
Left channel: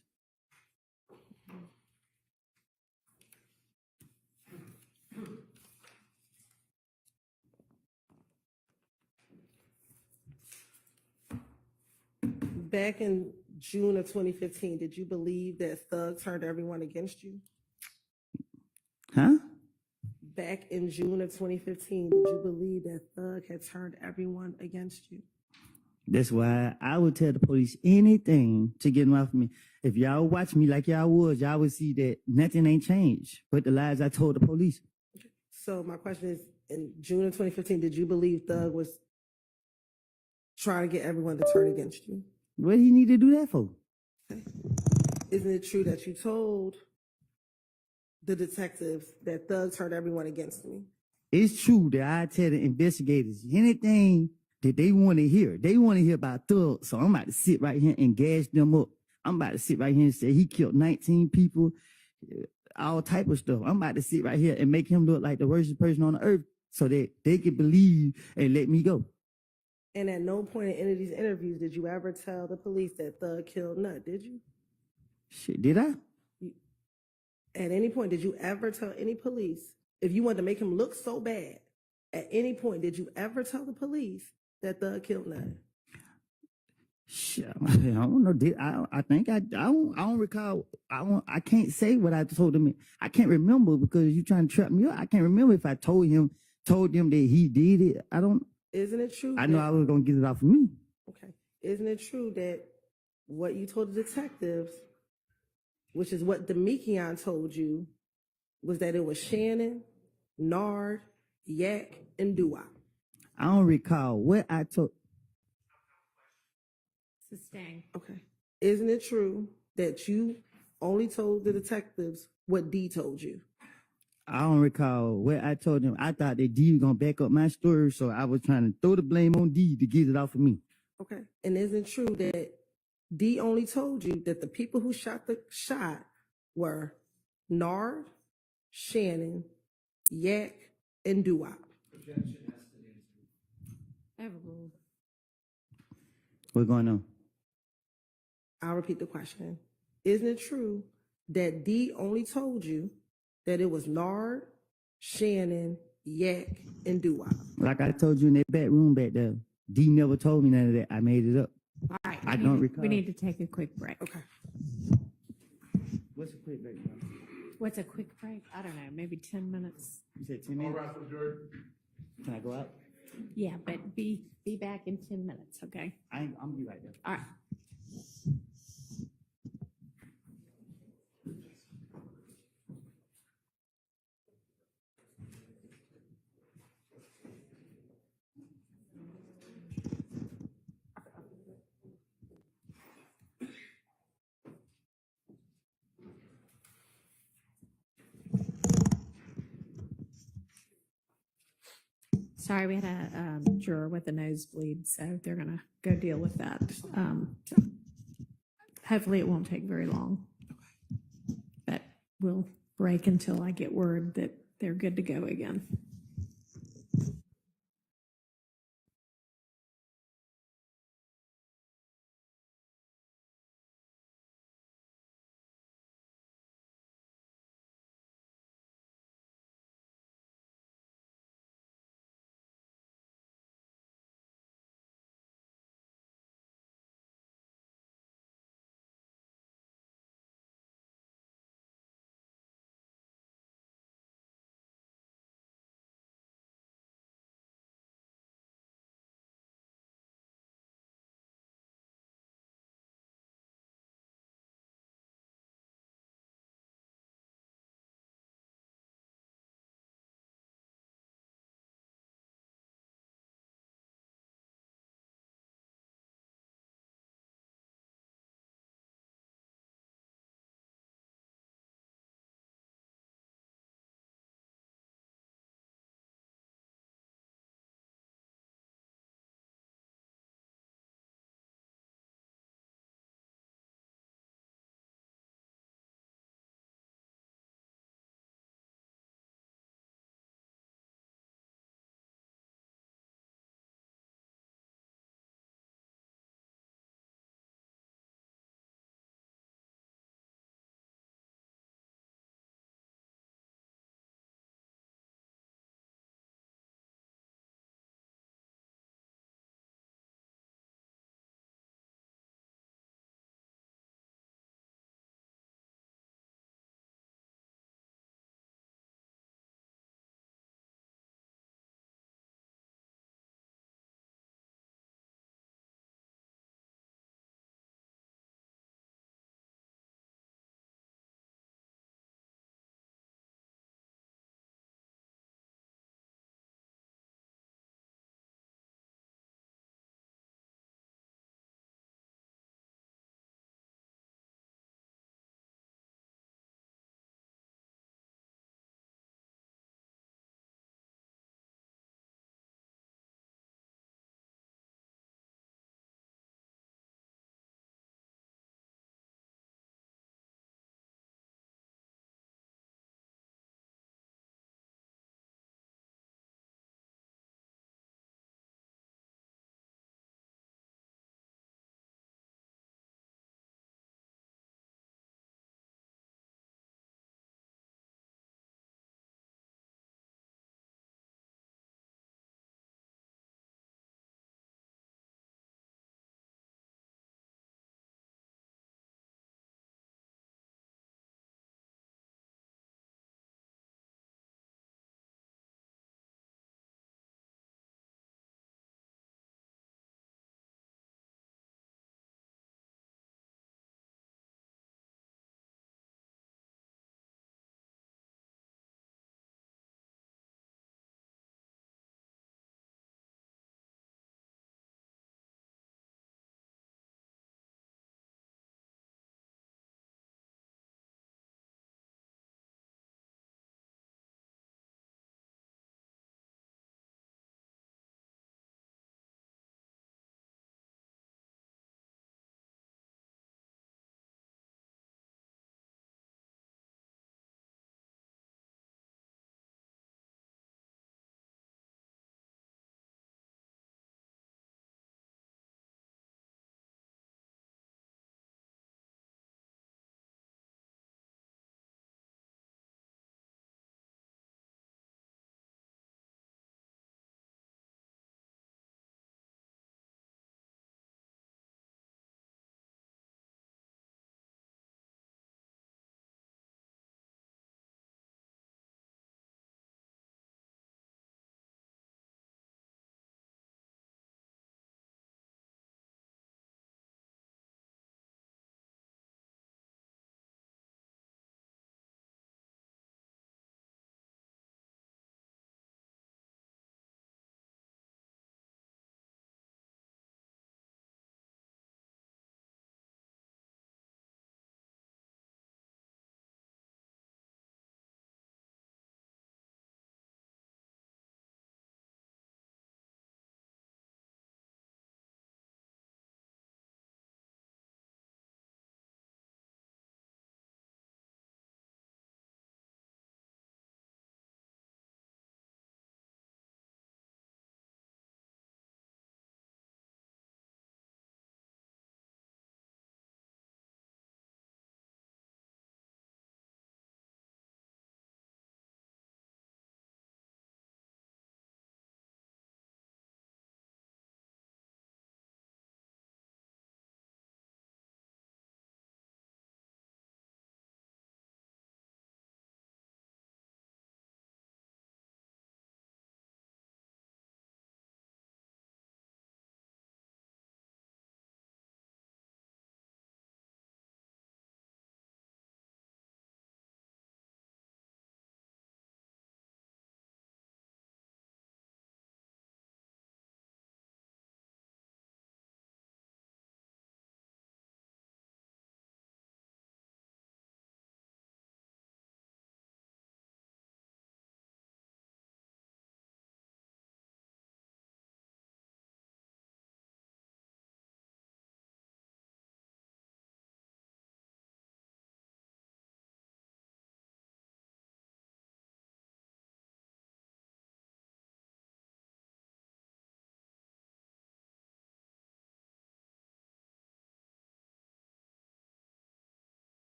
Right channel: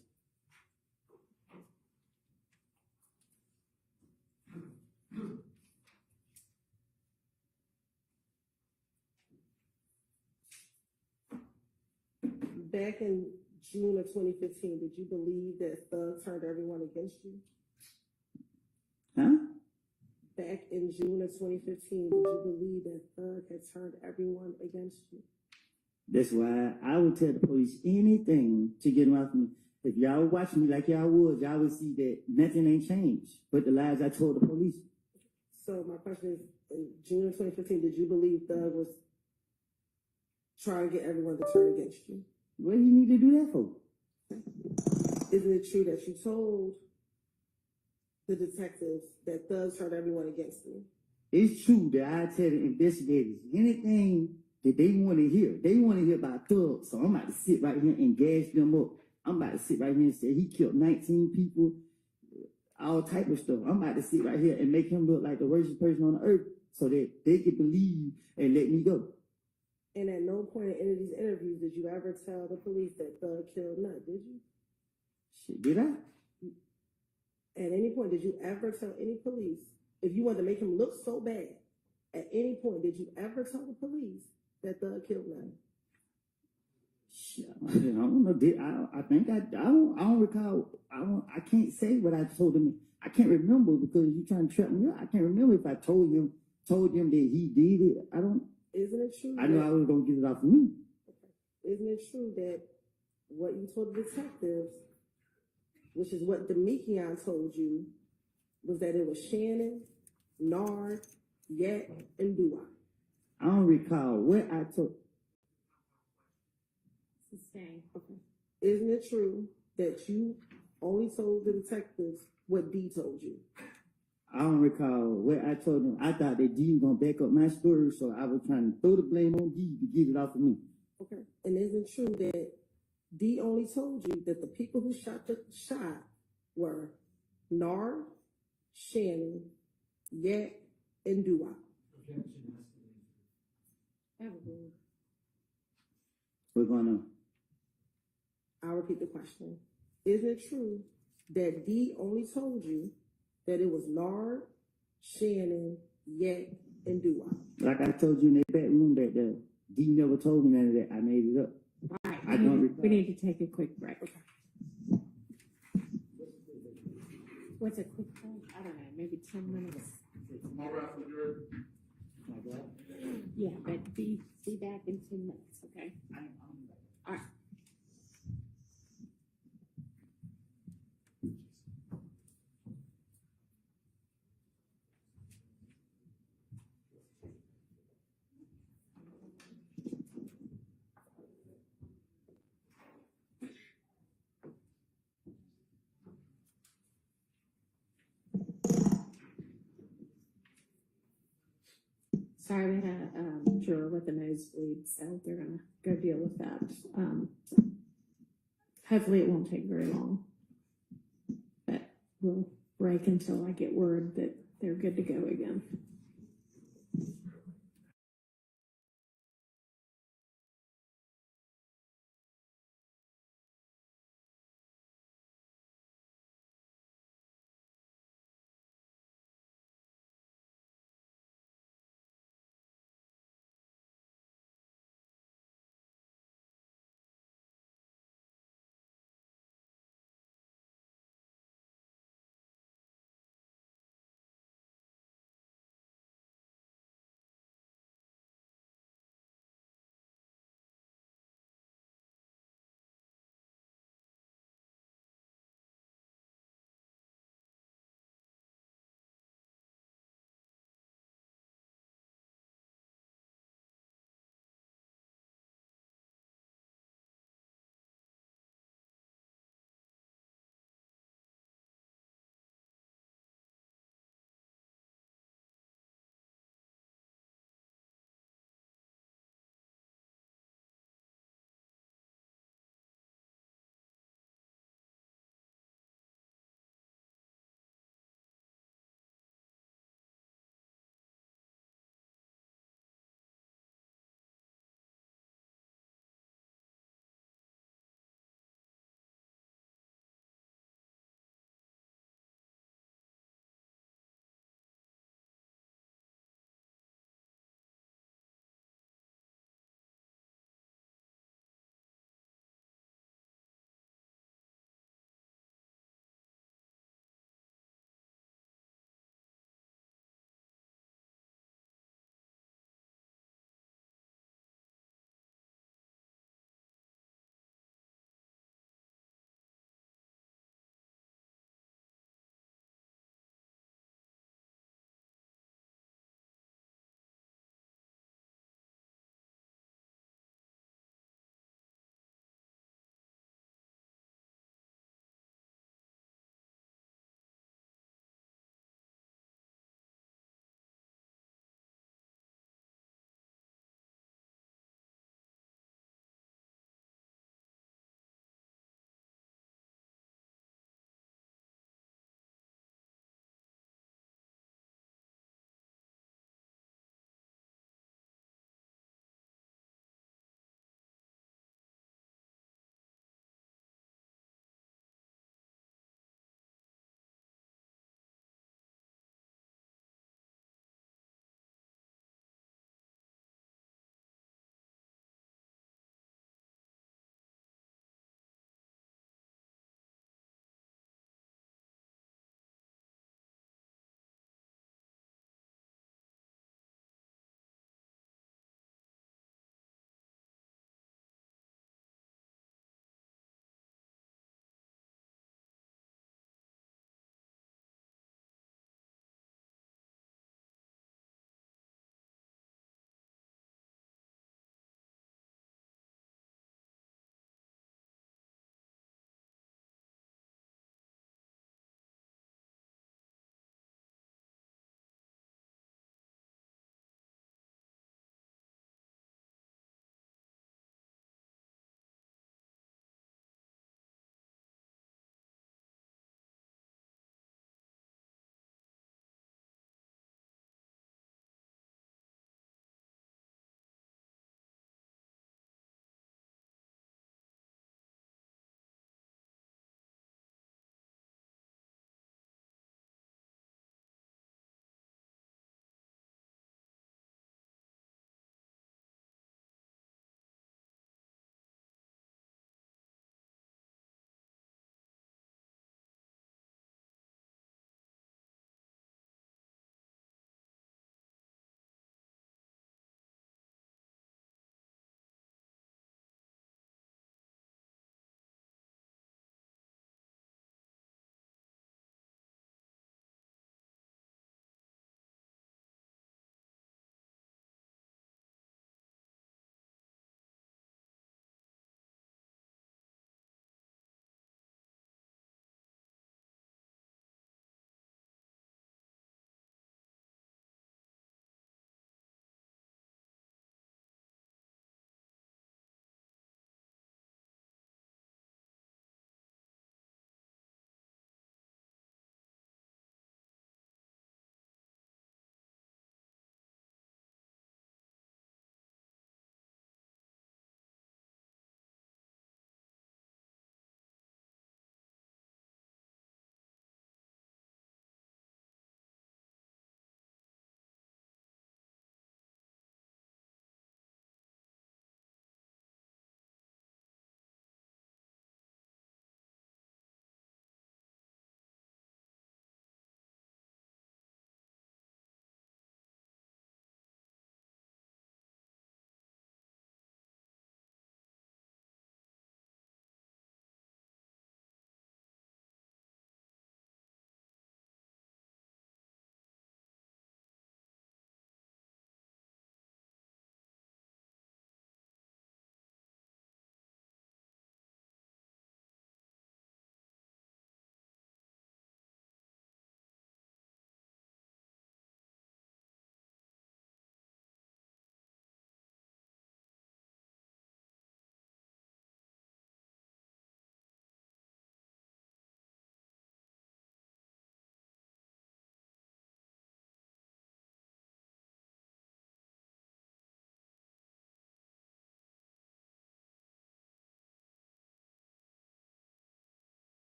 Back in June of 2015, did you believe that Thug turned everyone against you? Huh? Back in June of 2015, did you believe that Thug had turned everyone against you? That's why I would tell the police anything to get them off me. If y'all watch me like y'all was, y'all would see that nothing ain't changed but the lies I told the police. So my question is, in June of 2015, did you believe Thug was trying to get everyone to turn against you? What do you need to do that for? Isn't it true that you told the detectives that Thug turned everyone against me? It's true that I tell the investigators anything that they want to hear. They want to hear about Thug, so I'm about to sit right here and gas them up. I'm about to sit right here and say he killed 19 people, all type of stuff. I'm about to sit right here and make him look like the worst person on the earth so that they can believe and let me go. And at no point in any of these interviews did you ever tell the police that Thug killed Nut, did you? Shit, did I? At any point, did you ever tell any police, if you wanted to make him look so bad, at any point, did you ever tell the police that Thug killed Nut? Shit, I don't know. I think I don't recall. I can't say what I told him. I can't remember because you're trying to trap me up. I can't remember if I told them that he did it. I don't. Isn't it true? I know I was gonna get it off of me. Okay. Isn't it true that what you told the detectives, which is what Demekion told you, was that it was Shannon, Nard, Yak, and Dua? I don't recall what I told. Sustain. Okay. Isn't it true that you only told the detectives what D told you? I don't recall what I told him. I thought that D was gonna back up my story, so I was trying to throw the blame on D to get it off of me. Okay. And isn't it true that D only told you that the people who shot the shot were Nard, Shannon, Yak, and Duop? Objection has to be answered. Overruled. What's going on? I'll repeat the question. Isn't it true that D only told you that it was Nard, Shannon, Yak, and Duop? Like I told you in that back room back there, D never told me none of that. I made it up. All right. I don't recall. We need to take a quick break. Okay. What's a quick break? What's a quick break? I don't know, maybe 10 minutes. You said 10 minutes? Can I go out? Yeah, but be back in 10 minutes, okay? I'm be right there. All right. Sorry, we had a juror with a nosebleed, so they're gonna go deal with that. Hopefully it won't take very long. But we'll break until I get word that they're good to go again.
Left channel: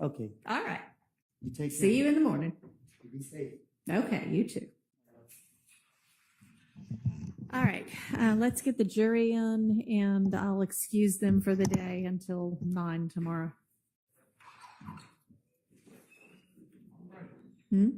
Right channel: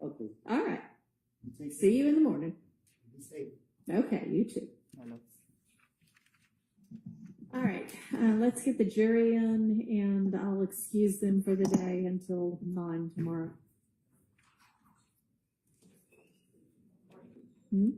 Okay. All right. You take care. See you in the morning. Be safe. Okay, you too. I know. All right, let's get the jury in, and I'll excuse them for the day until 9 tomorrow. Hmm?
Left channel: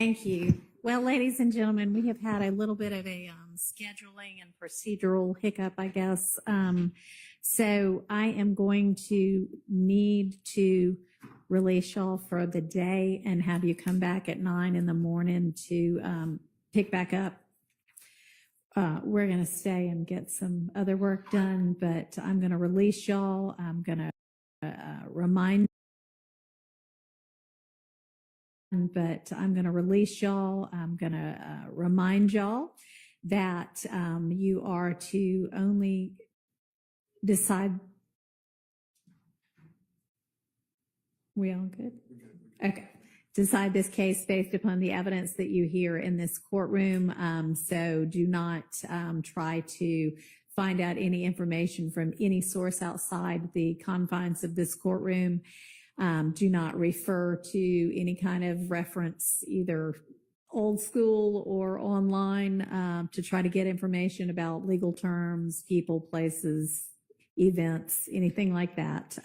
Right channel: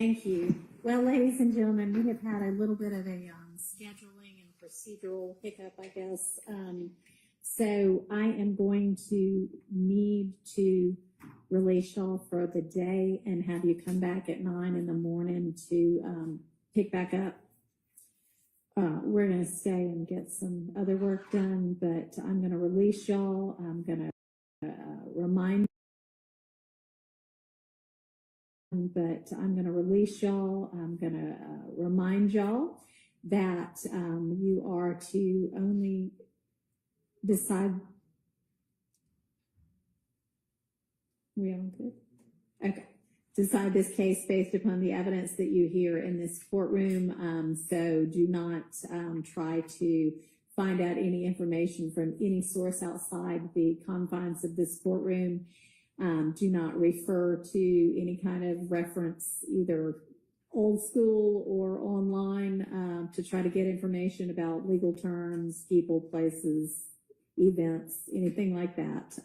Thank you. Well, ladies and gentlemen, we have had a little bit of a scheduling and procedural hiccup, I guess. So I am going to need to release y'all for the day and have you come back at 9 in the morning to pick back up. We're going to stay and get some other work done, but I'm going to release y'all. I'm going to remind but I'm going to release y'all. I'm going to remind y'all that you are to only decide. We all good? Okay. Decide this case based upon the evidence that you hear in this courtroom. So do not try to find out any information from any source outside the confines of this courtroom. Do not refer to any kind of reference, either old school or online, to try to get information about legal terms, people, places, events, anything like that.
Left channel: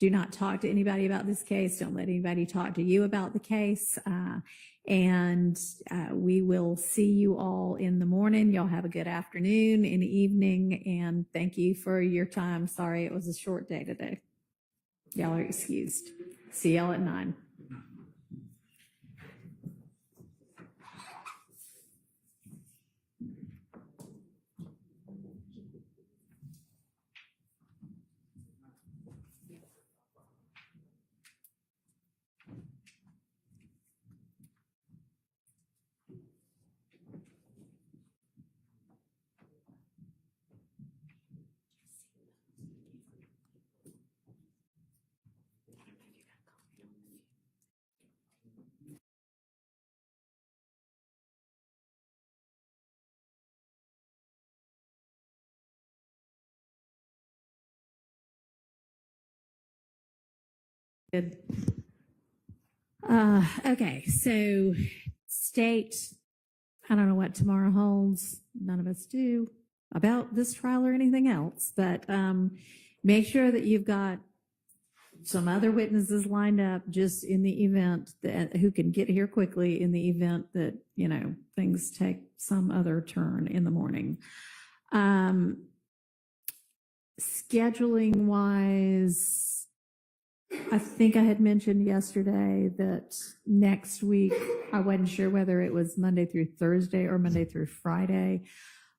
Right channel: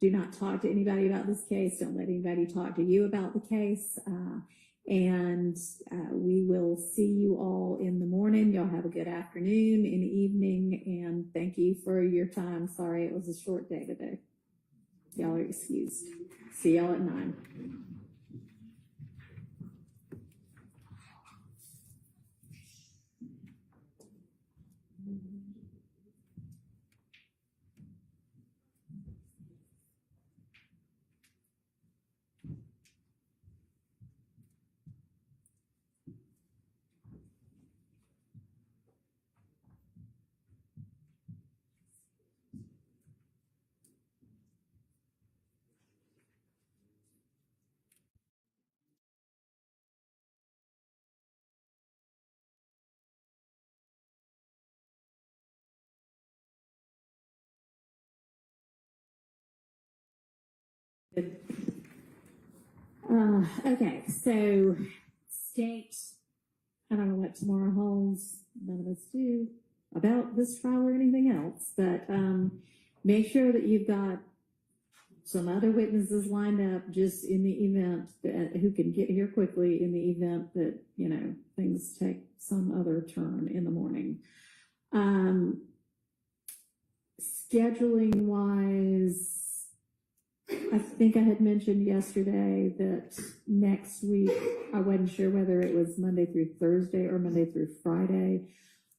Do not talk to anybody about this case. Don't let anybody talk to you about the case. And we will see you all in the morning. Y'all have a good afternoon and evening. And thank you for your time. Sorry it was a short day today. Y'all are excused. See y'all at 9. Good. Okay, so state, I don't know what tomorrow holds. None of us do about this trial or anything else, but make sure that you've got some other witnesses lined up just in the event that who can get here quickly in the event that, you know, things take some other turn in the morning. Scheduling wise, I think I had mentioned yesterday that next week, I wasn't sure whether it was Monday through Thursday or Monday through Friday.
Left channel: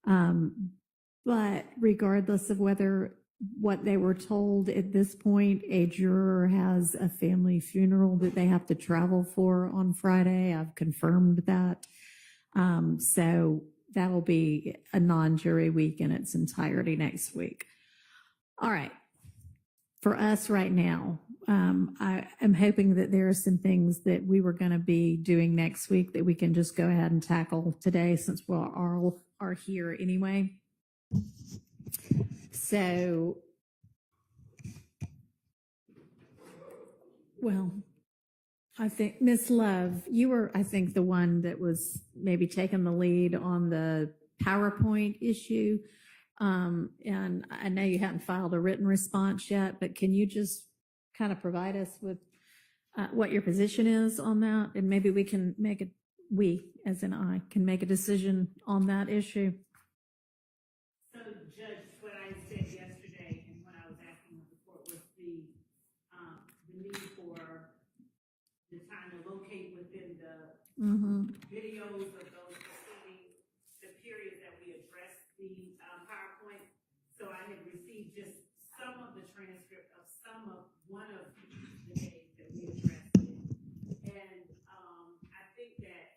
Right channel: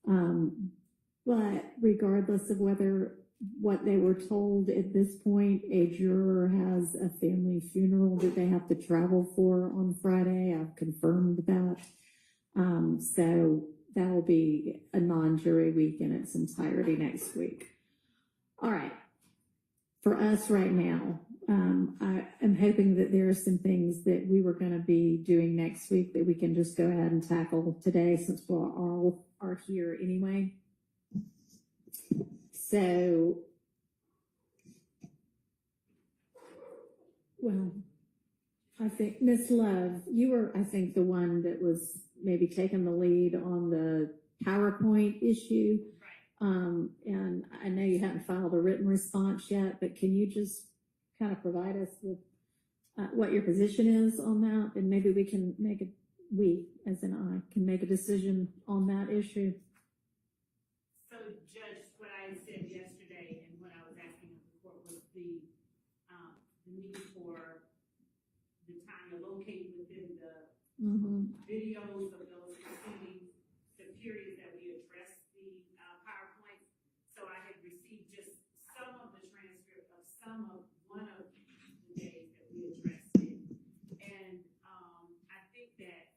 But regardless of what they were told at this point, a juror has a family funeral that they have to travel for on Friday. I've confirmed that. So that'll be a non-jury week in its entirety next week. All right. For us right now, I am hoping that there are some things that we were going to be doing next week that we can just go ahead and tackle today since we all are here anyway. So, well, I think Miss Love, you were, I think, the one that was maybe taking the lead on the PowerPoint issue. And I know you haven't filed a written response yet, but can you just kind of provide us with what your position is on that, and maybe we can make it, we, as in I, can make a decision on that issue. So, Judge, what I said yesterday and what I was asking before was the need for the time to locate within the videos of those proceedings, the period that we addressed the PowerPoint. So I have received just some of the transcript of some of one of the days that we addressed it. And I think that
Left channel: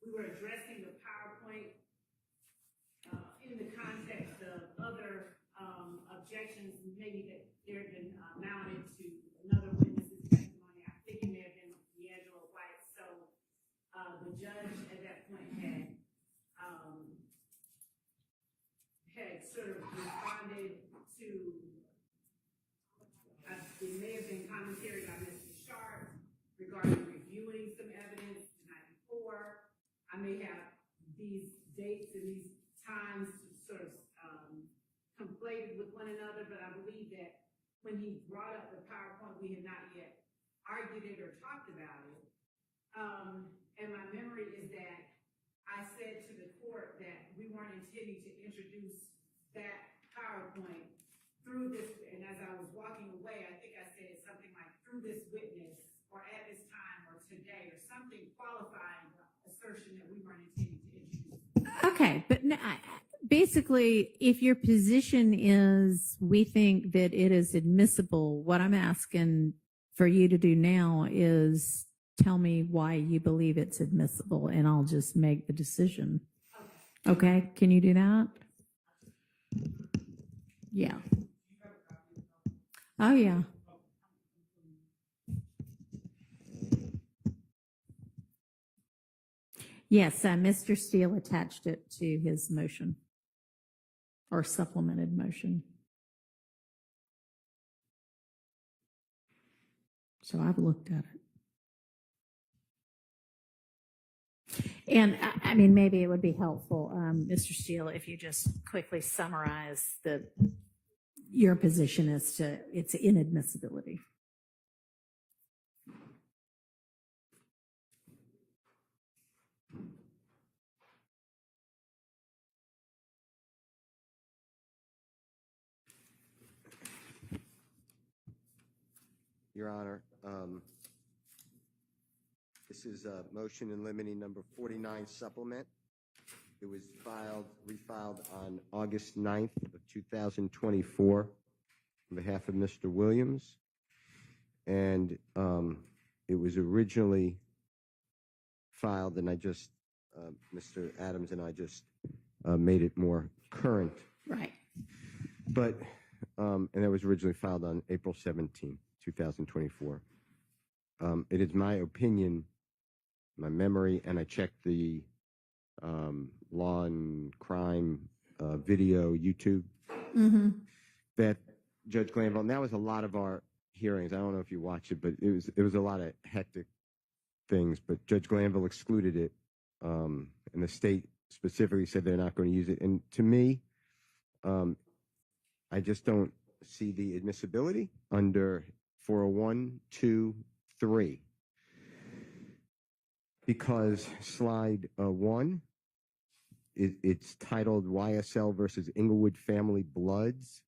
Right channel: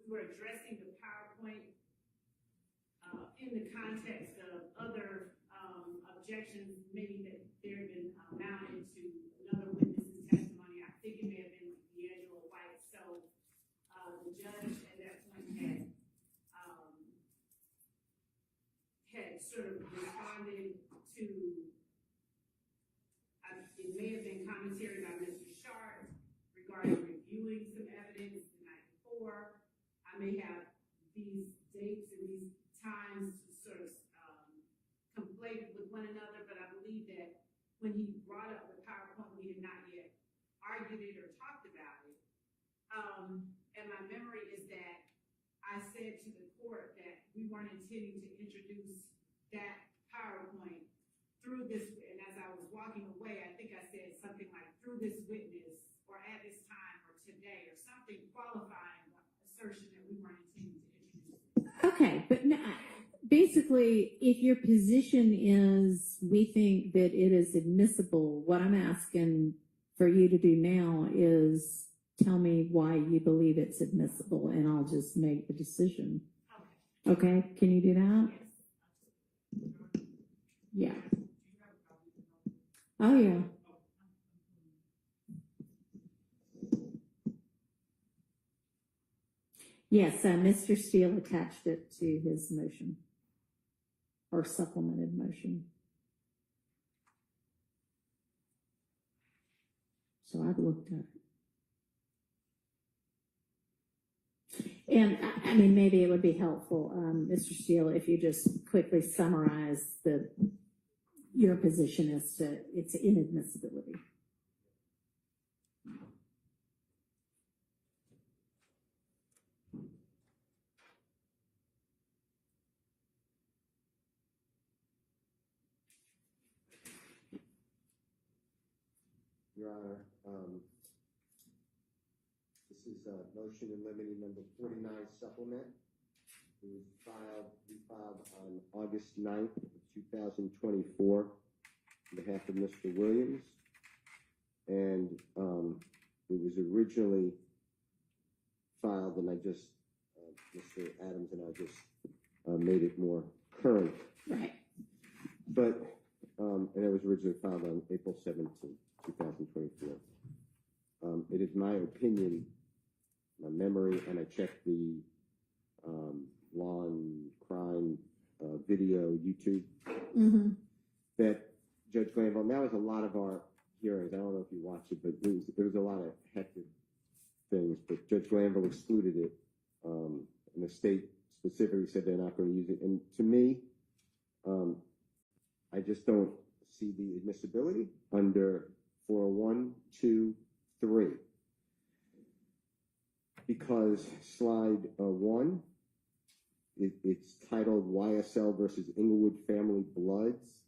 we were addressing the PowerPoint in the context of other objections, maybe that there had been mounted to another witness's testimony. I think it may have been D'Angelo White. So the judge at that point had sort of responded to, it may have been commentary by Mr. Sharp regarding reviewing some evidence the night before. I may have these dates and these times sort of conflated with one another, but I believe that when he brought up the PowerPoint, we had not yet argued it or talked about it. And my memory is that I said to the court that we weren't intending to introduce that PowerPoint through this, and as I was walking away, I think I said something like through this witness or at this time or today or something qualifying the assertion that we weren't intending to introduce. Okay, but no, basically, if your position is we think that it is admissible, what I'm asking for you to do now is tell me why you believe it's admissible, and I'll just make the decision. Okay, can you do that? Yeah. Oh, yeah. Yes, Mr. Steele attached it to his motion or supplemented motion. So I've looked at it. And I mean, maybe it would be helpful, Mr. Steele, if you just quickly summarize your position as to its inadmissibility. Your Honor, this is motion in limine number 49 supplement. It was refiled on August 9th of 2024 on behalf of Mr. Williams. And it was originally filed, and I just, Mr. Adams and I just made it more current. Right. But, and it was originally filed on April 17th. 2024. It is my opinion, my memory, and I checked the law and crime video YouTube, that Judge Glanville, and that was a lot of our hearings. I don't know if you watched it, but it was a lot of hectic things, but Judge Glanville excluded it, and the state specifically said they're not going to use it. And to me, I just don't see the admissibility under 401(2)(3), because slide 1, it's titled YSL versus Inglewood Family Bloods.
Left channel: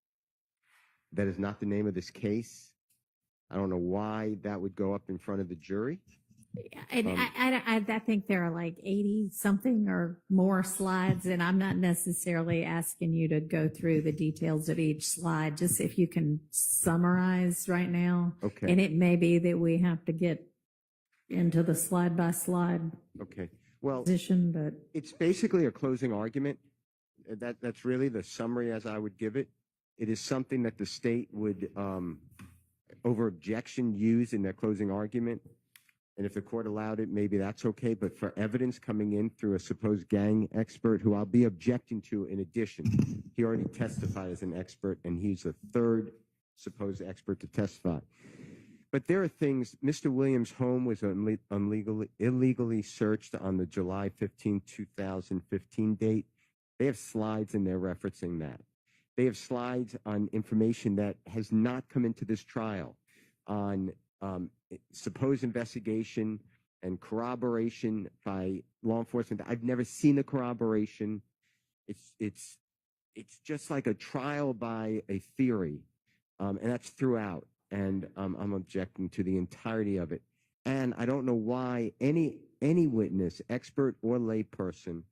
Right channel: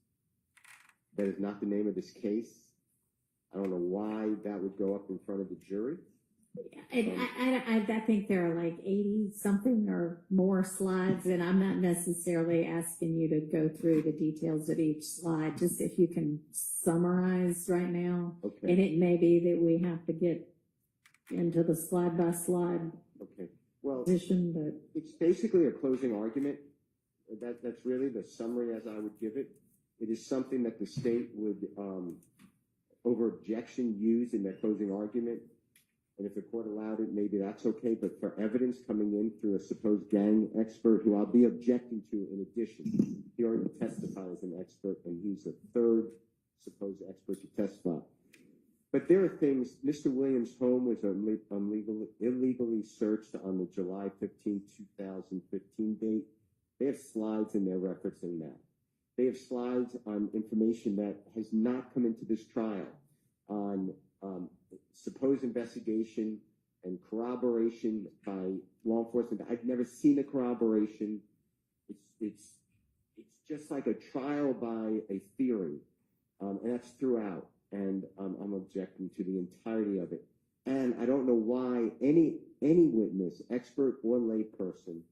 That is not the name of this case. I don't know why that would go up in front of the jury. And I think there are like 80 something or more slides, and I'm not necessarily asking you to go through the details of each slide, just if you can summarize right now. Okay. And it may be that we have to get into the slide by slide position, but it's basically a closing argument. That's really the summary as I would give it. It is something that the state would, over objection, use in their closing argument. And if the court allowed it, maybe that's okay. But for evidence coming in through a supposed gang expert, who I'll be objecting to in addition, he already testified as an expert, and he's the third supposed expert to testify. But there are things, Mr. Williams' home was illegally searched on the July 15, 2015 date. They have slides in there referencing that. They have slides on information that has not come into this trial on supposed investigation and corroboration by law enforcement. I've never seen the corroboration. It's just like a trial by a theory, and that's throughout. And I'm objecting to the entirety of it. And I don't know why any witness, expert or lay person,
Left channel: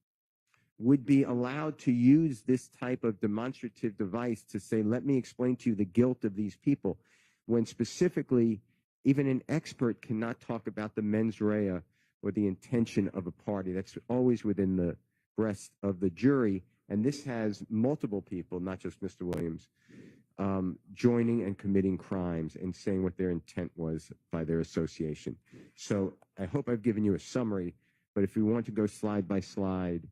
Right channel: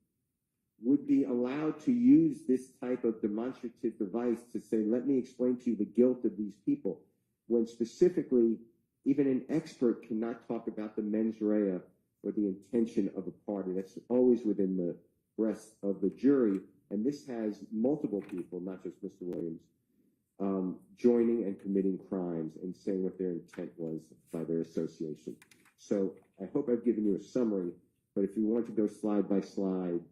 would be allowed to use this type of demonstrative device to say, let me explain to you the guilt of these people, when specifically even an expert cannot talk about the mens rea or the intention of a party. That's always within the breast of the jury. And this has multiple people, not just Mr. Williams, joining and committing crimes and saying what their intent was by their association. So I hope I've given you a summary, but if you want to go slide by slide,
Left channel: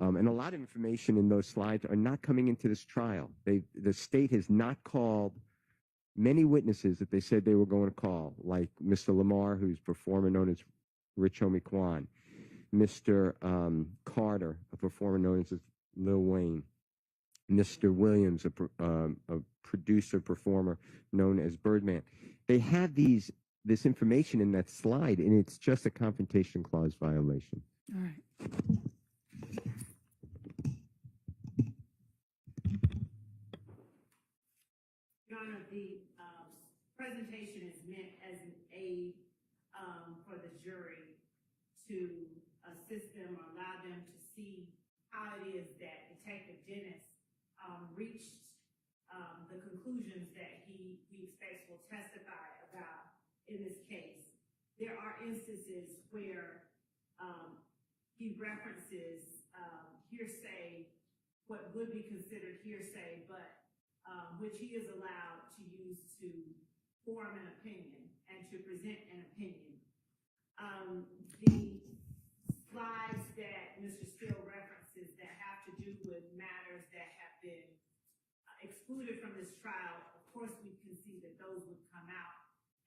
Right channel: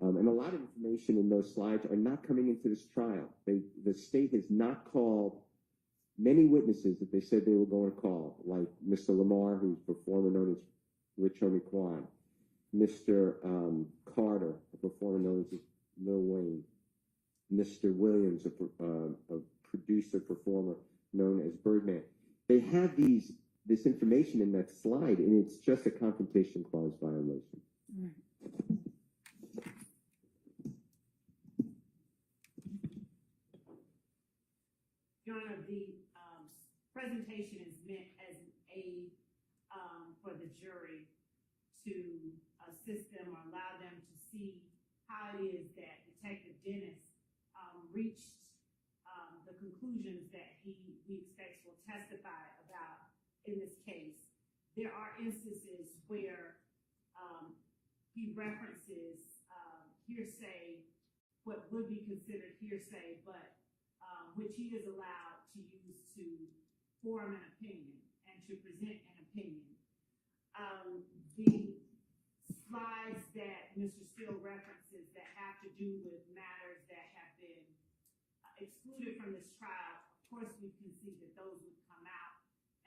and a lot of information in those slides are not coming into this trial. The state has not called many witnesses that they said they were going to call, like Mr. Lamar, who's a performer known as Rich Homie Quan, Mr. Carter, a performer known as Lil Wayne, Mr. Williams, a producer, performer known as Birdman. They have this information in that slide, and it's just a confrontation clause violation. All right. Your Honor, the presentation is meant as an aid for the jury to assist them or allow them to see how it is that Detective Dennis reached the conclusions that he expects will testify about in this case. There are instances where he references hearsay, what would be considered hearsay, but which he is allowed to use to form an opinion and to present an opinion. The slides that Mr. Steele references that have to do with matters that have been excluded from this trial, of course we can see that those would come out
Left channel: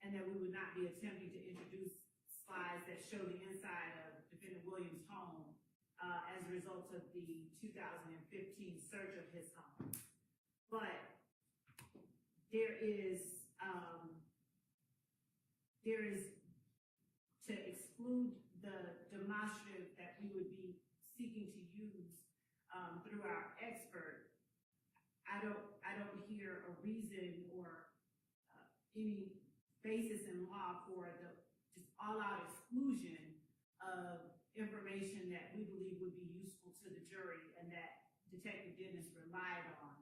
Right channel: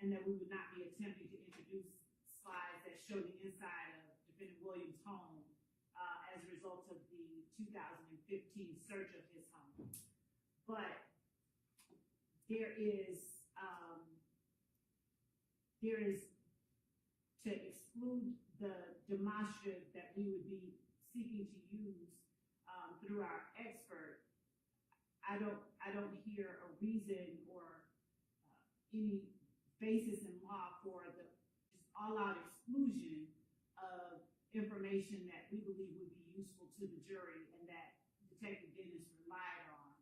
and that we would not be attempting to introduce slides that show the inside of Defendant Williams' home as a result of the 2015 search of his home. But there is to exclude the demonstrative that we would be seeking to use through our expert. I don't hear a reason or any basis in law for the just all-out exclusion of information that we believe would be useful to the jury and that Detective Dennis relied on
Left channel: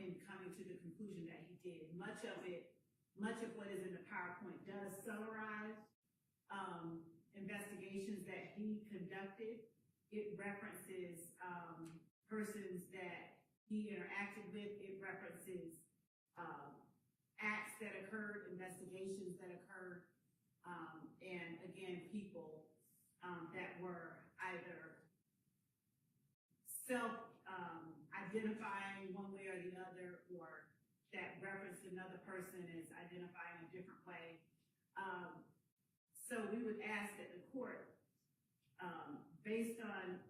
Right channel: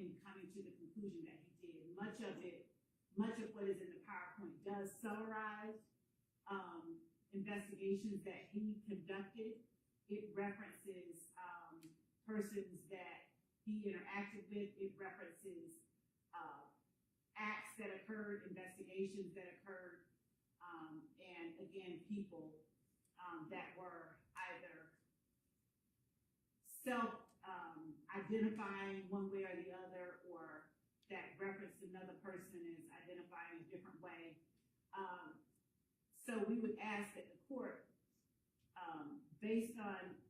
in coming to the conclusion that he did. Much of what is in the PowerPoint does summarize investigations that he conducted. It references persons that he interacted with. It references acts that occurred, investigations that occurred, and again, people that were either self-identifying one way or the other, or that referenced another person as identifying a different way. So we would ask that the court, based on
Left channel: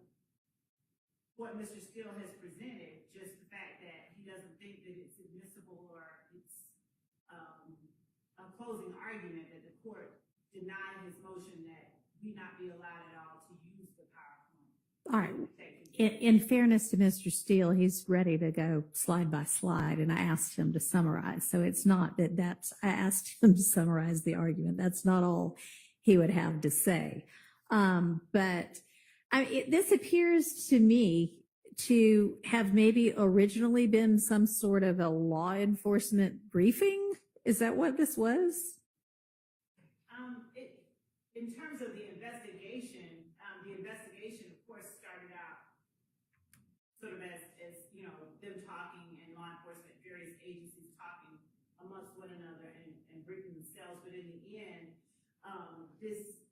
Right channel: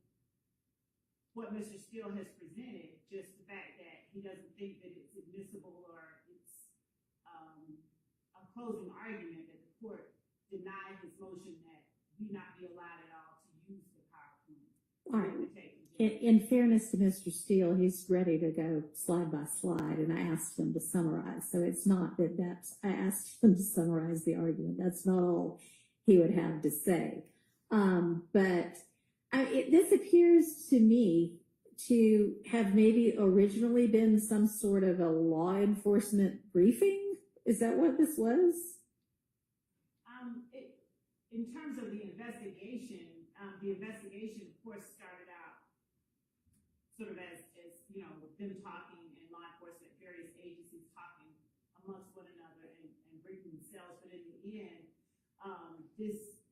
what Mr. Steele has presented, just the fact that he doesn't think that it's admissible or it's a closing argument, that the court deny his motion that he not be allowed at all to use the PowerPoint. All right. In fairness to Mr. Steele, he's ready to go slide by slide, and I asked him to summarize. So it's not that I asked him to summarize the argument. That's not all he would have to say. But this appears to me to have maybe originally been some sort of a law enforcement briefing. Is that what this was? In terms of the investigation, of course, started out sort of as you know, them talking and law enforcement, various agencies talking amongst one another and briefing themselves. But in the end, this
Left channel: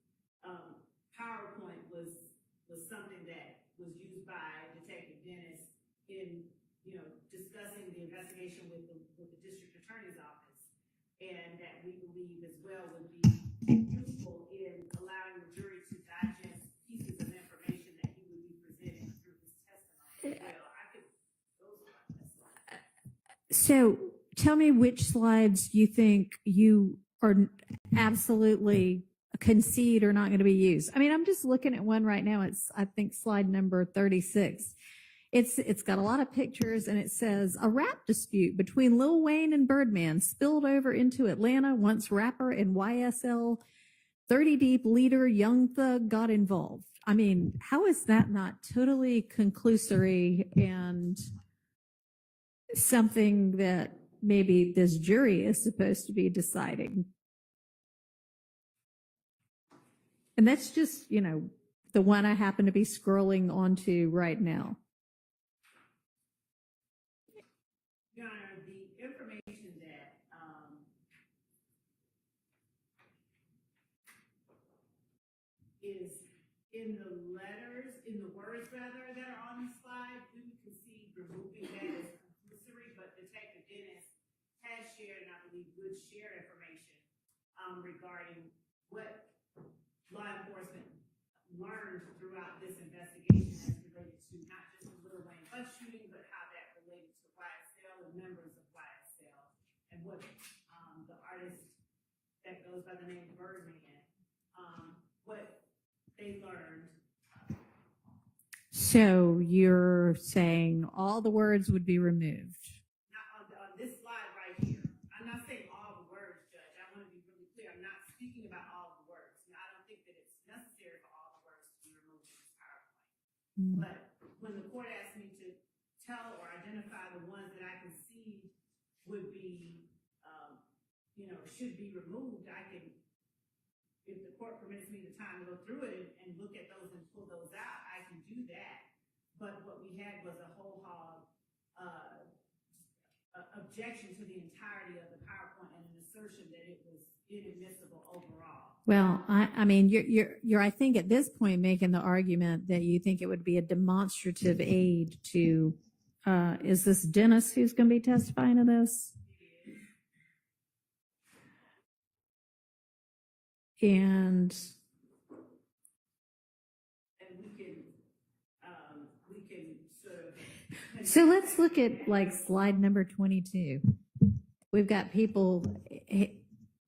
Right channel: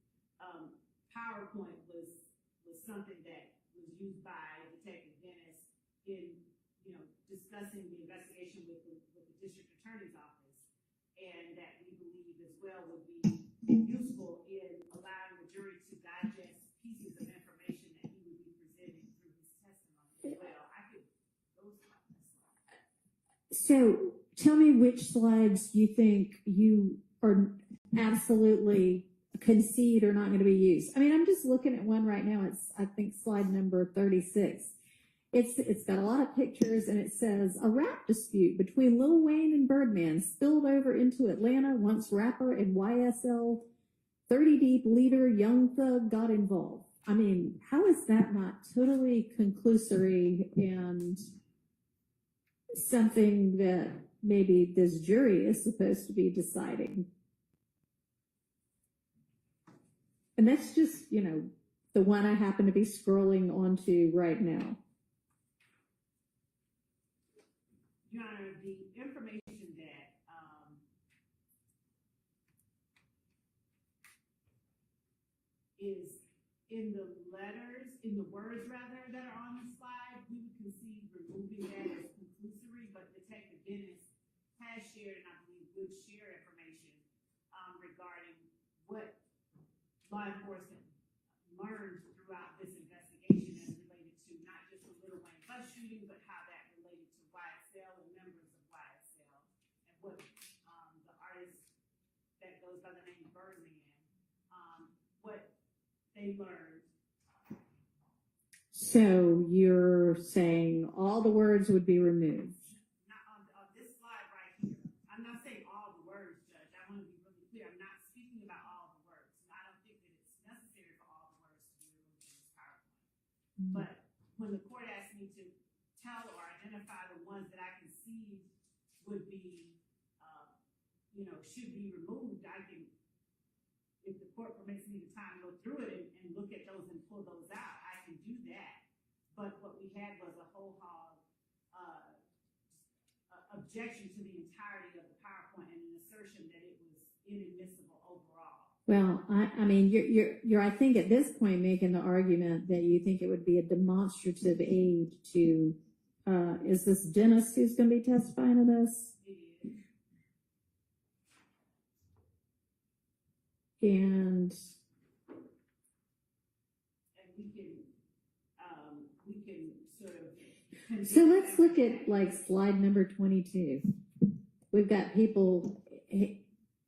PowerPoint was something that was used by Detective Dennis in, you know, discussing the investigation with the district attorney's office, and that we believe as well would be useful in allowing the jury to digest pieces of information that he would be presenting through his testimony. Well, I could go slide by slide. So tell me which slides you think you are absolutely concede are not going to be used. I mean, I'm just looking at one right now. It's, I think, slide number 36. It's got a lot of pictures, and it says a rap dispute between Lil Wayne and Birdman spilled over into Atlanta once rapper and YSL 30 Deep leader Young Thug got involved. I mean, how is that not totally conclusory and something that maybe this jury is supposed to be deciding? And that's just, you know, the one I happen to be scrolling onto right now. Your Honor, the information that, is in the letters, in the words rather, that are on the slide, we would concede removing that as conclusory, but Detective Dennis has shared, and I believe would share information, regarding what law enforcement learned throughout this investigation as related to not just the Lil Wayne bus shooting, but how that related to YSL and members of YSL, and what, the artist that goes by the name of Birdman, what they learned. So you're saying all the words would be removed? Not on this slide right here. I'm not saying all the words, Judge. I want to be really clear. I'm not speaking about all the words. And I don't think that it's necessary for all the words to be removed in this PowerPoint. But when the court asked me to tell or identify the ones that I concede would be, should be removed, I can, if the court permits me the time to go through it and look at those and pull those out, I can do that. But what we had was a whole hog objection to the entirety of the PowerPoint and an assertion that it was inadmissible overall. Well, I mean, you're, I think at this point making the argument that you think it would be a demonstrative aid to, is this Dennis who's going to be testifying to this? And we can sort of. so let's look at like slide number 22. We've got people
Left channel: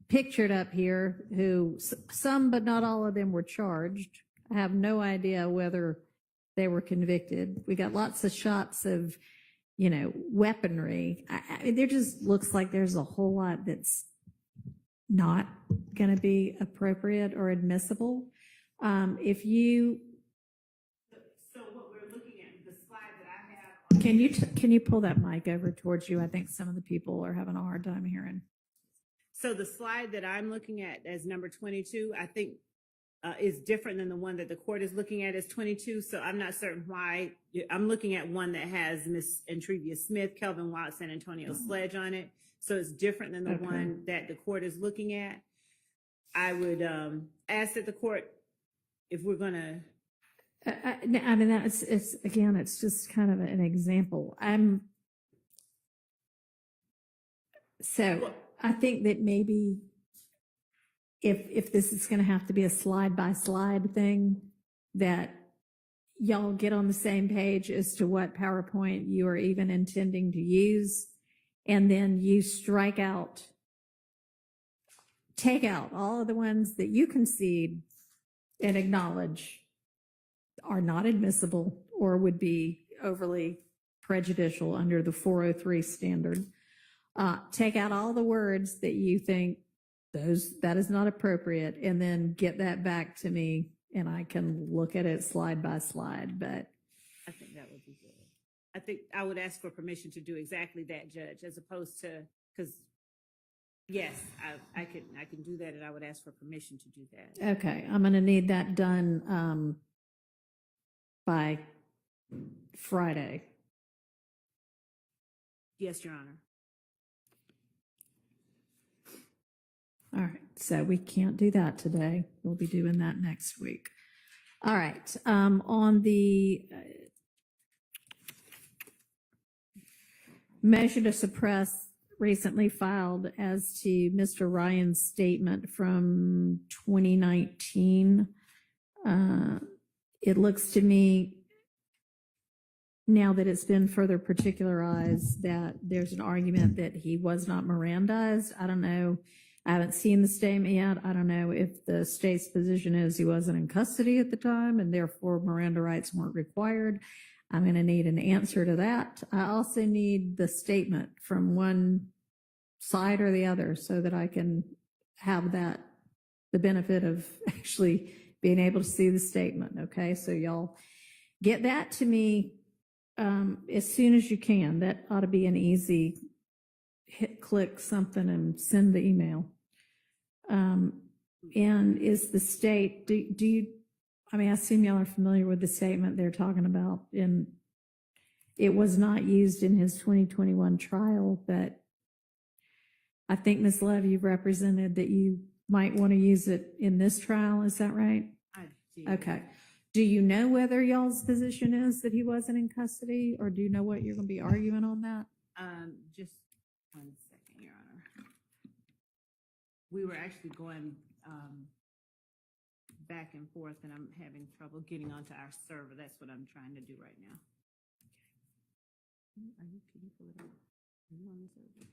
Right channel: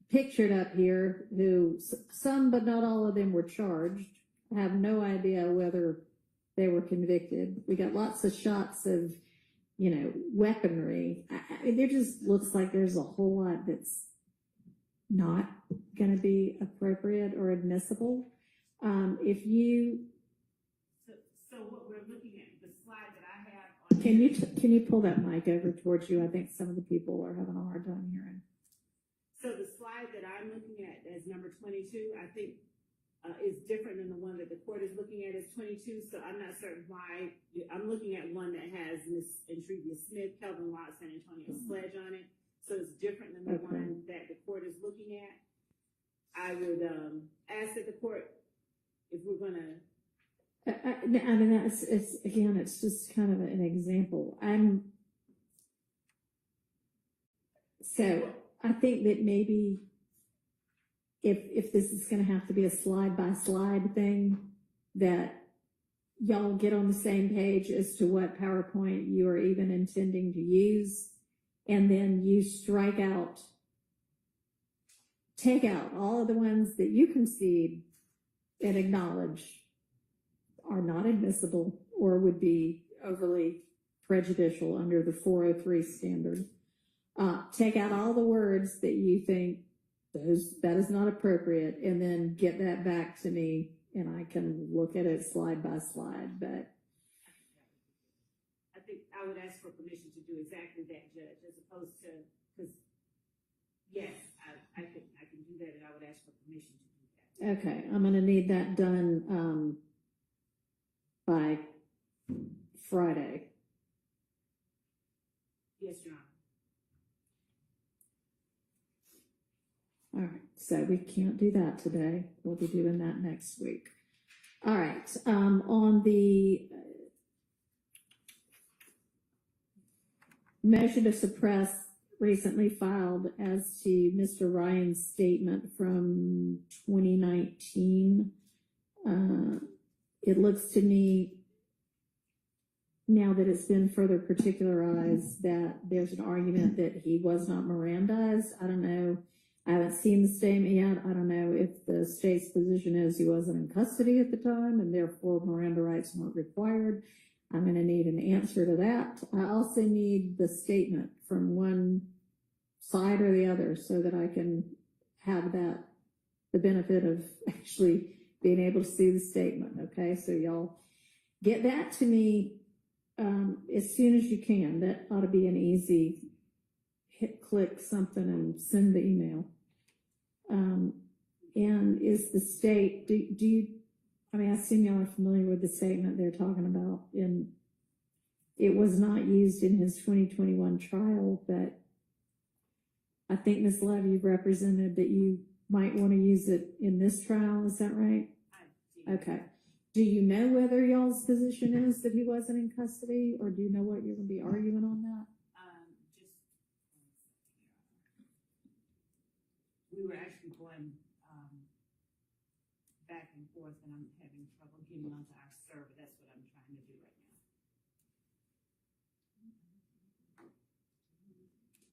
pictured up here who, some but not all of them were charged. I have no idea whether they were convicted. We got lots of shots of, weaponry. There just looks like there's a whole lot that's not going to be appropriate or admissible. If you So what we're looking at, the slide that I have. can you pull that mic over towards you? I think some of the people are having a hard time hearing. So the slide that I'm looking at as number 22, I think is different than the one that the court is looking at as 22. So I'm not certain why. I'm looking at one that has Miss Entrevia Smith, Kelvin Watts, and Antonio Sledge on it. So it's different than the one that the court is looking at. I would ask that the court, if we're going to. I mean, it's just kind of an example. So I think that maybe if this is going to have to be a slide by slide thing, that y'all get on the same page as to what PowerPoint you are even intending to use, and then you take out all of the ones that you concede and acknowledge are not admissible or would be overly prejudicial under the 403 standard. Take out all the words that you think that is not appropriate, and then get that back to me, and I can look at it slide by slide. But I think that would be good. I think I would ask for permission to do exactly that, Judge, as opposed to, because yes, I can do that, and I would ask for permission to do that. okay, I'm going to need that done by Friday. Yes, Your Honor. All right, so we can't do that today. We'll be doing that next week. All right, on the motion to suppress recently filed as to Mr. Ryan's statement from 2019, it looks to me, now that it's been further particularized, that there's an argument that he was not Mirandized. I don't know. I haven't seen the statement yet. I don't know if the state's position is he wasn't in custody at the time and therefore Miranda rights weren't required. I'm going to need an answer to that. I also need the statement from one side or the other so that I can have that, the benefit of actually being able to see the statement. Okay, so y'all get that to me as soon as you can. That ought to be an easy click something and send the email. And is the state, do you, I mean, I assume y'all are familiar with the statement they're talking about, and it was not used in his 2021 trial, but I think Ms. Love, you represented that you might want to use it in this trial, is that right? I did. Okay. Do you know whether y'all's position is that he wasn't in custody, or do you know what you're going to be arguing on that? Just 1 second, Your Honor. We were actually going, back and forth, and I'm having trouble getting onto our server. That's what I'm trying to do right now. Are you people that are on the server?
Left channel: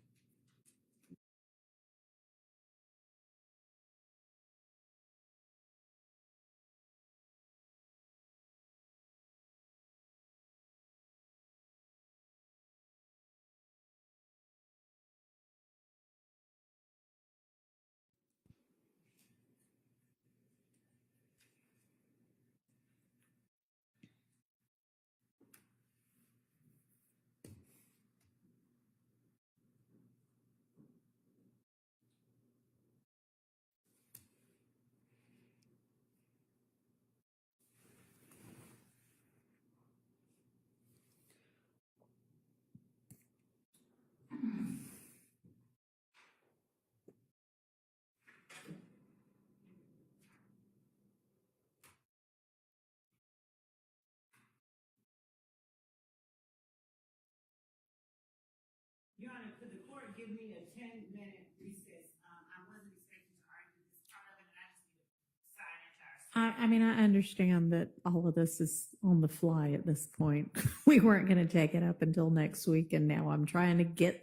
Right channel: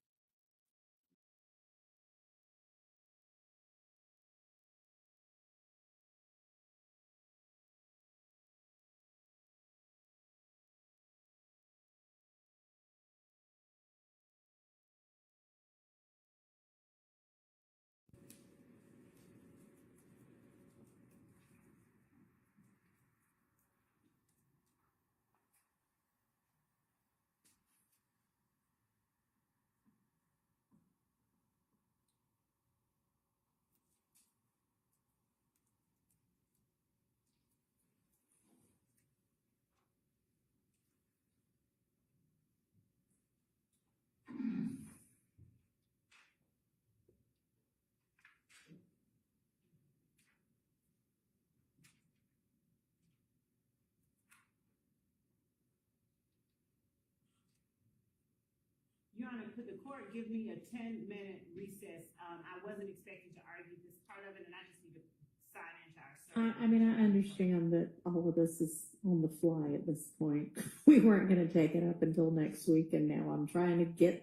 Your Honor, could the court give me a 10-minute recess? I wasn't expecting to argue this part of it, and I just need to sign into our server. I mean, I understand that all of this is on the fly at this point. We weren't going to take it up until next week, and now I'm trying to get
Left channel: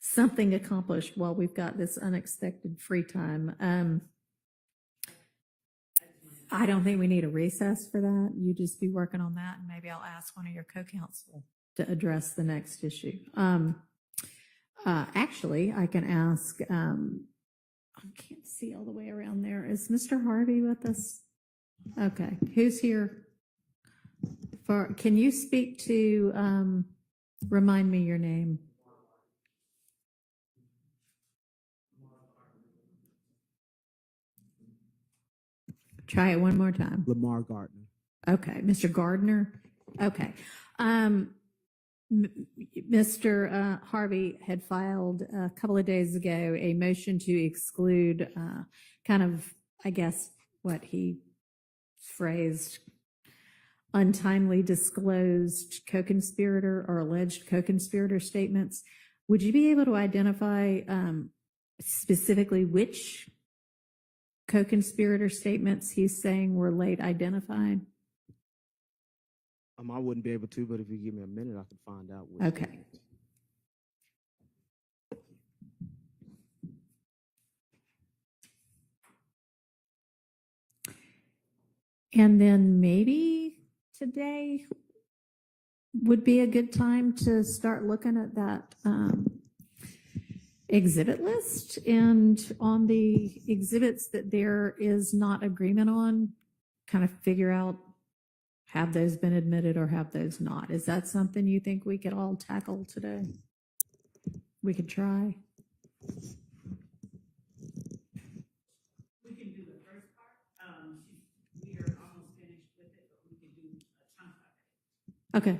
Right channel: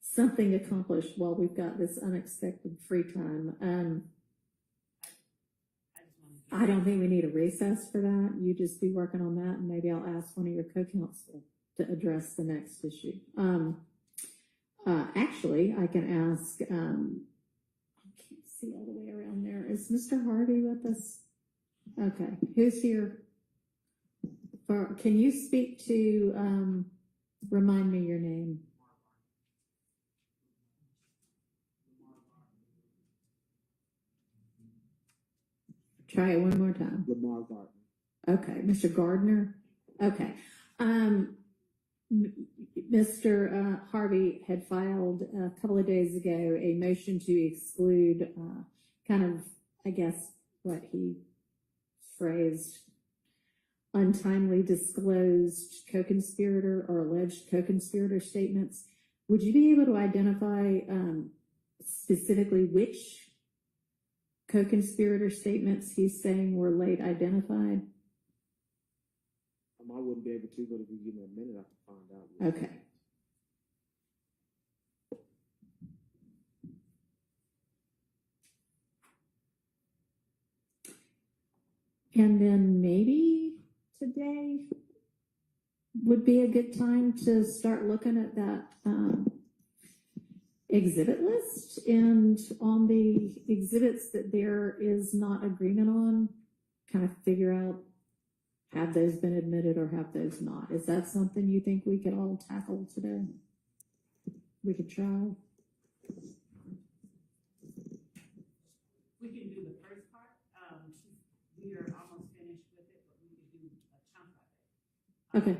something accomplished while we've got this unexpected free time. I don't think we need a recess for that. You just be working on that, and maybe I'll ask one of your co-counsel to address the next issue. Actually, I can ask, I can't see all the way around there. Is Mr. Harvey with us? Okay, who's here? Can you speak to, remind me your name? Try it one more time. Lamar Gardner. Okay, Mr. Gardner. Okay. Mr. Harvey had filed a couple of days ago a motion to exclude kind of, I guess, what he phrased untimely disclosed co-conspirator or alleged co-conspirator statements. Would you be able to identify specifically which co-conspirator statements he's saying were late identified? I wouldn't be able to, but if you give me a minute, I can find out. Which Okay. And then maybe today would be a good time to start looking at that exhibit list, and on the exhibits that there is not agreement on, kind of figure out, have those been admitted or have those not? Is that something you think we could all tackle today? We could try. We can do the first part. We are almost finished with it, but we could do a chunk of it. Okay.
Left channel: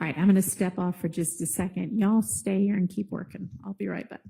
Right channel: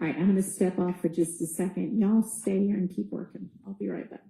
All right, I'm going to step off for just a second. Y'all stay here and keep working. I'll be right back.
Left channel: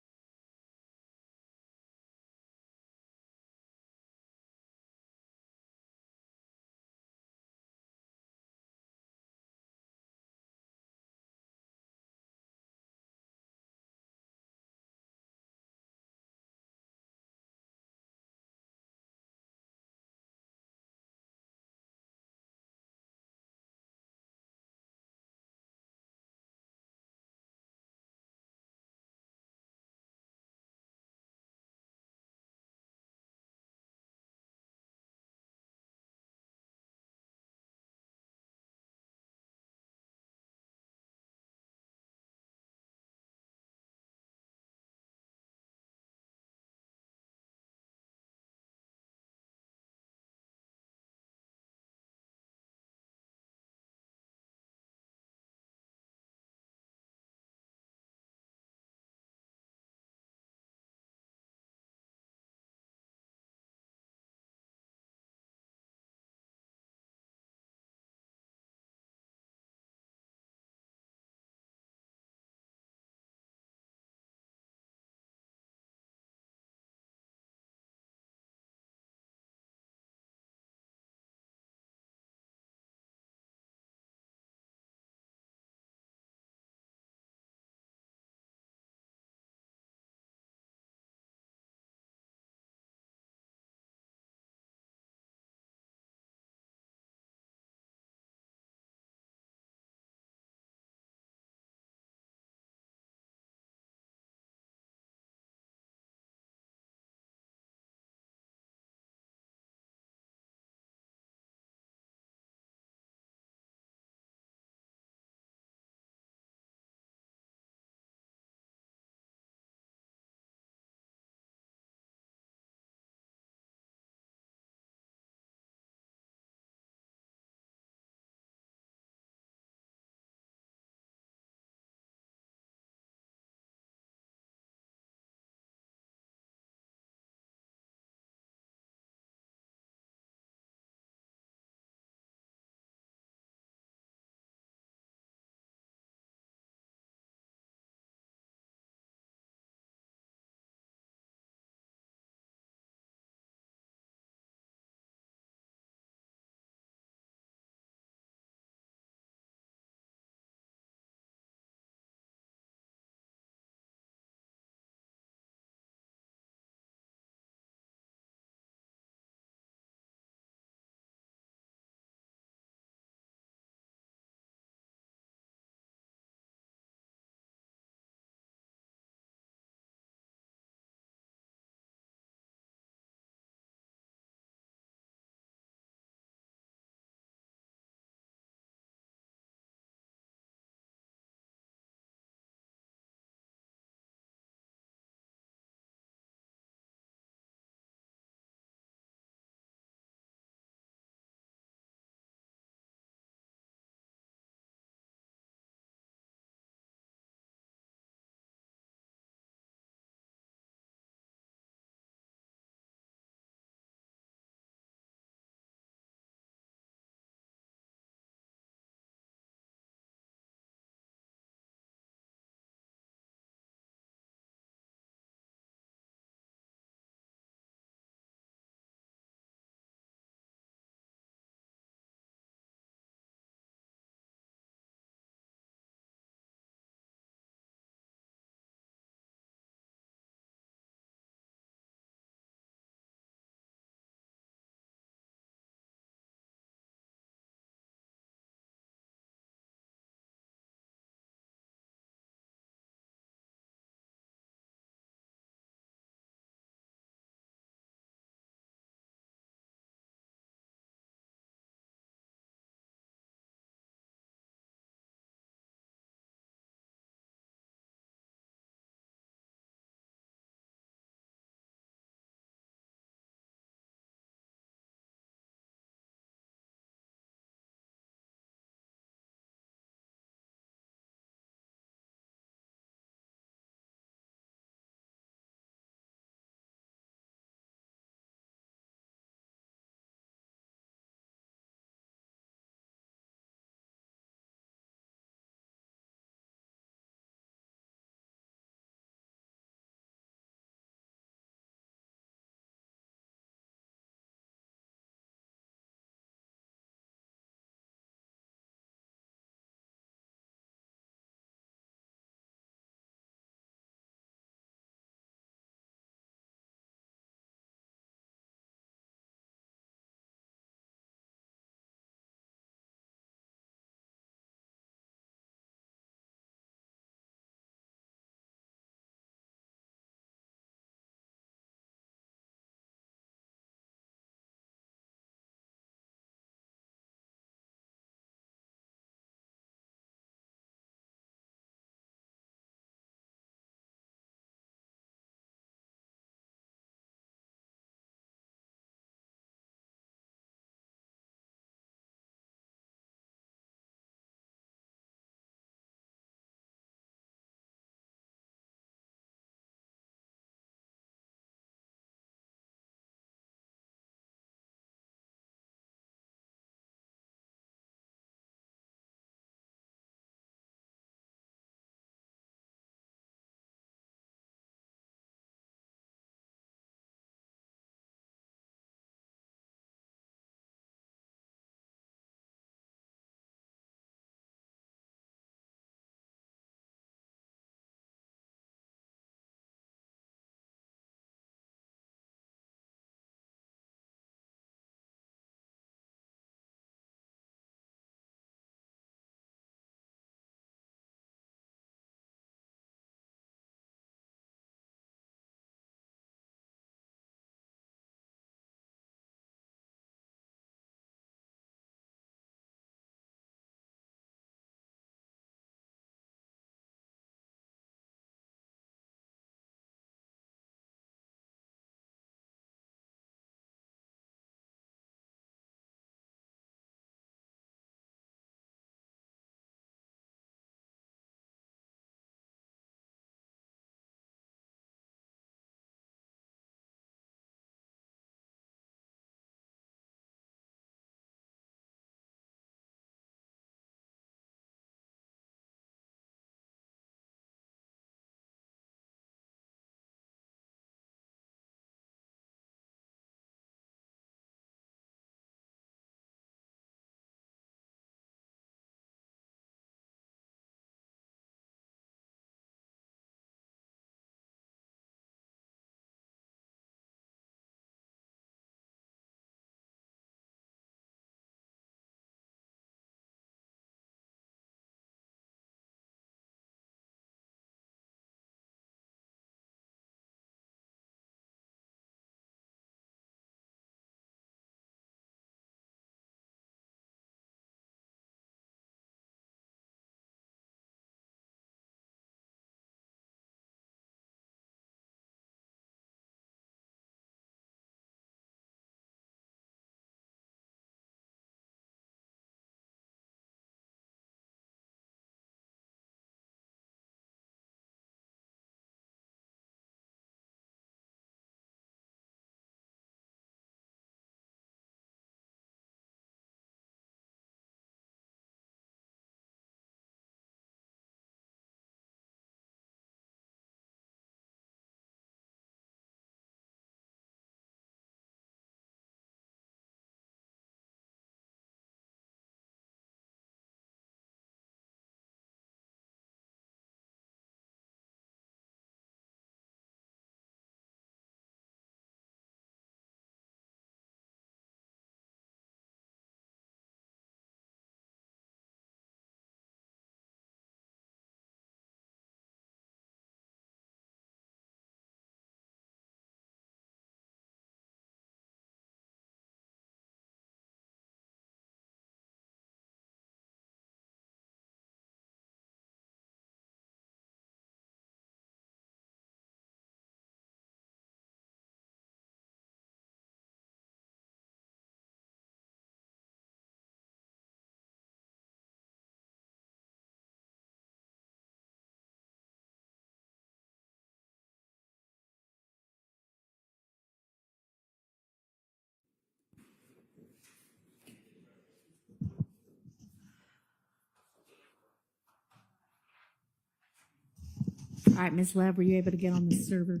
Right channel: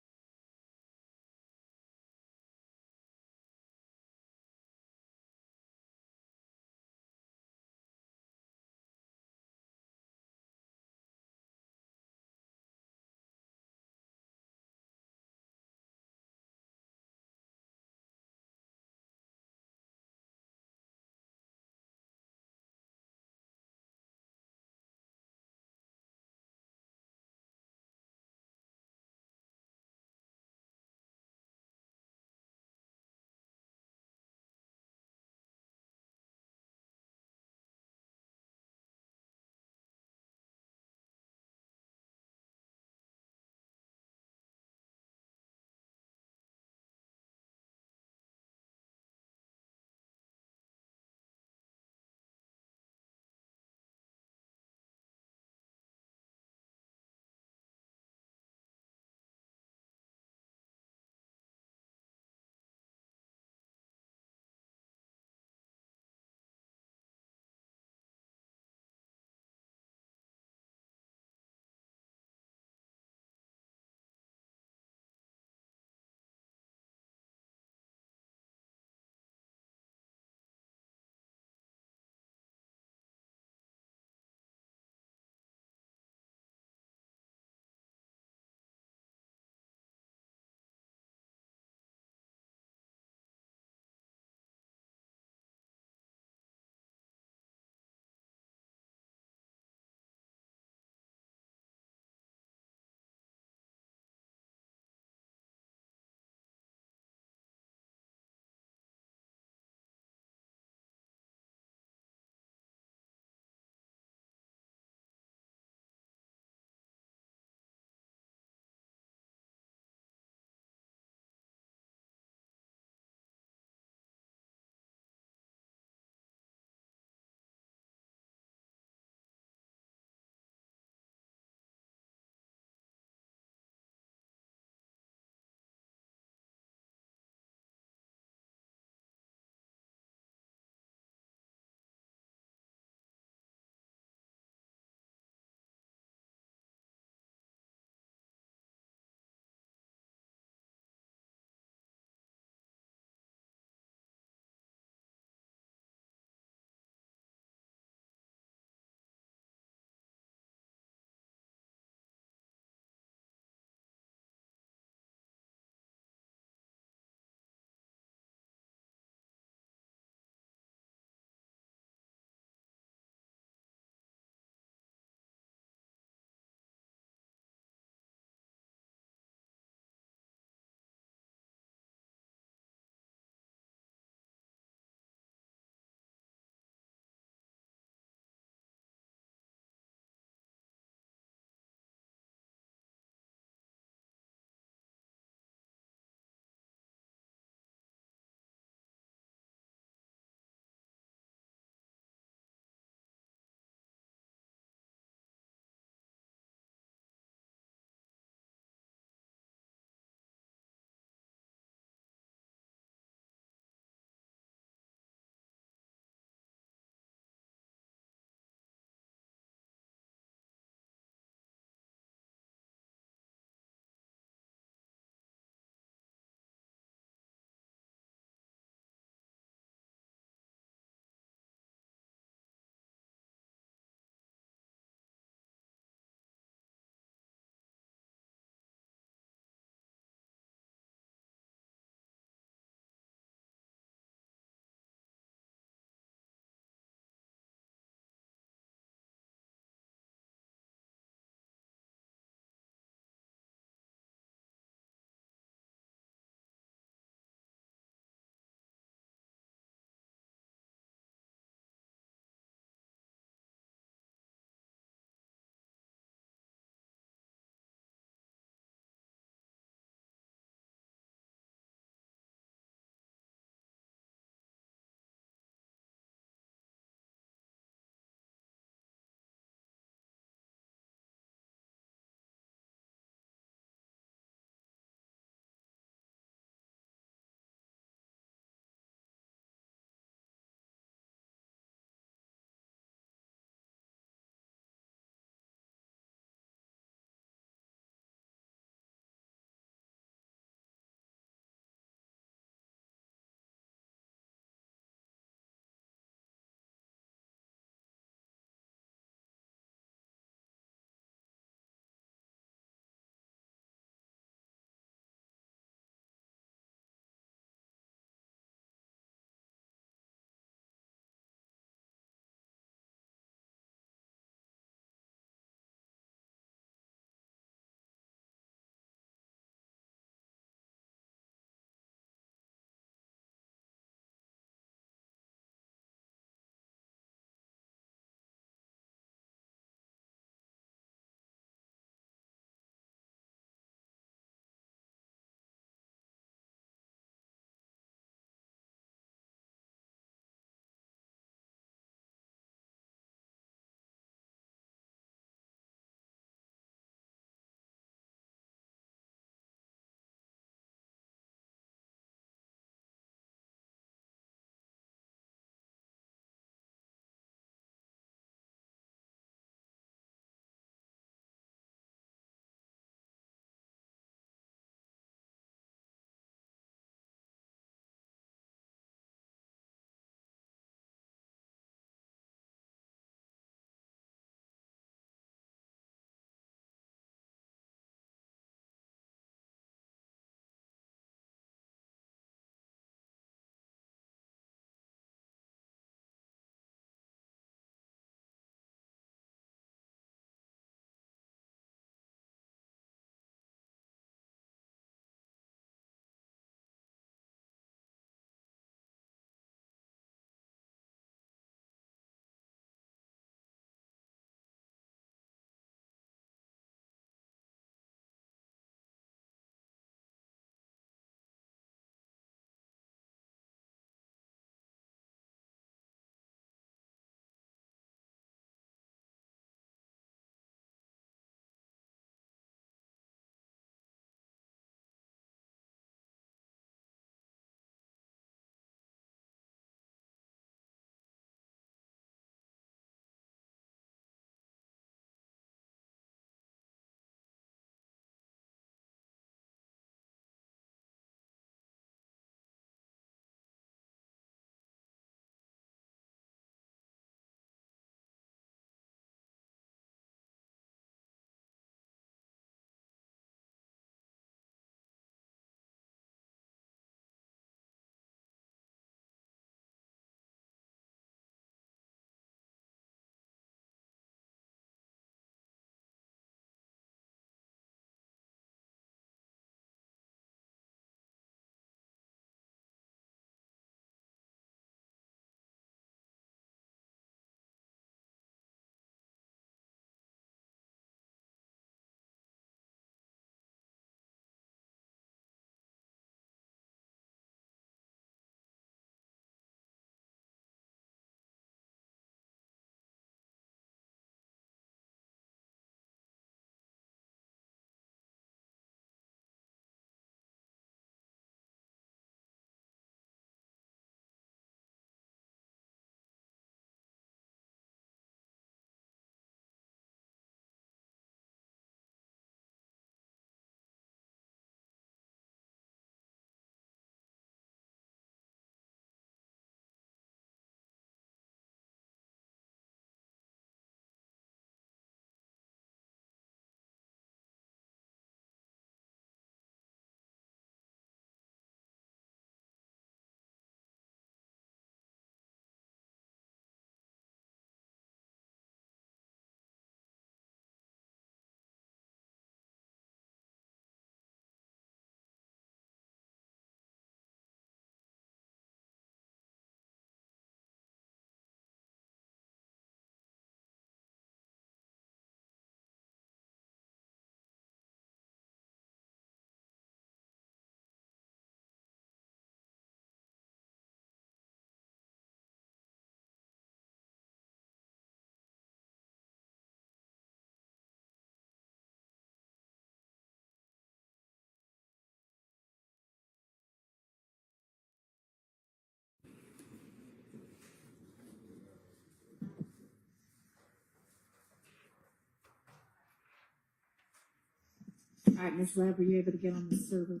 All right, Ms. Love, were you able to get on the server?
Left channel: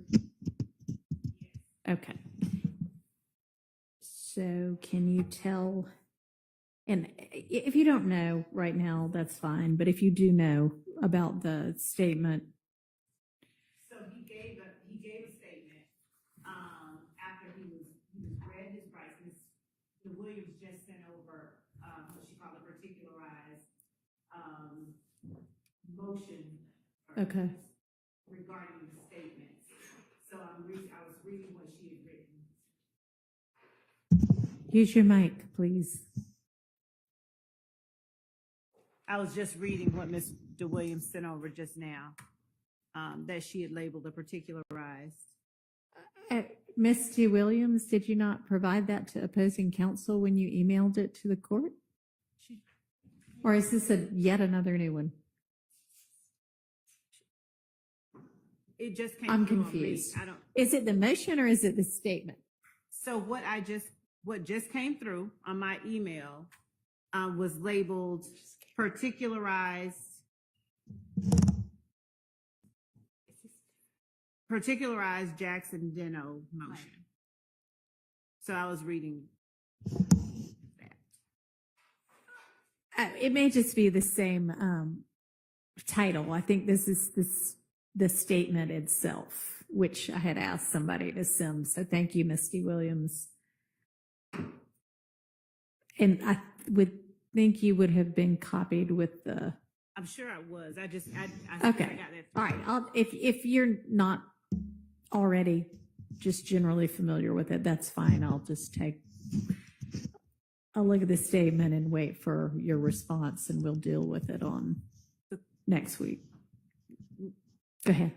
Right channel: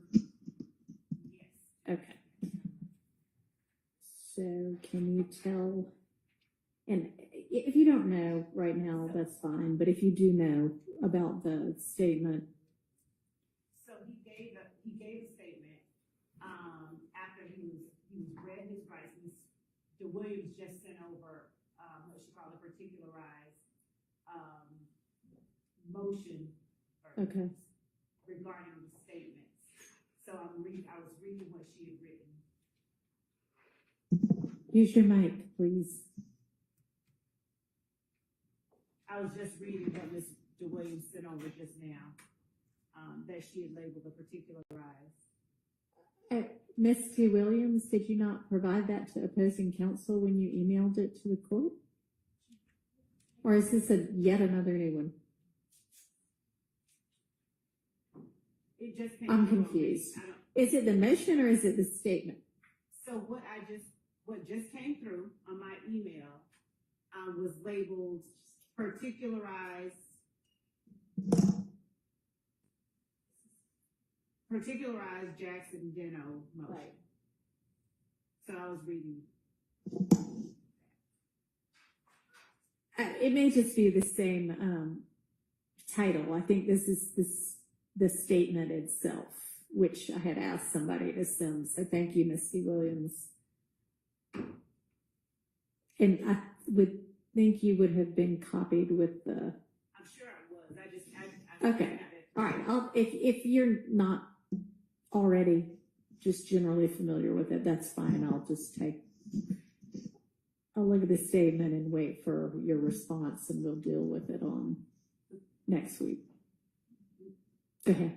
Okay. So can you tell, and if you don't know right now, that's fine, but if you do know about the statement, So he gave a statement, after he read his rights. The Williams just sent over, what she called a particularized, motion. okay. Regarding the statements. So I was reading what she had written. Use your mic, please. I was just reading what Ms. DeWilliams sent over just now, that she had labeled a particularized. Ms. T. Williams, did you not provide that to opposing counsel when you emailed it to the court? Or is this yet another new one? It just came. I'm through on me. confused. I don't. Is it the motion or is it the statement? So what just came through on my email, was labeled particularized Jackson Deno motion. Right. So I was reading that. It may just be the same title. I think this is the statement itself, which I had asked somebody to send. So thank you, Misty Williams. And I would think you would have been copied with the. I'm sure I was. I Okay. got that. All right. If you're not already just generally familiar with it, that's fine. I'll just I'll look at the statement and wait for your response, and we'll deal with it on next week. Go ahead.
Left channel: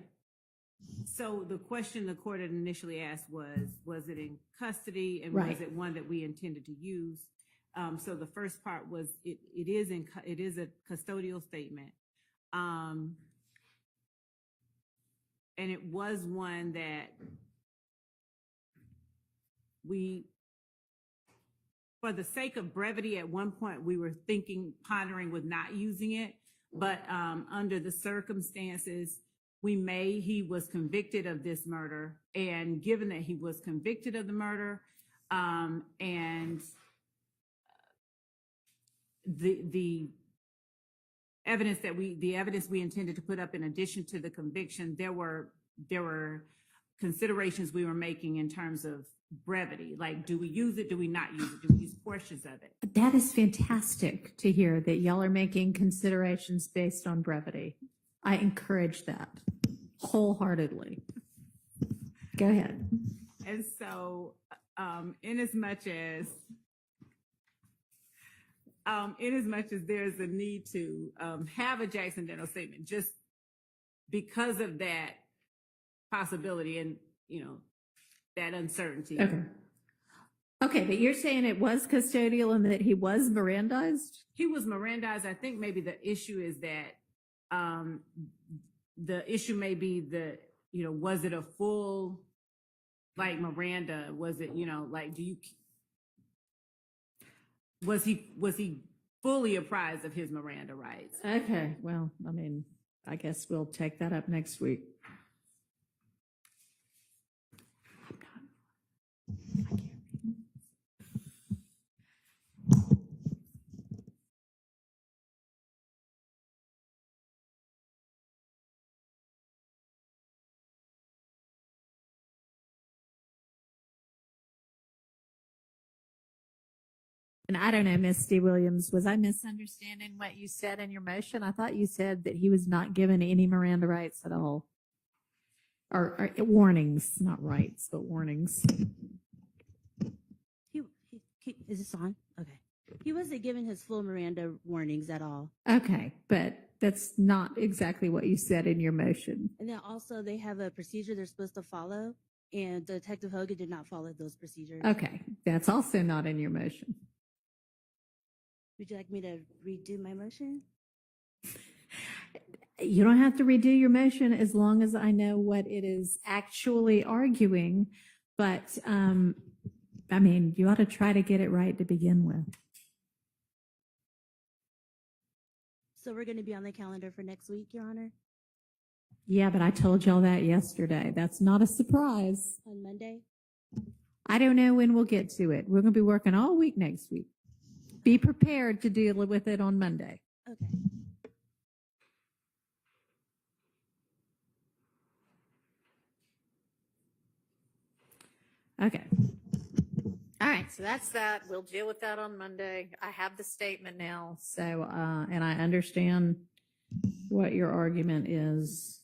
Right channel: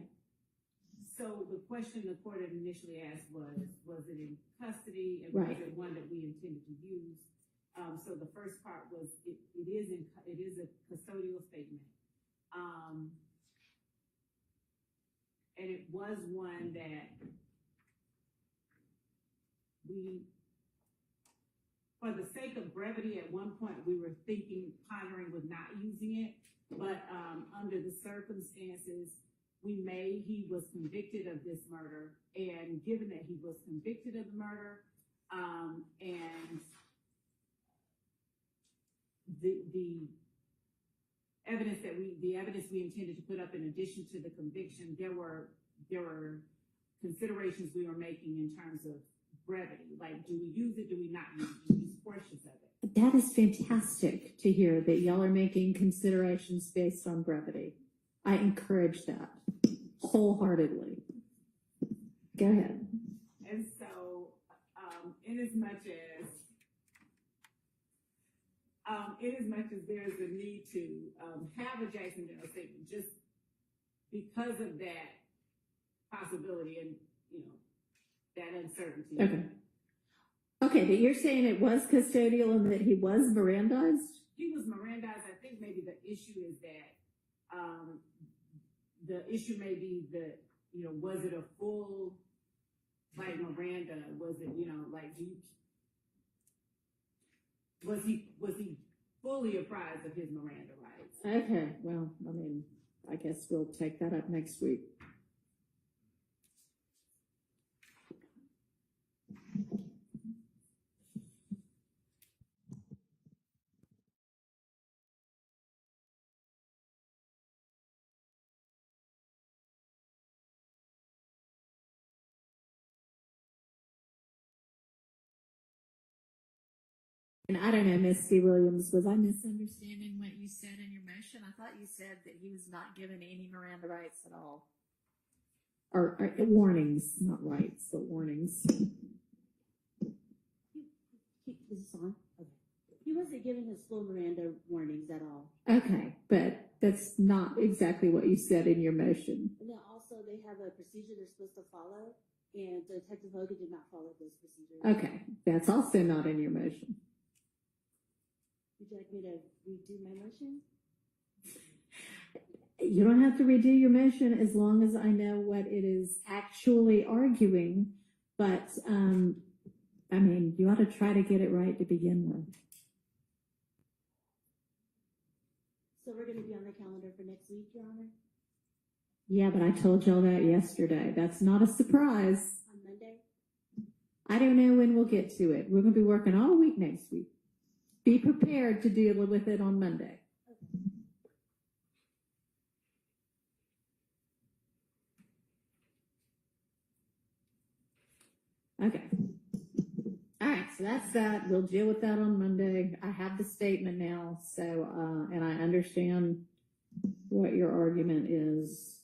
So the question the court had initially asked was it in custody, and Right. was it one that we intended to use? So the first part was it is a custodial statement, and it was one that we, for the sake of brevity, at one point we were pondering with not using it, but under the circumstances, he was convicted of this murder, and given that he was convicted of the murder, and the evidence we intended to put up in addition to the conviction, there were considerations we were making in terms of brevity. Like, do we use it? Do we not use it? Do we use portions of it? That is fantastic to hear that y'all are making considerations based on brevity. I encourage that wholeheartly. Go ahead. And so, in as much as there's a need to have a Jackson Deno statement, just because of that possibility and that uncertainty. Okay. Okay, but you're saying it was custodial and that he was Mirandized? He was Mirandized. I think maybe the issue is that the issue may be was it a full, like, Miranda? Was it, like, was he fully apprised of his Miranda rights? Okay, well, I mean, I guess we'll take that up next week. And I don't know, Misty Williams, was I misunderstanding what you said in your motion? I thought you said that he was not given any Miranda rights at all. Or warnings, not rights, but warnings. Is this on? Okay. He wasn't given his full Miranda warnings at all. Okay, but that's not exactly what you said in your motion. And then also they have a procedure they're supposed to follow, and Detective Hogan did not follow those procedures. Okay, that's also not in your motion. Would you like me to redo my motion? You don't have to redo your motion as long as I know what it is actually arguing, but I mean, you ought to try to get it right to begin with. So we're going to be on the calendar for next week, Your Honor? Yeah, but I told y'all that yesterday. That's not a surprise. On Monday? I don't know when we'll get to it. We're going to be working all week next week. Be prepared to deal with it on Monday. Okay. Okay. All right, so that's that. We'll deal with that on Monday. I have the statement now, so, and I understand what your argument is.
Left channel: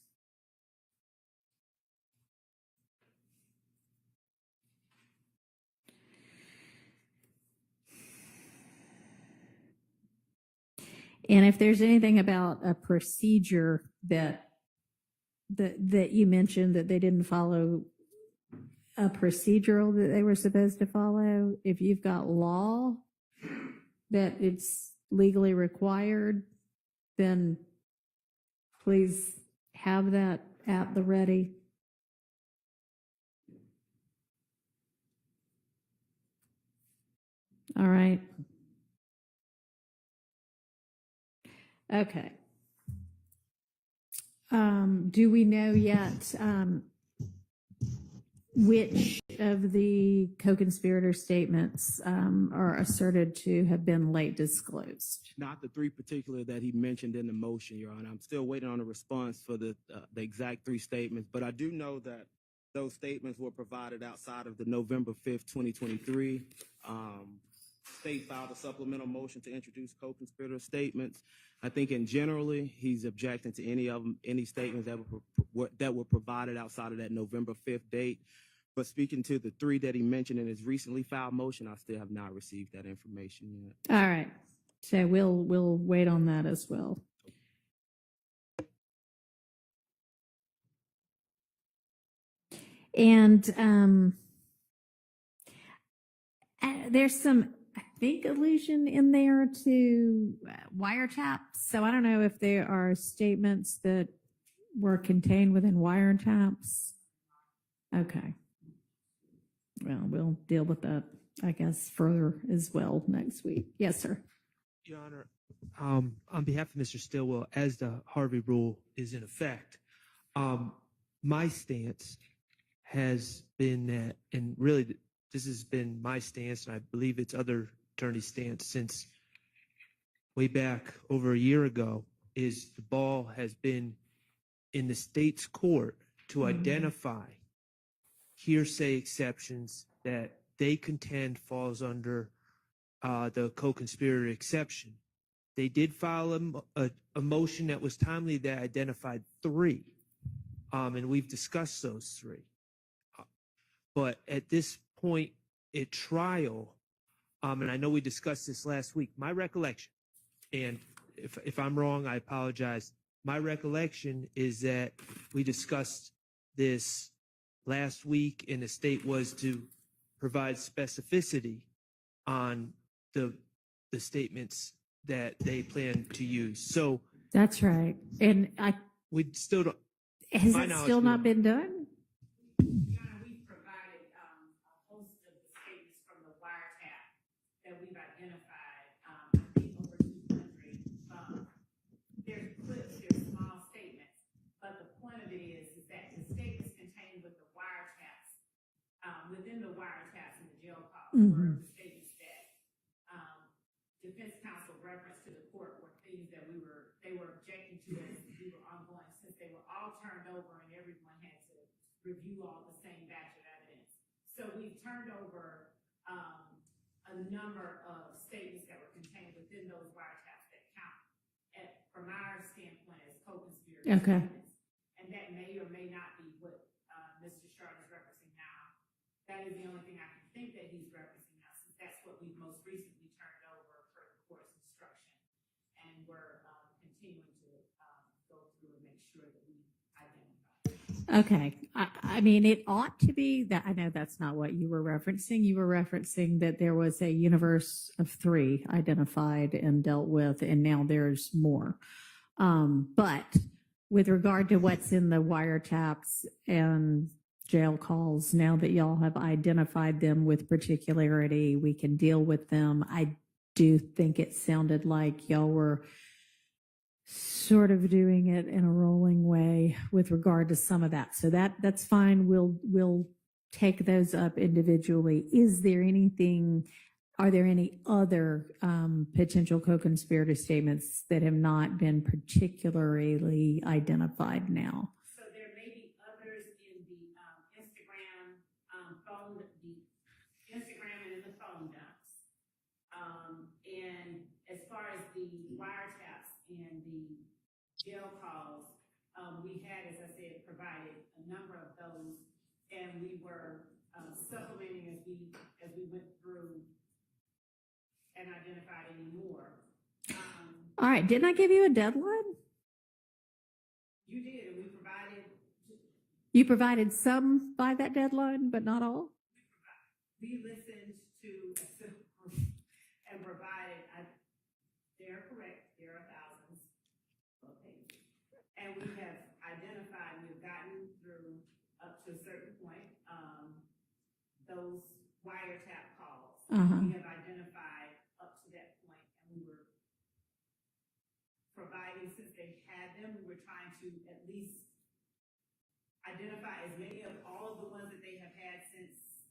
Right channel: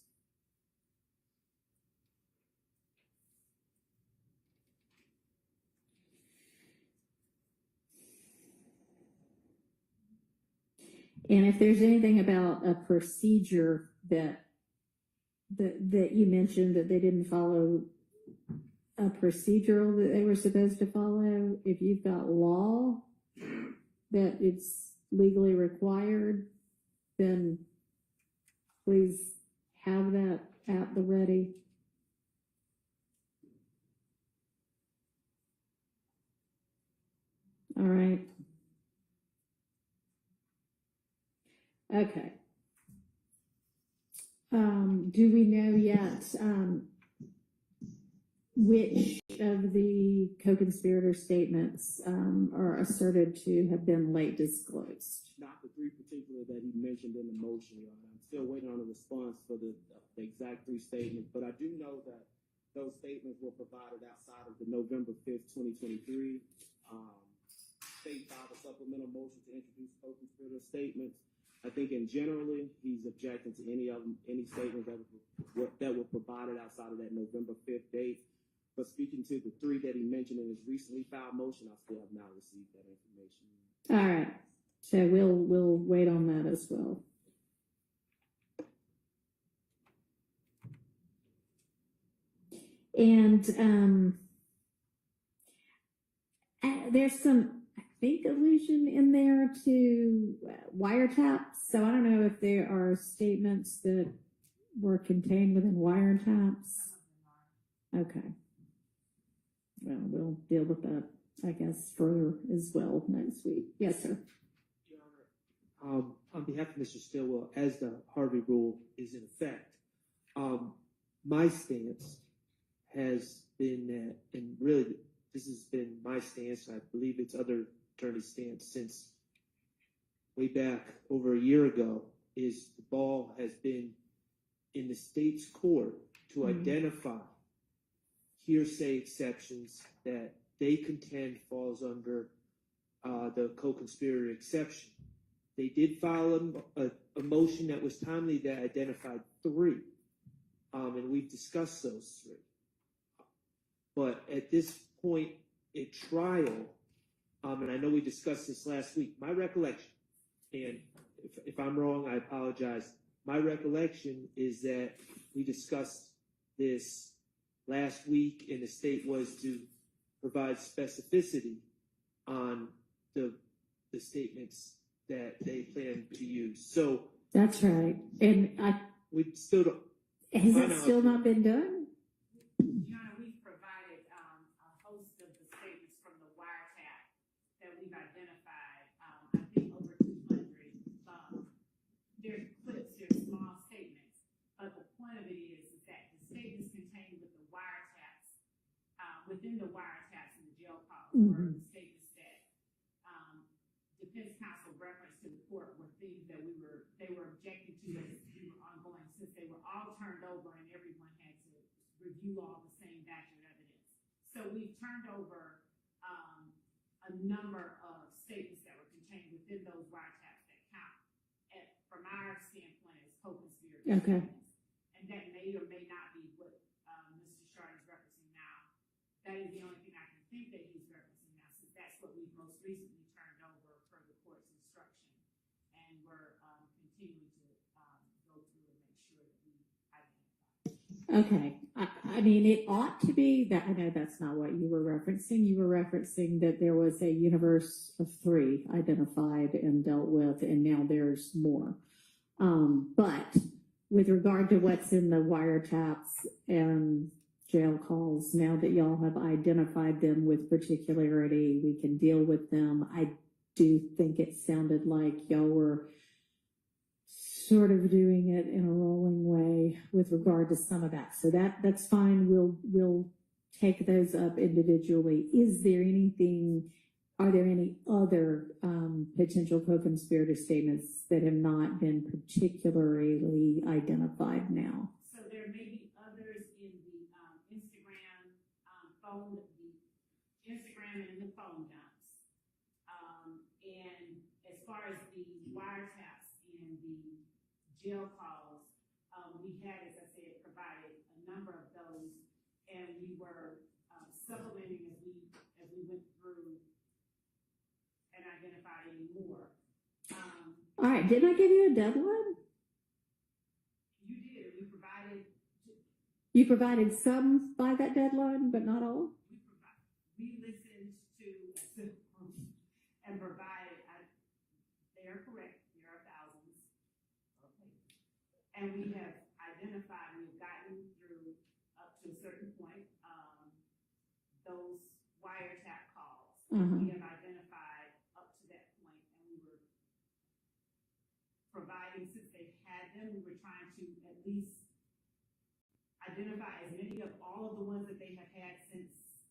And if there's anything about a procedure that you mentioned that they didn't follow a procedural that they were supposed to follow, if you've got law that it's legally required, then please have that at the ready. All right. Okay. Do we know yet which of the co-conspirator statements are asserted to have been late disclosed? Not the three particular that he mentioned in the motion, Your Honor. I'm still waiting on a response for the exact three statements, but I do know that those statements were provided outside of the November 5th, 2023. State filed a supplemental motion to introduce co-conspirator statements. I think in generally, he's objecting to any of them, any statements that were provided outside of that November 5th date. But speaking to the three that he mentioned in his recently filed motion, I still have not received that information yet. All right. So we'll wait on that as well. And there's some, I think, allusion in there to wiretaps. So I don't know if there are statements that were contained within wiretaps. Okay. Well, we'll deal with that, I guess, further as well next week. Yes, sir. Your Honor, on behalf of Mr. Stillwell, as the Harvey rule is in effect, my stance has been that, and really this has been my stance, and I believe it's other attorneys' stance since way back over a year ago, is the ball has been in the state's court to identify hearsay exceptions that they contend falls under the co-conspirator exception. They did file a motion that was timely that identified three, and we've discussed those three. But at this point at trial, and I know we discussed this last week, my recollection, and if I'm wrong, I apologize. My recollection is that we discussed this last week, and the state was to provide specificity on the statements that they plan to use. So That's right. And we still don't. has My it knowledge, still no. not been done? John, we've provided a host of the statements from the wiretap that we've identified, I think over 200. There's clips, there's small statements, but the point of it is that the statements contained with the wiretaps, within the wiretaps in the jail calls were statements that defense counsel referenced to the court were things that they were objecting to as we were ongoing, since they were all turned over and everyone had to review all the same batch of evidence. So we've turned over a number of statements that were contained within those wiretaps that count from our standpoint as co-conspirator Okay. statements. And that may or may not be what Mr. Sharp is referencing now. That is the only thing I can think that he's referencing now, since that's what we've most recently turned over for the court's instruction. And we're continuing to go through and make sure that we identify. Okay. I mean, it ought to be that. I know that's not what you were referencing. You were referencing that there was a universe of three identified and dealt with, and now there's more. But with regard to what's in the wiretaps and jail calls, now that y'all have identified them with particularity, we can deal with them. I do think it sounded like y'all were sort of doing it in a rolling way with regard to some of that. So that's fine. We'll take those up individually. Are there any other potential co-conspirator statements that have not been particularly identified now? So there may be others in the Instagram and in the phone dumps. And as far as the wiretaps and the jail calls, we had, as I said, provided a number of those, and we were supplementing as we went through and identified any more. All right, didn't I give you a deadline? You did, and You provided some by that deadline, but not all? we listened to and provided, they are correct, there are thousands of pages. And we have identified, we've gotten through up to a certain point, those wiretap calls. We have identified up to that point, and we were providing, since they had them, we were trying to at least identify as many of all of the ones that they have had since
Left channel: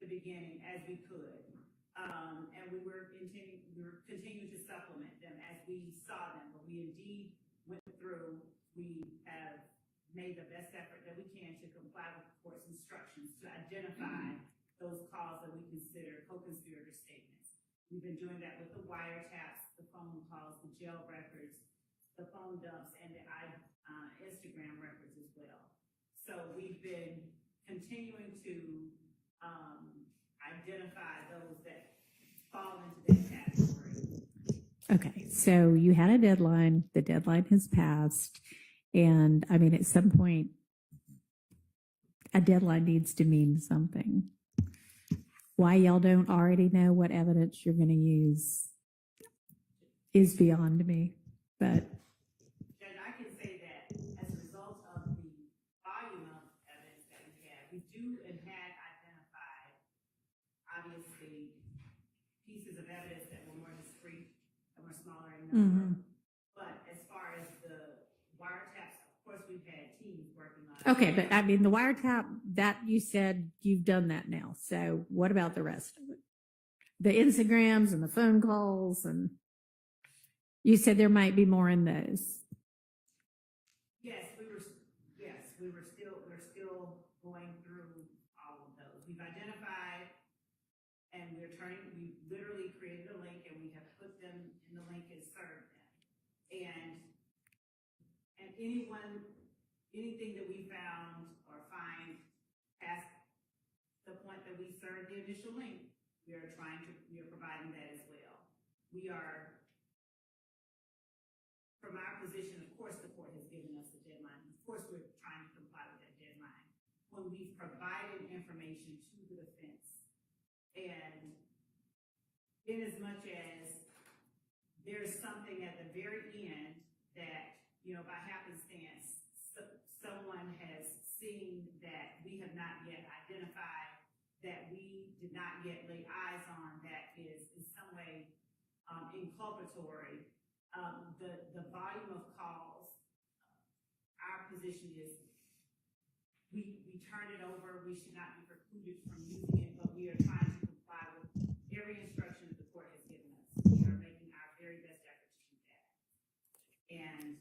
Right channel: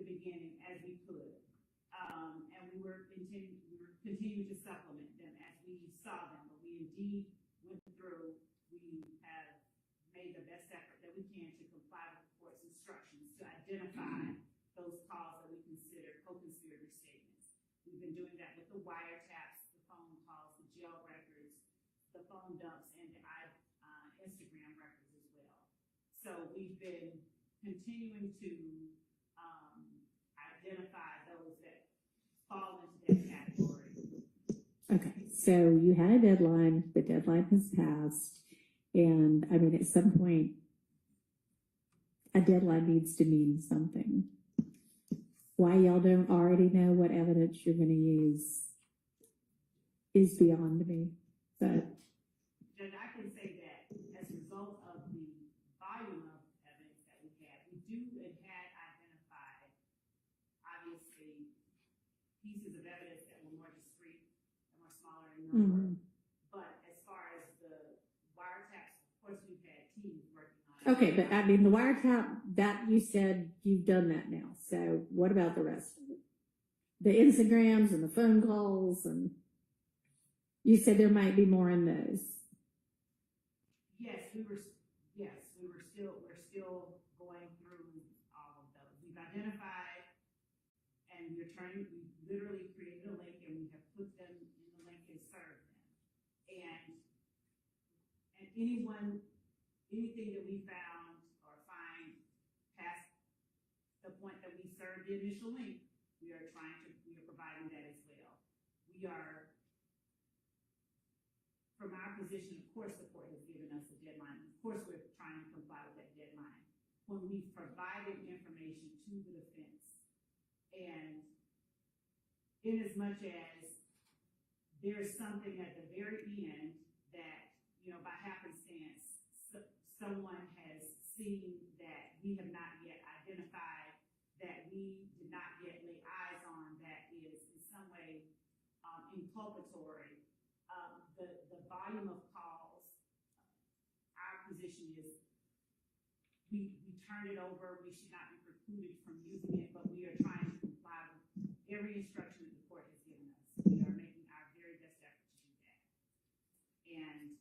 the beginning as we could. And we were continuing to supplement them as we saw them. We indeed went through, we have made the best effort that we can to comply with the court's instructions to identify those calls that we consider co-conspirator statements. We've been doing that with the wiretaps, the phone calls, the jail records, the phone dumps, and the Instagram records as well. So we've been continuing to identify those that fall into that category. Okay, so you had a deadline, the deadline has passed, and I mean, at some point, a deadline needs to mean something. Why y'all don't already know what evidence you're going to use is beyond me, but. Judge, I can say that as a result of the volume of evidence that we have, we do and had identified, obviously, pieces of evidence that were more discrete and were smaller in number. But as far as the wiretaps, of course, we've had teams working on it. Okay, but I mean, the wiretap, that you said you've done that now. So what about the rest of it? The Instagrams and the phone calls, and you said there might be more in those. We're still going through all of those. We've identified, and we literally created a link, and we have put them in the link and served them. And anything that we found or find past the point that we served the initial link, we are providing that as well. We are, from our position, of course, the court has given us a deadline. Of course, we're trying to comply with that deadline. When we've provided information to the defense, and in as much as there's something at the very end that, by happenstance, someone has seen that we have not yet identified, that we did not yet lay eyes on, that is in some way inculpatory. The volume of calls, our position is we turn it over, we should not be precluded from using it, but we are trying to comply with every instruction that the court has given us. We are making our very best effort to do that. And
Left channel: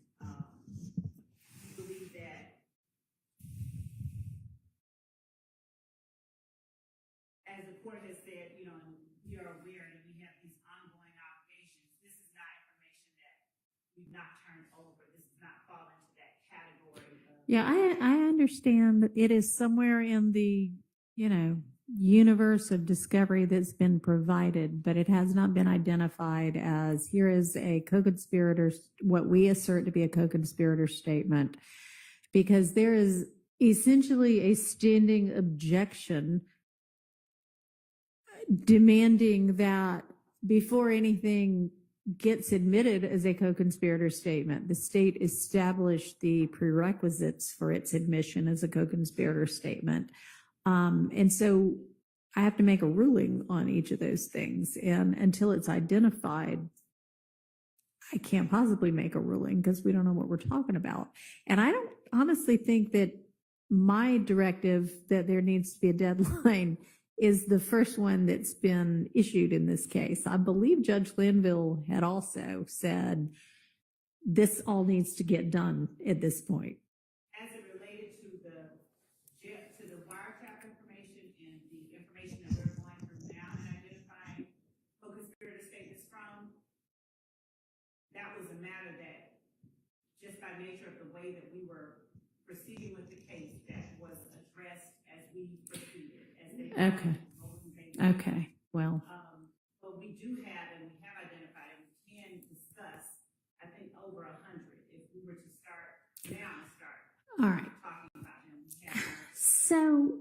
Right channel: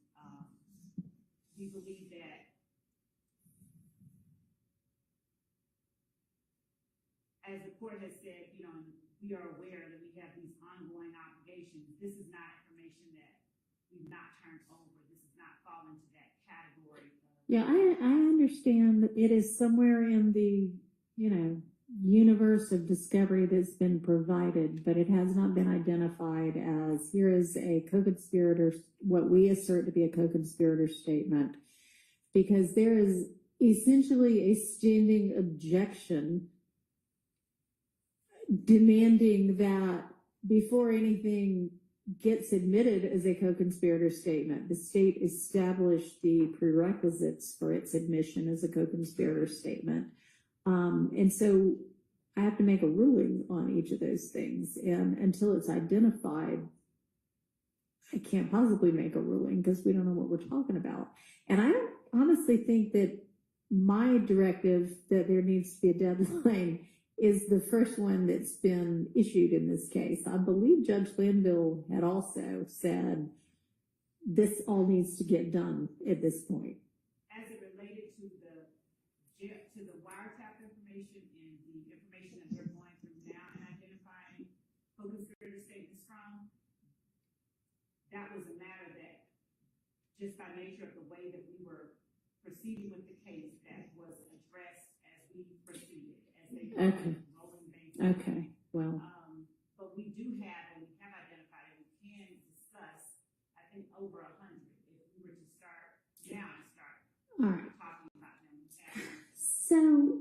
we believe that as the court has said, we are aware that we have these ongoing obligations. This is not information that we've not turned over. This does not fall into that category. Yeah, I understand that it is somewhere in the, universe of discovery that's been provided, but it has not been identified as here is a co-conspirator, what we assert to be a co-conspirator statement, because there is essentially a standing objection demanding that before anything gets admitted as a co-conspirator statement, the state establish the prerequisites for its admission as a co-conspirator statement. And so I have to make a ruling on each of those things. And until it's identified, I can't possibly make a ruling because we don't know what we're talking about. And I don't honestly think that my directive that there needs to be a deadline is the first one that's been issued in this case. I believe Judge Linville had also said this all needs to get done at this point. As it related to the wiretap information and the information that we're going through now and identifying co-conspirator statements from, that was a matter that, just by nature of the way that we were proceeding with the case, that was addressed as we proceeded, as they Okay. Okay, well, but we do have, and we have identified, and we can discuss, I think, over 100 if we were to start now and start all right. talking about them. We have So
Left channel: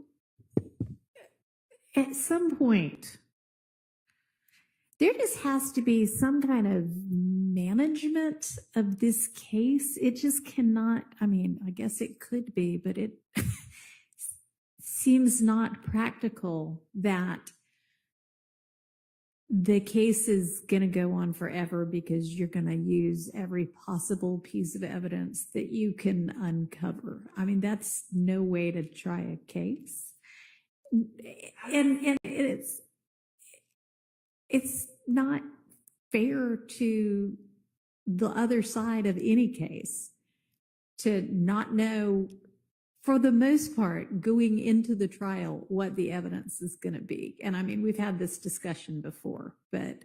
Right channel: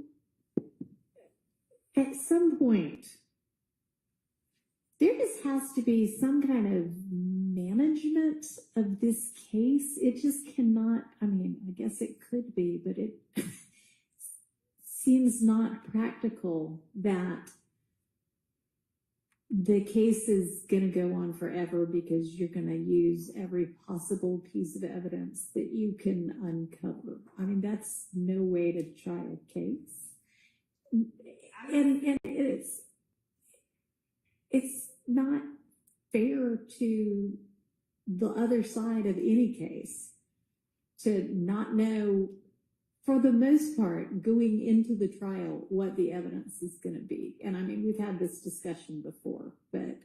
at some point, there just has to be some kind of management of this case. It just cannot, I mean, I guess it could be, but it seems not practical that the case is going to go on forever because you're going to use every possible piece of evidence that you can uncover. I mean, that's no way to try a case. And it's not fair to the other side of any case to not know, for the most part, going into the trial, what the evidence is going to be. And I mean, we've had this discussion before, but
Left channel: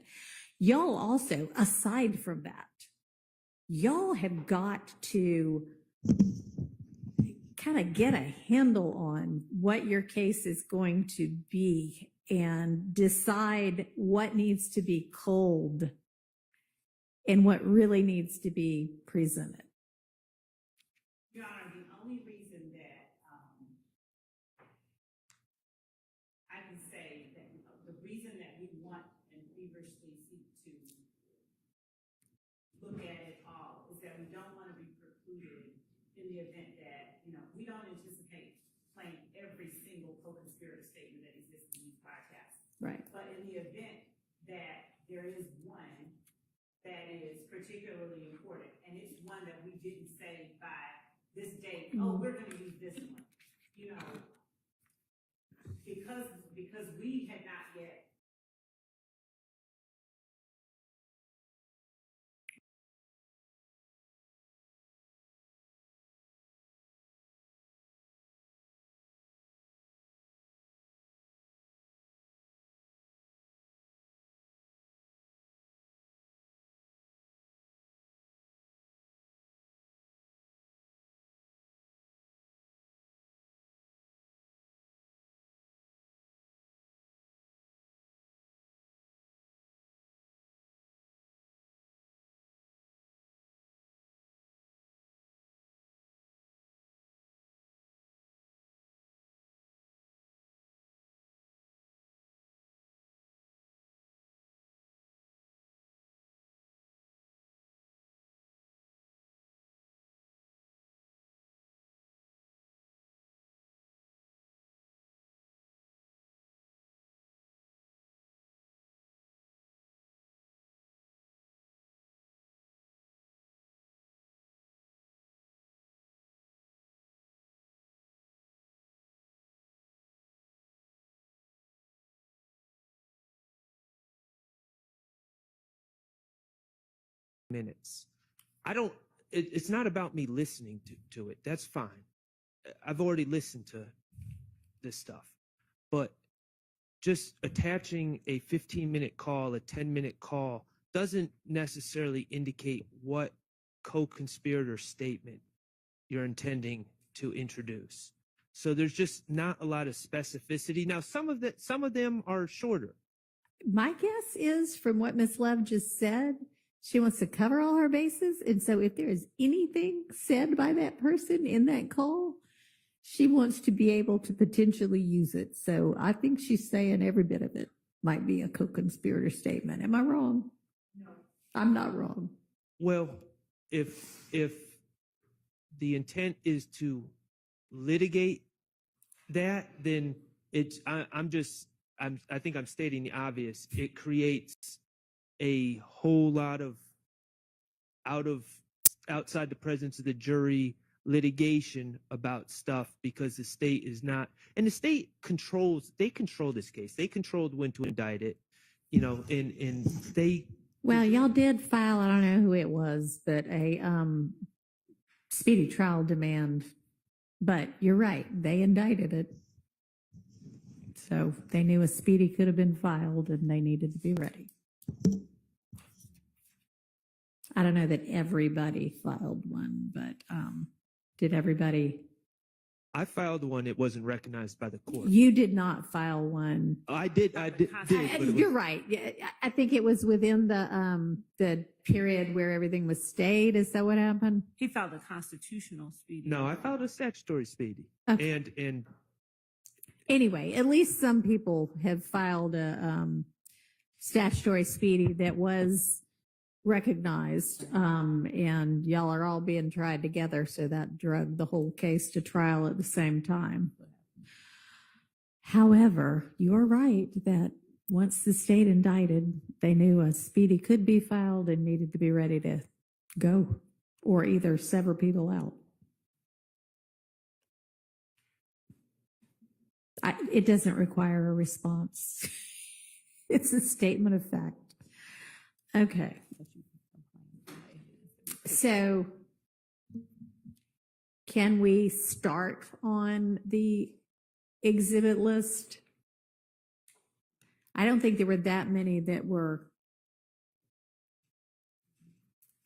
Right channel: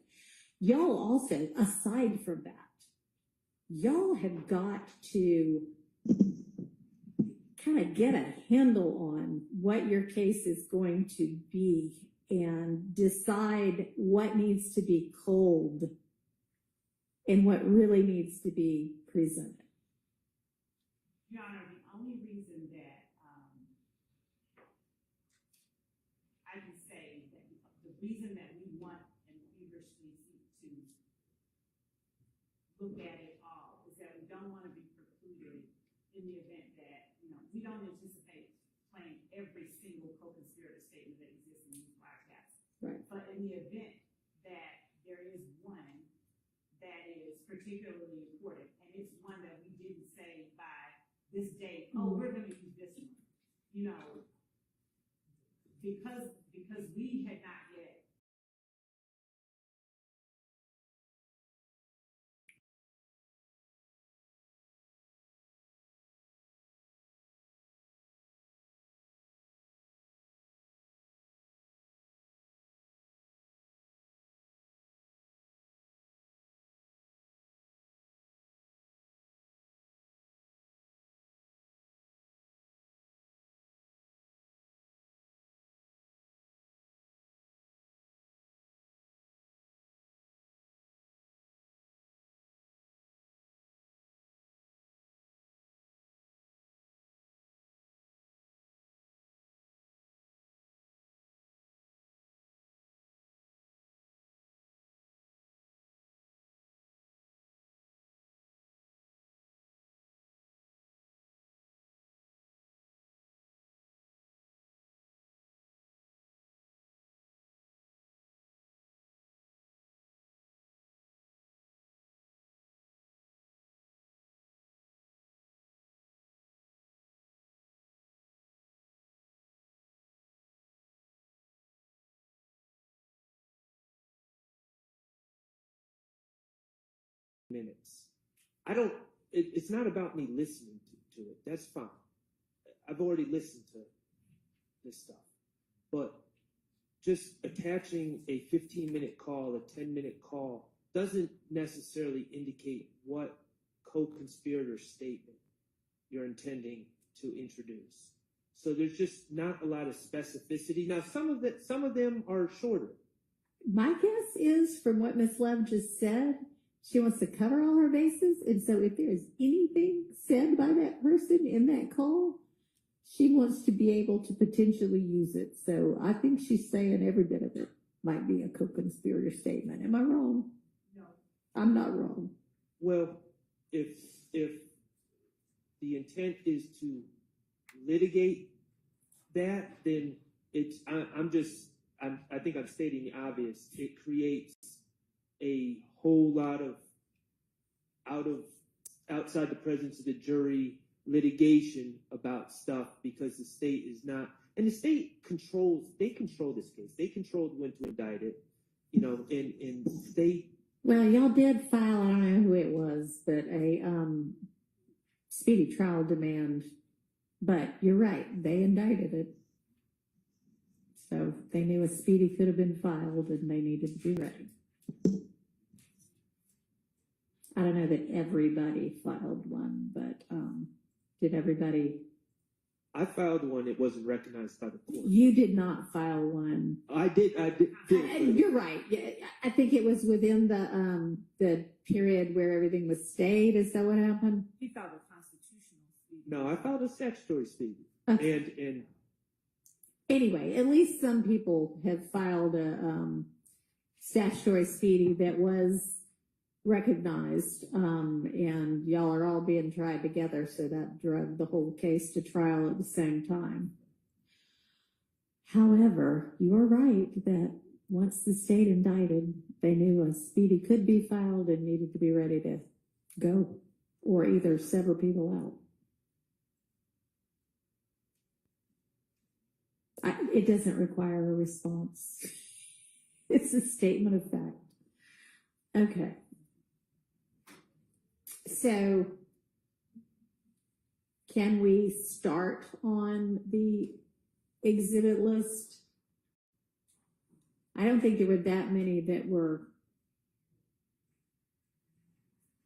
y'all also, aside from that, y'all have got to kind of get a handle on what your case is going to be and decide what needs to be culled and what really needs to be presented. Your Honor, the only reason that I can say that the reason that we want and feverishly seek to look at it all is that we don't want to be precluded in the event that, we don't anticipate playing every single co-conspirator statement that exists in these podcasts. Right. But in the event that there is one that is particularly important, and it's one that we didn't say by this date, oh, we're going to use this one, because we had not yet. Minutes. It's not about me listening to it. That's fine. I've already listened to this stuff. But just attaching a 15-minute call, a 10-minute call, doesn't necessarily indicate what co-conspirator statement you're intending to introduce. So there's just not a lot of specificity. Now, some of them are shorter. My guess is, from what Ms. Love just said, she wants to cover all her bases. And so if there is anything said by that person in that call, she wants to be able to potentially use it. So I think she's saying every bit of it might be a co-conspirator statement. Am I wrong? No. I'm not wrong. Well, if the intent is to litigate that, then I think I'm stating the obvious. It creates a whole lot of outside the presence of the jury litigation about stuff because the state is not, and the state control this case. They controlled when to indict it, and they. Well, y'all did file, I don't know who it was, but a speedy trial demand. But you're right, they indicted it. So they knew a speedy could have been filed and they needed to be ready. I don't know that everybody filed one, but did everybody? I filed one. It wasn't recognized by the court. You did not file one. I did. But it was, You're right. Yeah, I think it was within the period where everything was stayed. Is that what happened? He filed a constitutional speedy. no, I filed a statutory speedy. Okay. And Anyway, at least some people have filed a statutory speedy that was recognized, and y'all are all being tried together, so that drug the whole case to trial at the same time. However, you're right that once the state indicted, they knew a speedy could be filed and needed to be ready to go or either sever people out. It doesn't require a response. It's a statement of fact. Okay. So can we start on the exhibit list? I don't think there were that many that were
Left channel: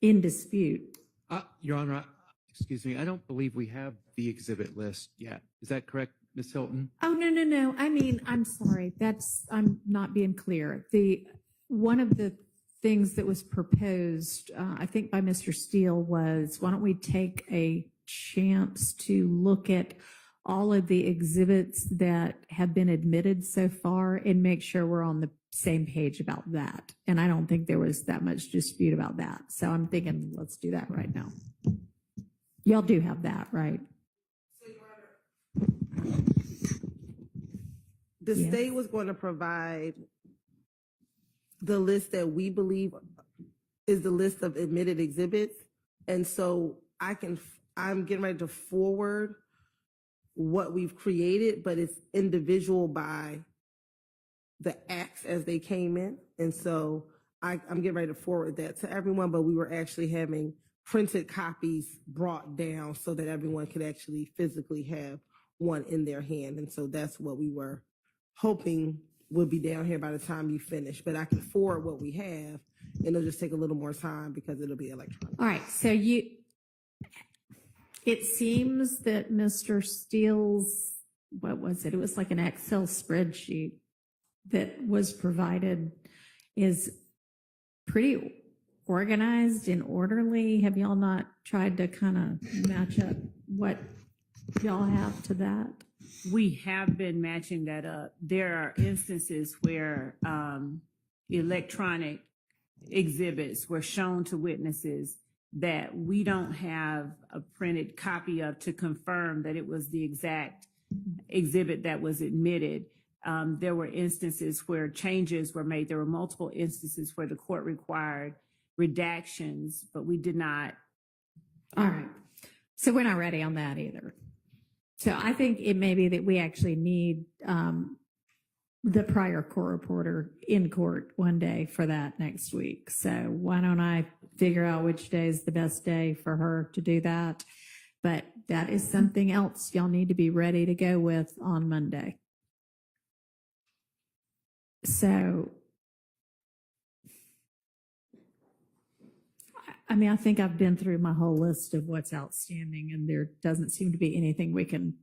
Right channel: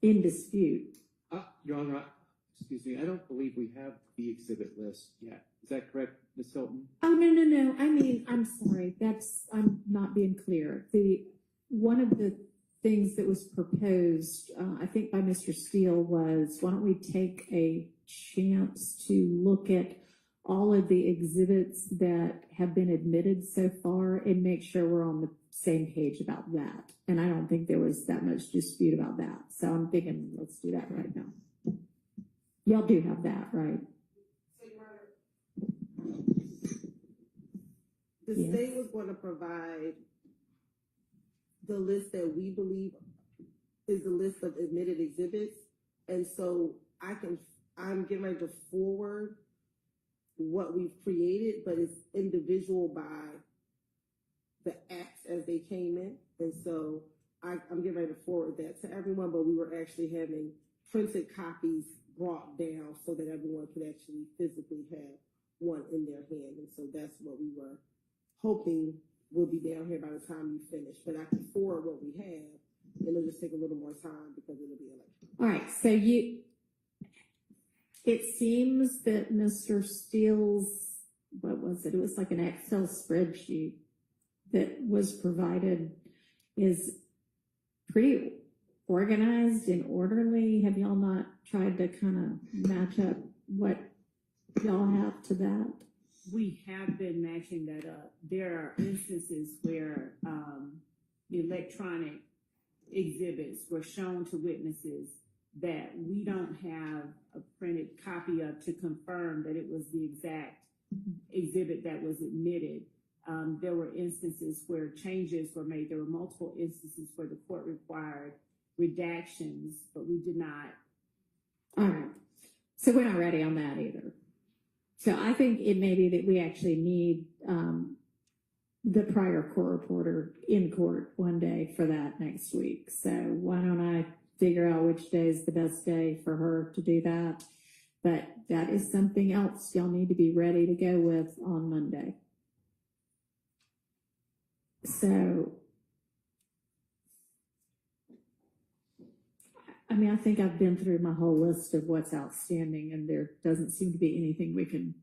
in dispute. Your Honor, excuse me, I don't believe we have the exhibit list yet. Is that correct, Ms. Hylton? Oh, no. I mean, I'm sorry. I'm not being clear. One of the things that was proposed, I think by Mr. Steele, was why don't we take a chance to look at all of the exhibits that have been admitted so far and make sure we're on the same page about that. And I don't think there was that much dispute about that. So I'm thinking, let's do that right now. Y'all do have that, right? The Yes. state was going to provide the list that we believe is the list of admitted exhibits. And so I'm getting ready to forward what we've created, but it's individual by the acts as they came in. And so I'm getting ready to forward that to everyone, but we were actually having printed copies brought down so that everyone could actually physically have one in their hand. And so that's what we were hoping would be down here by the time you finish. But I can forward what we have, and it'll just take a little more time because it'll be electronic. All right, so it seems that Mr. Steele's, what was it? It was like an Excel spreadsheet that was provided is pretty organized and orderly. Have y'all not tried to kind of match up what y'all have to that? We have been matching that up. There are instances where electronic exhibits were shown to witnesses that we don't have a printed copy of to confirm that it was the exact exhibit that was admitted. There were instances where changes were made. There were multiple instances where the court required redactions, but we did not. All right, so we're not ready on that either. So I think it may be that we actually need the prior court reporter in court one day for that next week. So why don't I figure out which day is the best day for her to do that? But that is something else y'all need to be ready to go with on Monday. So, I mean, I think I've been through my whole list of what's outstanding, and there doesn't seem to be anything we can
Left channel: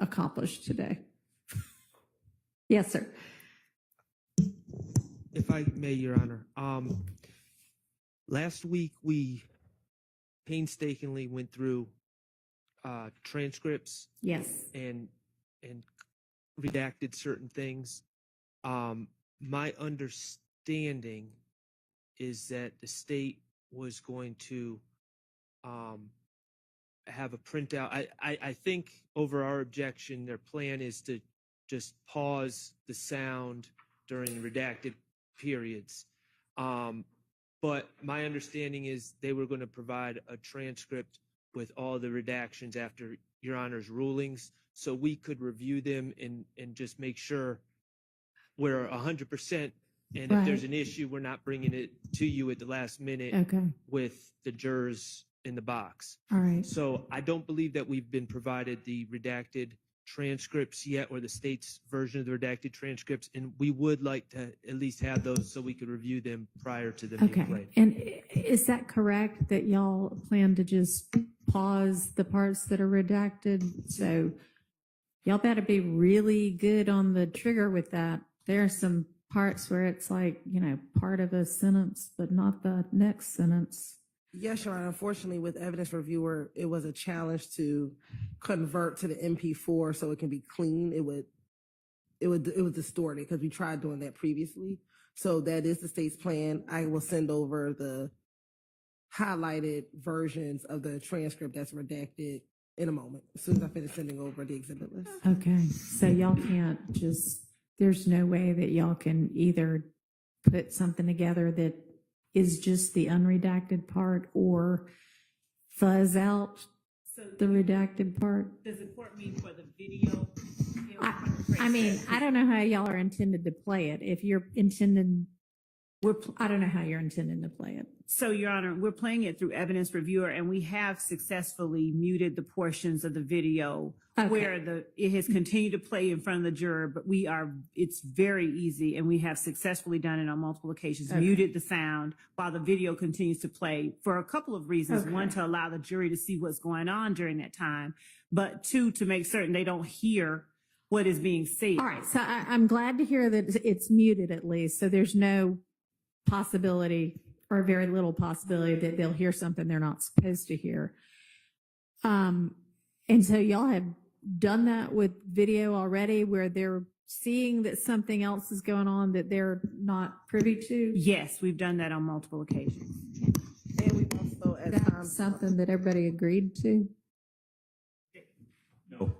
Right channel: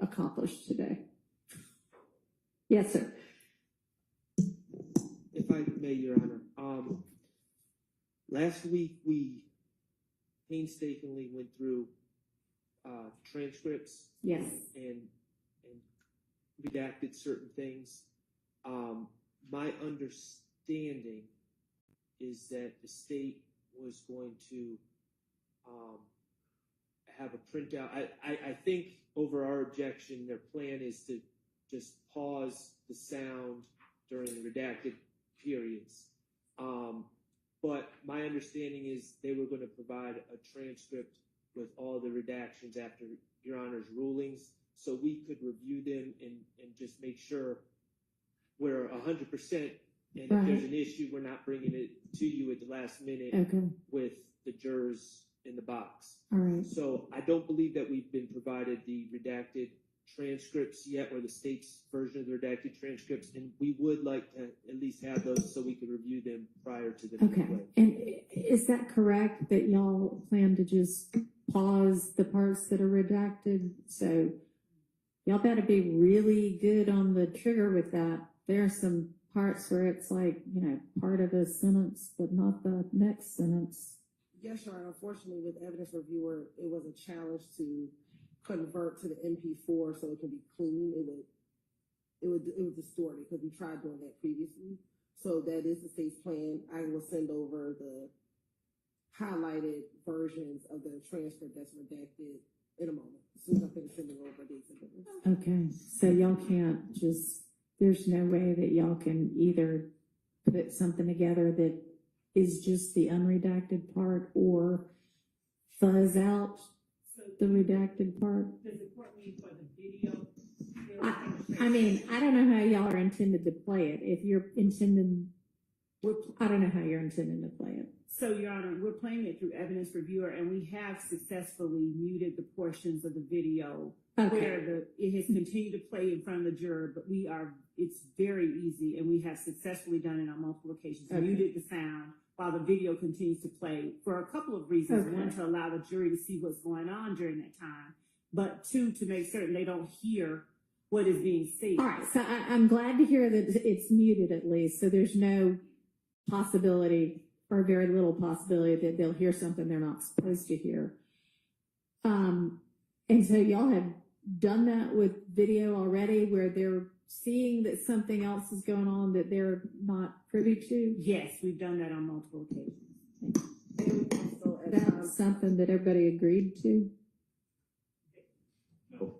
accomplish today. Yes, sir. if I may, Your Honor, last week we painstakingly went through transcripts Yes. and redacted certain things. My understanding is that the state was going to have a printout. I think over our objection, their plan is to just pause the sound during the redacted periods. but my understanding is they were going to provide a transcript with all the redactions after Your Honor's rulings, so we could review them and just make sure we're 100%. And if there's Right. an issue, we're not bringing it to you at the last minute Okay. with the jurors in the box. All right. So I don't believe that we've been provided the redacted transcripts yet, or the state's version of the redacted transcripts, and we would like to at least have those so we could review them prior to them being Okay. played. And is that correct that y'all plan to just pause the parts that are redacted? So y'all better be really good on the trigger with that. There are some parts where it's like, part of a sentence, but not the next sentence. Yes, Your Honor. Unfortunately, with evidence reviewer, it was a challenge to convert to the MP4 so it can be clean. It would distort it because we tried doing that previously. So that is the state's plan. I will send over the highlighted versions of the transcript that's redacted in a moment, as soon as I finish sending over the exhibit list. Okay. So y'all can't just, there's no way that y'all can either put something together that is just the unredacted part or fuzz out So the redacted part? does the court mean for the video? I mean, I don't know how y'all are intended to play it. If you're intending, I don't know how you're intending to play it. So, Your Honor, we're playing it through evidence reviewer, and we have successfully muted the portions of the video Okay. where it has continued to play in front of the juror, but it's very easy, and we have successfully done it on multiple occasions, Okay. muted the sound while the video continues to play for a couple of reasons. Okay. One, to allow the jury to see what's going on during that time, but two, to make certain they don't hear what is being said. All right. So I'm glad to hear that it's muted at least. So there's no possibility or very little possibility that they'll hear something they're not supposed to hear. And so y'all have done that with video already where they're seeing that something else is going on that they're not privy to? Yes, we've done that on multiple occasions. And we also, at times, That's something that everybody agreed to? No,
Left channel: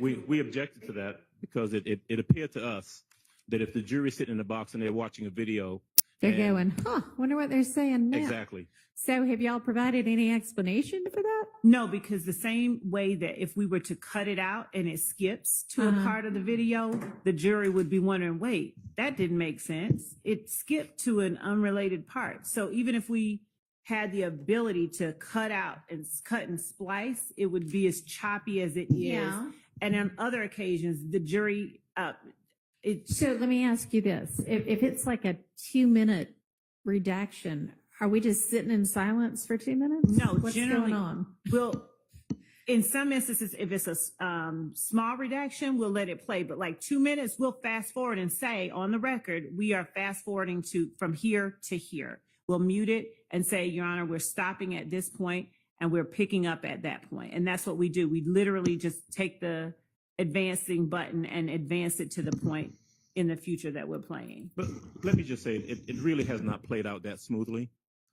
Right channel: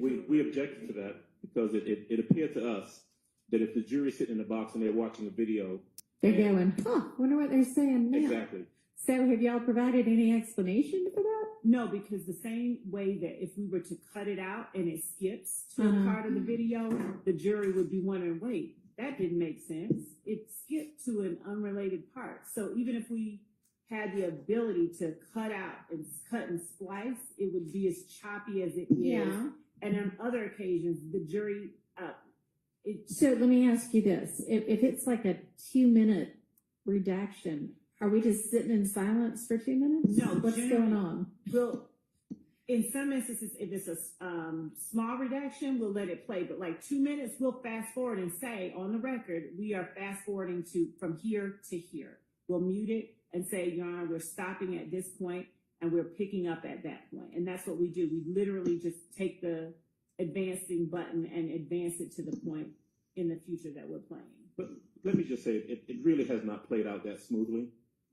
we objected to that because it appeared to us that if the jury's sitting in the box and they're watching a video. They're and- going, wonder what they're saying now. Exactly. So have y'all provided any explanation for that? No, because the same way that if we were to cut it out and it skips to a part of the video, the jury would be wondering, wait, that didn't make sense. It skipped to an unrelated part. So even if we had the ability to cut out and cut and splice, it would be as choppy as it is. Yeah. And on other occasions, the jury, So let me ask you this. If it's like a 2-minute redaction, are we just sitting in silence for 2 minutes? No, What's generally- going on? Well, in some instances, if it's a small redaction, we'll let it play. But like 2 minutes, we'll fast forward and say on the record, we are fast forwarding from here to here. We'll mute it and say, Your Honor, we're stopping at this point and we're picking up at that point. And that's what we do. We literally just take the advancing button and advance it to the point in the future that we're playing. But let me just say, it really has not played out that smoothly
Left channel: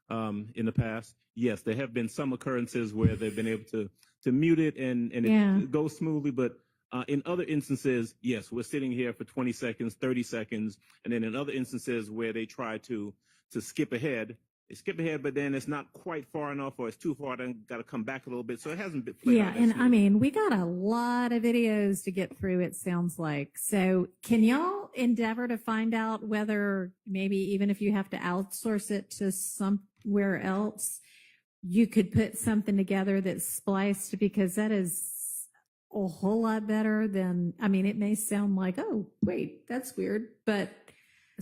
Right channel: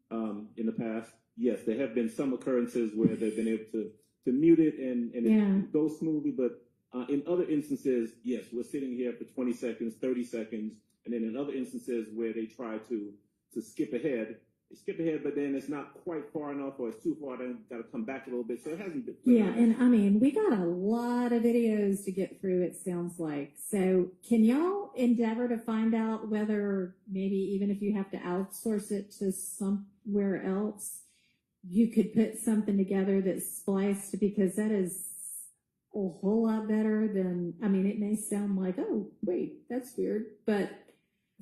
in the past. Yes, there have been some occurrences where they've been able to mute it and it goes smoothly, but in other instances, yes, we're sitting here for 20 seconds, 30 seconds, and then in other instances where they try to skip ahead, they skip ahead, but then it's not quite far enough or it's too far, then got to come back a little bit. So it hasn't been played out that And I smoothly. mean, we got a lot of videos to get through, it sounds like. So can y'all endeavor to find out whether maybe even if you have to outsource it to somewhere else, you could put something together that's spliced, because that is a whole lot better than, I mean, it may sound like, oh, wait, that's weird, but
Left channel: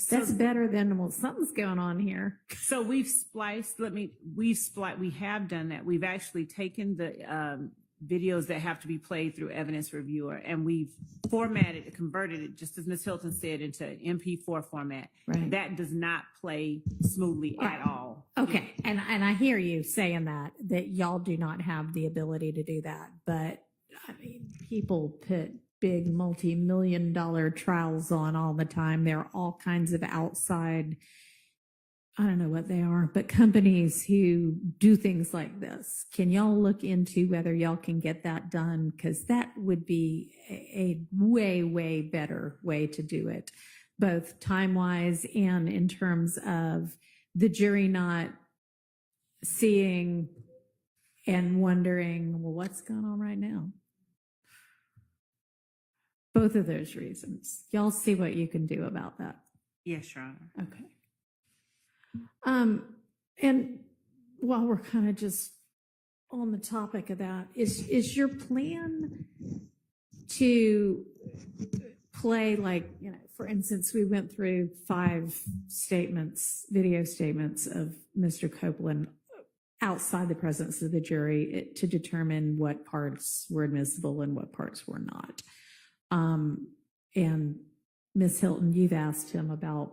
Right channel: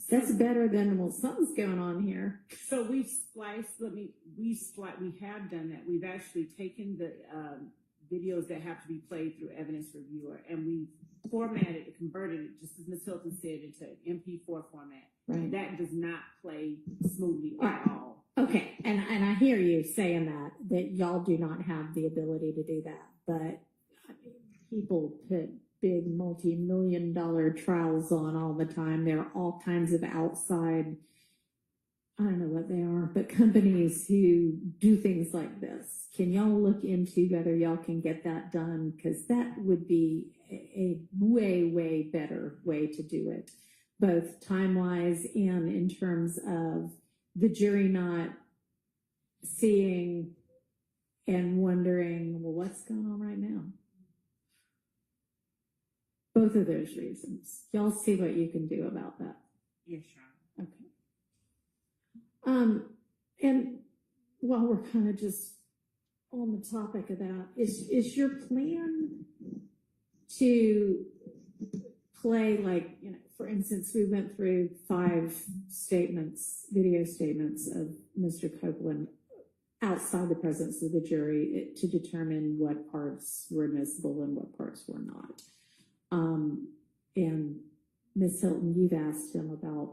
that's better than, well, something's going on here. So we've spliced, we have done that. We've actually taken the videos that have to be played through evidence reviewer, and we've formatted it, converted it, just as Ms. Hylton said, into an MP4 format. Right. That does not play smoothly at all. Okay, and I hear you saying that y'all do not have the ability to do that, but I mean, people put big multi-million-dollar trials on all the time. There are all kinds of outside, I don't know what they are, but companies who do things like this. Can y'all look into whether y'all can get that done? Because that would be a way, way better way to do it, both time-wise and in terms of the jury not seeing and wondering, well, what's going on right now? Both of those reasons. Y'all see what you can do about that. Yes, Your Honor. Okay. And while we're kind of just on the topic of that, is your plan to play, like, you know, for instance, we went through 5 statements, video statements of Mr. Copeland outside the presence of the jury to determine what parts were admissible and what parts were not. And Ms. Hylton, you've asked him about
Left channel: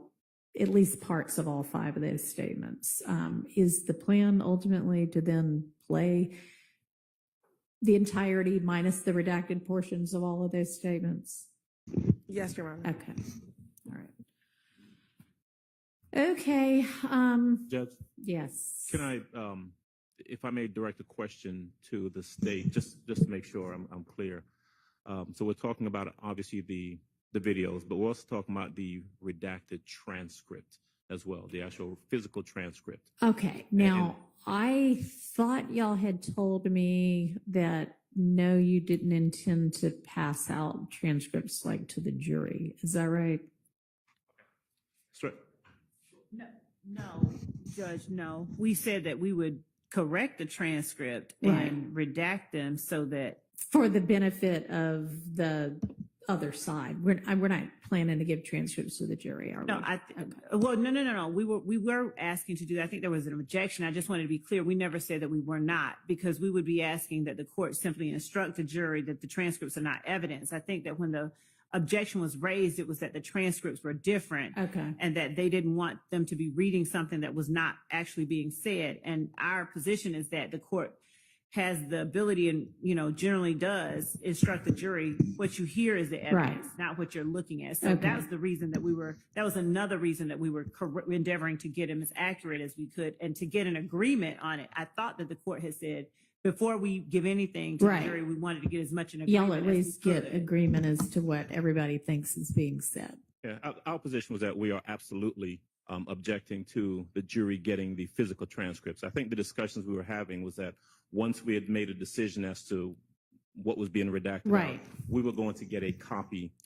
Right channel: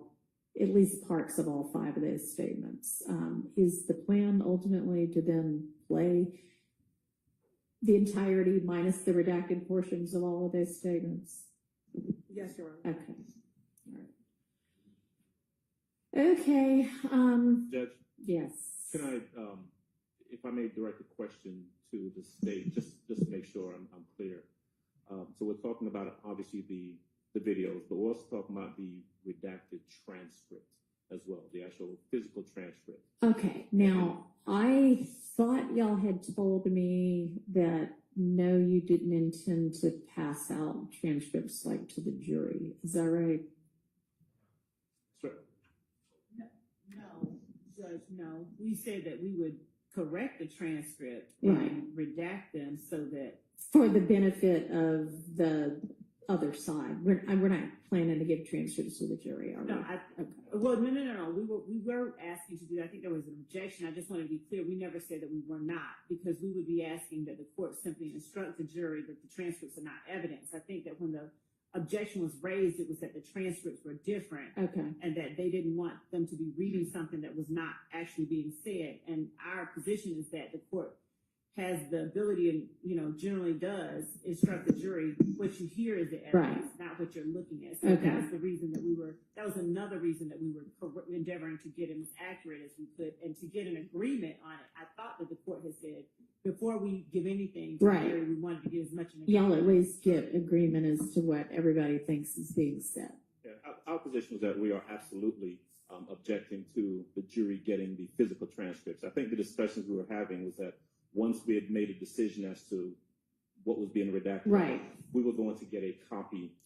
at least parts of all 5 of those statements. Is the plan ultimately to then play the entirety minus the redacted portions of all of those statements? Yes, Your Honor. Okay. All right. Okay. Judge, Yes. can I, if I may direct a question to the state, just to make sure I'm clear. So we're talking about obviously the videos, but we're also talking about the redacted transcript as well, the actual physical transcript. Okay. Now, I thought y'all had told me that no, you didn't intend to pass out transcripts like to the jury. Is that right? That's right. No, Judge, no. We said that we would correct the transcript Right. and redact them so that. For the benefit of the other side. We're not planning to give transcripts to the jury, are we? No, well, no. We were asking to do that. I think there was an objection. I just wanted to be clear. We never said that we were not, because we would be asking that the court simply instruct the jury that the transcripts are not evidence. I think that when the objection was raised, it was that the transcripts were different. Okay. And that they didn't want them to be reading something that was not actually being said. And our position is that the court has the ability and, you know, generally does instruct the jury, what you hear is the evidence, not what you're looking at. So Okay. that was the reason that that was another reason that we were endeavoring to get them as accurate as we could and to get an agreement on it. I thought that the court had said, before we give anything to the jury, we wanted to get as much an agreement. Y'all at least get agreement as to what everybody thinks is being said. Yeah, our position was that we are absolutely objecting to the jury getting the physical transcripts. I think the discussions we were having was that once we had made a decision as to what was being redacted, Right. we were going to get a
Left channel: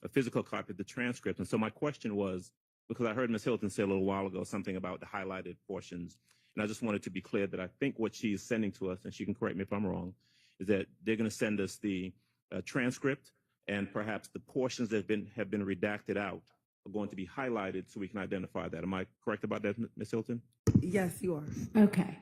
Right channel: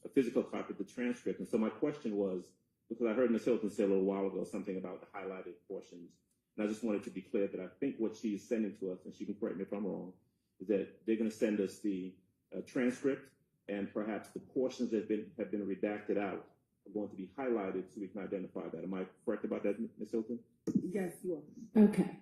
physical copy of the transcript. And so my question was, because I heard Ms. Hylton say a little while ago something about the highlighted portions, and I just wanted to be clear that I think what she is sending to us, and she can correct me if I'm wrong, is that they're going to send us the transcript, and perhaps the portions that have been redacted out are going to be highlighted so we can identify that. Am I correct about that, Ms. Hylton? Yes, you are. Okay.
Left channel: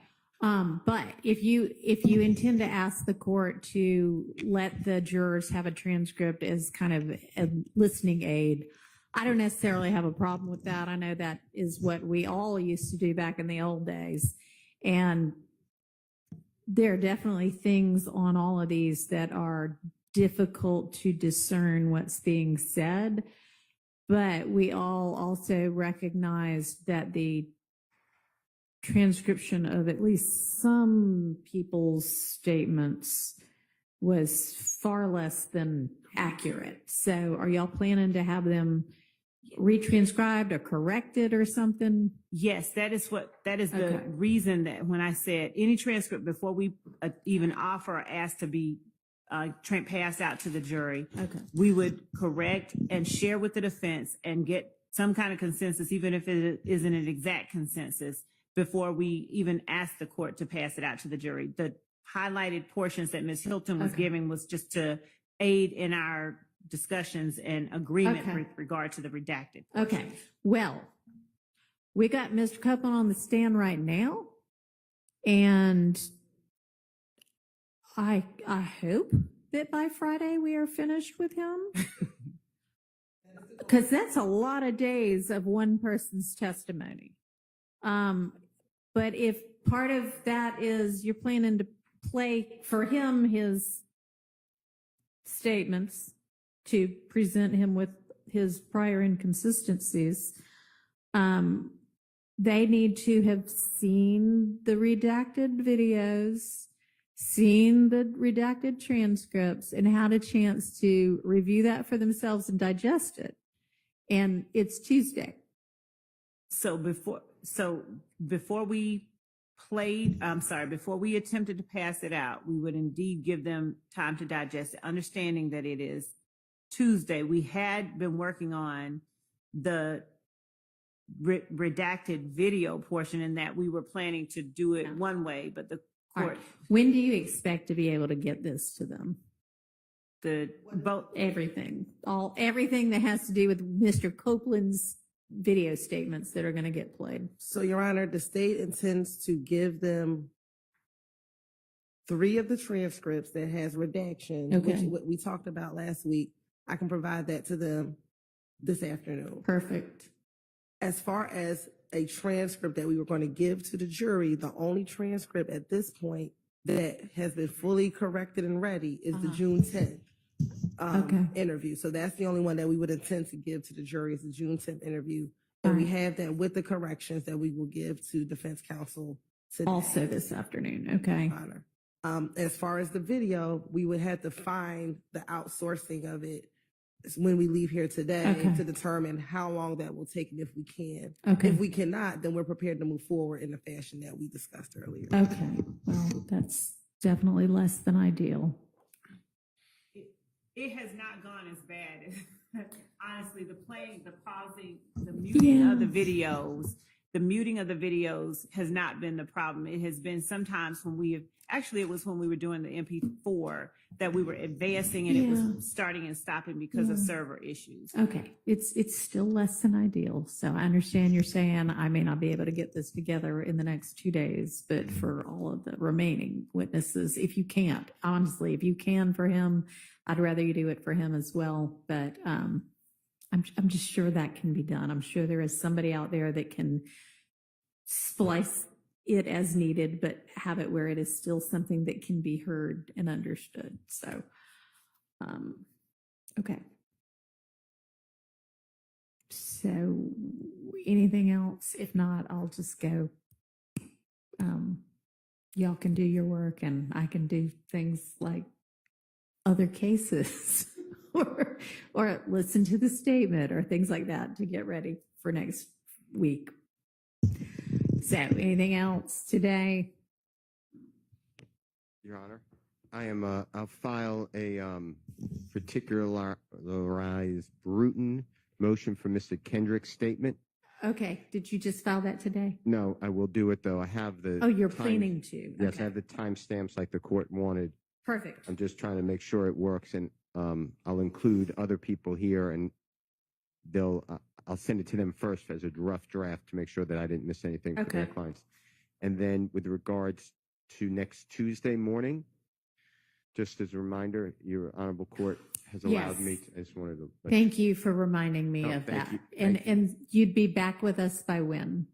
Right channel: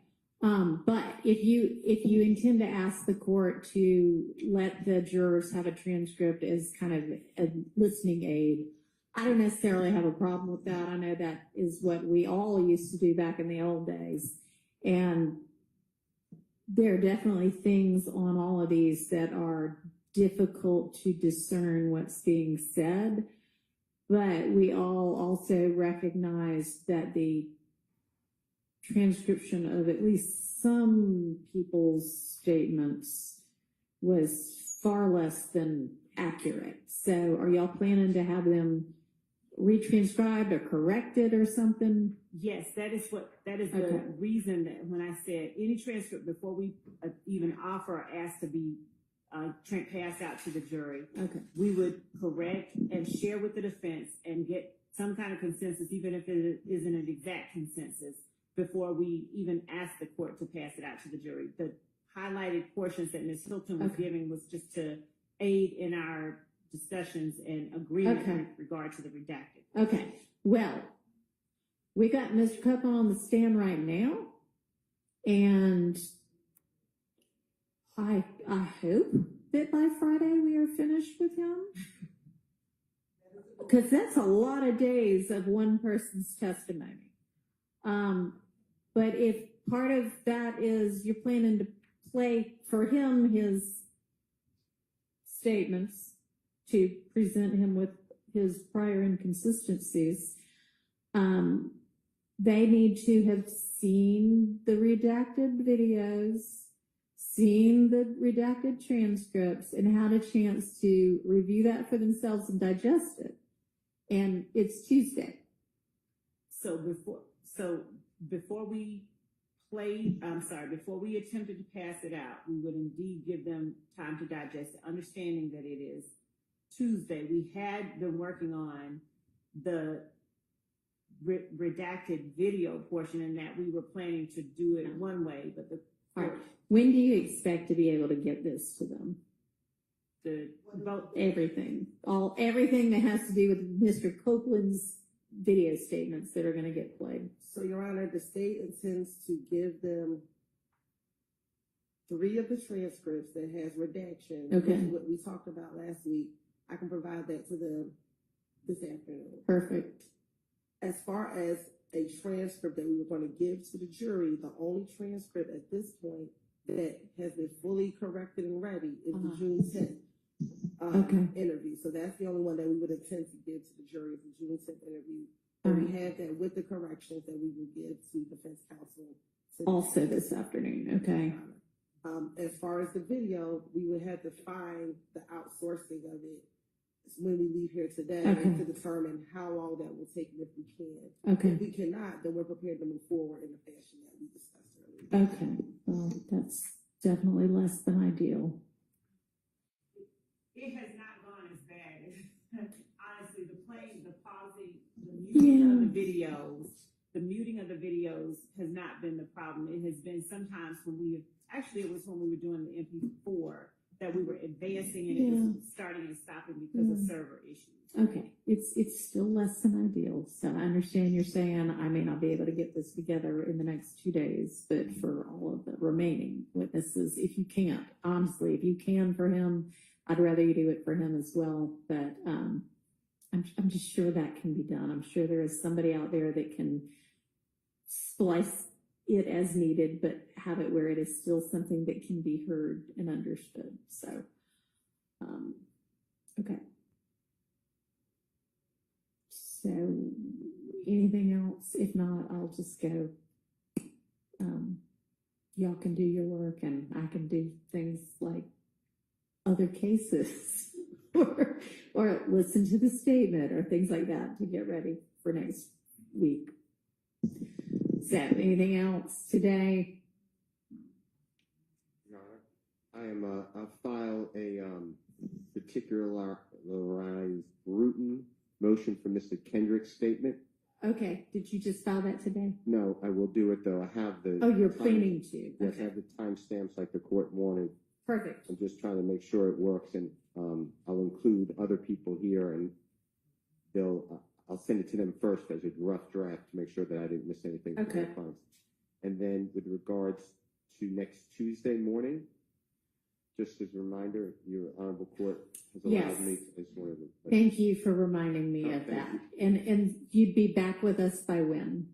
But if you intend to ask the court to let the jurors have a transcript as kind of a listening aid, I don't necessarily have a problem with that. I know that is what we all used to do back in the old days. And there are definitely things on all of these that are difficult to discern what's being said. But we all also recognize that the transcription of at least some people's statements was far less than accurate. So are y'all planning to have them retranscribed or corrected or something? Yes, that is the reason that when I said any transcript before we even offer or ask to be passed out to the jury, we would correct and share with the defense and get some kind of consensus, even if it isn't an exact consensus, before we even ask the court to pass it out to the jury. The highlighted portions that Ms. Hylton was giving was just to aid in our discussions and agreement with regard to the redacted. Okay. Well, we got Mr. Copeland on the stand right now, and I hope that by Friday we are finished with him. Because that's a lot of days of one person's testimony. But if part of that is you're planning to play for him his statements to present him with his prior inconsistencies, they need to have seen the redacted videos, seen the redacted transcripts, and had a chance to review that for themselves and digest it. And it's Tuesday. So so before we before we attempted to pass it out, we would indeed give them time to digest it, understanding that it is Tuesday. We had been working on the redacted video portion, in that we were planning to do it one way, but the All court, right. When do you expect to be able to get this to them? Everything that has to do with Mr. Copeland's video statements that are going to get played. So, Your Honor, the state intends to give them 3 of the transcripts that has redaction, Okay. which is what we talked about last week. I can provide that to them this afternoon. Perfect. As far as a transcript that we were going to give to the jury, the only transcript at this point that has been fully corrected and ready is the June 10th interview. So that's the only one that we would intend to give to the jury, is the June 10th interview. And we have that with the corrections that we will give to defense counsel today. Also this afternoon. Okay. Honor. As far as the video, we would have to find the outsourcing of it when we leave here today to determine how long that will take and if we can. Okay. If we cannot, then we're prepared to move forward in the fashion that we discussed earlier. Okay. Well, that's definitely less than ideal. it has not gone as bad as, honestly, the playing, the pausing, the muting of the videos. The muting of the videos has not been the problem. It has been sometimes when it was when we were doing the MP4 that we were advancing and it was starting and stopping because of server issues. Okay. It's still less than ideal. So I understand you're saying I may not be able to get this together in the next 2 days, but for all of the remaining witnesses, if you can't, honestly, if you can for him, I'd rather you do it for him as well. But I'm just sure that can be done. I'm sure there is somebody out there that can splice it as needed, but have it where it is still something that can be heard and understood. So, okay. So anything else? If not, I'll just go. Y'all can do your work and I can do things like other cases or listen to the statement or things like that to get ready for next week. So anything else today? Your Honor, I'll file a particularized brutal motion for Mr. Kendrick's statement. Okay. Did you just file that today? No, I will do it though. I have the. Oh, you're planning to. Yes, Okay. I have the timestamps like the court wanted. Perfect. I'm just trying to make sure it works, and I'll include other people here, and I'll send it to them first as a rough draft to make sure that I didn't miss anything for their clients. And then with regards to next Tuesday morning, just as a reminder, your honorable court has allowed me to, I just wanted to. Thank you for reminding me of thank that. you. And you'd be back with us by when?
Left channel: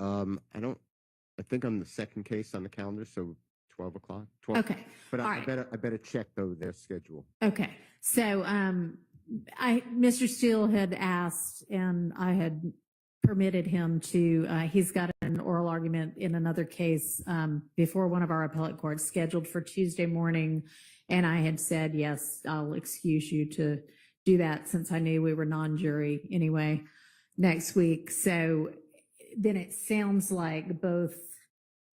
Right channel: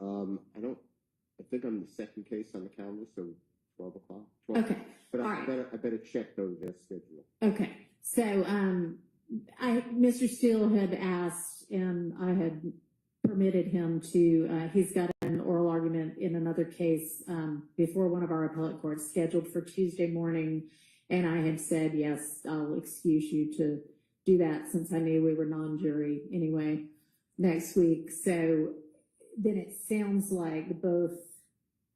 I think I'm the second case on the calendar, so 12 o'clock. Okay. But All I right. better check though their schedule. Okay. So, Mr. Steele had asked and I had permitted him to, he's got an oral argument in another case, before one of our appellate courts scheduled for Tuesday morning. And I had said, yes, I'll excuse you to do that since I knew we were non-jury anyway next week. So then it sounds like both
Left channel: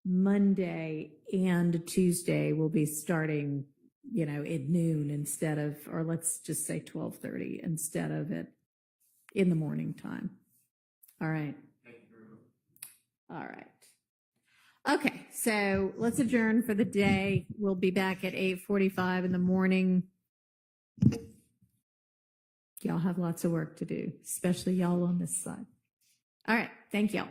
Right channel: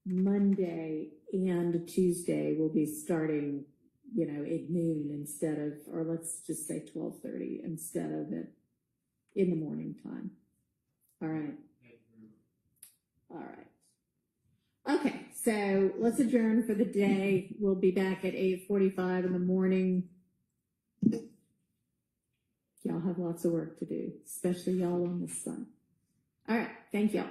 Monday and Tuesday will be starting, at noon instead of, or let's just say 12:30 instead of in the morning time. All right. All right. Okay. So let's adjourn for the day. We'll be back at 8:45 in the morning. Y'all have lots of work to do, especially y'all on this side. All right. Thank y'all.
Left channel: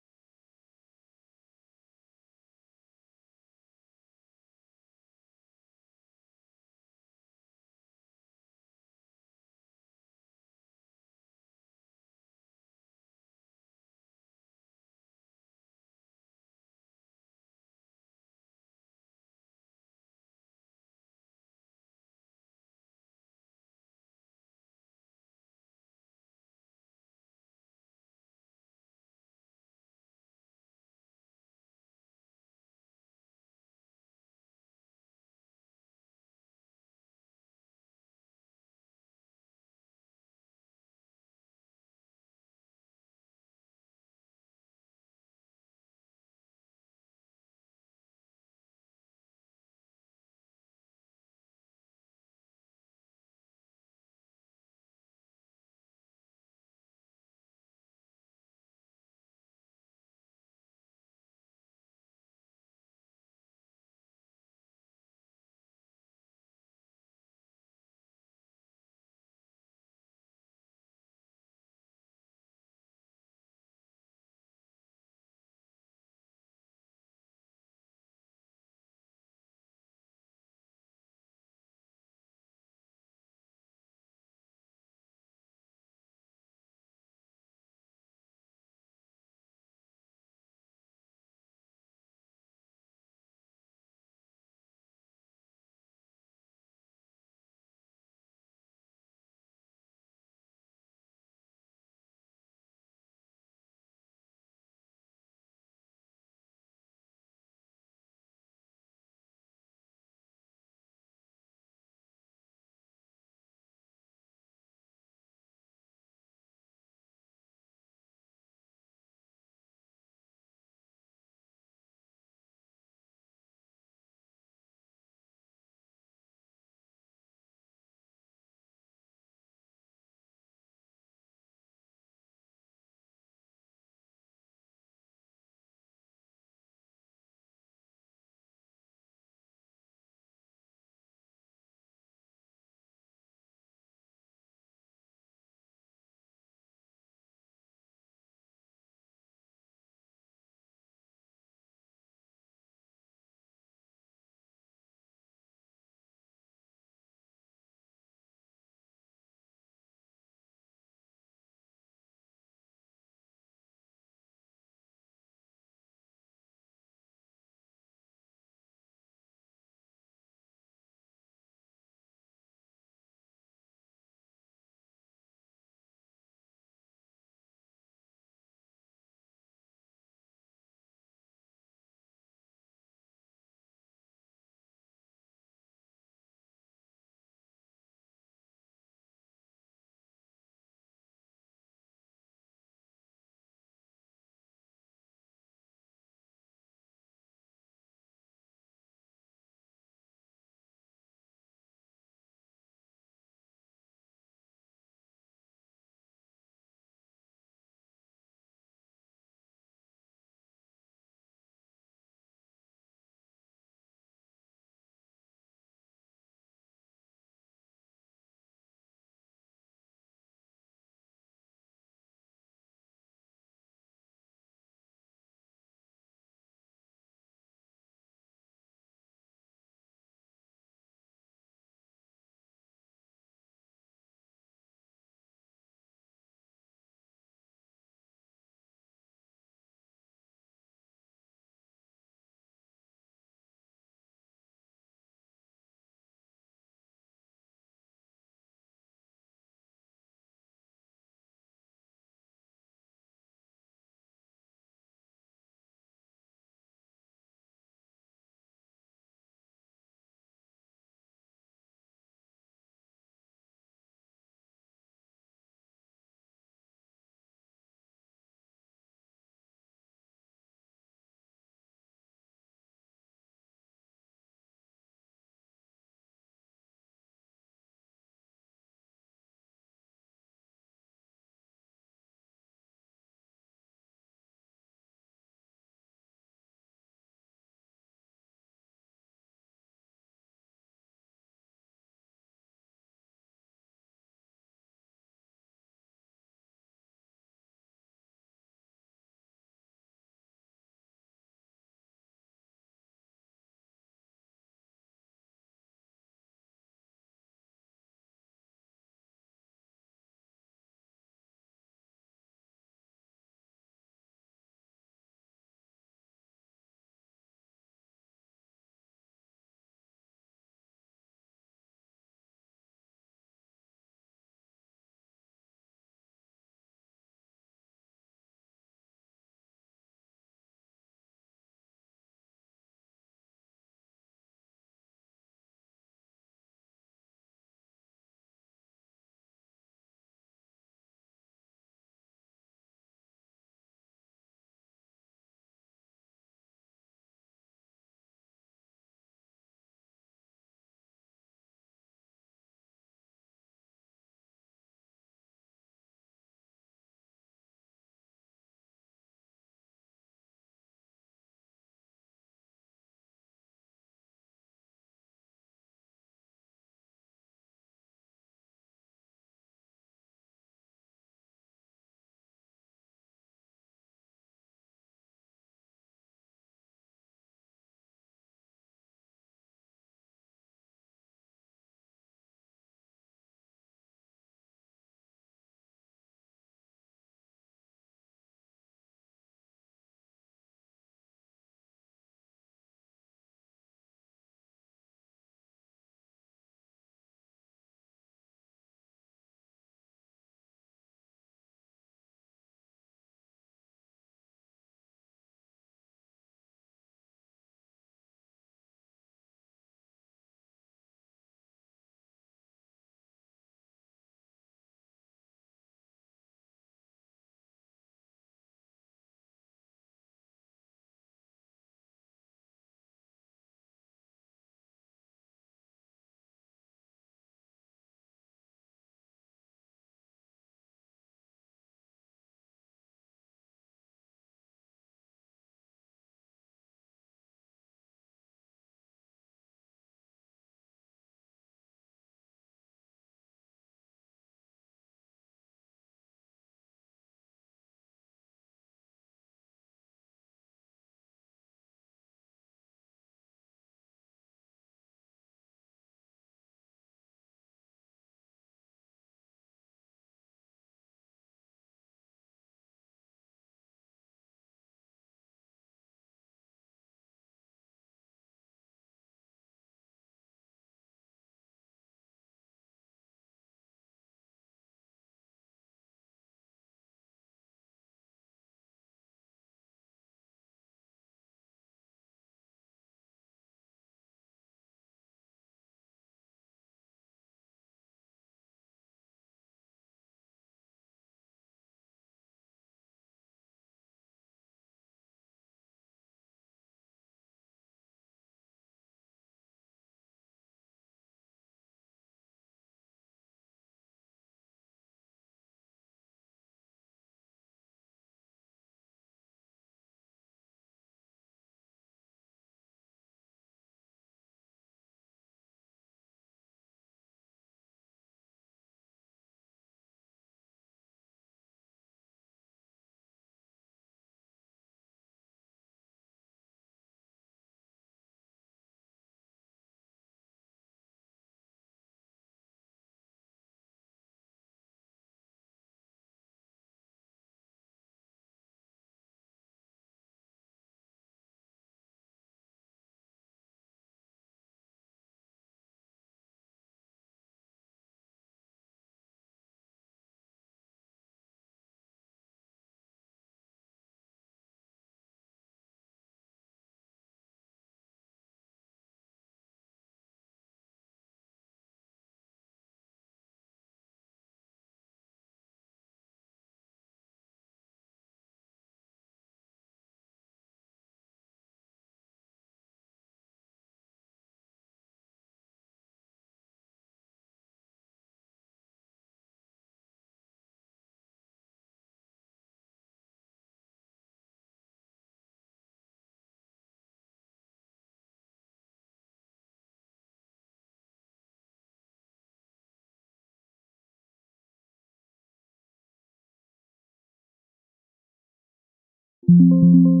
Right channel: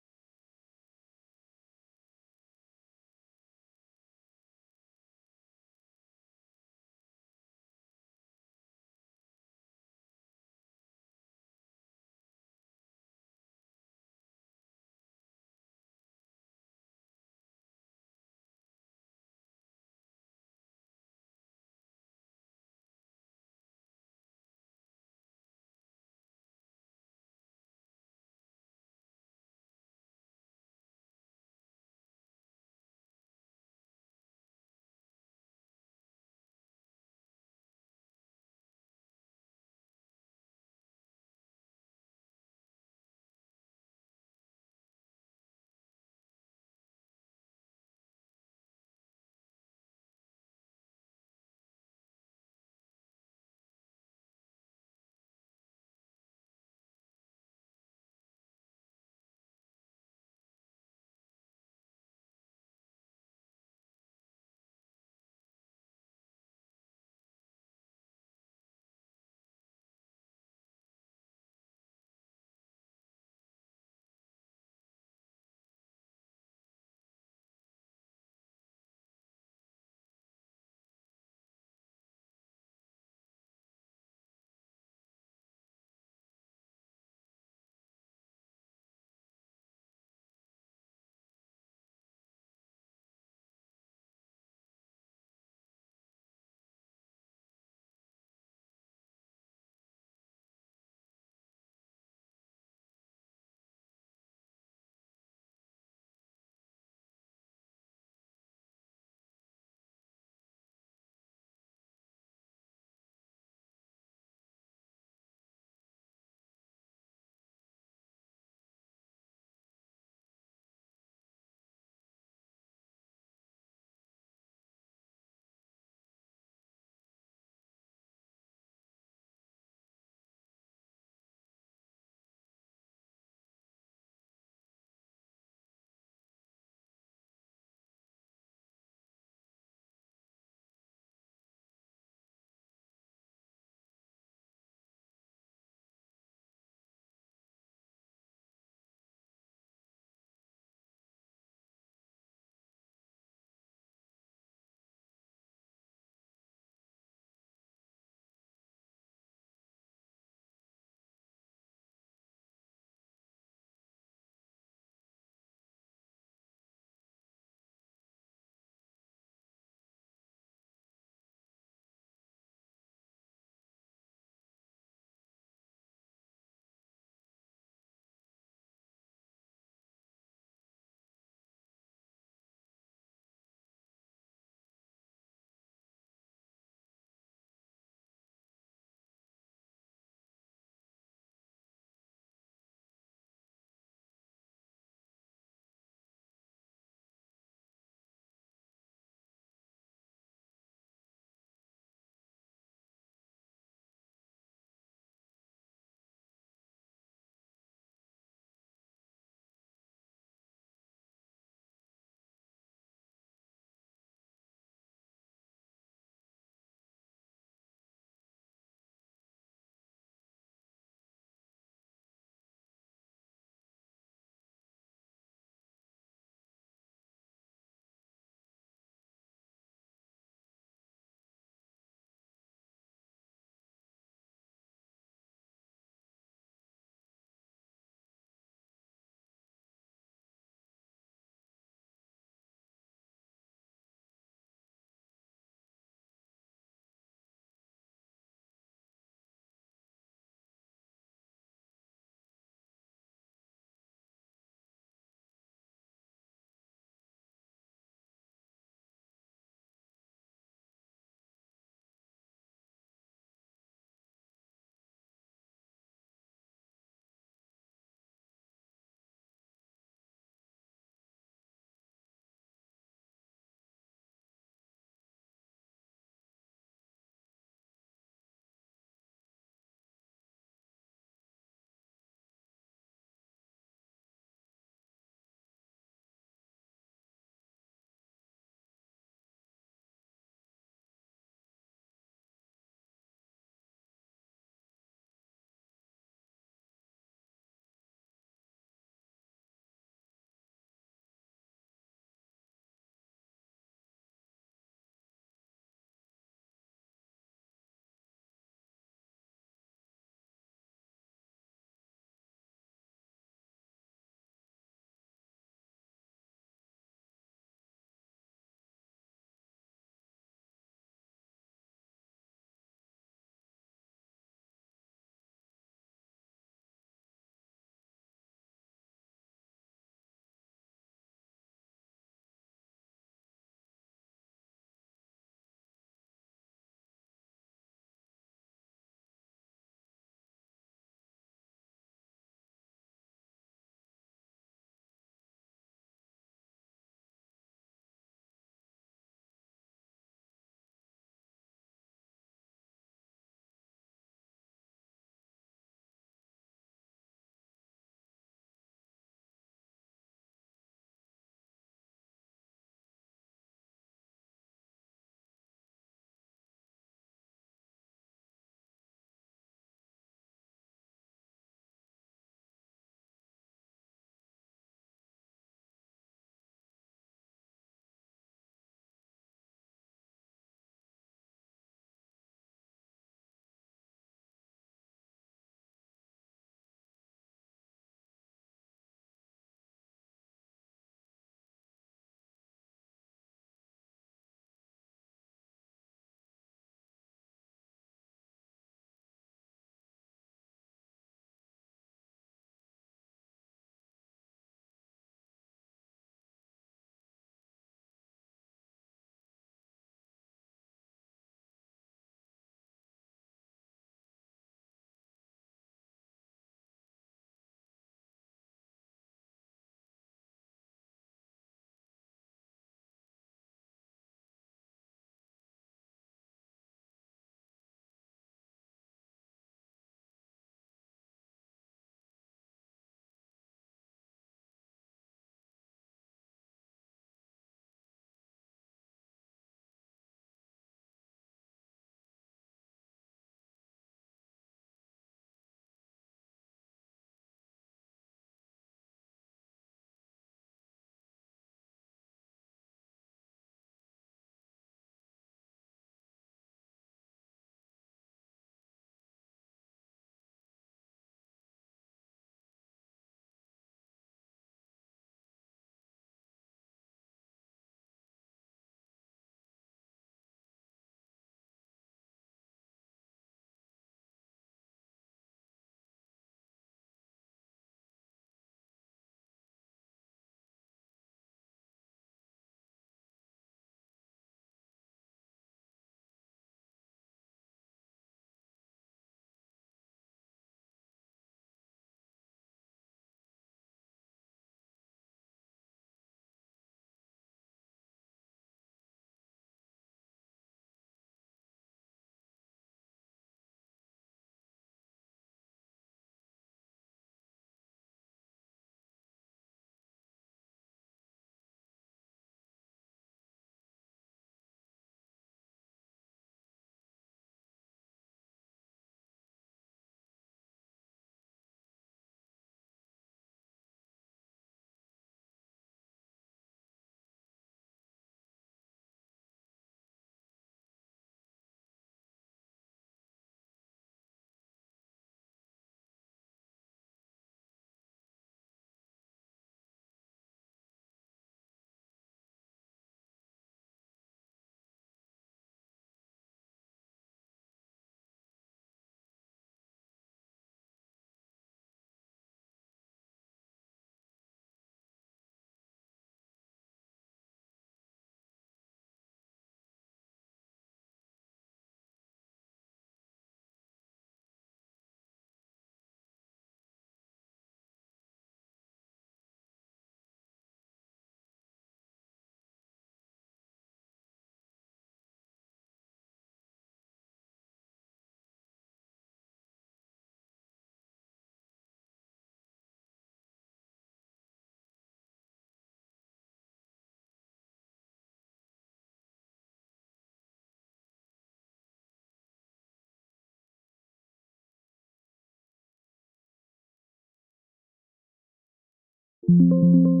you.